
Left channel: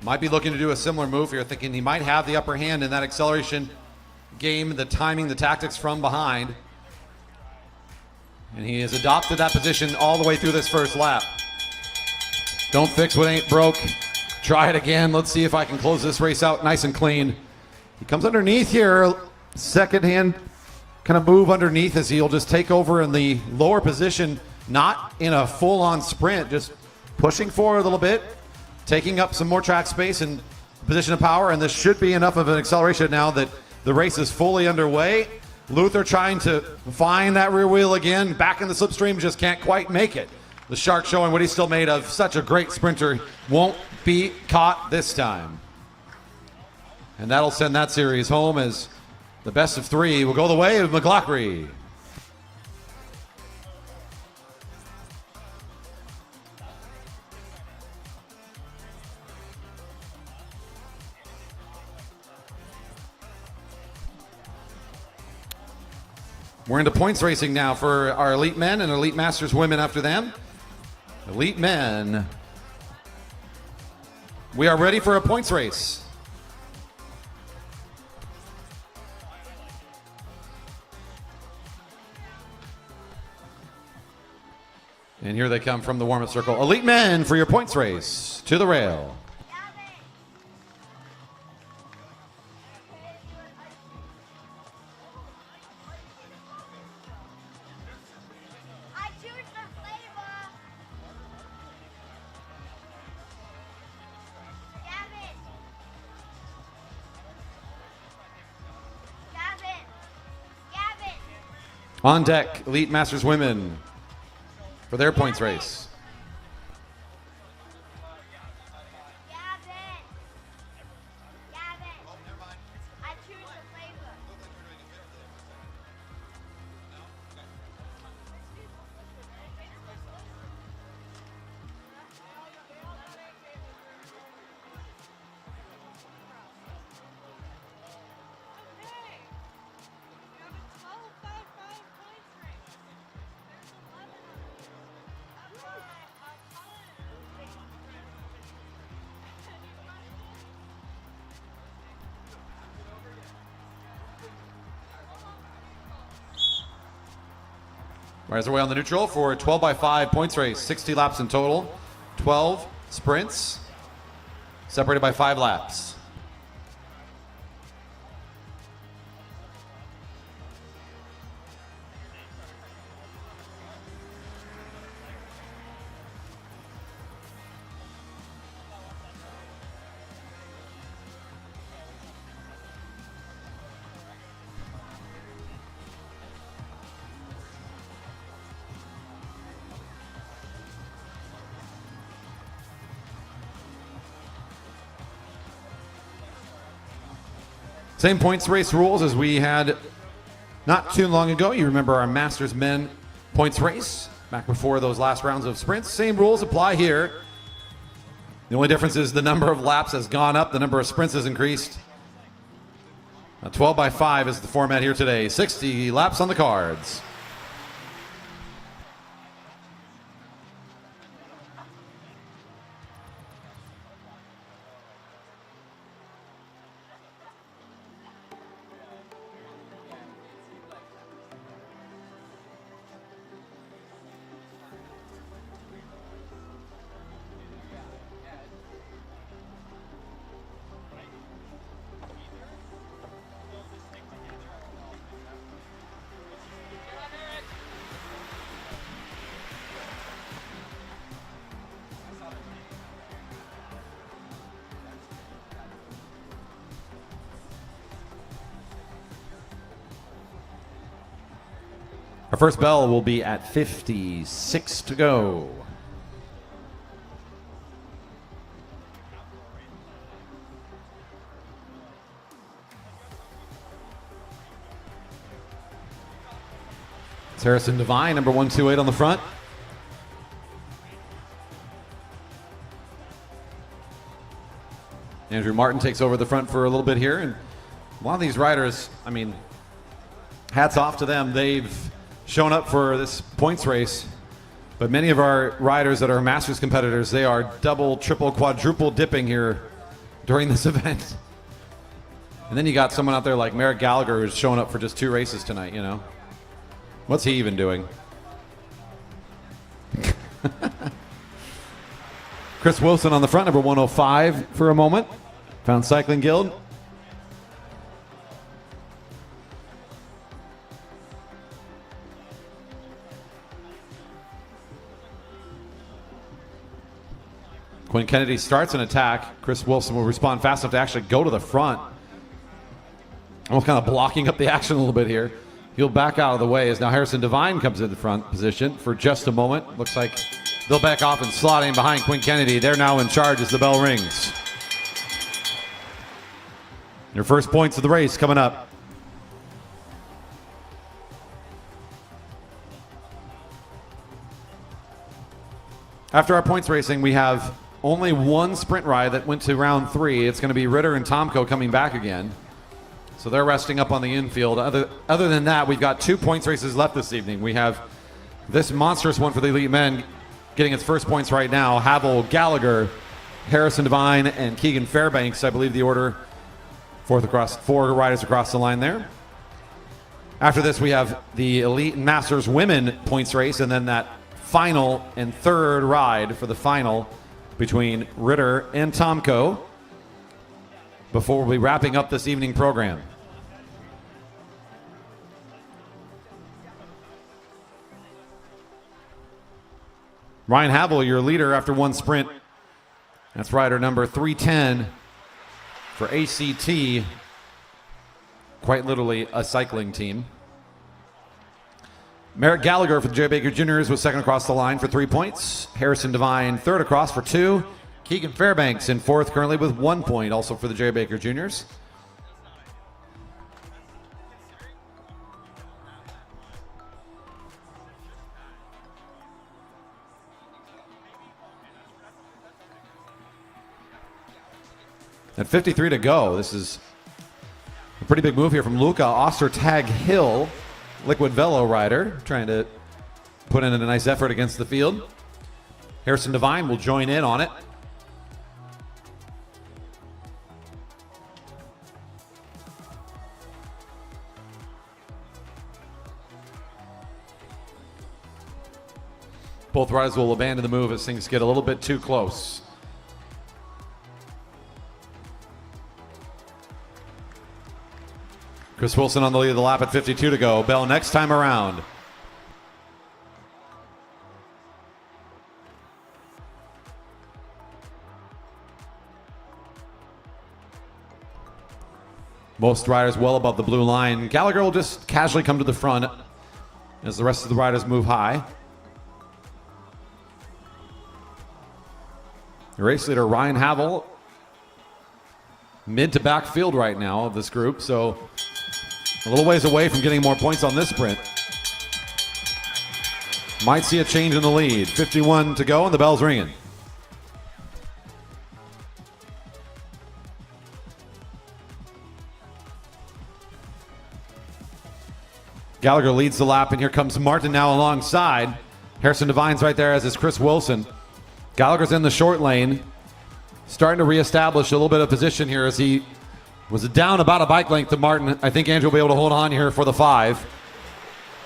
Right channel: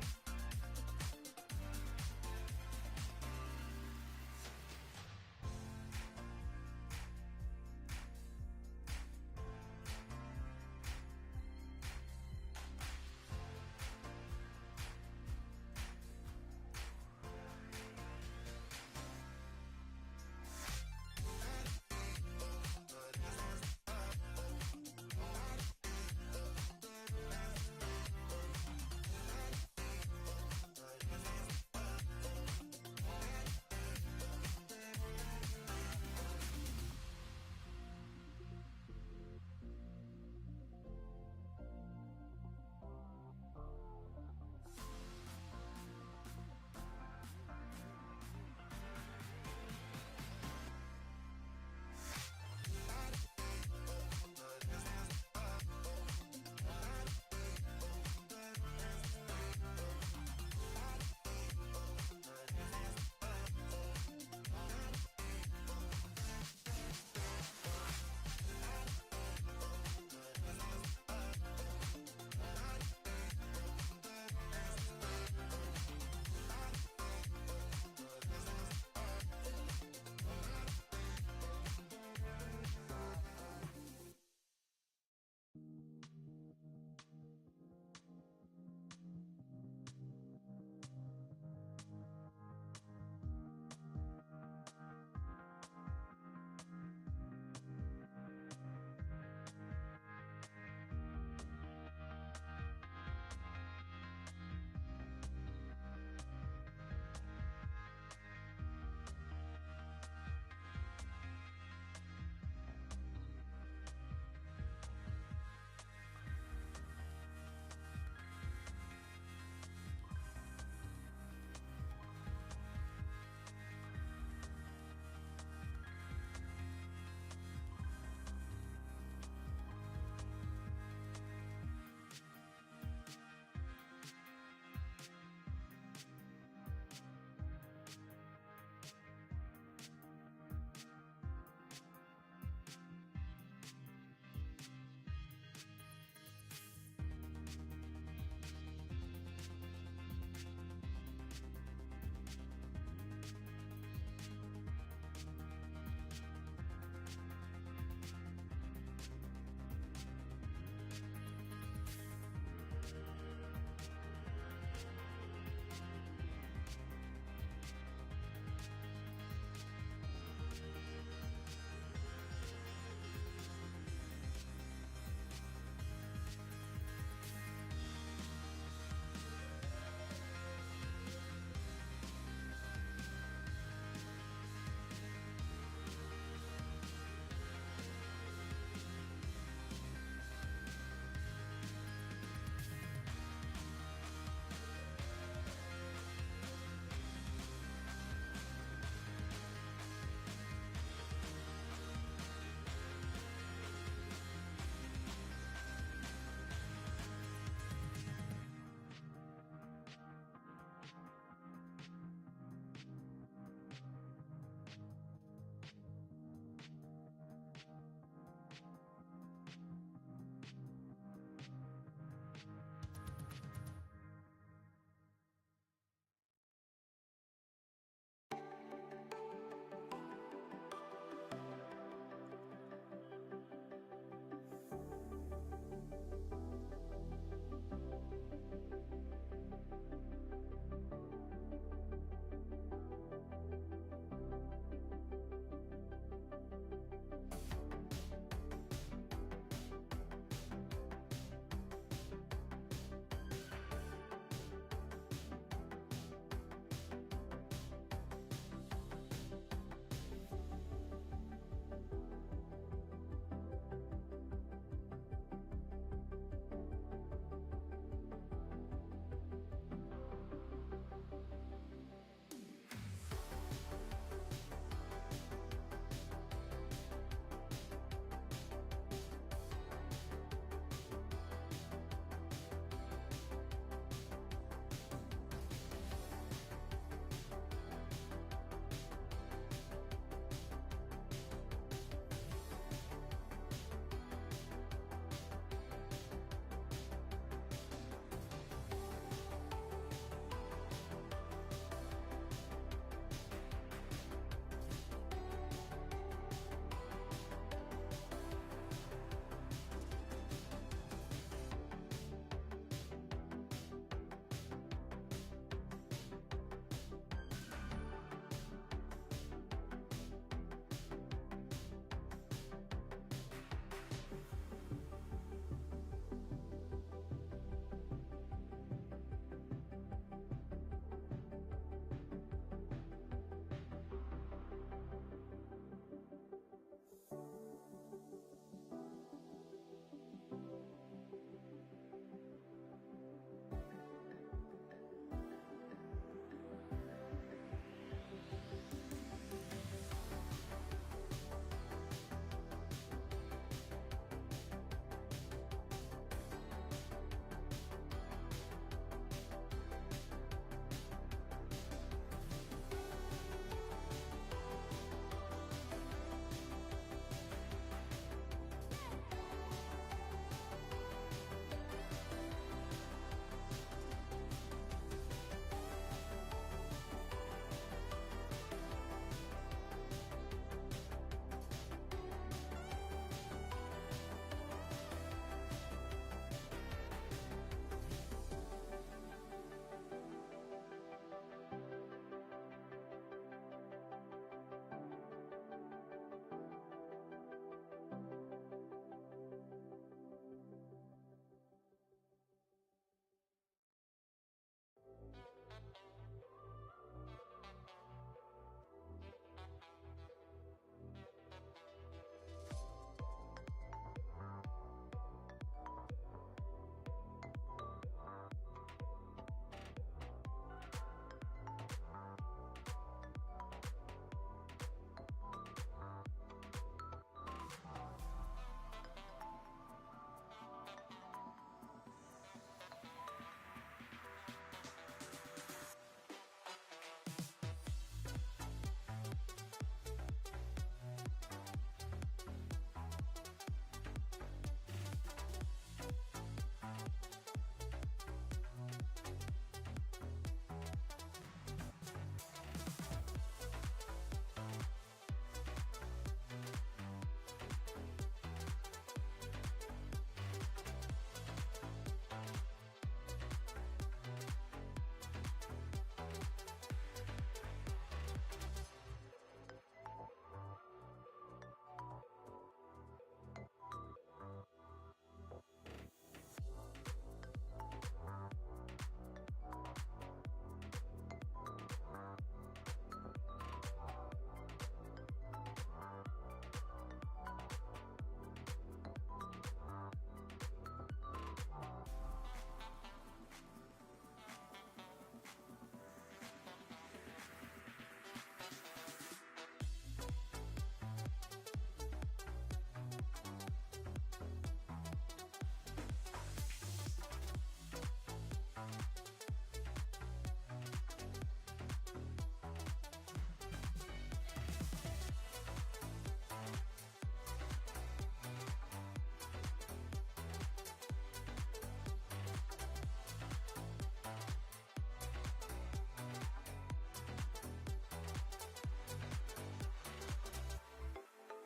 Might be looking to do a similar move here, thinking he might have the upper hand in that acceleration game, the timing, the tactics from behind. And he has adopted that position all the way through this first lap. Don't fix what ain't broke. Try it again. Let's see if I can close this race out nice and clean. He comes underneath here. Second hand kind of move underneath as he'll just take over in the lower position, not in a full-on sprint, just pushing forward a little bit, taking up some more track space and position of power, and this should be enough of an acceleration now that the race is fully underway. Luther trying to find that rear wheel again, back in the slipstream, just can't quite make it. The Shark showing what he's still made of. Such a great sprinter. Won't be caught this time. And that'll send that series home as the best of 3 will go the way of McLaughlin. We're into points racing now for our Elite Men and Elite Masters women after them. Elite Men. We are ready for a points race. And here they come from the warm-up circle. Elite Men for your points race. To the rail. On deck, Elite Masters women for their points race. Riders away on the neutral for a 12x5 points race. 60 laps in total. 12 sprints, separated by 5 laps. Same points race rules as we had not too long ago. You remember our Masters Men points race back before those last rounds of sprints. Same rules apply here. The only difference is the number of laps has gone up, the number of sprints has increased. 12x5 is the format here today. 60 laps on the cards. Our first bell will be at 56 to go. It's Harrison Devine, number 128 on the front. Andrew Martin takes over the front for a little bit here. And a lot of these riders, I mean, hats off to them. They've shown up for this points race, but many of our riders that are Masters competitors, they are double, triple, quadruple dipping here during this event. And then you got someone out there like Merrick Gallagher who's showing up for just 2 races tonight, you know? What's he even doing? Chris Wilson on the front, number 105 for a moment. Found Cycling Guild. Quinn Kennedy starts an attack. Chris Wilson will respond fast enough to actually go to the front. Almost kind of blocking up the action a little bit here. He'll back out of the way as now Harrison Devine comes in the front position for just a moment. Looks like they'll back off and slot in behind Quinn Kennedy. They're now in charge as the bell rings. Your first points of the race coming up. After our points racing, we have only one sprint ride that went to round 3. It's going to be Ritter and Tomko coming back again. So they're resting up on the infield. Other than that, we've got 2 points races left this evening. We have this monstrous one for the elite men getting its first points right now. Havel, Gallagher, Harrison Devine, and Keegan Fairbanks, I believe the order. 4 riders across the line there. After this, we have the elite and Masters women points race, and then that final and third ride for the final between Ritter and Tomko before we'll be wrapping up this evening program. Ryan Havel, your leader after one sprint. That's rider number 310 for ACT, quite literally a cycling team. Merrick Gallagher for the Jerry Baker Juniors was second across the line for 3 points. Harrison Devine third across for 2. Keegan Fairbanks in fourth currently with 1 point, also for the Jerry Baker Juniors. At 53 to go, this is a pretty big move here from Luca Ostertag Hill, Liquid Velo rider, trying to put in a nice effort against the field. Harrison Devine will join in on it. Both riders will abandon the move as things get a little bit too close. Chris Wilson on the lead of the lap at 52 to go. Bell next time around. Most riders well above the blue line. Gallagher will just casually come to the front as the rest of the riders move high. The race leader Ryan Havel, mid to back field right now of this group, so a little ways away from getting more points on this sprint. Might see a change in the lead. 51 to go and the bell's ringing. Gallagher leads the lap, and here comes Martin now alongside. Harrison Devine's right there, as is Chris Wilson. Gallagher's in the short lane, starting to reestablish a little bit of position here as he was down about a bike length to Martin. I think Andrew will be able to hold on here for the 5.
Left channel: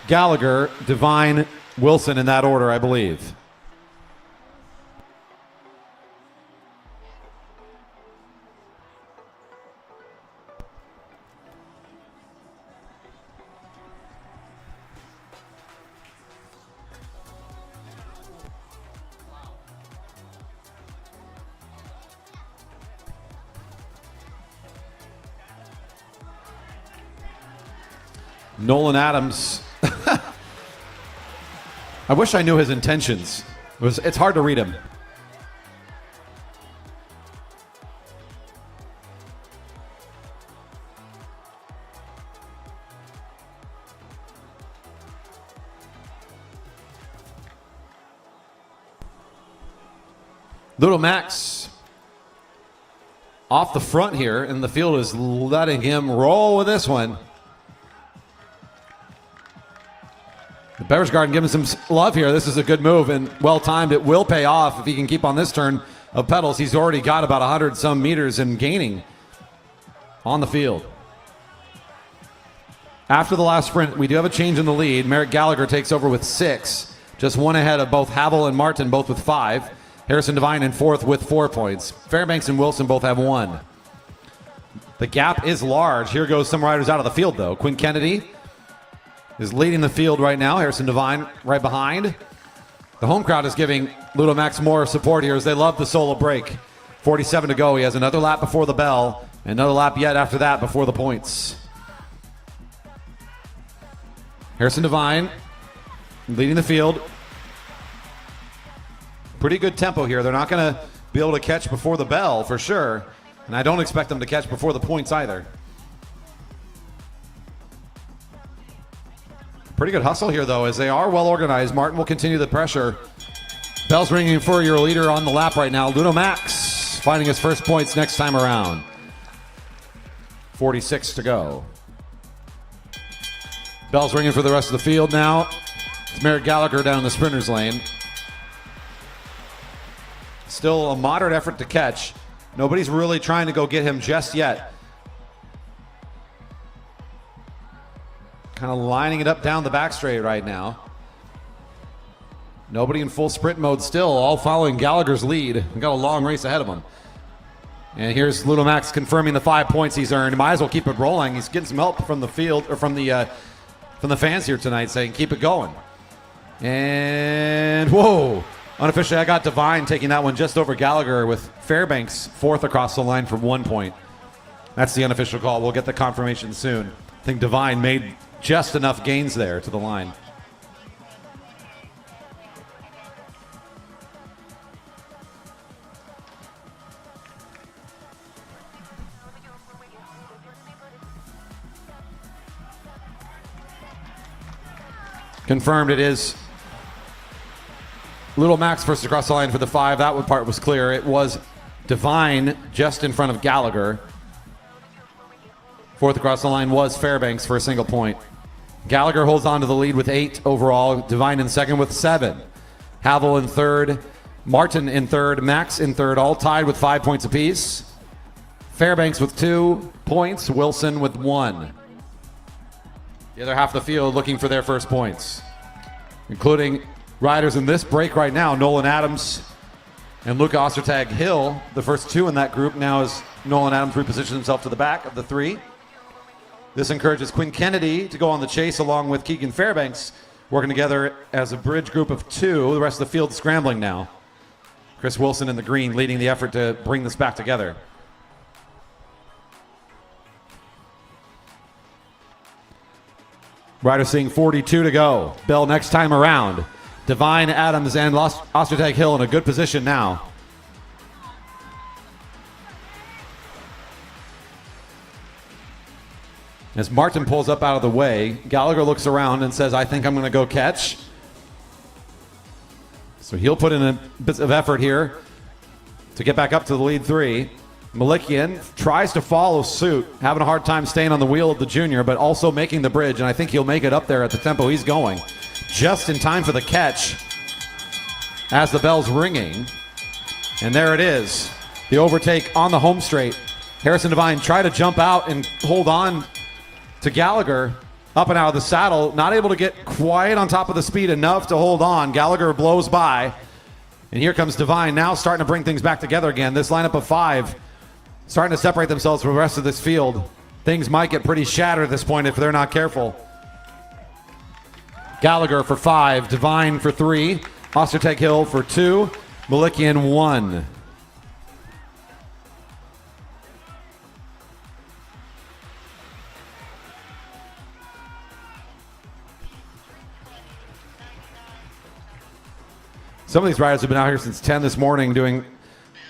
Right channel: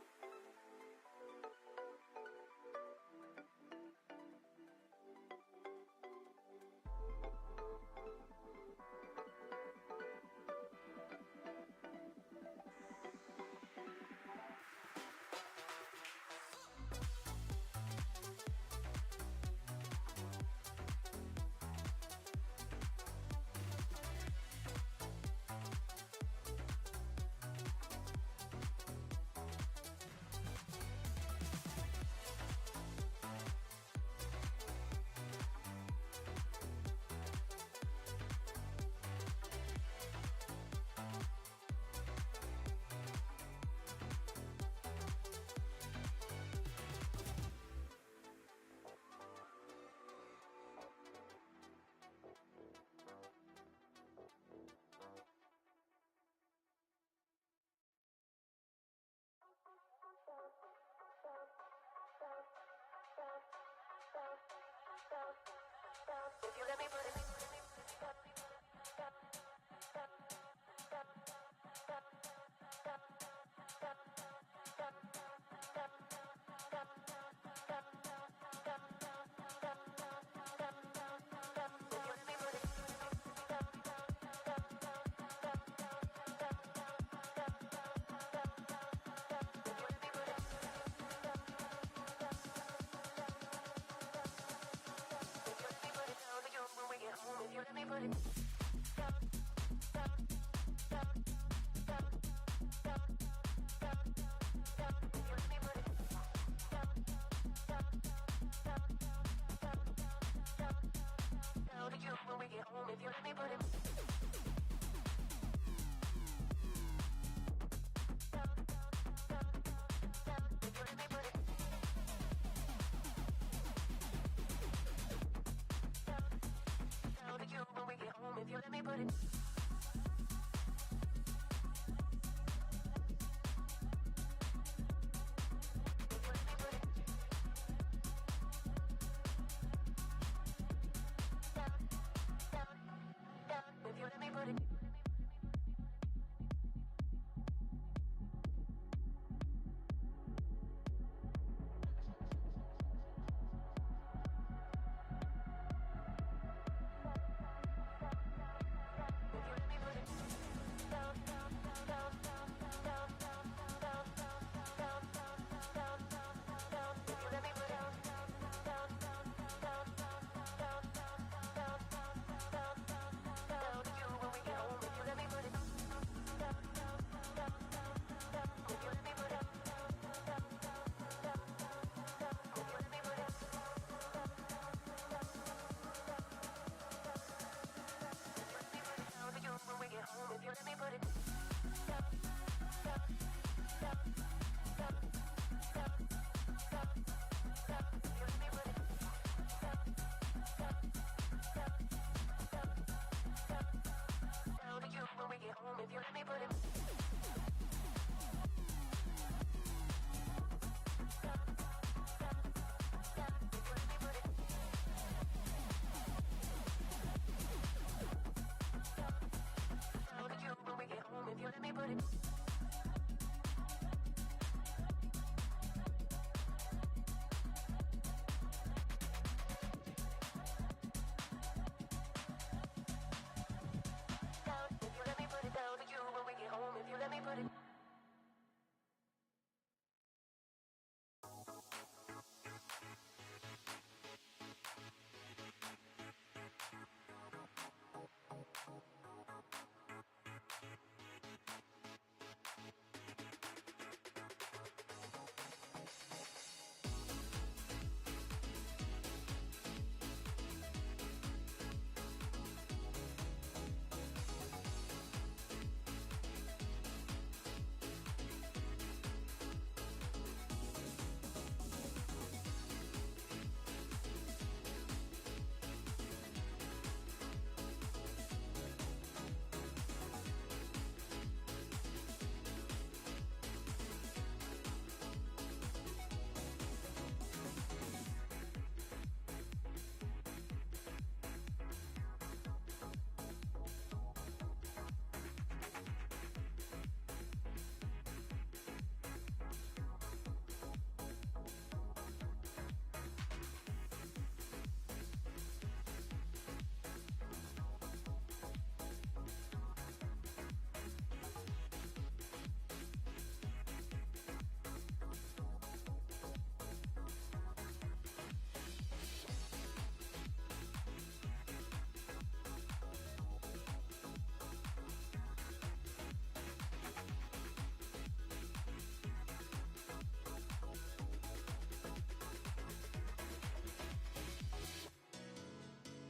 Gallagher, Devine, Wilson in that order, I believe. Nolan Adams. I wish I knew his intentions. It's hard to read him. Little Max off the front here, and the field is letting him roll with this one. The Beverage Garden giving some love here. This is a good move and well timed. It will pay off if he can keep on this turn of pedals. He's already got about 100 some meters and gaining on the field. After the last sprint, we do have a change in the lead. Merrick Gallagher takes over with 6, just one ahead of both Havel and Martin, both with 5. Harrison Devine in 4th with 4 points. Fairbanks and Wilson both have 1. The gap is large. Here goes some riders out of the field, though. Quinn Kennedy is leading the field right now. Harrison Devine right behind. The home crowd is giving Ludo Max more support here as they love the solo break. 47 to go. He has another lap before the bell. Another lap yet after that before the points. Harrison Devine leading the field. Pretty good tempo here. They're not going to be able to catch before the bell for sure. And I don't expect them to catch before the points either. Pretty good hustle here, though, as they are well organized. Martin will continue the pressure. Bell's ringing for your leader on the lap right now. Ludo Max finding his first points next time around. 46 to go. Bell's ringing for the rest of the field now. It's Merrick Gallagher down in the sprinter's lane. Still a moderate effort to catch. Nobody's really trying to go get him just yet. Kind of lining it up down the back straight right now. Nobody in full sprint mode still, all following Gallagher's lead. We've got a long race ahead of him. And here's Ludo Max confirming the 5 points he's earned. Might as well keep it rolling. He's getting some help from the field, or from the fans here tonight, saying keep it going. And whoa, unofficially I got Devine taking that one just over Gallagher, with Fairbanks 4th across the line for 1 point. That's the unofficial call. We'll get the confirmation soon. I think Devine made just enough gains there to the line. Confirmed it is Little Max first across the line for the 5. That one part was clear. It was Devine just in front of Gallagher. 4th across the line was Fairbanks for a single point. Gallagher holds on to the lead with 8 overall. Devine in 2nd with 7. Havel in 3rd. Martin in 3rd. Max in 3rd. All tied with 5 points apiece. Fairbanks with 2 points. Wilson with 1. The other half of the field looking for their first points, including riders in this break right now, Nolan Adams and Luca Ostertag Hill, the first two in that group. Now as Nolan Adams repositions himself to the back of the three. This encourages Quinn Kennedy to go on the chase along with Keegan Fairbanks, working together as a bridge group of two. The rest of the field scrambling now. Chris Wilson in the green leading the effort to bring this back together. Riders seeing 42 to go. Bell next time around. Divine, Adams, and Ostertag Hill in a good position now. As Martin pulls up out of the way, Gallagher looks around and says, I think I'm going to go catch. So he'll put in a bit of effort here to get back up to the lead three. Malikian tries to follow suit, having a hard time staying on the wheel of the junior, but also making the bridge, and I think he'll make it up there at the tempo he's going. Just in time for the catch as the bell's ringing. And there it is, the overtake on the home straight. Harrison Devine tried to jump out and hold on to Gallagher up and out of the saddle, not able to get quite on top of the speed enough to hold on. Gallagher blows by, and here comes Devine now starting to bring things back together again. This lineup of five starting to separate themselves from the rest of this field. Things might get pretty shattered at this point if they're not careful. Gallagher for 5, Devine for 3, Ostertag Hill for 2, Malikian 1. Some of these riders have been out here since 10 this morning doing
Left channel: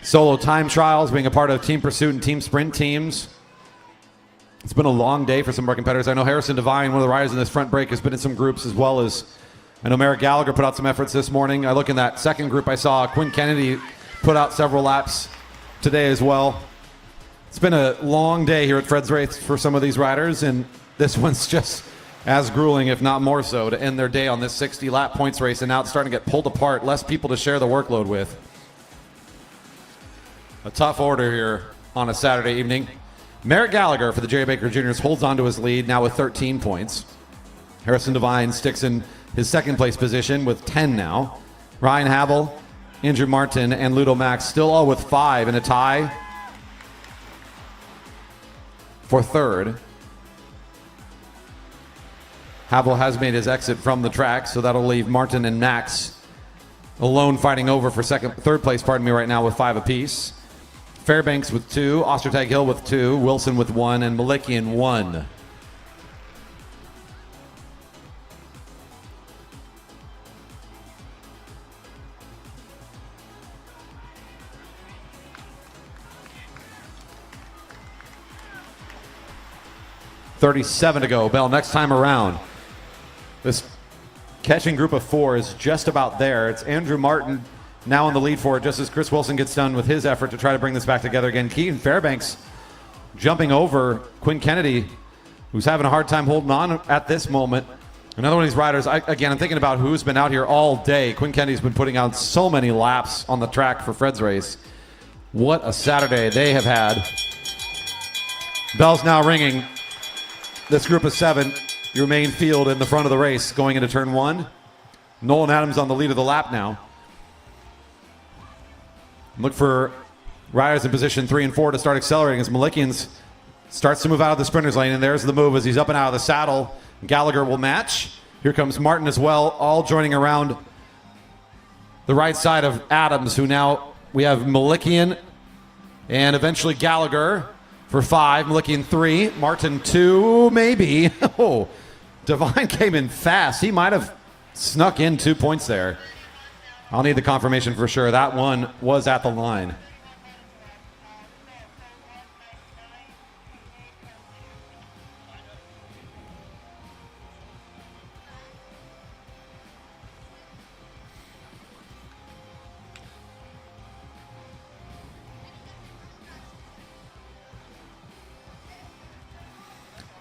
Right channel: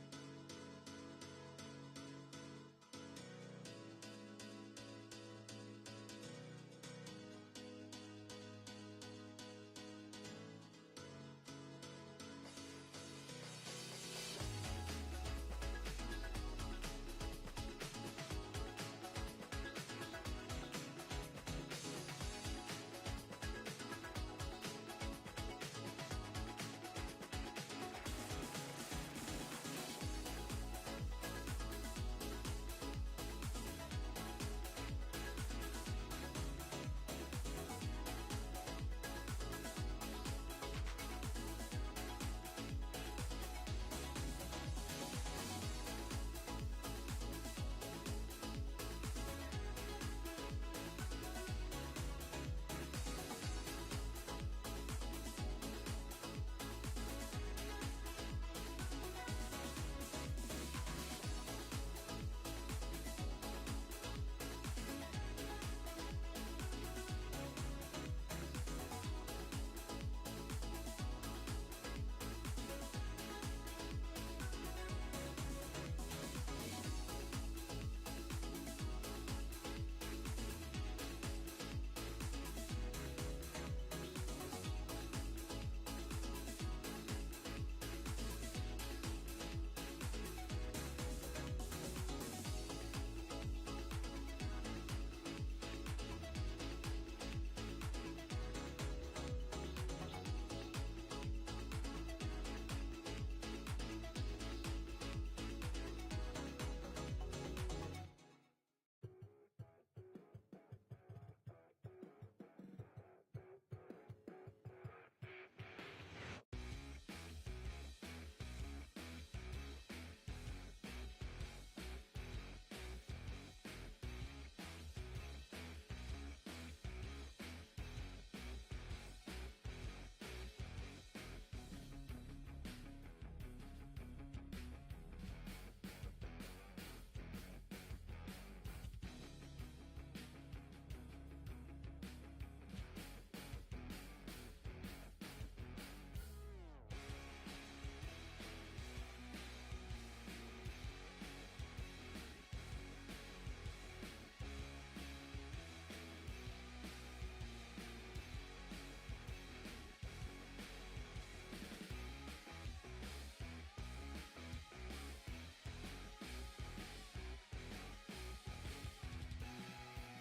solo time trials, being a part of team pursuit and team sprint teams. It's been a long day for some of our competitors. I know Harrison Devine, one of the riders in this front break, has been in some groups, as well as I know Merrick Gallagher put out some efforts this morning. I look in that second group, I saw Quinn Kennedy put out several laps today as well. It's been a long day here at Fred's Race for some of these riders, and this one's just as grueling, if not more so, to end their day on this 60-lap points race, and now it's starting to get pulled apart, less people to share the workload with. A tough order here on a Saturday evening. Merrick Gallagher for the Jerry Baker Juniors holds on to his lead now with 13 points. Harrison Devine sticks in his second place position with 10 now. Ryan Havel, Andrew Martin, and Ludo Max still all with 5 in a tie for third. Havel has made his exit from the track, so that'll leave Martin and Max alone fighting over for third place, right now with 5 apiece. Fairbanks with 2, Ostertag Hill with 2, Wilson with 1, and Malikian 1. .37 to go. Bell next time around. This catching group of 4 is just about there. It's Andrew Martin now in the lead for it, just as Chris Wilson gets done with his effort to try to bring this back together again. Keaton Fairbanks jumping over Quinn Kennedy, who's having a hard time holding on at this moment. Another one of these riders, I'm thinking about who's been out here all day. Quinn Kennedy's been putting out so many laps on the track for Fred's Race. What a Saturday they have had. Bell's now ringing. This group of 7, your main field in the front of the race going into turn 1. Nolan Adams on the lead of the lap now. Look for riders in position 3 and 4 to start accelerating as Malikian starts to move out of the sprinter's lane, and there's the move as he's up and out of the saddle. Gallagher will match. Here comes Martin as well, all joining around the right side of Adams, who now we have Malikian and eventually Gallagher for 5, Malikian 3, Martin 2, maybe. Oh, Devine came in fast. He might have snuck in 2 points there. I'll need the confirmation for sure. That one was at the line.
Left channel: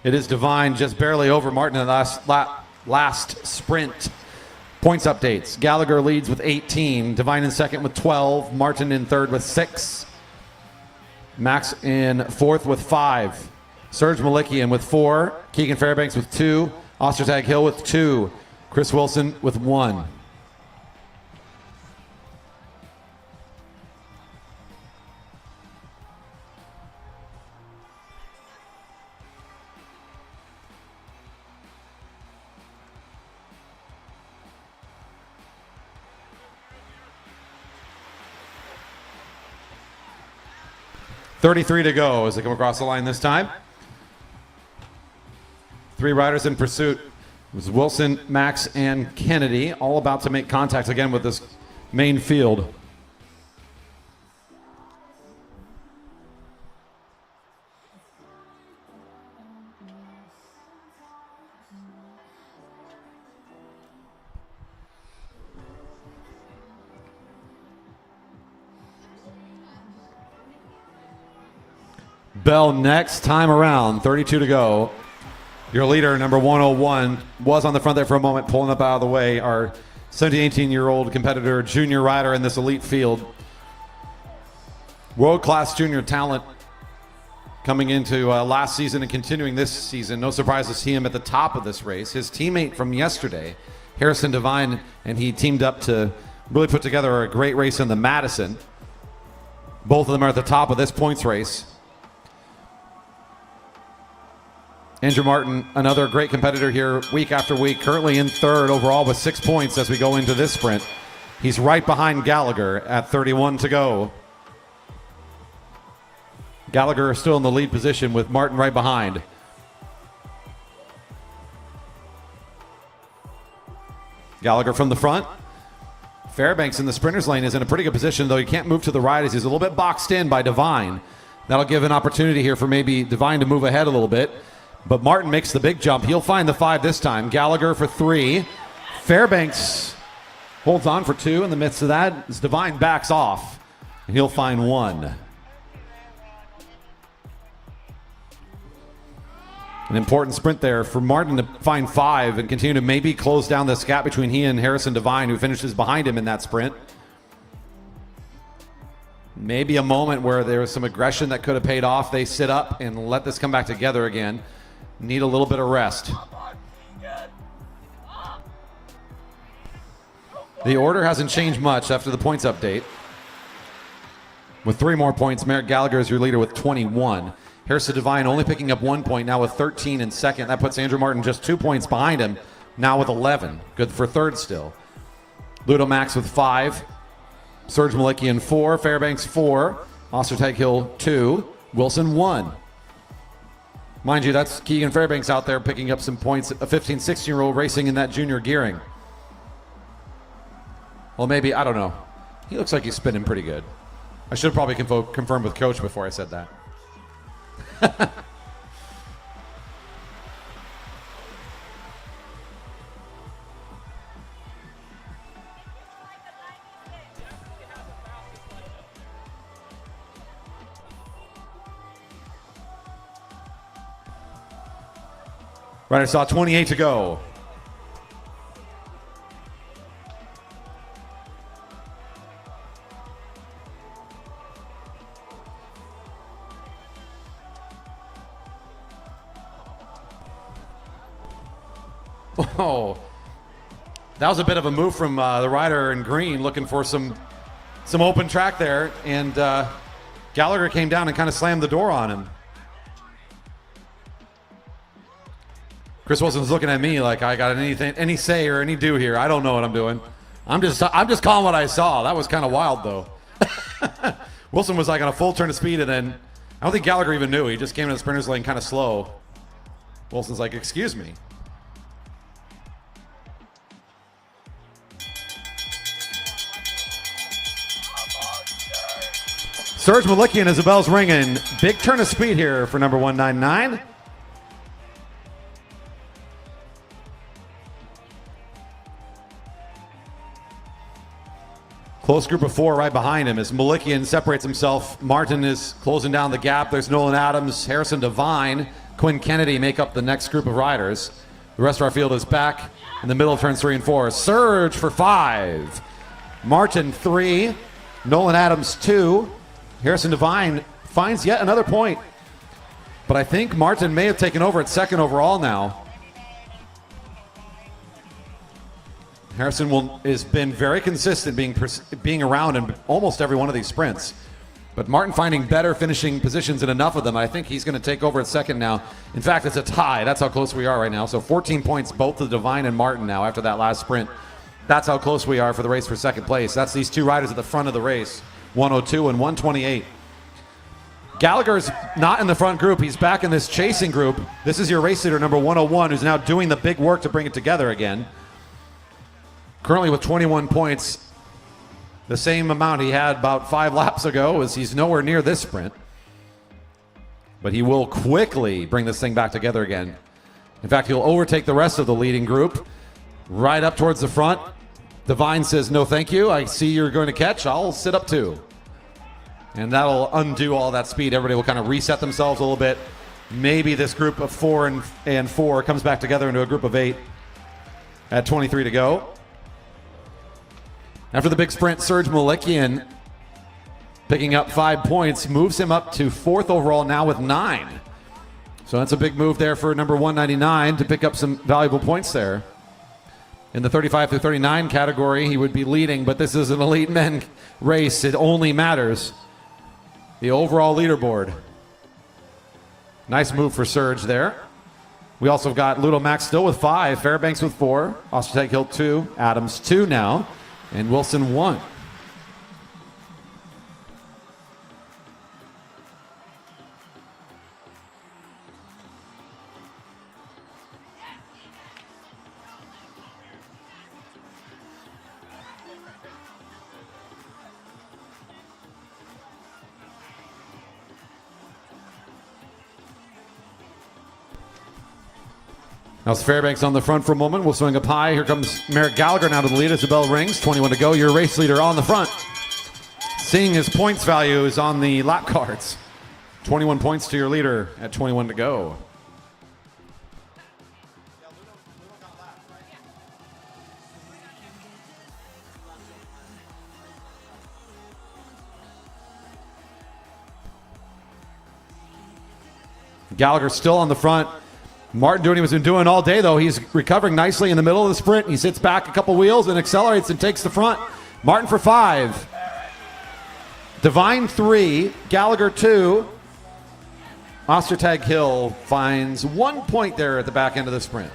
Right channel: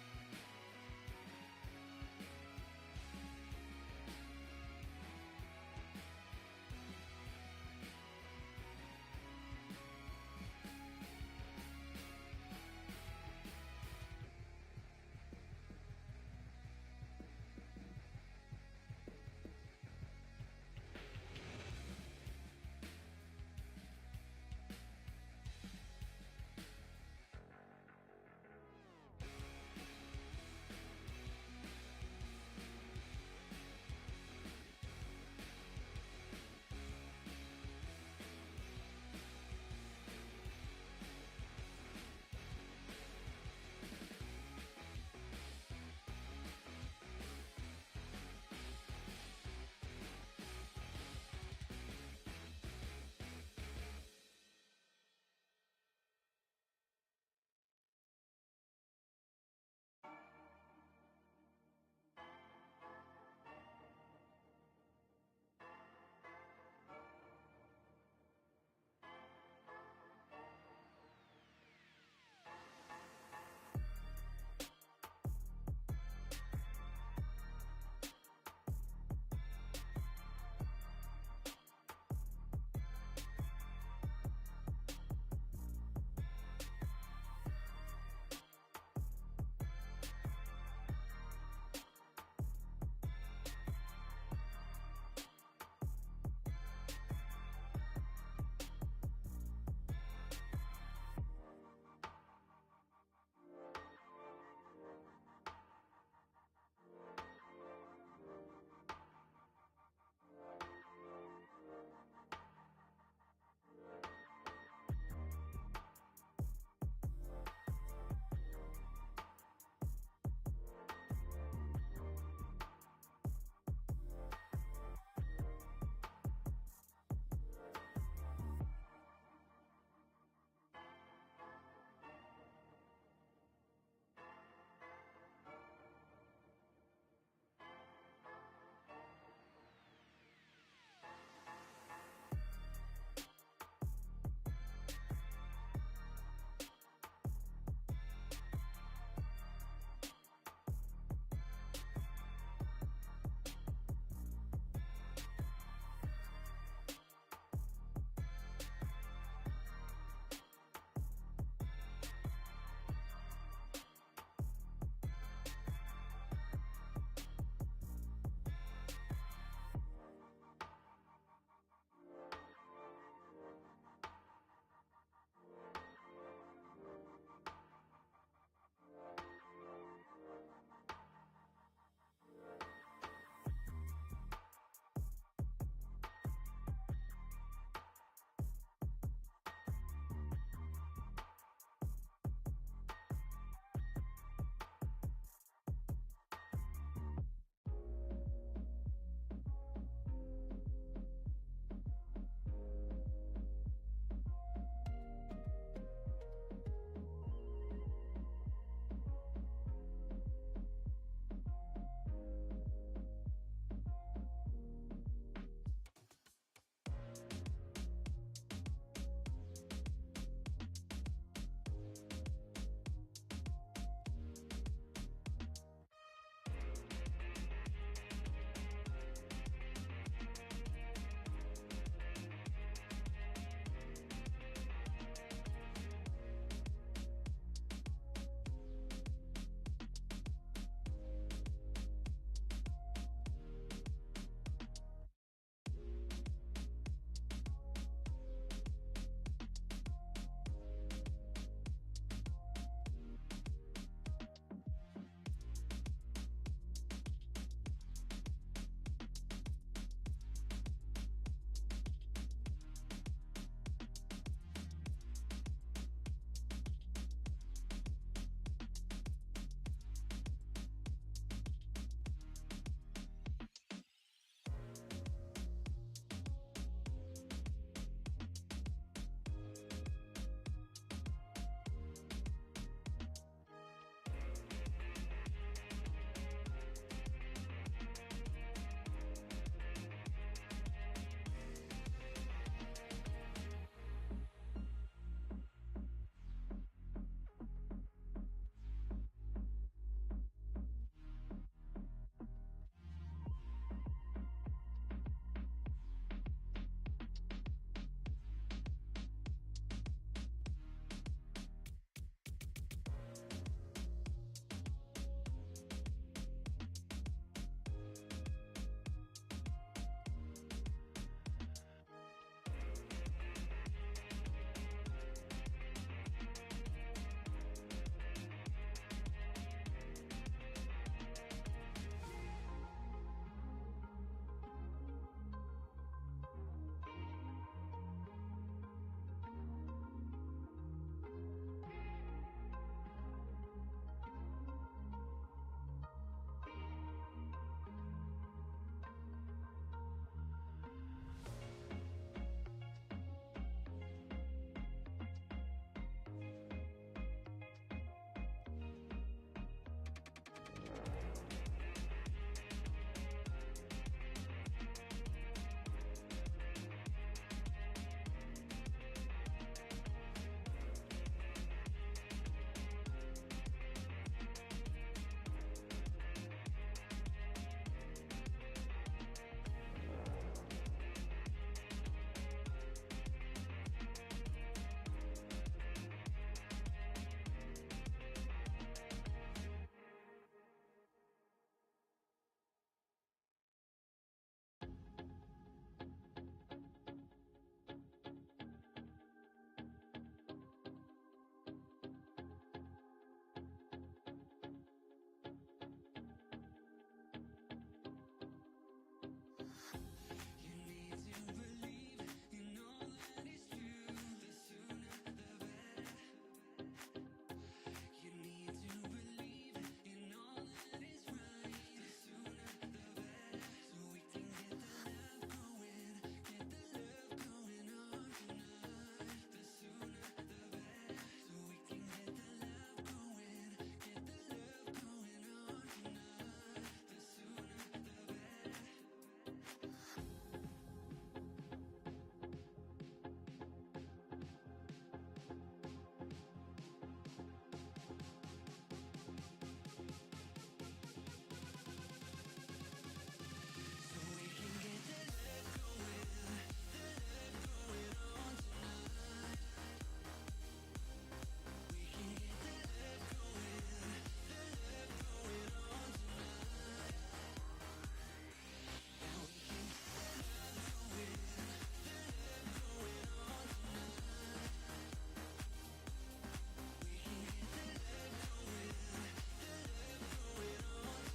It is Devine just barely over Martin in the last sprint. Points updates. Gallagher leads with 18. Devine in second with 12. Martin in third with 6. Max in fourth with 5. Serge Malikian with 4. Keegan Fairbanks with 2. Ostertag Hill with 2. Chris Wilson with 1. 33 to go as they come across the line this time. 3 riders in pursuit. It was Wilson, Max, and Kennedy, all about to make contact again with this main field. Bell next time around, 32 to go. Your leader, number 101, was on the front there for a moment, pulling up out of the way. Our 17, 18-year-old competitor, junior rider in this elite field. World-class junior talent coming into last season and continuing this season. No surprise to see him at the top of this race. His teammate from yesterday, Harrison Devine, and he teamed up to really put together a great race in the Madison. Both of them are at the top of this points race. Andrew Martin, another great competitor here week after week, currently in third overall with 6 points as we go into this sprint. He's right behind Gallagher at 31 to go. Gallagher is still in the lead position with Martin right behind. Gallagher from the front. Fairbanks in the sprinter's lane is in a pretty good position, though he can't move to the right as he's a little bit boxed in by Devine. That'll give an opportunity here for maybe Devine to move ahead a little bit. But Martin makes the big jump. He'll find the 5 this time. Gallagher for 3. Fairbanks holds on for 2 in the midst of that as Devine backs off. And he'll find 1. An important sprint there for Martin to find 5 and continue to maybe close down this gap between he and Harrison Devine, who finishes behind him in that sprint. Maybe a moment where there was some aggression that could have paid off. They sit up and let this come back together again. Need a little bit of rest. The order hasn't changed much after the points update. With 3 more points, Merrick Gallagher is your leader with 21. Harrison Devine only picking up 1 point, now with 13 in second. That puts Andrew Martin just 2 points behind him, now with 11. Good for third still. Ludo Max with 5. Serge Malikian 4. Fairbanks 4. Ostertag-Hill 2. Wilson 1. Mind you, that's Keegan Fairbanks out there picking up some points. A 15, 16-year-old racing in that junior gearing. Well, maybe, I don't know. He looks like he's spinning pretty good. I should have probably confirmed with Coach before I said that. Right, I saw 28 to go. Oh, that was a bit of a move from the rider in green, looking for some open track there, and Gallagher came down and kind of slammed the door on him. Chris Wilson's looking at me like I got any say or any do here. I don't know what I'm doing. I'm just calling what I saw. That was kind of wild though. Wilson was like on a full turn of speed, and then I don't think Gallagher even knew. He just came in the sprinter's lane kind of slow. Wilson's like, "Excuse me." Serge Malikian as the bell's ringing. Big turn of speed here for number 199. Close group of 4 right behind him as Malikian separates himself. Martin is closing down the gap. There's Nolan Adams, Harrison Devine, Quinn Kennedy make up the next group of riders. The rest of our field is back in the middle of turns 3 and 4. Serge for 5. Martin 3. Nolan Adams 2. Harrison Devine finds yet another point. But I think Martin may have taken over at second overall now. Harrison has been very consistent being around in almost every one of these sprints. But Martin finding better finishing positions in enough of them. I think he's going to take over at second now. In fact, it's a tie. That's how close we are right now. So 14 points both to Devine and Martin now after that last sprint. That's how close we are for the race for second place. That's these 2 riders at the front of the race, 102 and 128. Gallagher's not in the front group. He's back in this chasing group. This is your race leader, number 101, who's now doing the big work to bring it together again. Currently with 21 points, the same amount he had about 5 laps ago, as he's nowhere near this sprint. But he will quickly bring this thing back together again. In fact, he'll overtake the rest of the leading group right up towards the front. Divine says, no thank you. I see you're going to catch. I'll sit up too. And that'll undo all that speed. Everybody will kind of reset themselves a little bit. Maybe this group of 4 and 4 comes back together into a group of 8 at 23 to go. After the big sprint, Serge Malikian picking up 5 points, moves him up to 4th overall now with 9. So that's a big move there for number 199 to pick up some valuable points there. In the 35 through 39 category, he would be leading, but this is an elite men race. It only matters the overall leaderboard. Nice move for Serge there. We also got Ludo Max still with 5, Fairbanks with 4, Ostertag Hill 2, Adams 2 now, and Wilson 1. Now it's Fairbanks on the front for a moment. We'll swing up high. Here comes Merrick Gallagher now to the lead as the bell rings. 21 to go. Your race leader on the front. Seeing his points values on the lap cards. 21 points to your leader at 21 to go. Gallagher still on the front. Martin doing what he's been doing all day, though. He's recovering nicely in the middle of the sprint. He sits back a couple wheels and accelerates and takes the front. Martin for 5. Divine 3. Gallagher 2. Ostertag Hill finds 1 point there at the back end of the sprint.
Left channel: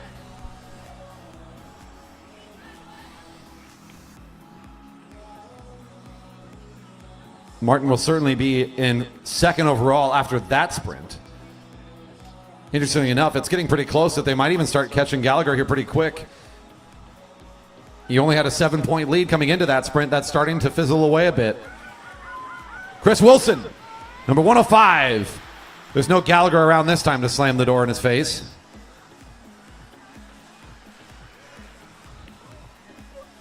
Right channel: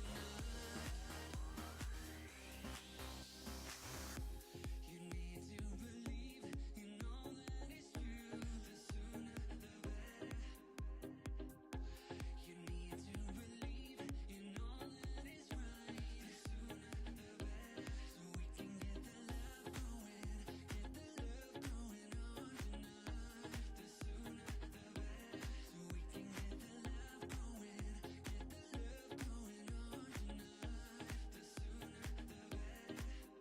Martin will certainly be in 2nd overall after that sprint. Interestingly enough, it's getting pretty close that they might even start catching Gallagher here pretty quick. He only had a 7-point lead coming into that sprint. That's starting to fizzle away a bit. Chris Wilson, number 105. There's no Gallagher around this time to slam the door in his face.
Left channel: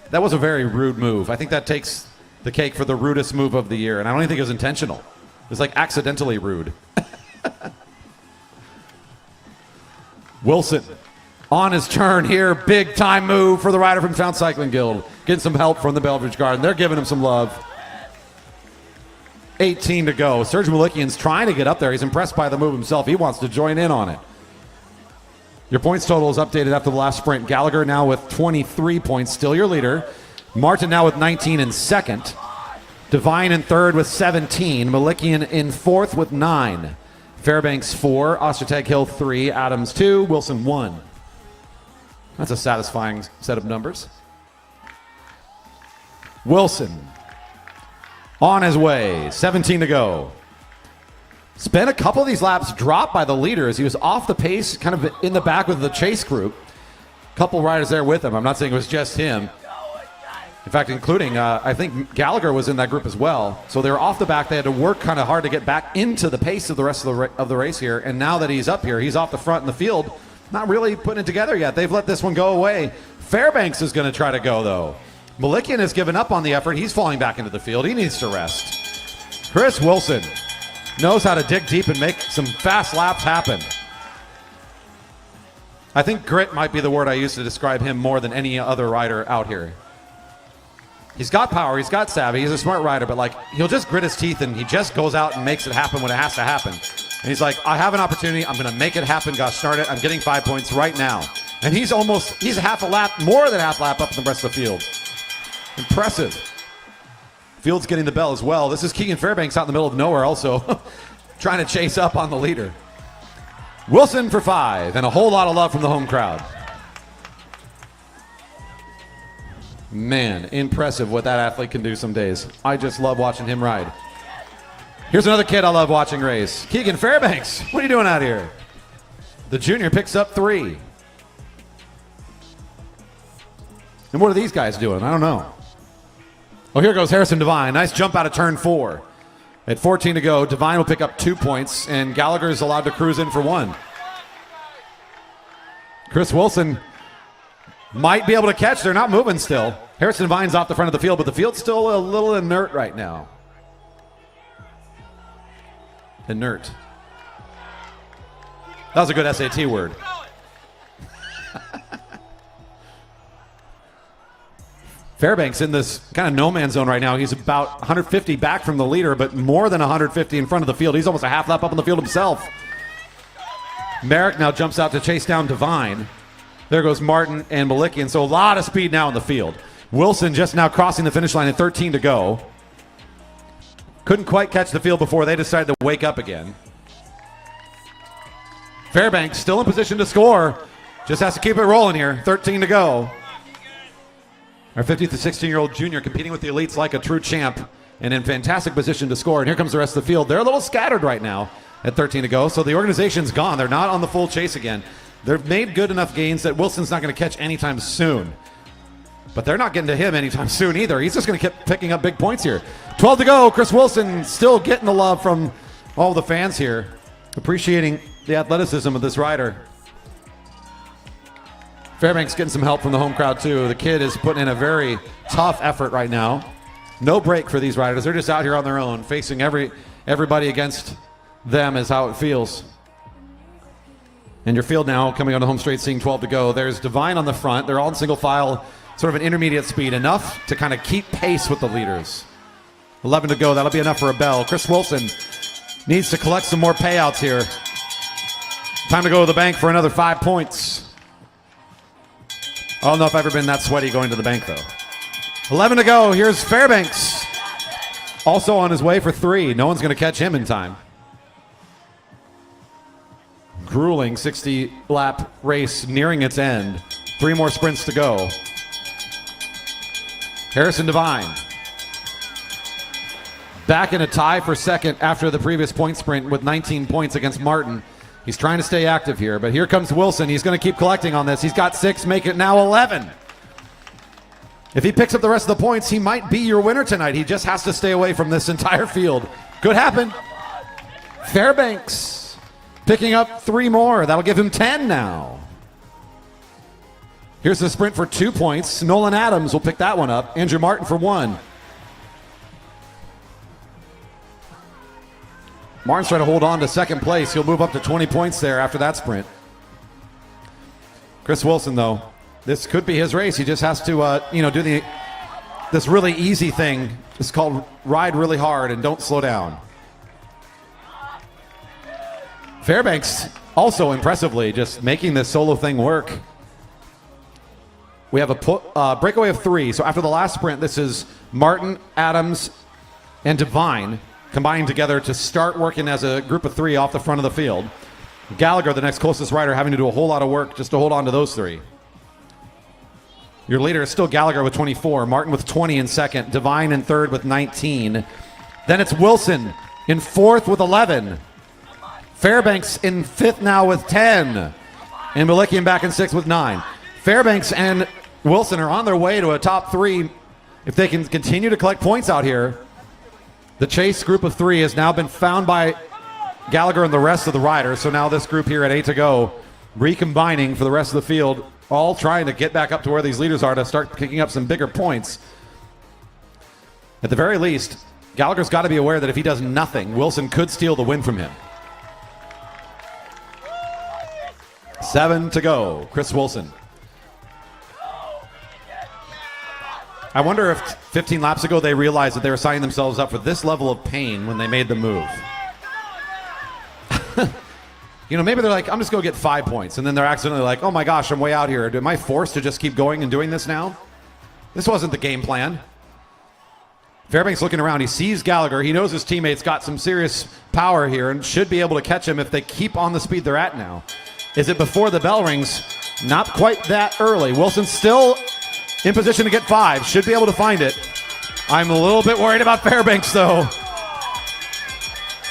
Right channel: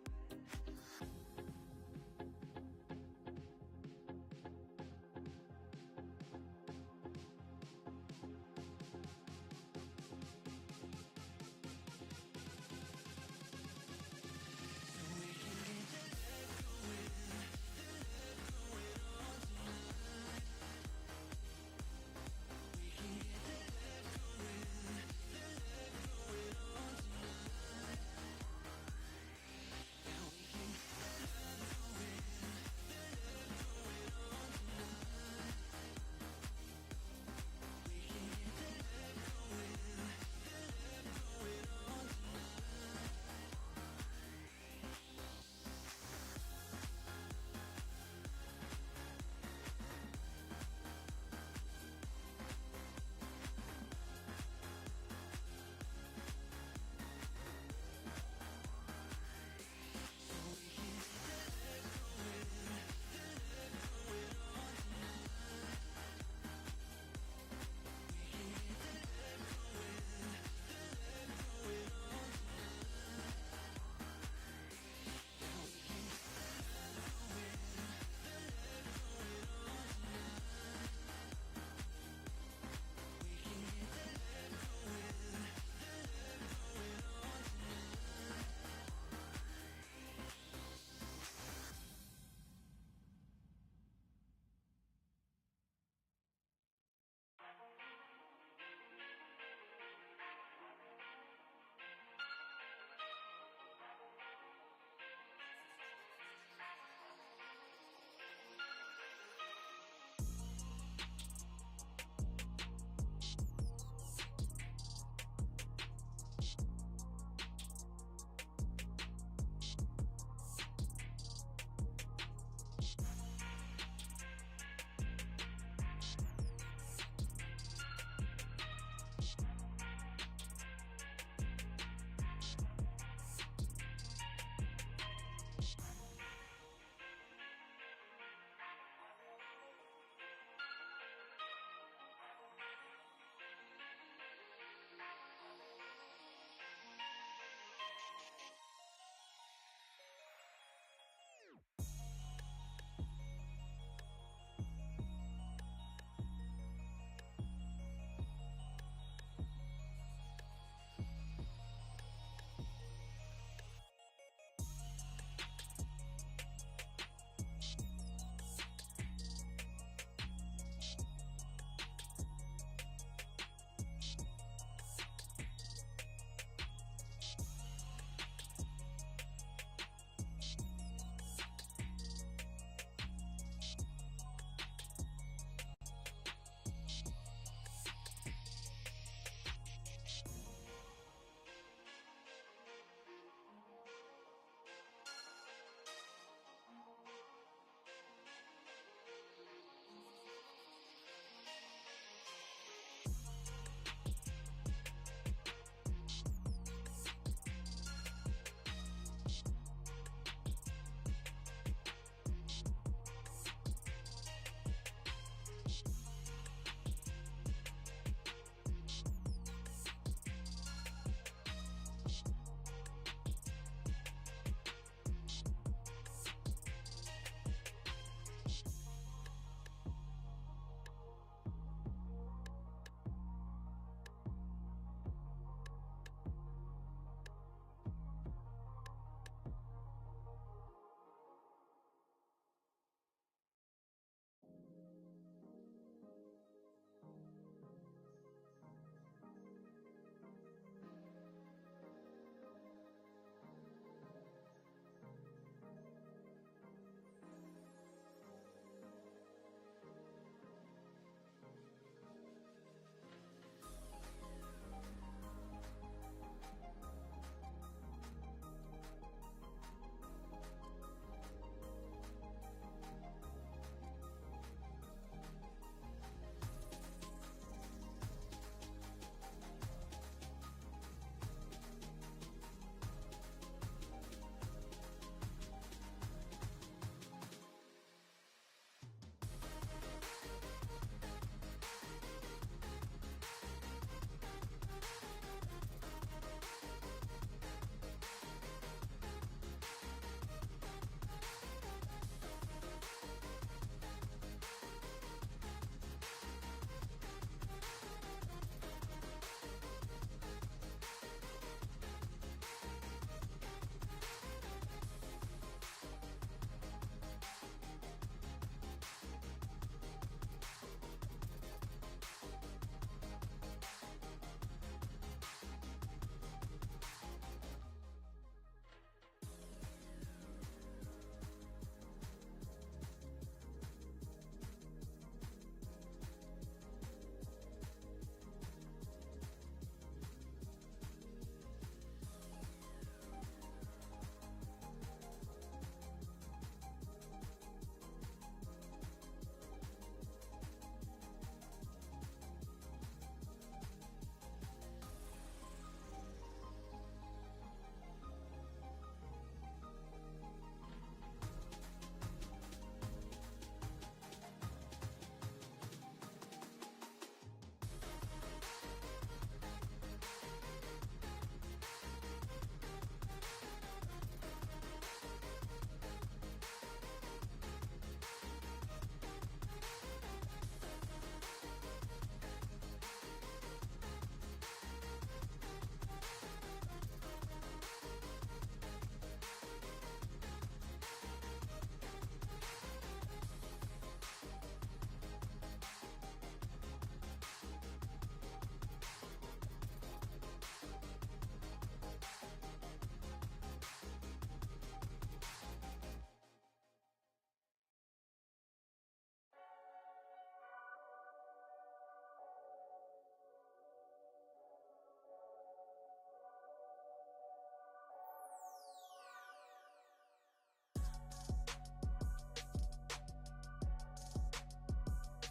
That was a very rude move. I think that takes the cake for the rudest move of the year, and I don't even think it was intentional. It was like accidentally rude. Wilson on his turn here. Big time move for the rider from Town Cycling Guild. Getting some help from the Belfridge Garden. They're giving him some love. 18 to go. Serge Malikian's trying to get up there. He's impressed by the move himself. He wants to join in on it. Your points total is updated after the last sprint. Gallagher now with 23 points, still your leader. Martin now with 19 in 2nd. Divine in 3rd with 17. Malikian in 4th with 9. Fairbanks 4, Ostertag Hill 3, Adams 2, Wilson 1. That's a satisfying set of numbers. Wilson on his way, 17 to go. Spent a couple of these laps dropped by the leader as he was off the pace, kind of in the back with the chase group. Couple riders there with him. I'm not saying it was just him. In fact, including, I think Gallagher was in that group as well. So they were off the back. They had to work kind of hard to get back into the pace of the rest of the race here. And now that he's up here, he's off the front in the field. Not really putting it together yet. They've let this one go away. Fairbanks is going to try to go, though. Malikian has given up on the effort. He's falling back into the field. He needs to rest. Chris Wilson knows how to dig deep and make some fast laps happen. I think grit might be the word I use to describe him more than any other rider out here. He's got power, he's got savvy, he's a smart rider, but like he'll just grit his teeth and he just goes out and makes it happen when it has to happen. And he's like, I have an opportunity, I'm gonna make it happen, gosh darn it, I'm getting 5 points right now. And he's half a lap, more than half a lap up in the rest of the field. Impressive. Field's getting the bell as well. This is Keegan Fairbanks out in the middle of nowhere also, trying to chase up on the leader. Wilson for 5, and a whole lot of love from the home crowd. Man, impressive what that athlete can do some days. I just love watching him ride. Here's another kid I love watching race. Keegan Fairbanks, what are you doing out here? The junior picks up 3. And what are these guys doing? I don't know. Oh, here goes Harrison Devine. Nice jump out of turn 4. At 14 to go, Devine will pick up 2 points, and Gallagher is allowed to cruise in for 1. Chris Wilson might be able to catch. They're not moving still. Harrison Devine's off the front of the field, but the field's still a little inert right now. Inert. That was a good SAT word. Fairbanks in this kind of no man's zone right now. He's about 150 back from the leader, but more than 150 in front of the field. He's almost a half lap up on the field himself. Merrick now jumps out to chase down Devine. There goes Martin and Malikian. So a lot of speed now in the field. Wilson just now crossing the finish line at 13 to go. Couldn't quite catch the field before they decided to wake up again. Fairbanks still in position to score. Just has to keep it rolling here. 13 to go. Our 50 to 16-year-old junior competing with the elites like a true champ and in fantastic position to score. And here comes the rest of the field. They're a little scattered right now at 13 to go. So the organization's gone. They're not on the full chase again. They've made good enough gains that Wilson's not going to catch anytime soon. But they're not getting to him anytime soon either. He's just going to keep picking up big points here. 12 to go. Chris Wilson still getting the love from all the fans here. Appreciating the athleticism of this rider. Fairbanks getting some help from the home crowd too. The kid is putting in a very tough effort right now. No break for these riders. They're just out here on their own, facing everybody against them is how it feels. And your field now coming on the home straight, seeing 12 to go. There's Devine on the front. They're all in single file, sort of an intermediate speed, enough to kind of keep pace with the leaders. 11 to go. That'll be enough for a bell. Chris Wilson needs to collect some more payouts here. Time to go to the bank for another 5 points. I don't know if I've ever been that sweaty going to the bank, though. 11 to go. Here's Fairbanks. Also on his way for 3. No one's going to catch him in time. Grueling 60-lap race nearing its end. 3 more sprints to go. Harrison Devine. Back in a tie for second after the previous point sprint with 19 points against Martin. He's trying to stay active here, but here comes Wilson. He's going to keep collecting on this. He's got 6, make it now 11. If he picks up the rest of the points, he might be your winner tonight. He just has to stay away from this entire field. Could happen. Fairbanks picking up 3 more. That'll give him 10 now. Here's the sprint for 2 points. Nolan Adams will pick that one up. Andrew Martin for 1. Martin's trying to hold on to second place. He'll move up to 20 points there after that sprint. Chris Wilson, though, this could be his race. He just has to, do this really easy thing. It's called ride really hard and don't slow down. Fairbanks also impressively just making this solo thing work. We have a breakaway of 3. So after the last sprint, this is Martin, Adams, and Devine combining together to start working as a group of 3 off the front of the field. Gallagher, the next closest rider, having to do a whole lot of work just to hold on to those 3. Your leader is still Gallagher with 24, Martin with 20 in second, Devine in third with 19. Then it's Wilson in fourth with 11. Fairbanks in fifth now with 10. And Malikian back in sixth with 9. Fairbanks and Wilson are on their way to a top 3 if they can continue to collect points out here. The chase group of 3 has now been found by Gallagher and the rest of the riders. So now this group here at 8 to go, recombining for the rest of the field, all trying to get back up to where these leaders are to start picking up some bigger points. At the very least, Gallagher's got to be aware that if he does nothing, Wilson could steal the win from him. 7 to go, Chris Wilson. I wonder if 15 laps ago they realized that they were signing themselves up for this level of pain when they made the move. Maybe they're like, I'm just going to get 5 points. And then they're accidentally like, oh my gosh, I'm way out here. Am I forced to just keep going and doing this now? This wasn't the game plan. Fairbanks looking around. He sees Gallagher. He knows his teammates got some serious power here and should be able to catch him if they keep on the speed they're at now. Is it before the bell rings? Not quite that early. Wilson's still in position to get 5. Should be able to find it. I'm a little bit worried about Fairbanks, though.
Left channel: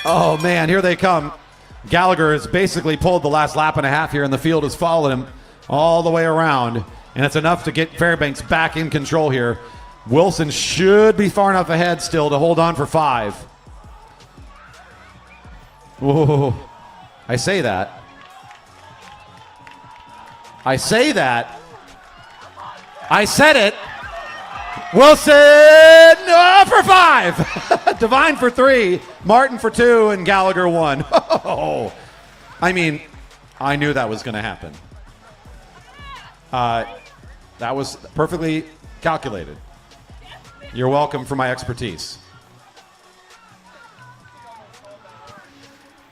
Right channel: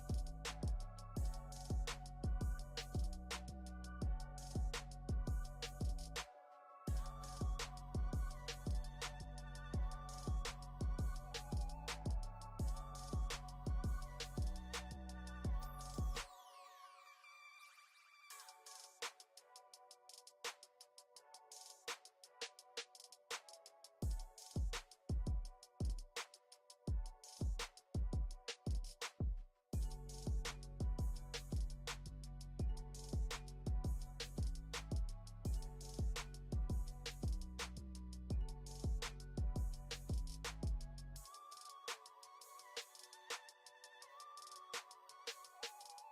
Oh, man, here they come. Gallagher has basically pulled the last lap and a half here, and the field has followed him all the way around. And it's enough to get Fairbanks back in control here. Wilson should be far enough ahead still to hold on for 5. Whoa. I say that. I said it. Wilson for 5. Devine for 3. Martin for 2. And Gallagher 1. Oh, I mean, I knew that was going to happen. That was perfectly calculated. You're welcome for my expertise.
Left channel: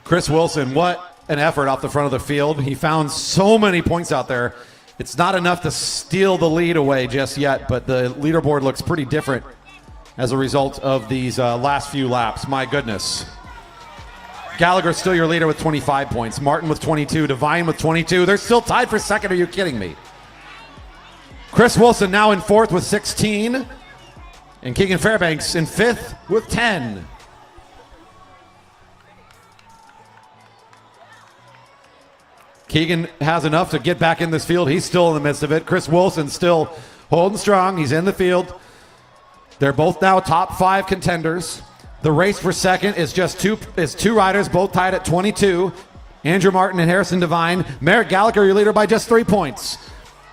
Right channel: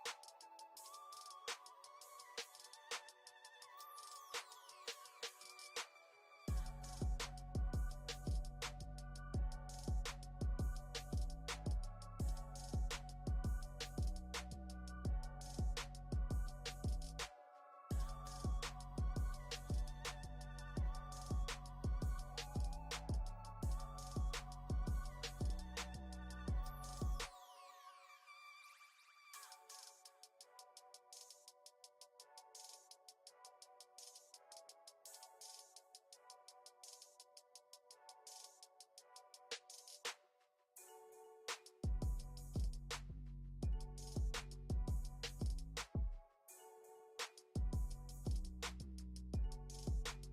Chris Wilson, what an effort off the front of the field. He found so many points out there. It's not enough to steal the lead away just yet, but the leaderboard looks pretty different as a result of these last few laps. My goodness. Gallagher still your leader with 25 points. Martin with 22. Devine with 22. They're still tied for second. Are you kidding me? Chris Wilson now in 4th with 16. And Keegan Fairbanks in 5th with 10. Keegan has enough to get back in this field. He's still in the midst of it. Chris Wilson still holding strong. He's in the field. They're both now top 5 contenders. The race for second is just two riders, both tied at 22. Andrew Martin and Harrison Devine. Merrick Gallagher, your leader by just 3 points.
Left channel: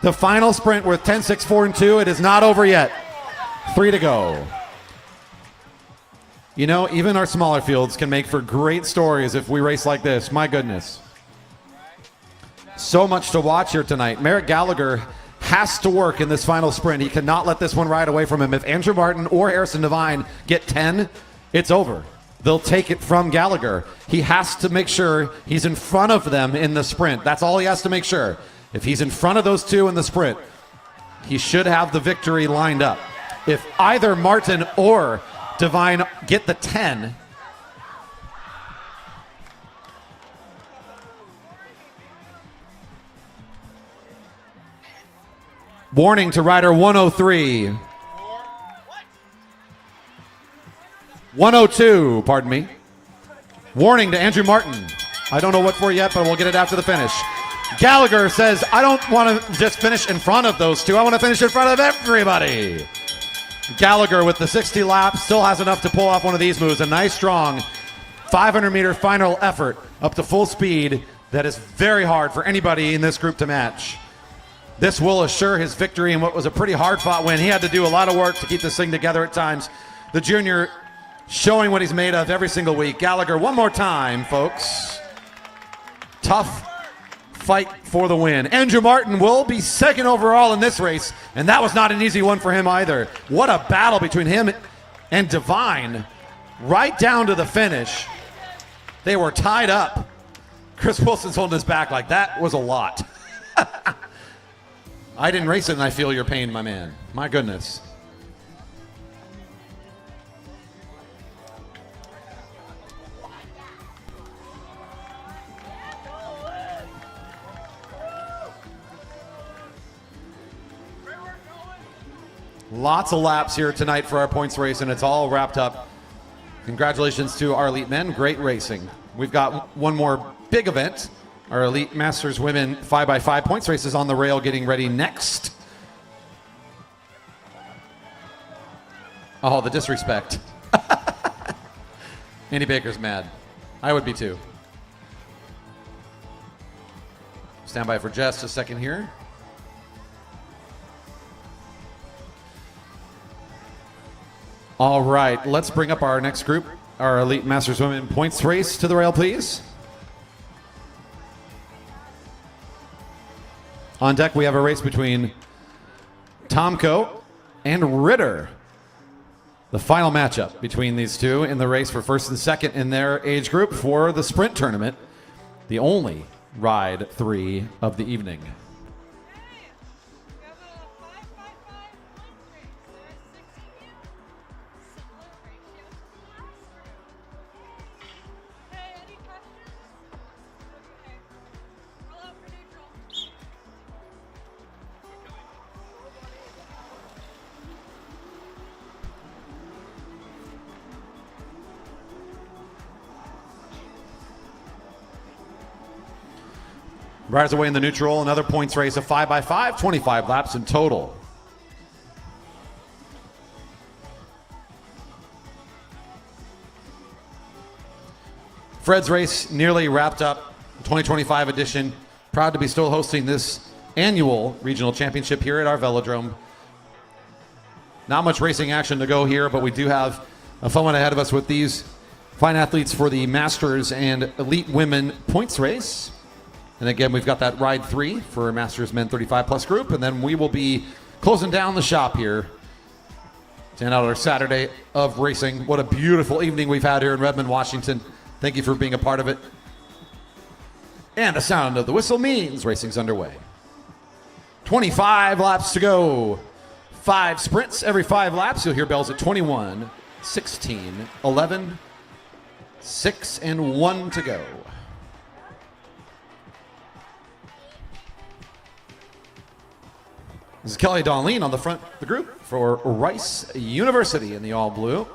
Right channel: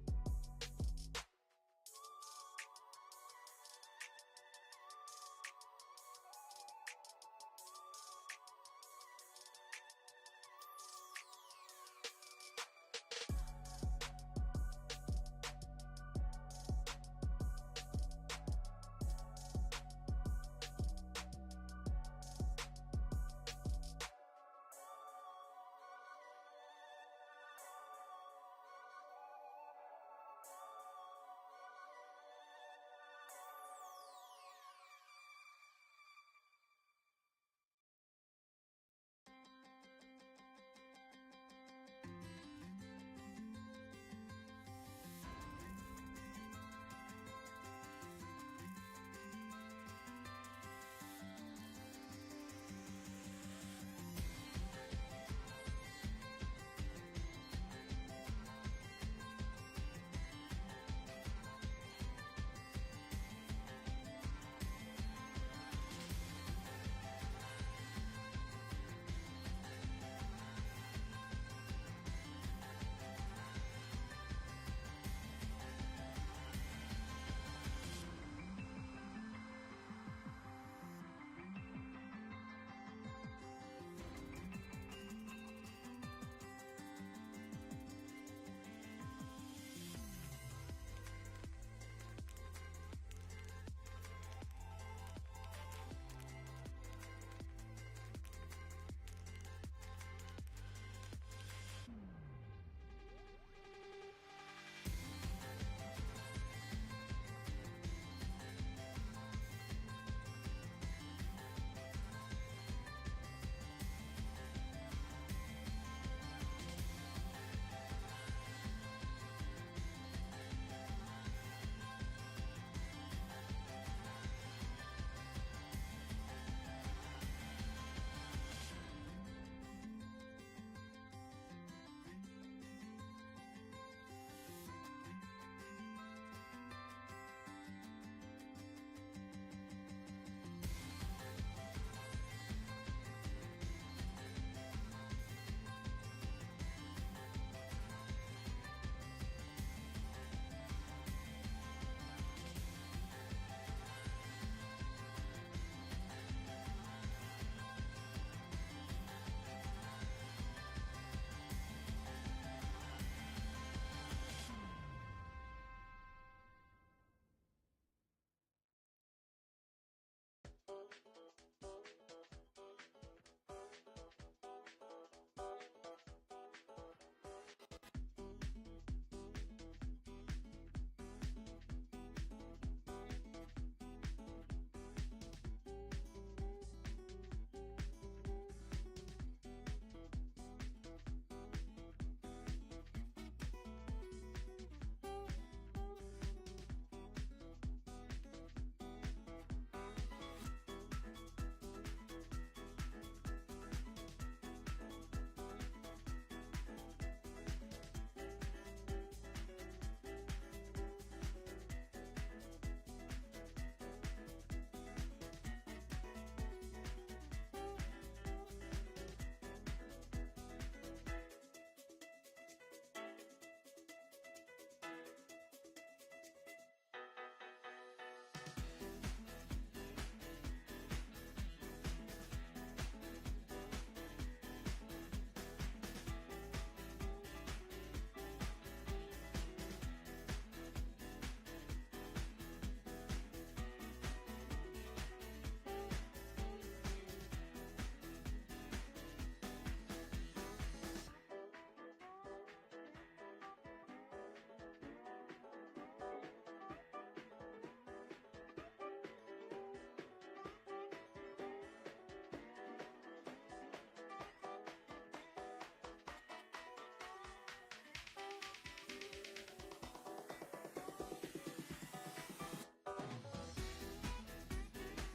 The final sprint with 10, 6, 4, and 2. It is not over yet. 3 to go. You know, even our smaller fields can make for great stories if we race like this. My goodness. So much to watch here tonight. Merrick Gallagher has to work in this final sprint. He cannot let this one ride away from him. If Andrew Martin or Harrison Devine get 10, it's over. They'll take it from Gallagher. He has to make sure he's in front of them in the sprint. That's all he has to make sure. If he's in front of those two in the sprint, he should have the victory lined up. If either Martin or Devine get the 10, warning to rider 103. 102, pardon me. Warning to Andrew Martin. I don't know what for yet, but we'll get it after the finish. Gallagher says, I don't want to just finish in front of those two. I want to finish in front of everybody. Gallagher with the 60 laps still has enough to pull off one of these moves. A nice, strong 500-meter final effort up to full speed that is very hard for anybody in this group to match. This will assure his victory in what was a pretty hard-fought win. He had to do a lot of work to keep this thing together at times. The junior showing what he's made of every single week. Gallagher, one more time, folks. Tough fight for the win. Andrew Martin will be second overall in this race, and that was not an easy one for him either. What a battle between him and Devine right down to the finish. They were tied up. Chris Wilson's holding his back like that was a lot. I didn't race it, and I feel your pain, my man. My goodness. Lots of laps here tonight for our points race, and it's all wrapped up. Congratulations to our elite men. Great racing. We've got one more big event. Our Elite Masters Women 5x5 points race is on the rail getting ready next. Oh, the disrespect. Andy Baker's mad. I would be too. Stand by for just a second here. All right, let's bring up our next group, our Elite Masters Women points race to the rail, please. On deck, we have a race between Tomko and Ritter. The final matchup between these two in the race for first and second in their age group for the sprint tournament, the only ride 3 of the evening. Riders away in the neutral, another points race, a 5x5, 25 laps in total. Fred's race nearly wrapped up, 2025 edition. Proud to be still hosting this annual regional championship here at our velodrome. Not much racing action to go here, but we do have a fun one ahead of us with these fine athletes for the Masters and Elite Women points race. And again, we've got that ride 3 for Masters Men 35 plus group, and then we will be closing down the shop here to end out our Saturday of racing. What a beautiful evening we've had here in Redmond, Washington. Thank you for being a part of it. And the sound of the whistle means racing's underway. 25 laps to go. 5 sprints every 5 laps. You'll hear bells at 21, 16, 11, 6, and 1 to go. This is Kelly Donleen on the front of the group for Rice University in the all blue.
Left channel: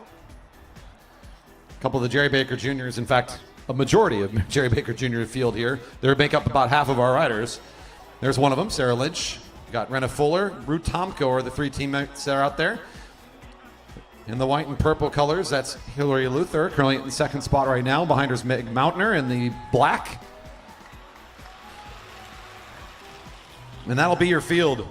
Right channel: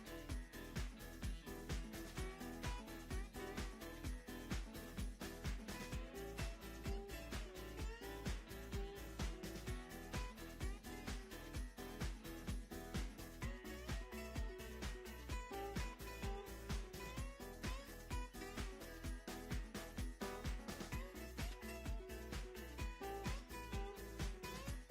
A couple of the Jerry Baker Juniors, in fact, a majority of Jerry Baker Jr. field here. They make up about half of our riders. There's one of them, Sarah Lynch. Got Renna Fuller, Ruth Tomko are the 3 teammates that are out there. In the white and purple colors, that's Hillary Luther, currently in the 2nd spot right now. Behind her is Meg Mountner in the black. And that'll be your field.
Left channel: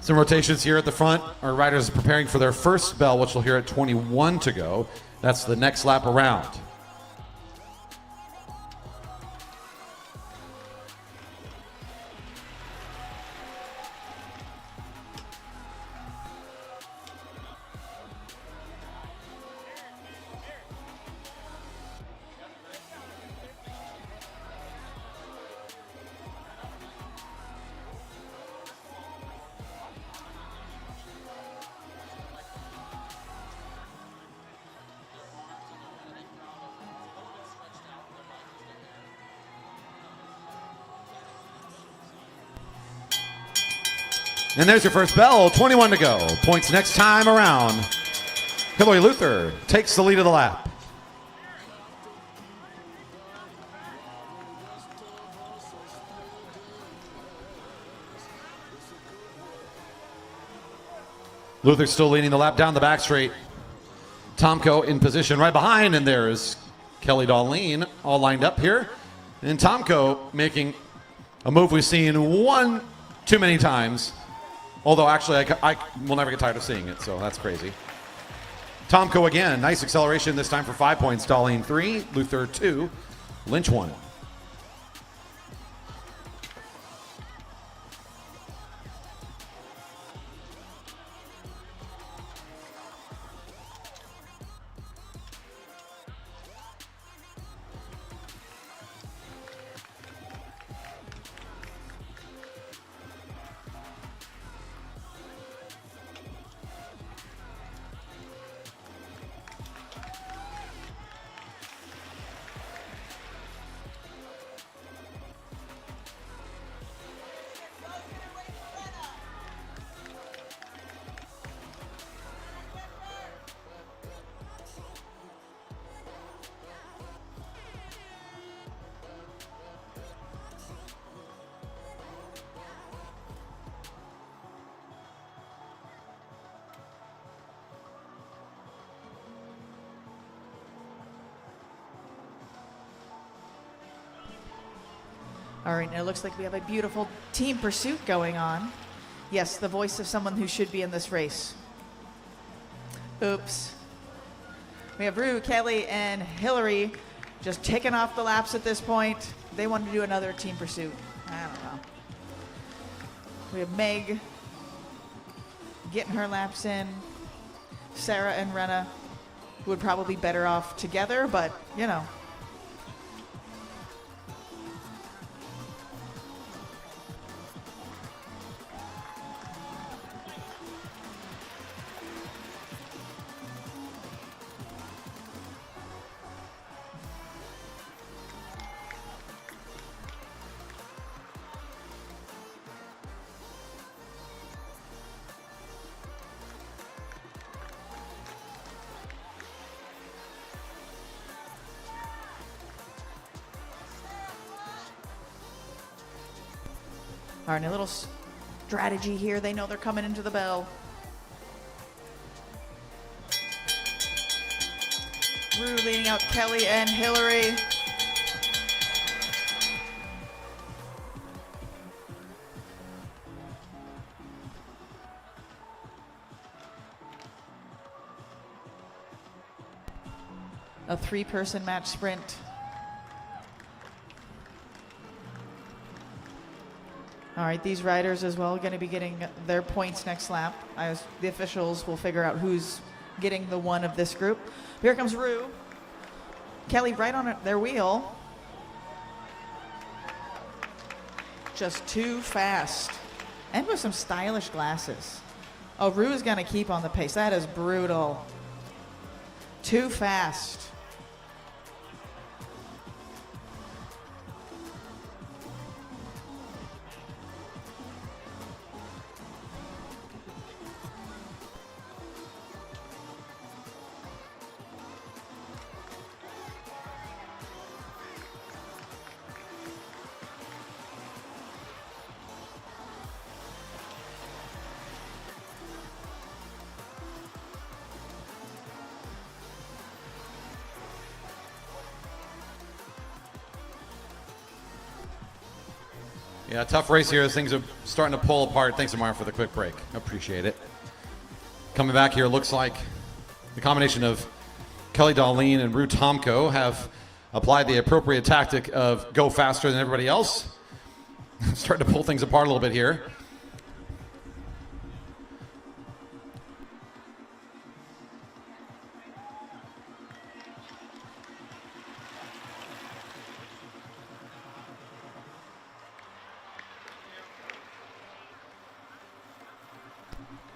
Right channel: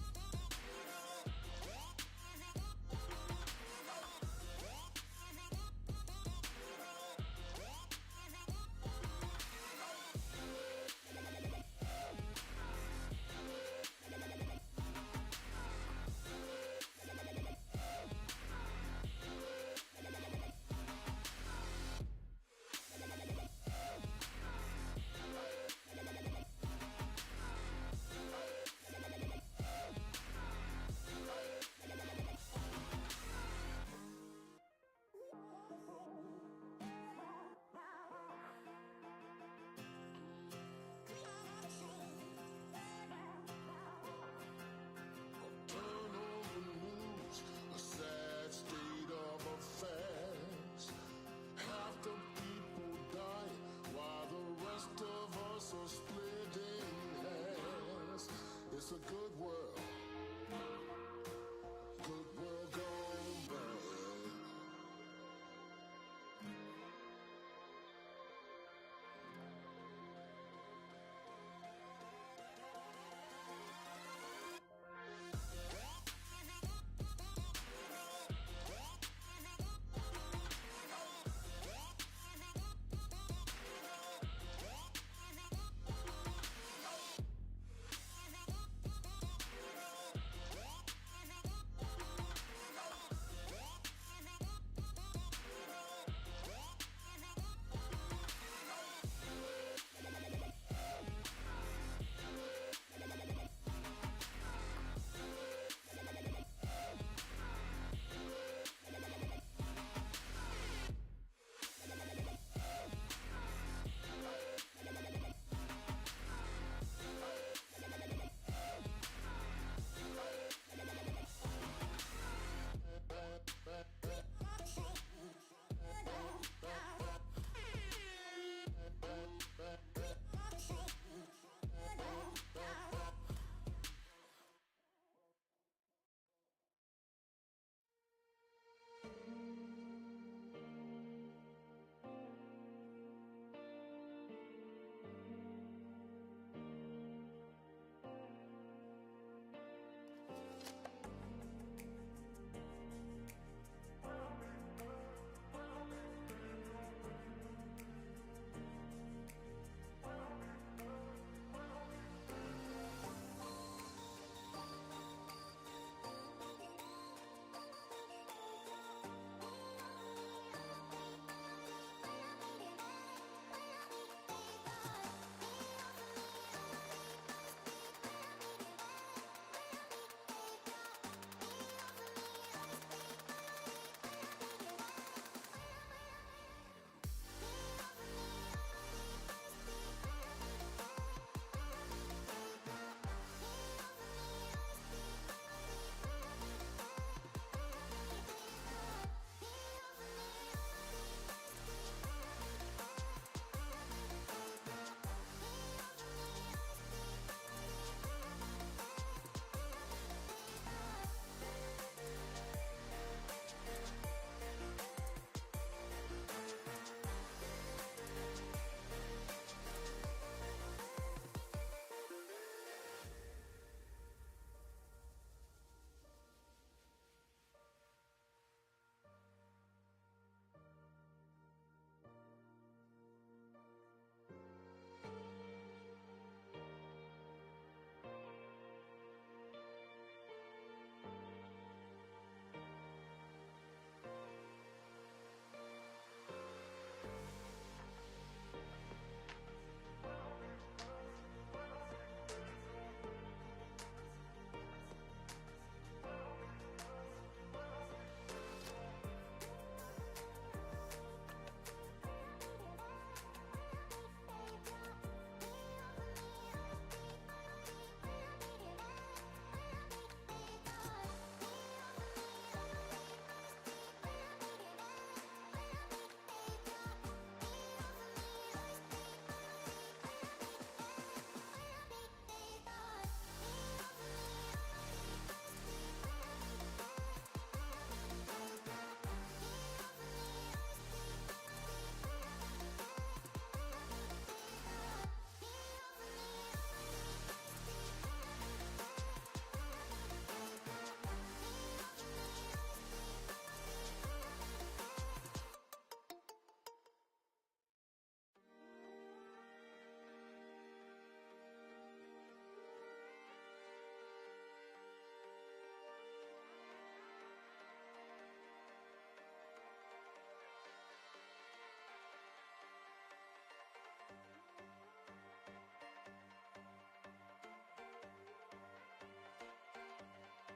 Some rotations here at the front. Our riders are preparing for their first bell, which we'll hear at 21 to go. That's the next lap around. And there's your first bell, 21 to go. Points next time around. Hillary Luther takes the lead of the lap. Luther still leading the lap down the back straight. Tomko in position right behind, and there's Kelly Donleen all lined up here. And Tomko making a move we've seen one too many times. Although, actually, I will never get tired of seeing it, so that's crazy. Tomko again, nice acceleration this time for 5 points. Darlene 3, Luther 2, Lynch 1. All right, now it looks like we have a beautiful team pursuit going on. Yes, the voice of someone who should be in this race. Oops. We have Rue, Kelly, and Hillary just taking off the laps at this point. They want to do another team pursuit. I don't know. We have Meg getting her laps in. Sarah and Renna would probably be better off together, but you know. All right, a little strategy here. They know they're coming into the bell. Rue leading out Kelly and Hillary. A 3-person match sprint. All right, these riders as well going to be getting their points next lap. As the officials will figure out who's getting the one of this group. Here comes Rue. Kelly right on their wheel. Just too fast. And with some stylish glasses. Oh, Rue is going to keep on the pace. That is brutal. Too fast. Yeah, tough race here as things are starting to pull apart. Thanks, Amar, for the quick break. Appreciate it. Coming back here, looks like the combination of Kelly Darlene and Rue Tomko have applied the appropriate tactic of go faster than everybody else. Starting to pull things apart a little bit here.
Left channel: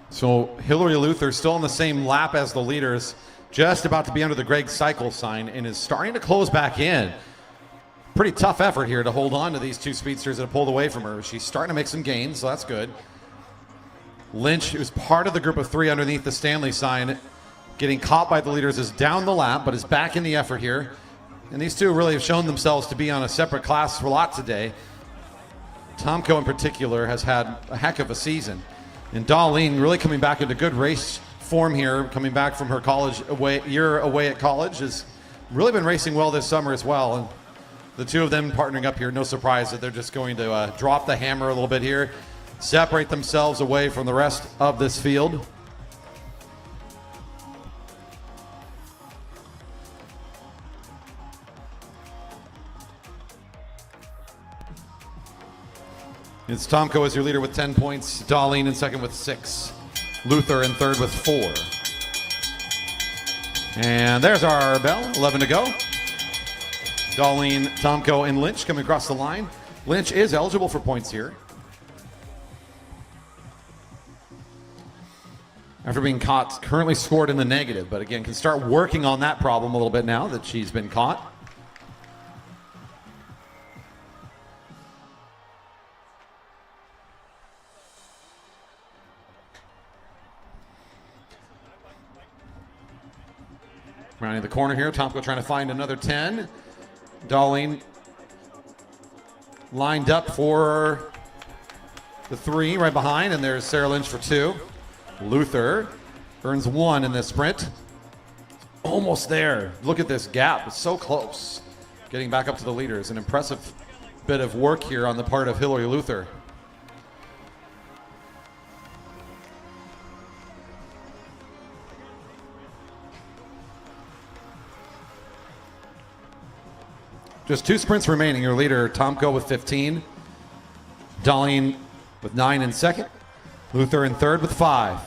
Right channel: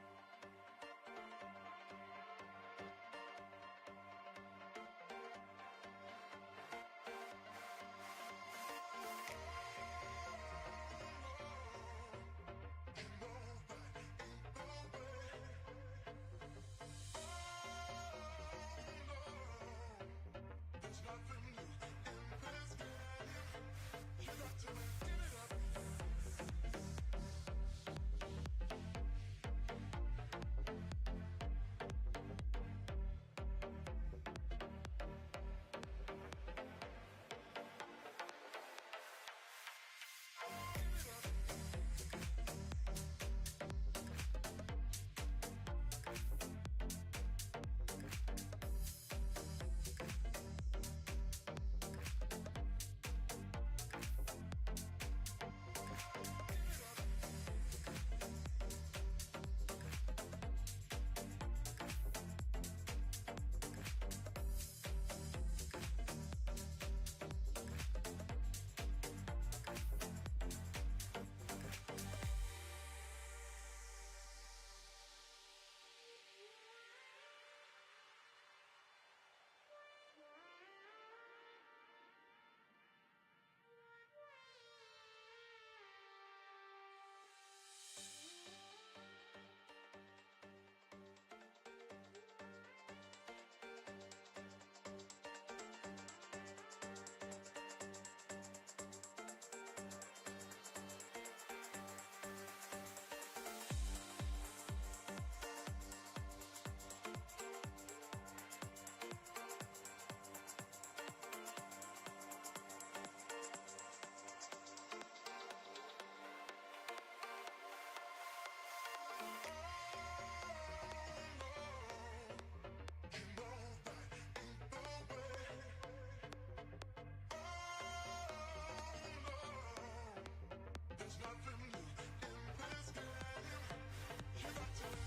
So Hillary Luther still on the same lap as the leaders, just about to be under the Greg Cycle sign and is starting to close back in. Pretty tough effort here to hold on to these two speedsters that have pulled away from her. She's starting to make some gains, so that's good. Lynch, who's part of the group of 3 underneath the Stanley sign, getting caught by the leaders, is down the lap, but is back in the effort here. And these two really have shown themselves to be on a separate class for a lot today. Tomko in particular has had a heck of a season. And Darlene really coming back into good race form here, coming back from her year away at college, has really been racing well this summer as well. And the two of them partnering up here, no surprise that they're just going to drop the hammer a little bit here, separate themselves away from the rest of this field. It's Tomko as your leader with 10 points, Darlene in second with 6, Luther in third with 4. And there's our bell, 11 to go. Darlene, Tomko, and Lynch coming across the line. Lynch is eligible for points here. After being caught, currently scored in the negative, but again, can start working on that problem a little bit now that she's been caught. Rounding the corner here, Tomko trying to find another 10. Darlene lined up for the 3 right behind, and there's Sarah Lynch for 2. Luther earns 1 in this sprint. Almost there. Look at this gap. It's so close. Getting back up to the leaders. An impressive bit of work here on the part of Hillary Luther. just 2 sprints remaining. Your leader, Tomko, with 15. Darlene with 9 in second. Luther in third with 5.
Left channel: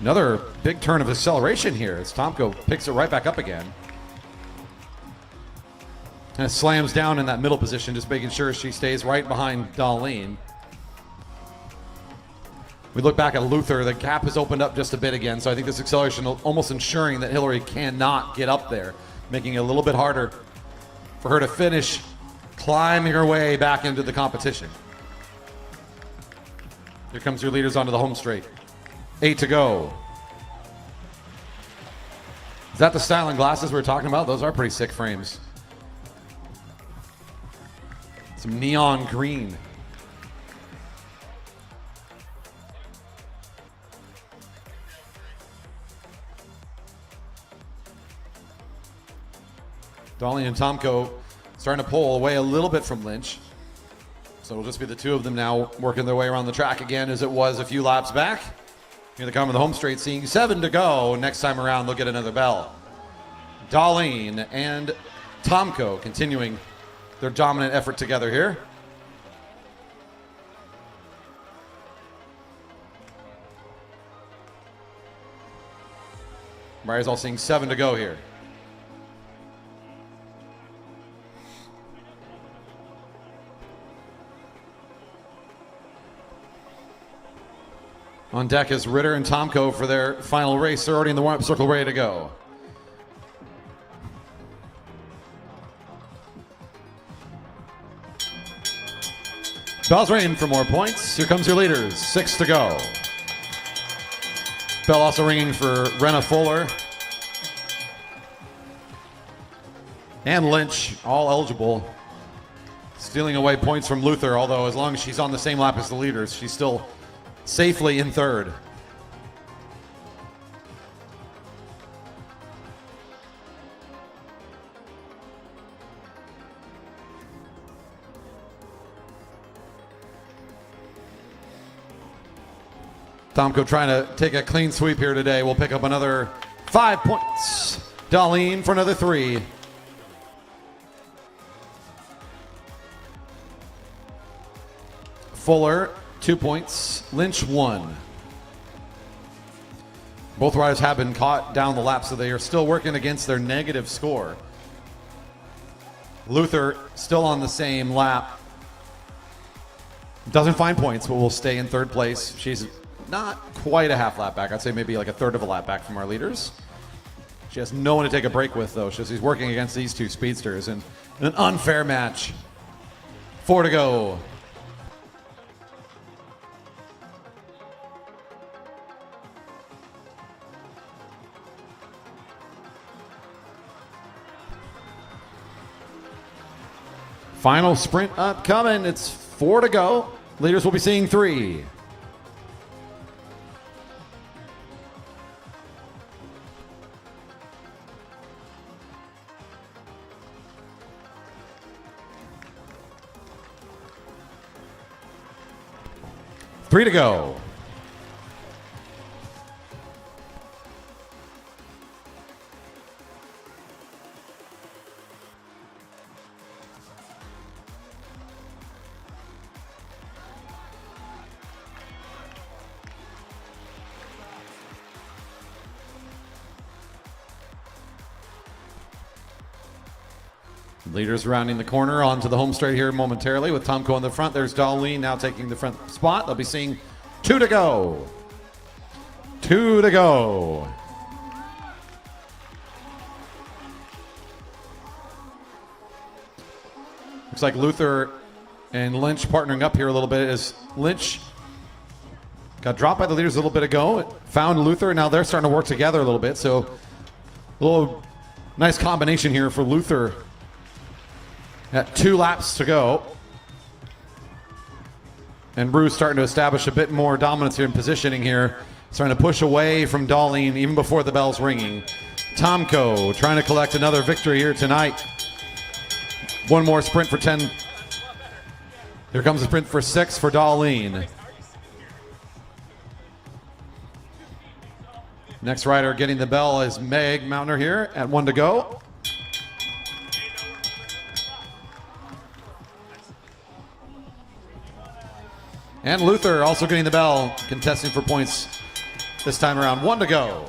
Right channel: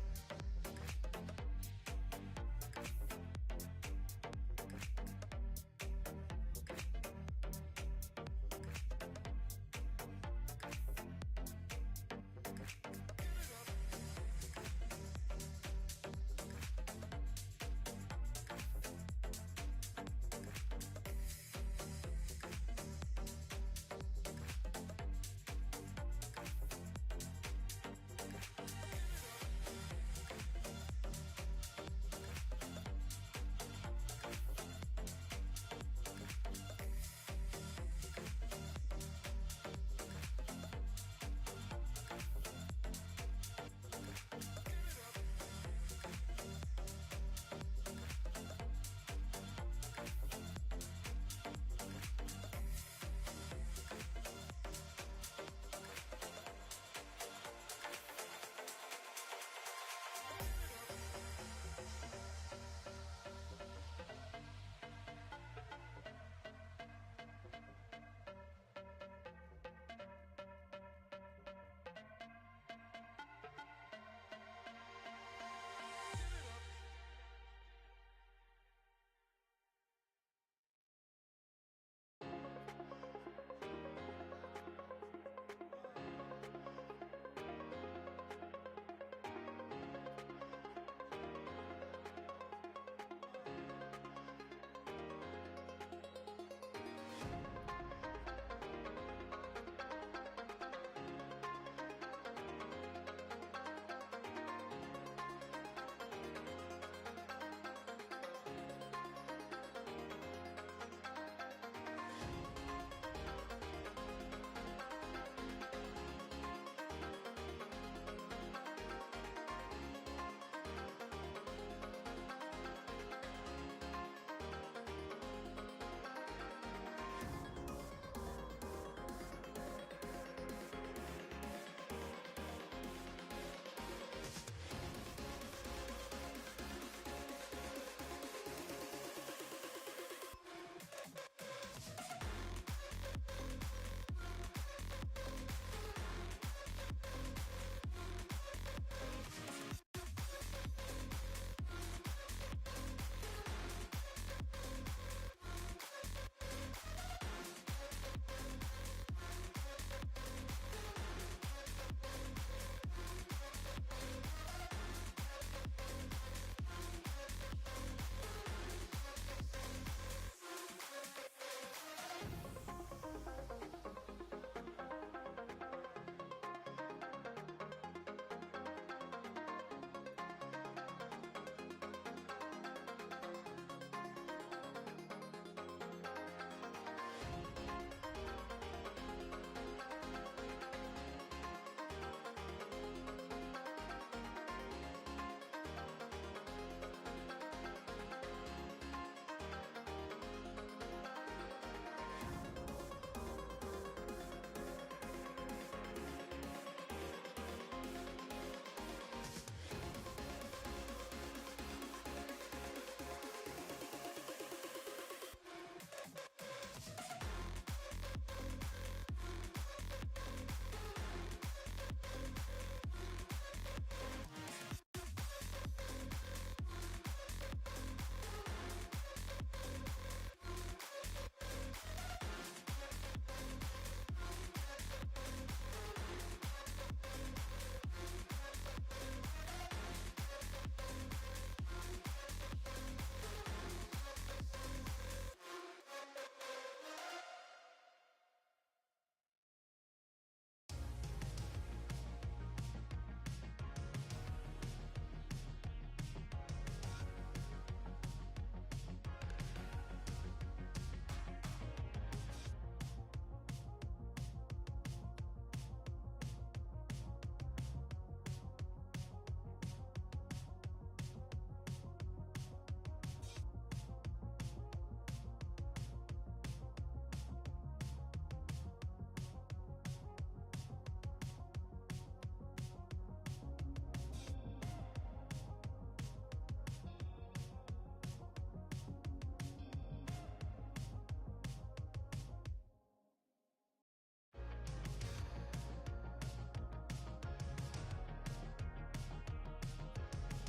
Another big turn of acceleration here as Tomko picks it right back up again. And it slams down in that middle position, just making sure she stays right behind Darlene. We look back at Luther, the gap has opened up just a bit again, so I think this acceleration almost ensuring that Hillary cannot get up there, making it a little bit harder for her to finish climbing her way back into the competition. Here comes your leaders onto the home straight. 8 to go. Is that the styling glasses we were talking about? Those are pretty sick frames. Some neon green. Darlene and Tomko starting to pull away a little bit from Lynch. So it'll just be the 2 of them now working their way around the track again as it was a few laps back. Here they come to the home straight, seeing 7 to go. Next time around, they'll get another bell. Darlene and Tomko continuing their dominant effort together here. Maria's all seeing 7 to go here. On deck is Ritter and Tomko for their final race. They're already in the warm-up circle, ready to go. Bell's ringing for more points. Here comes your leaders. 6 to go. Bell also ringing for Renna Fuller and Lynch, all eligible. Stealing away points from Luther, although as long as she's on the same lap as the leaders, she's still safely in third. Tomko trying to take a clean sweep here today. We'll pick up another 5 points. Darlene for another 3. Fuller, 2 points. Lynch, 1. Both riders have been caught down the lap, so they are still working against their negative score. Luther still on the same lap. Doesn't find points, but will stay in third place. She's not quite a half lap back. I'd say maybe like a third of a lap back from our leaders. She has no one to take a break with, though. She's working against these 2 speedsters in an unfair match. 4 to go. Final sprint upcoming. It's 4 to go. Leaders will be seeing 3. Three to go. Leaders rounding the corner onto the home straight here momentarily with Tomko in the front. There's Darlene now taking the front spot. They'll be seeing 2 to go. 2 to go. Looks like Luther and Lynch partnering up here a little bit as Lynch got dropped by the leaders a little bit ago. Found Luther. Now they're starting to work together a little bit. So a little nice combination here for Luther. At 2 laps to go. And Bruce starting to establish a bit more dominance here in positioning here. Starting to push away from Darlene even before the bell's ringing. Tomko trying to collect another victory here tonight. One more sprint for 10. Here comes a sprint for 6 for Darlene. Next rider getting the bell is Meg Mountner here at 1 to go. And Luther also getting the bell, contesting for points this time around. 1 to go.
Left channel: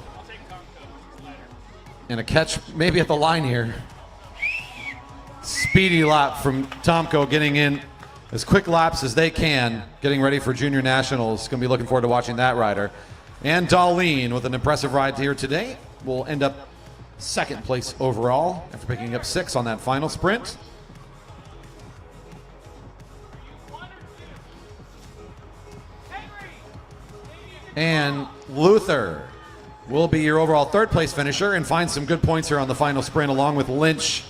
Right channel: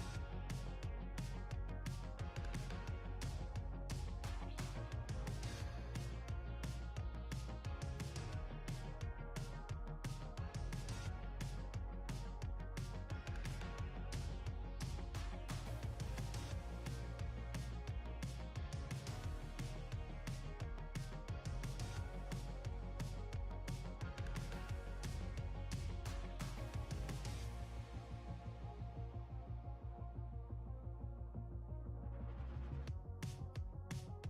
And a catch maybe at the line here. Speedy lap from Tomko, getting in as quick laps as they can, getting ready for Junior Nationals. Going to be looking forward to watching that rider. And Darlene with an impressive ride here today will end up second place overall after picking up 6 on that final sprint. And Luther will be your overall third place finisher and find some good points here on the final sprint, along with Lynch,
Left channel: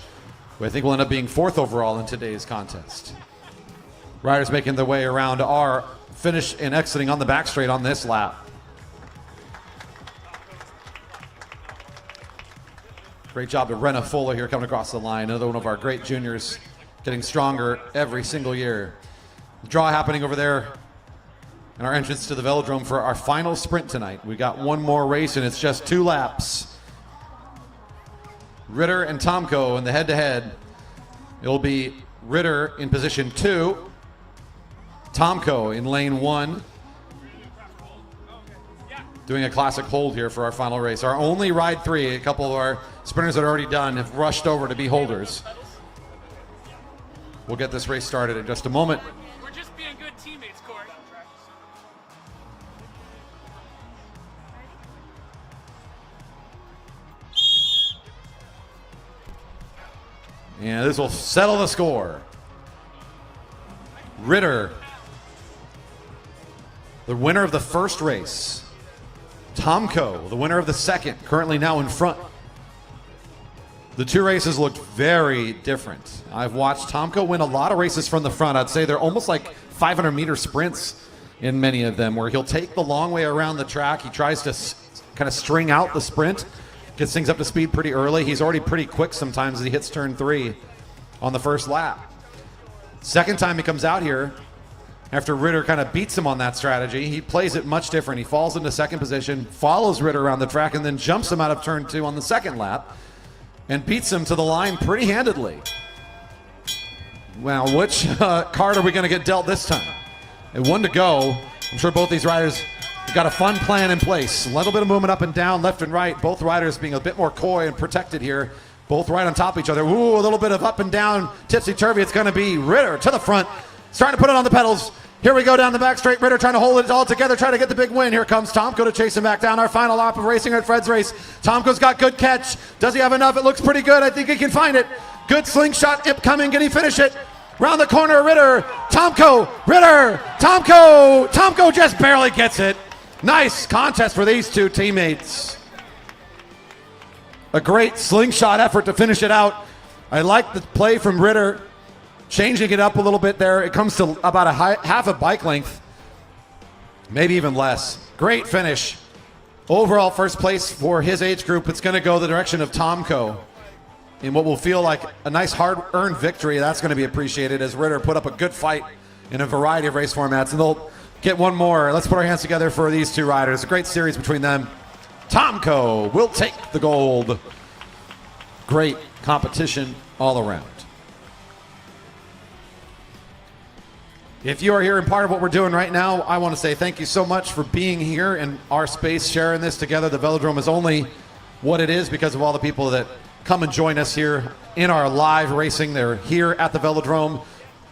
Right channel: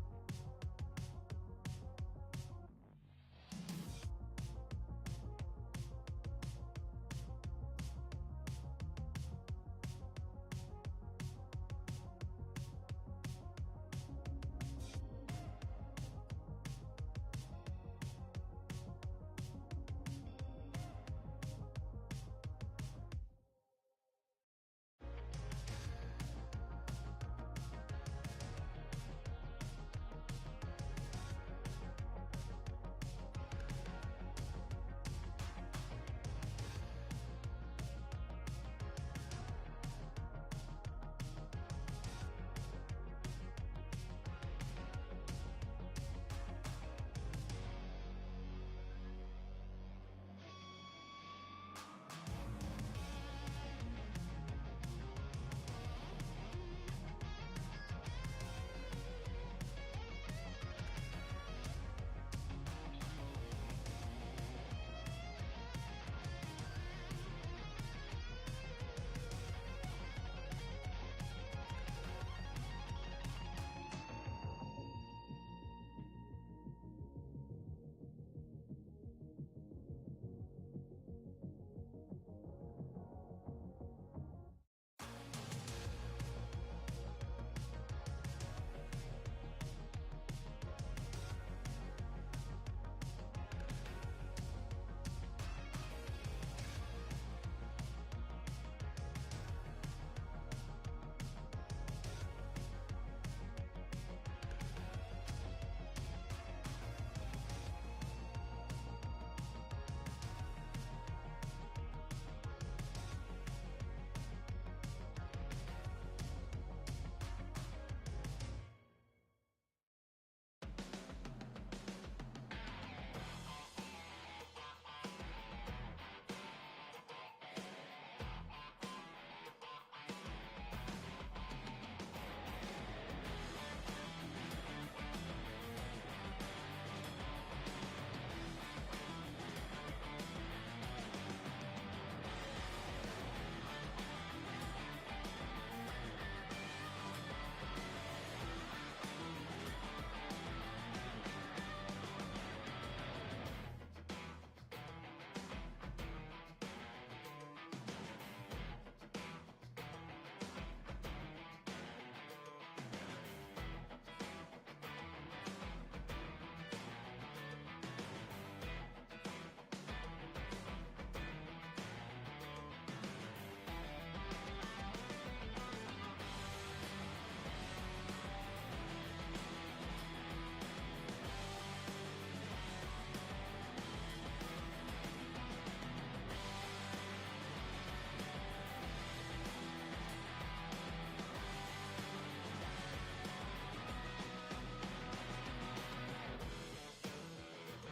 who I think will end up being 4th overall in today's contest. Riders making their way around are finish and exiting on the back straight on this lap. Great job to Renna Fuller here coming across the line. Another one of our great juniors, getting stronger every single year. The draw happening over there in our entrance to the velodrome for our final sprint tonight. We got one more race and it's just 2 laps. Ritter and Tomko in the head-to-head. It'll be Ritter in position 2, Tomko in lane 1. Doing a classic hold here for our final race. Our only ride 3, a couple of our sprinters that are already done have rushed over to be holders. We'll get this race started in just a moment. We're just being good teammates, Corey. And this will settle the score. Ritter, the winner of the first race. Tomko, the winner of the second, currently now in front. The 2 races looked very different. I've watched Tomko win a lot of races from the front. I'd say they're almost like 500-meter sprints in many of them, where he'll take the long way around the track. He tries to kind of string out the sprint, gets things up to speed pretty early. He's already pretty quick sometimes as he hits turn 3 on the first lap. Second time he comes out here, after Ritter kind of beats him on that strategy, he plays it much different. He falls into second position, follows Ritter around the track, and then jumps him out of turn 2 on the second lap and beats him to the line pretty handedly. Well, which card are we going to get dealt this time? And 1 to go. I'm sure both these riders have got a fun plan in place. A little bit of movement up and down, left and right. Both riders being a bit more coy and protected here. Both right on top of each other. Ooh, a little bit of up and down, tipsy-turvy. It's going to be Ritter to the front, starting to put it on the pedals. Here we go down the back straight. Ritter trying to hold it all together, trying to get the big win. Here comes Tomko to chase him back down. Our final lap of racing at Fred's race. Tomko's got good catch. Does he have enough? It looks pretty good. I think he can find it. Good slingshot coming. Can he finish it? Round the corner, Ritter. Tomko. Ritter. Tomko. Tomko just barely gets it. Nice contest for these 2 teammates. A great slingshot effort to finish it out. I like the play from Ritter. Changing it up a little bit there. It comes to about a half a bike length, maybe even less. Great finish. Overall first place for his age group. It's going to go the direction of Tomko in what will feel like a nice hard-earned victory. That's going to be appreciated as Ritter put up a good fight in a variety of race formats. And they'll get one more. Let's put our hands together for these 2 riders. A great series between them. Tomko will take the gold. Great competition all around. If you are here and part of what we're doing right now, I want to say thank you so much for being here in our space, sharing this together. The velodrome is only what it is because of all the people that come and join us here in our live racing. They're here at the velodrome,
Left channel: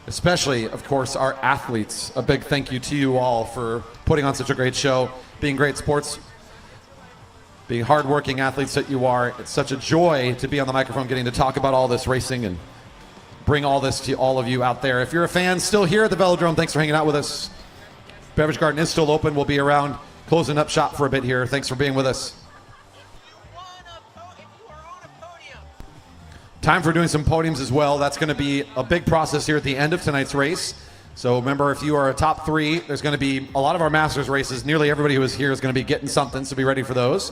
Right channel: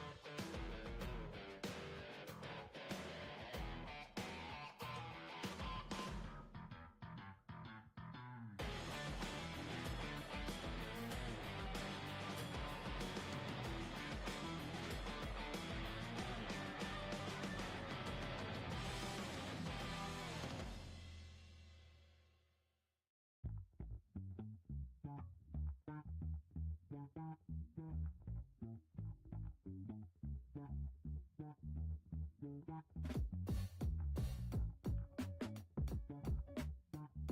especially, of course, our athletes. A big thank you to you all for putting on such a great show, being great sports, being hardworking athletes that you are. It's such a joy to be on the microphone, getting to talk about all this racing and bring all this to all of you out there. If you're a fan still here at the velodrome, thanks for hanging out with us. Beverage Garden is still open. We'll be around closing up shop for a bit here. Thanks for being with us. Time for doing some podiums as well. That's going to be a big process here at the end of tonight's race. So remember, if you are a top 3, there's going to be a lot of our Masters races. Nearly everybody who is here is going to be getting something, so be ready for those.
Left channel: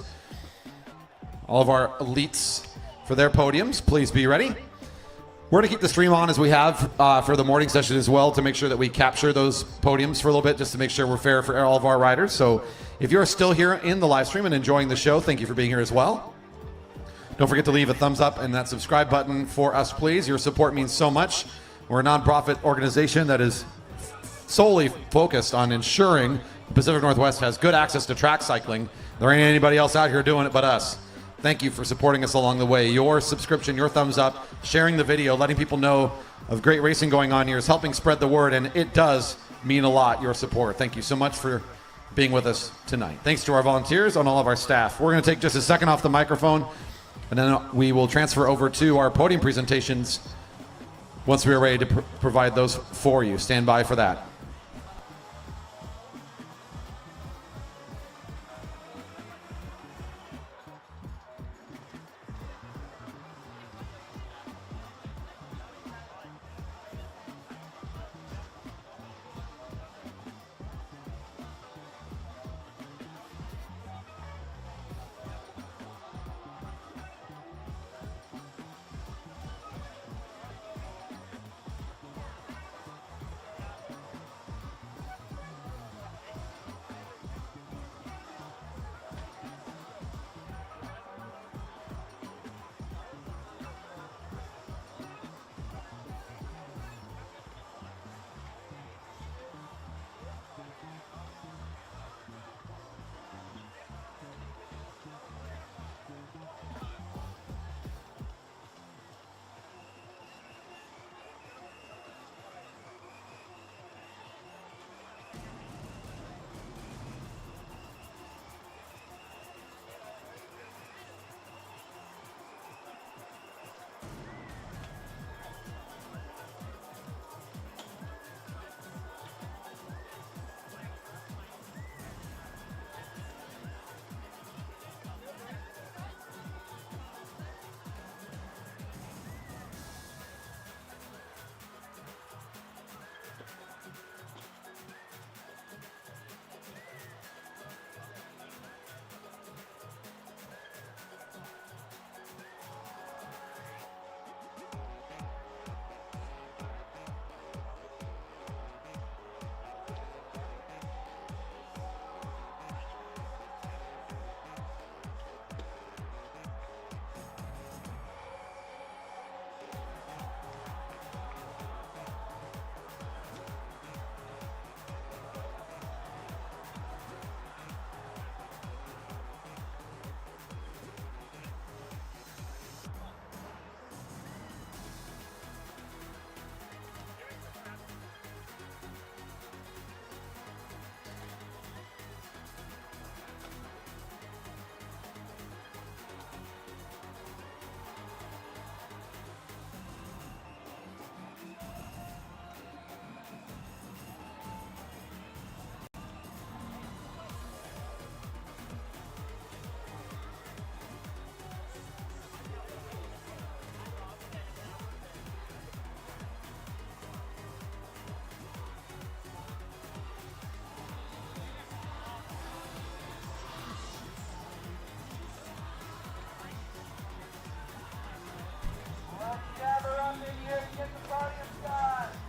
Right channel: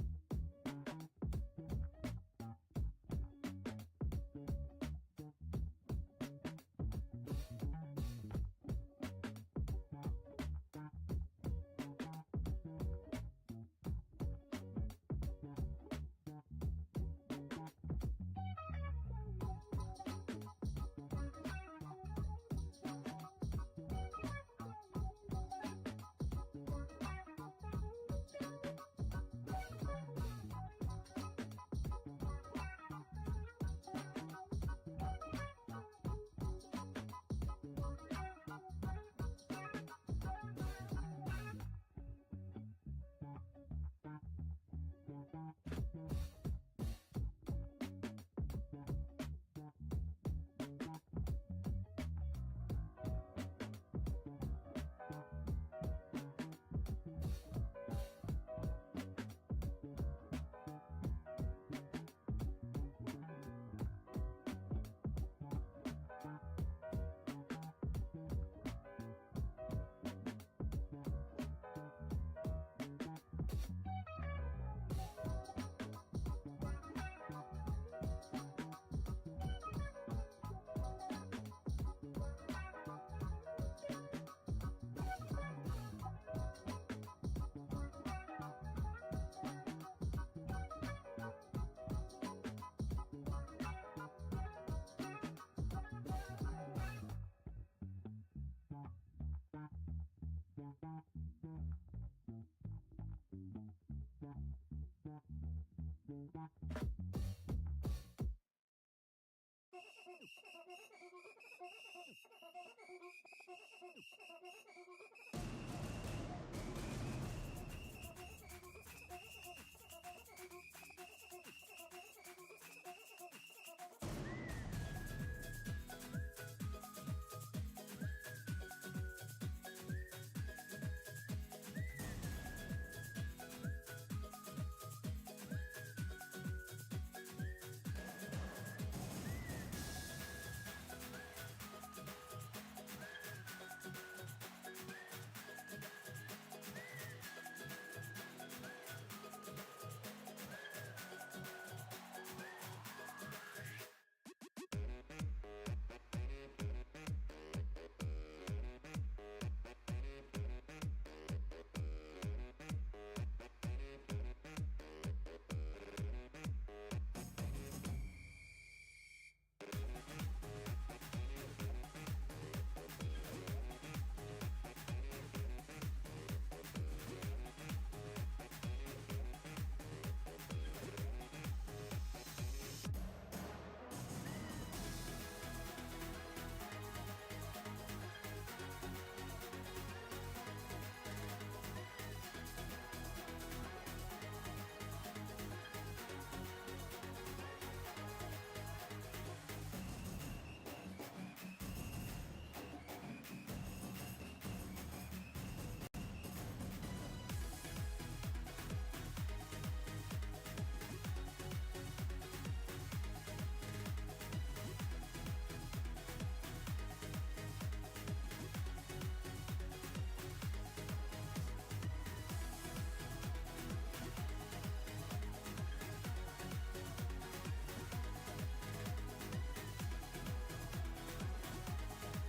All of our elites for their podiums, please be ready. We're going to keep the stream on as we have for the morning session as well, to make sure that we capture those podiums for a little bit, just to make sure we're fair for all of our riders. So if you're still here in the live stream and enjoying the show, thank you for being here as well. Don't forget to leave a thumbs up and that subscribe button for us, please. Your support means so much. We're a nonprofit organization that is solely focused on ensuring Pacific Northwest has good access to track cycling. There ain't anybody else out here doing it but us. Thank you for supporting us along the way. Your subscription, your thumbs up, sharing the video, letting people know of great racing going on here is helping spread the word, and it does mean a lot, your support. Thank you so much for being with us tonight. Thanks to our volunteers and all of our staff. We're going to take just a second off the microphone, and then we will transfer over to our podium presentations once we are ready to provide those for you. Stand by for that.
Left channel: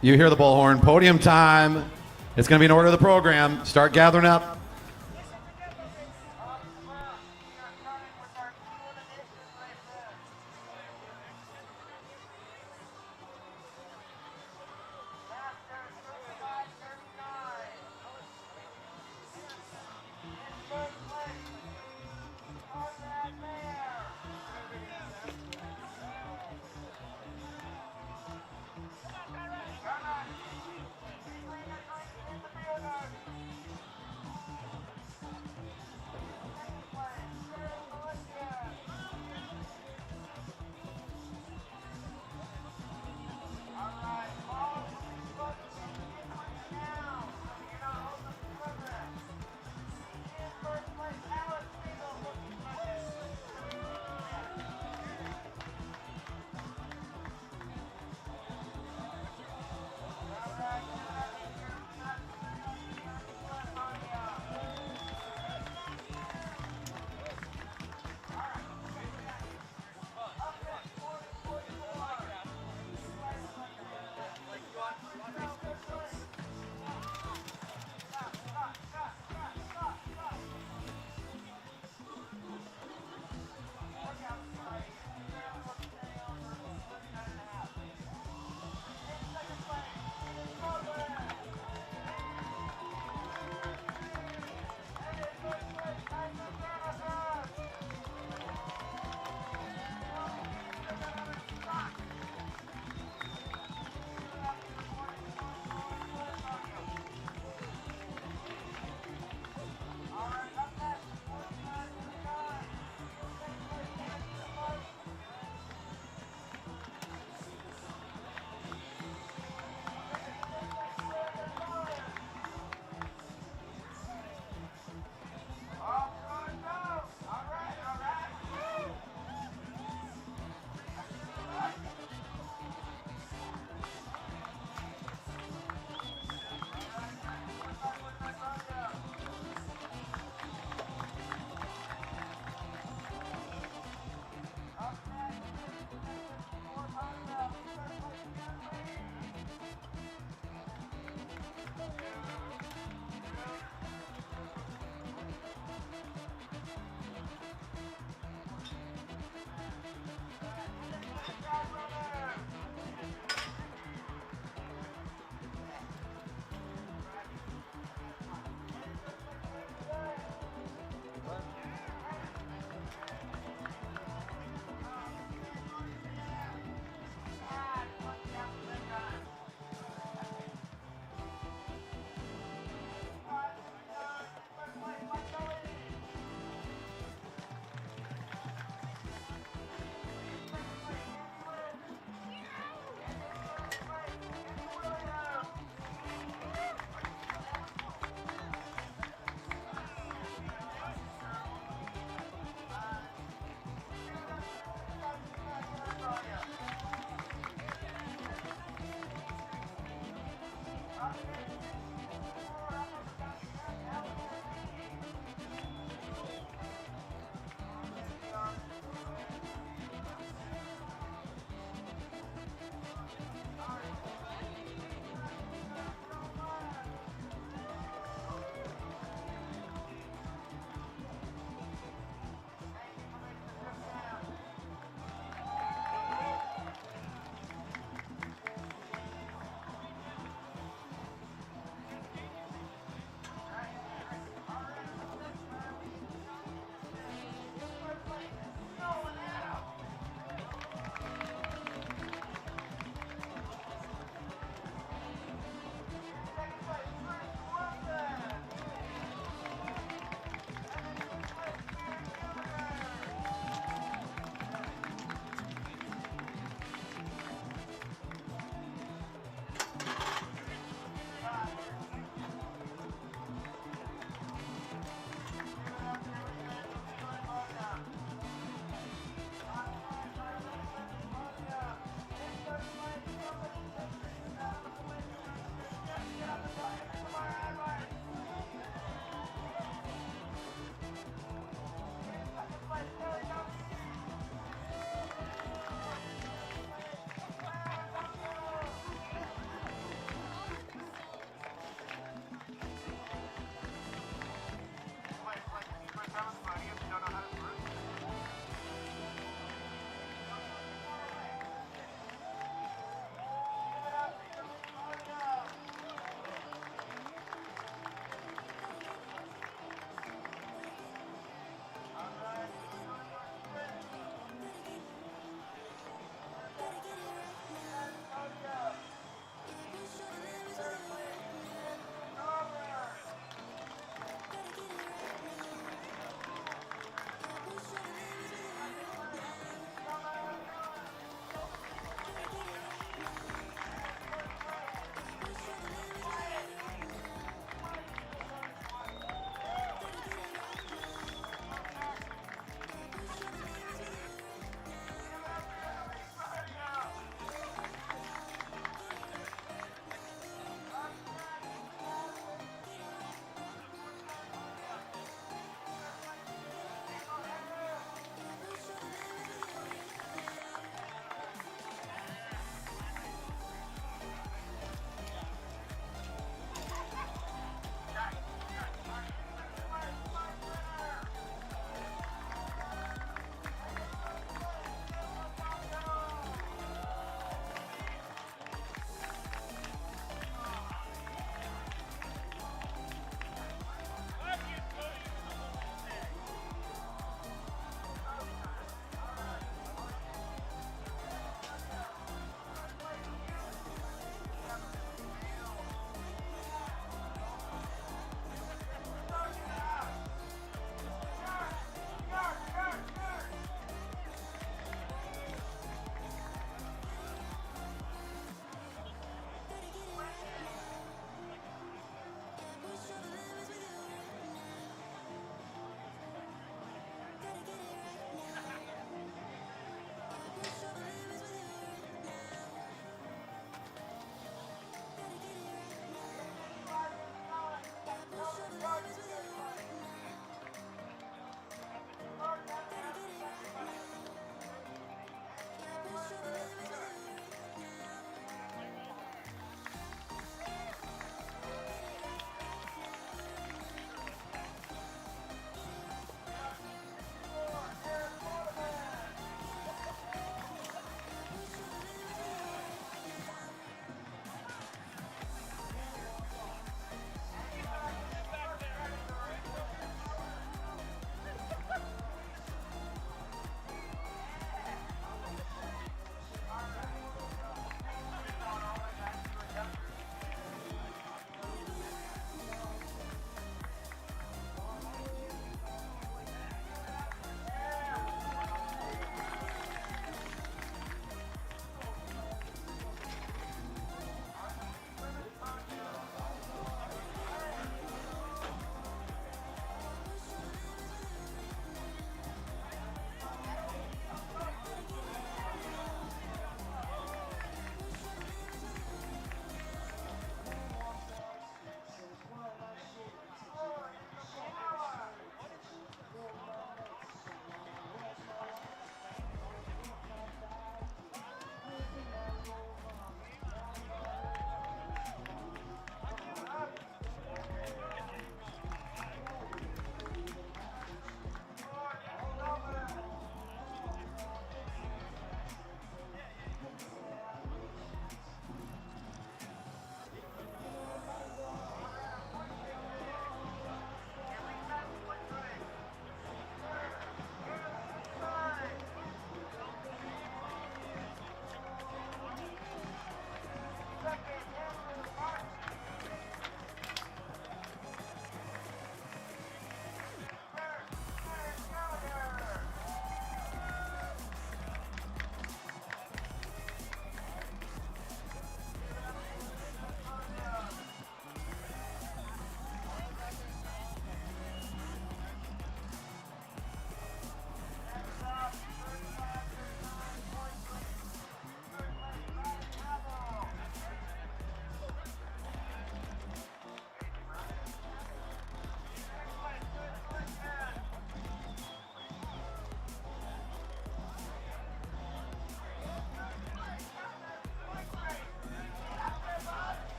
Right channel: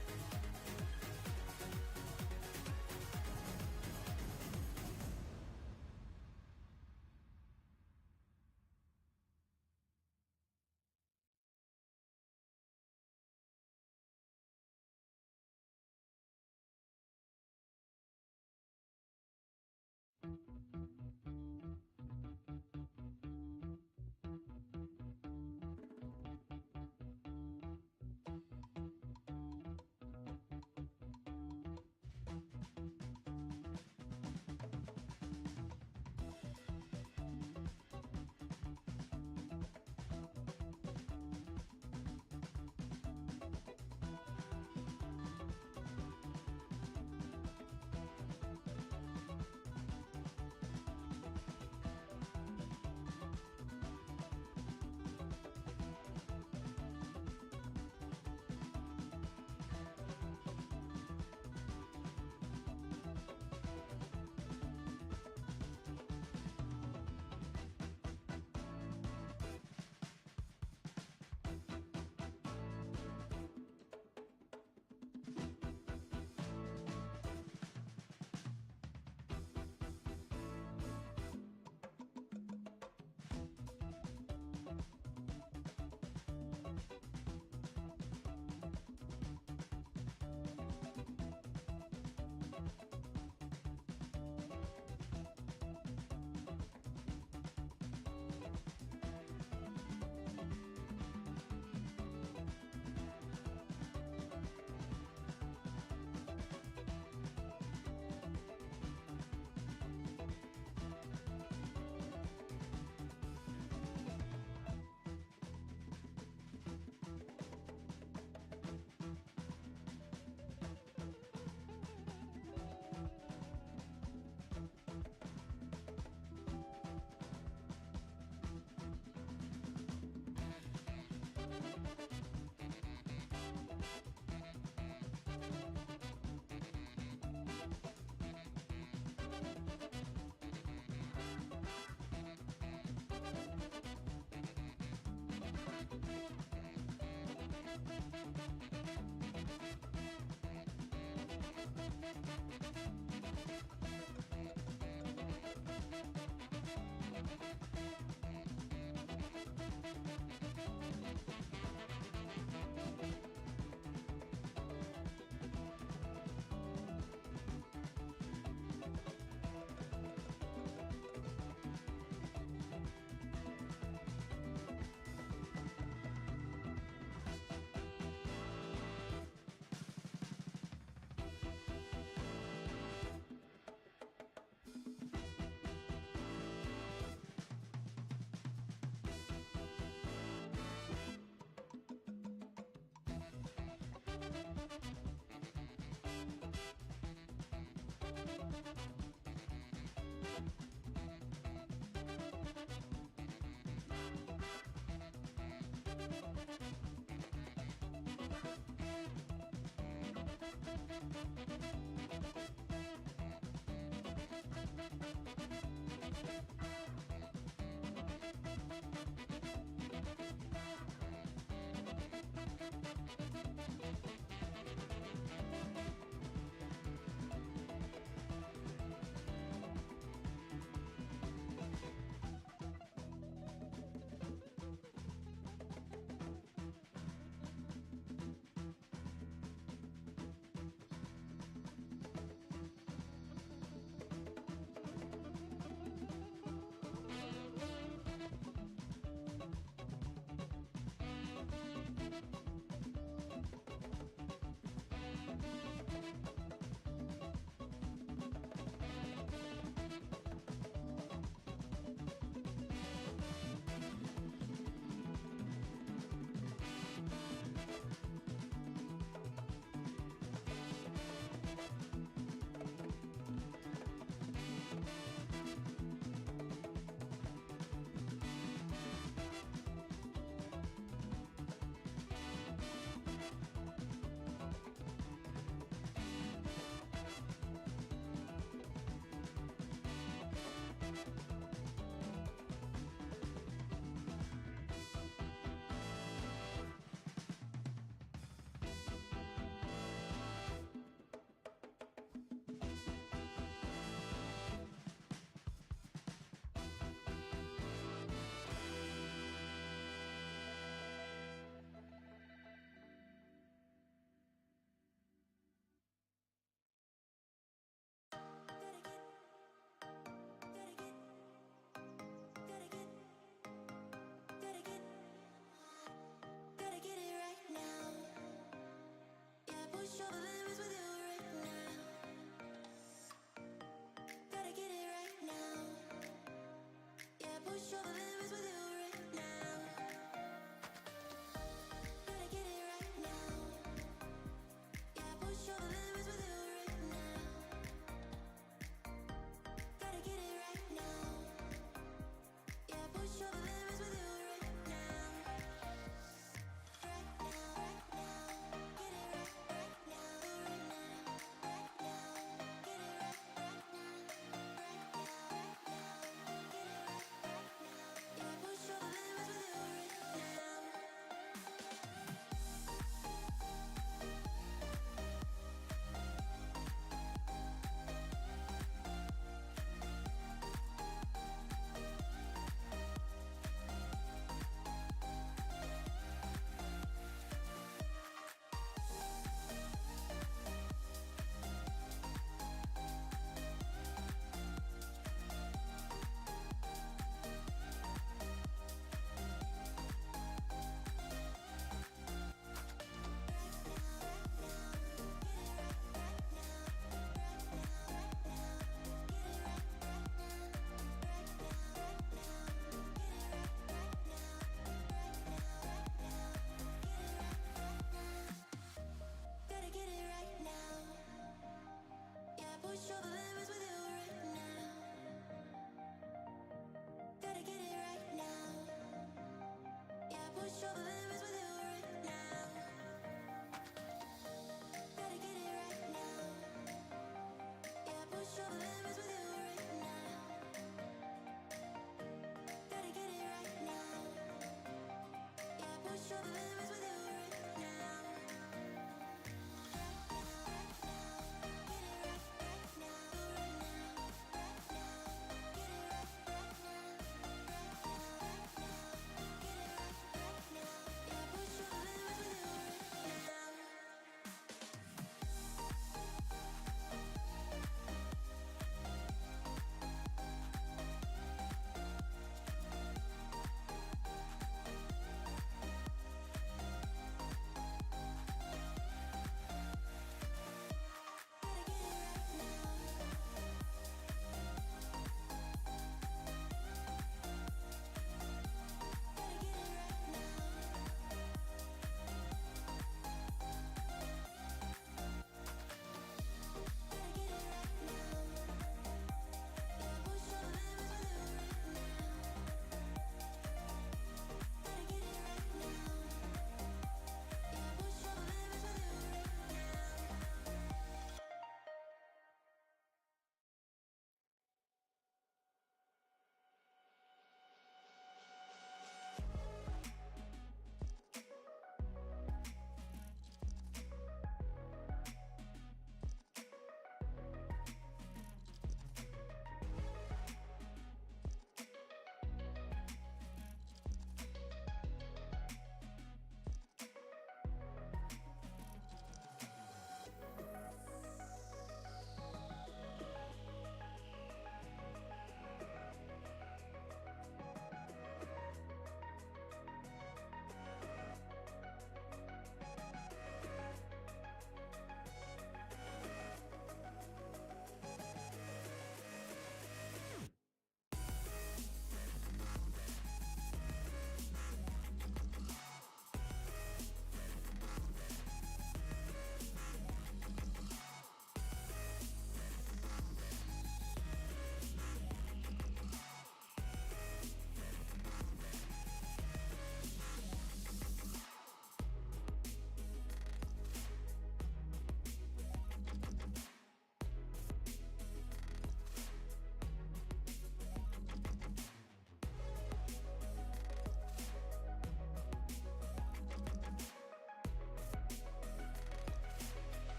You hear the bullhorn. Podium time. It's going to be in order of the program. Start gathering up.